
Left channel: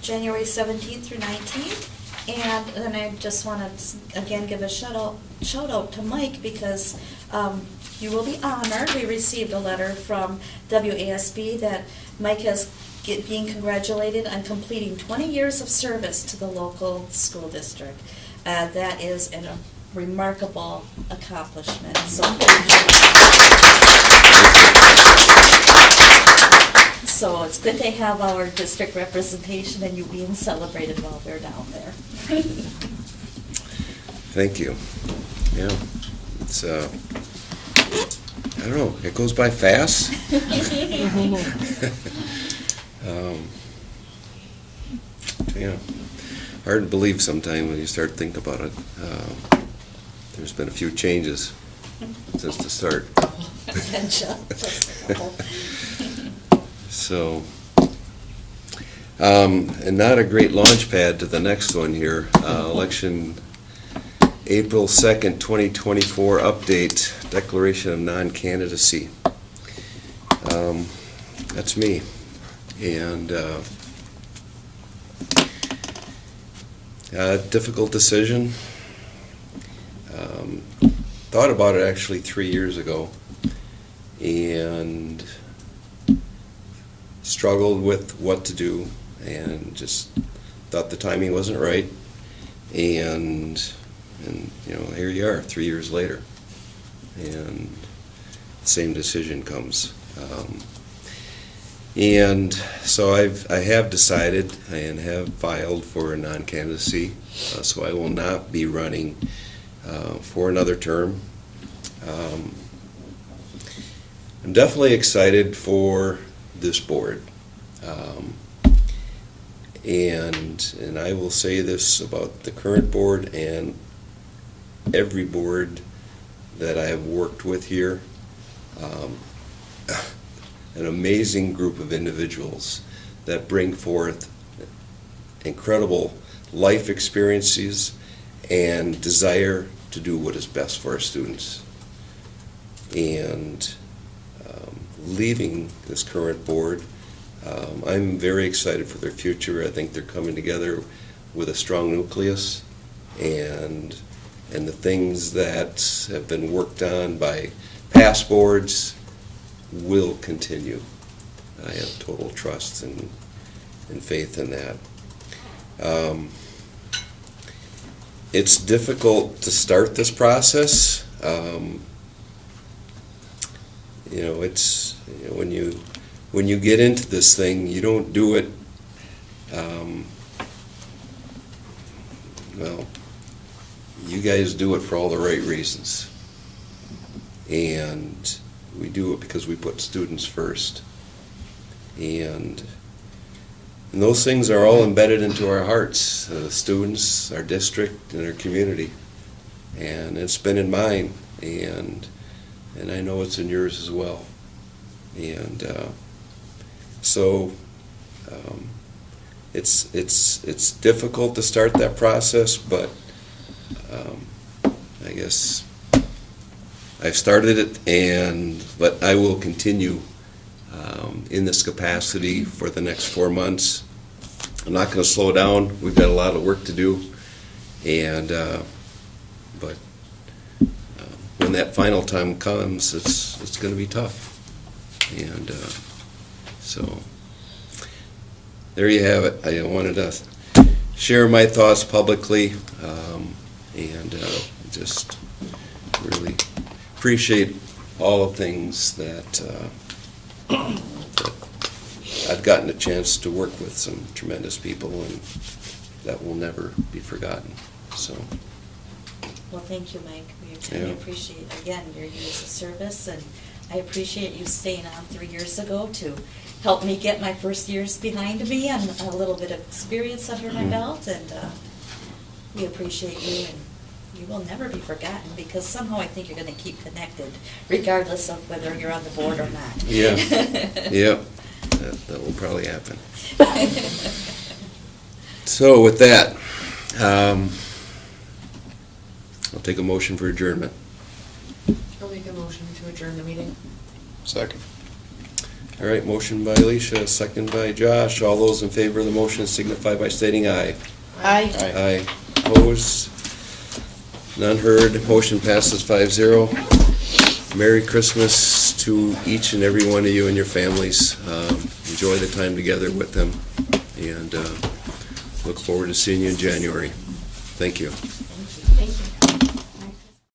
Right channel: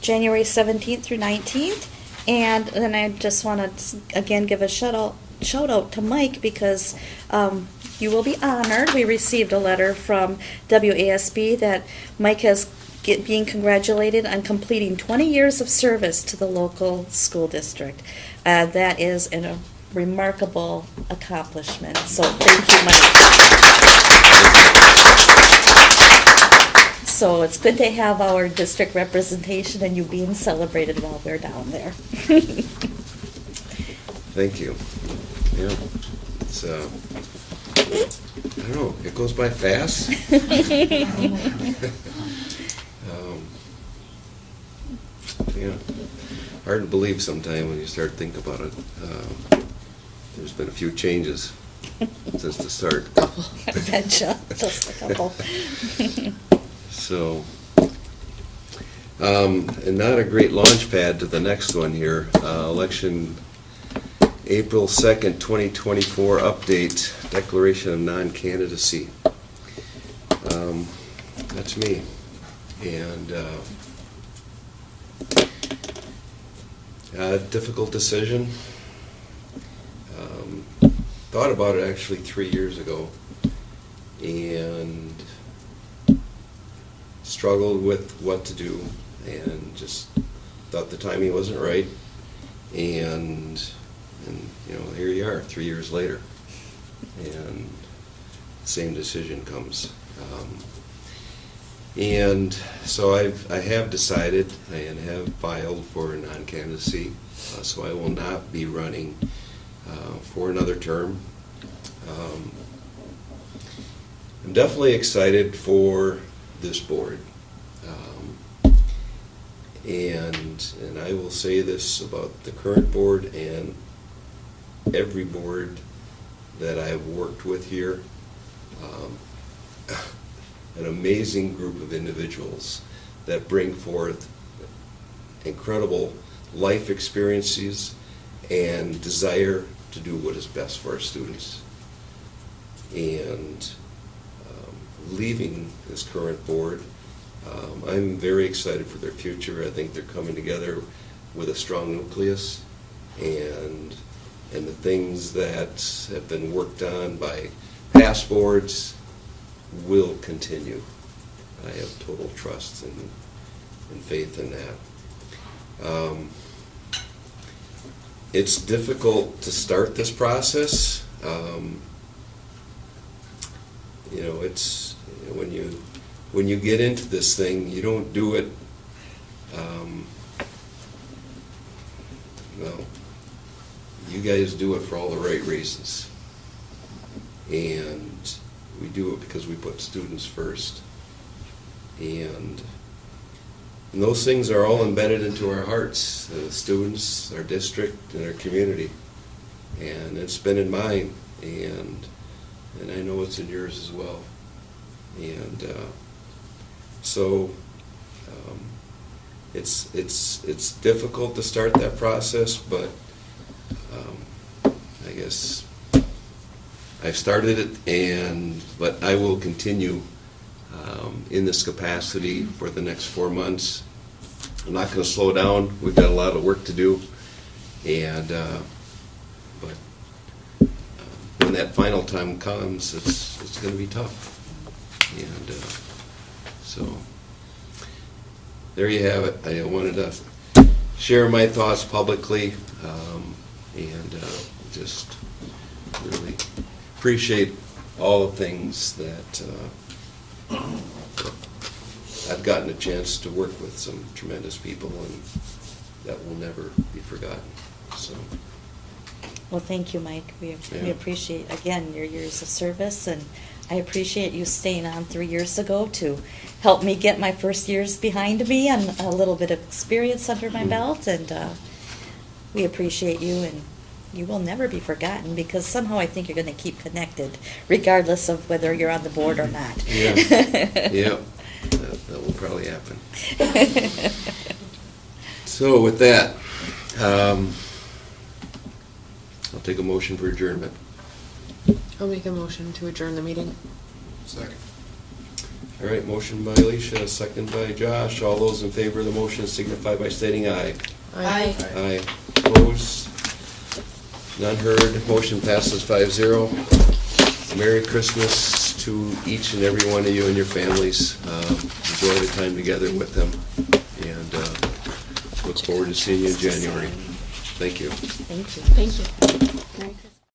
January 17th through 19th. And then I just want to, again, give a shout out to Mike, because you will be honored. We received a letter from WASB that Mike is being congratulated on completing 20 years of service to the local school district. That is a remarkable accomplishment. So thank you, Mike. So it's good to have our district representation and you being celebrated while we're down there. Thank you. Yeah, it's I don't know, it goes by fast. Yeah, hard to believe sometime when you start thinking about it. There's been a few changes since the start. Just a couple. So, and not a great launch pad to the next one here. Election April 2nd, 2024 update, declaration of non-candidacy. That's me. And difficult decision. Thought about it actually 3 years ago and struggled with what to do and just thought the timing wasn't right. And here you are 3 years later, and the same decision comes. And so I have decided and have filed for a non-candidacy, so I will not be running for another term. I'm definitely excited for this board. And I will say this about the current board and every board that I have worked with here. An amazing group of individuals that bring forth incredible life experiences and desire to do what is best for our students. And leaving this current board. I'm very excited for their future. I think they're coming together with a strong nucleus, and the things that have been worked on by past boards will continue. I have total trust and faith in that. It's difficult to start this process. It's when you get into this thing, you don't do it. Well, you guys do it for all the right reasons, and we do it because we put students first, and those things are all embedded into our hearts, the students, our district, and our community. And it's been in mine, and I know it's in yours as well. And so it's difficult to start that process, but I guess I've started it, but I will continue in this capacity for the next 4 months. I'm not going to slow down. We've got a lot of work to do, but when that final time comes, it's going to be tough. And so there you have it. I wanted to share my thoughts publicly, and just really appreciate all the things that I've gotten a chance to work with some tremendous people, and that will never be forgotten. So. Well, thank you, Mike. We Yeah. appreciate, again, your years of service, and I appreciate you staying on 3 years ago to help me get my first years behind me and a little bit of experience under my belt, and we appreciate you, and you will never be forgotten, because somehow I think you're going to keep connected, regardless of whether you're on the board or not. Yeah, yeah, that will probably happen. So with that, I'll take a motion for adjournment. I'll make a motion to adjourn the meeting. Second. All right, motion by Alicia, second by Josh. All those in favor of the motion signify by stating aye. Aye. Aye. Opposed? None heard. Motion passes 5-0. Merry Christmas to each and every one of you and your families. Enjoy the time together with them, and look forward to seeing you in January. Thank you. Thank you. Thank you.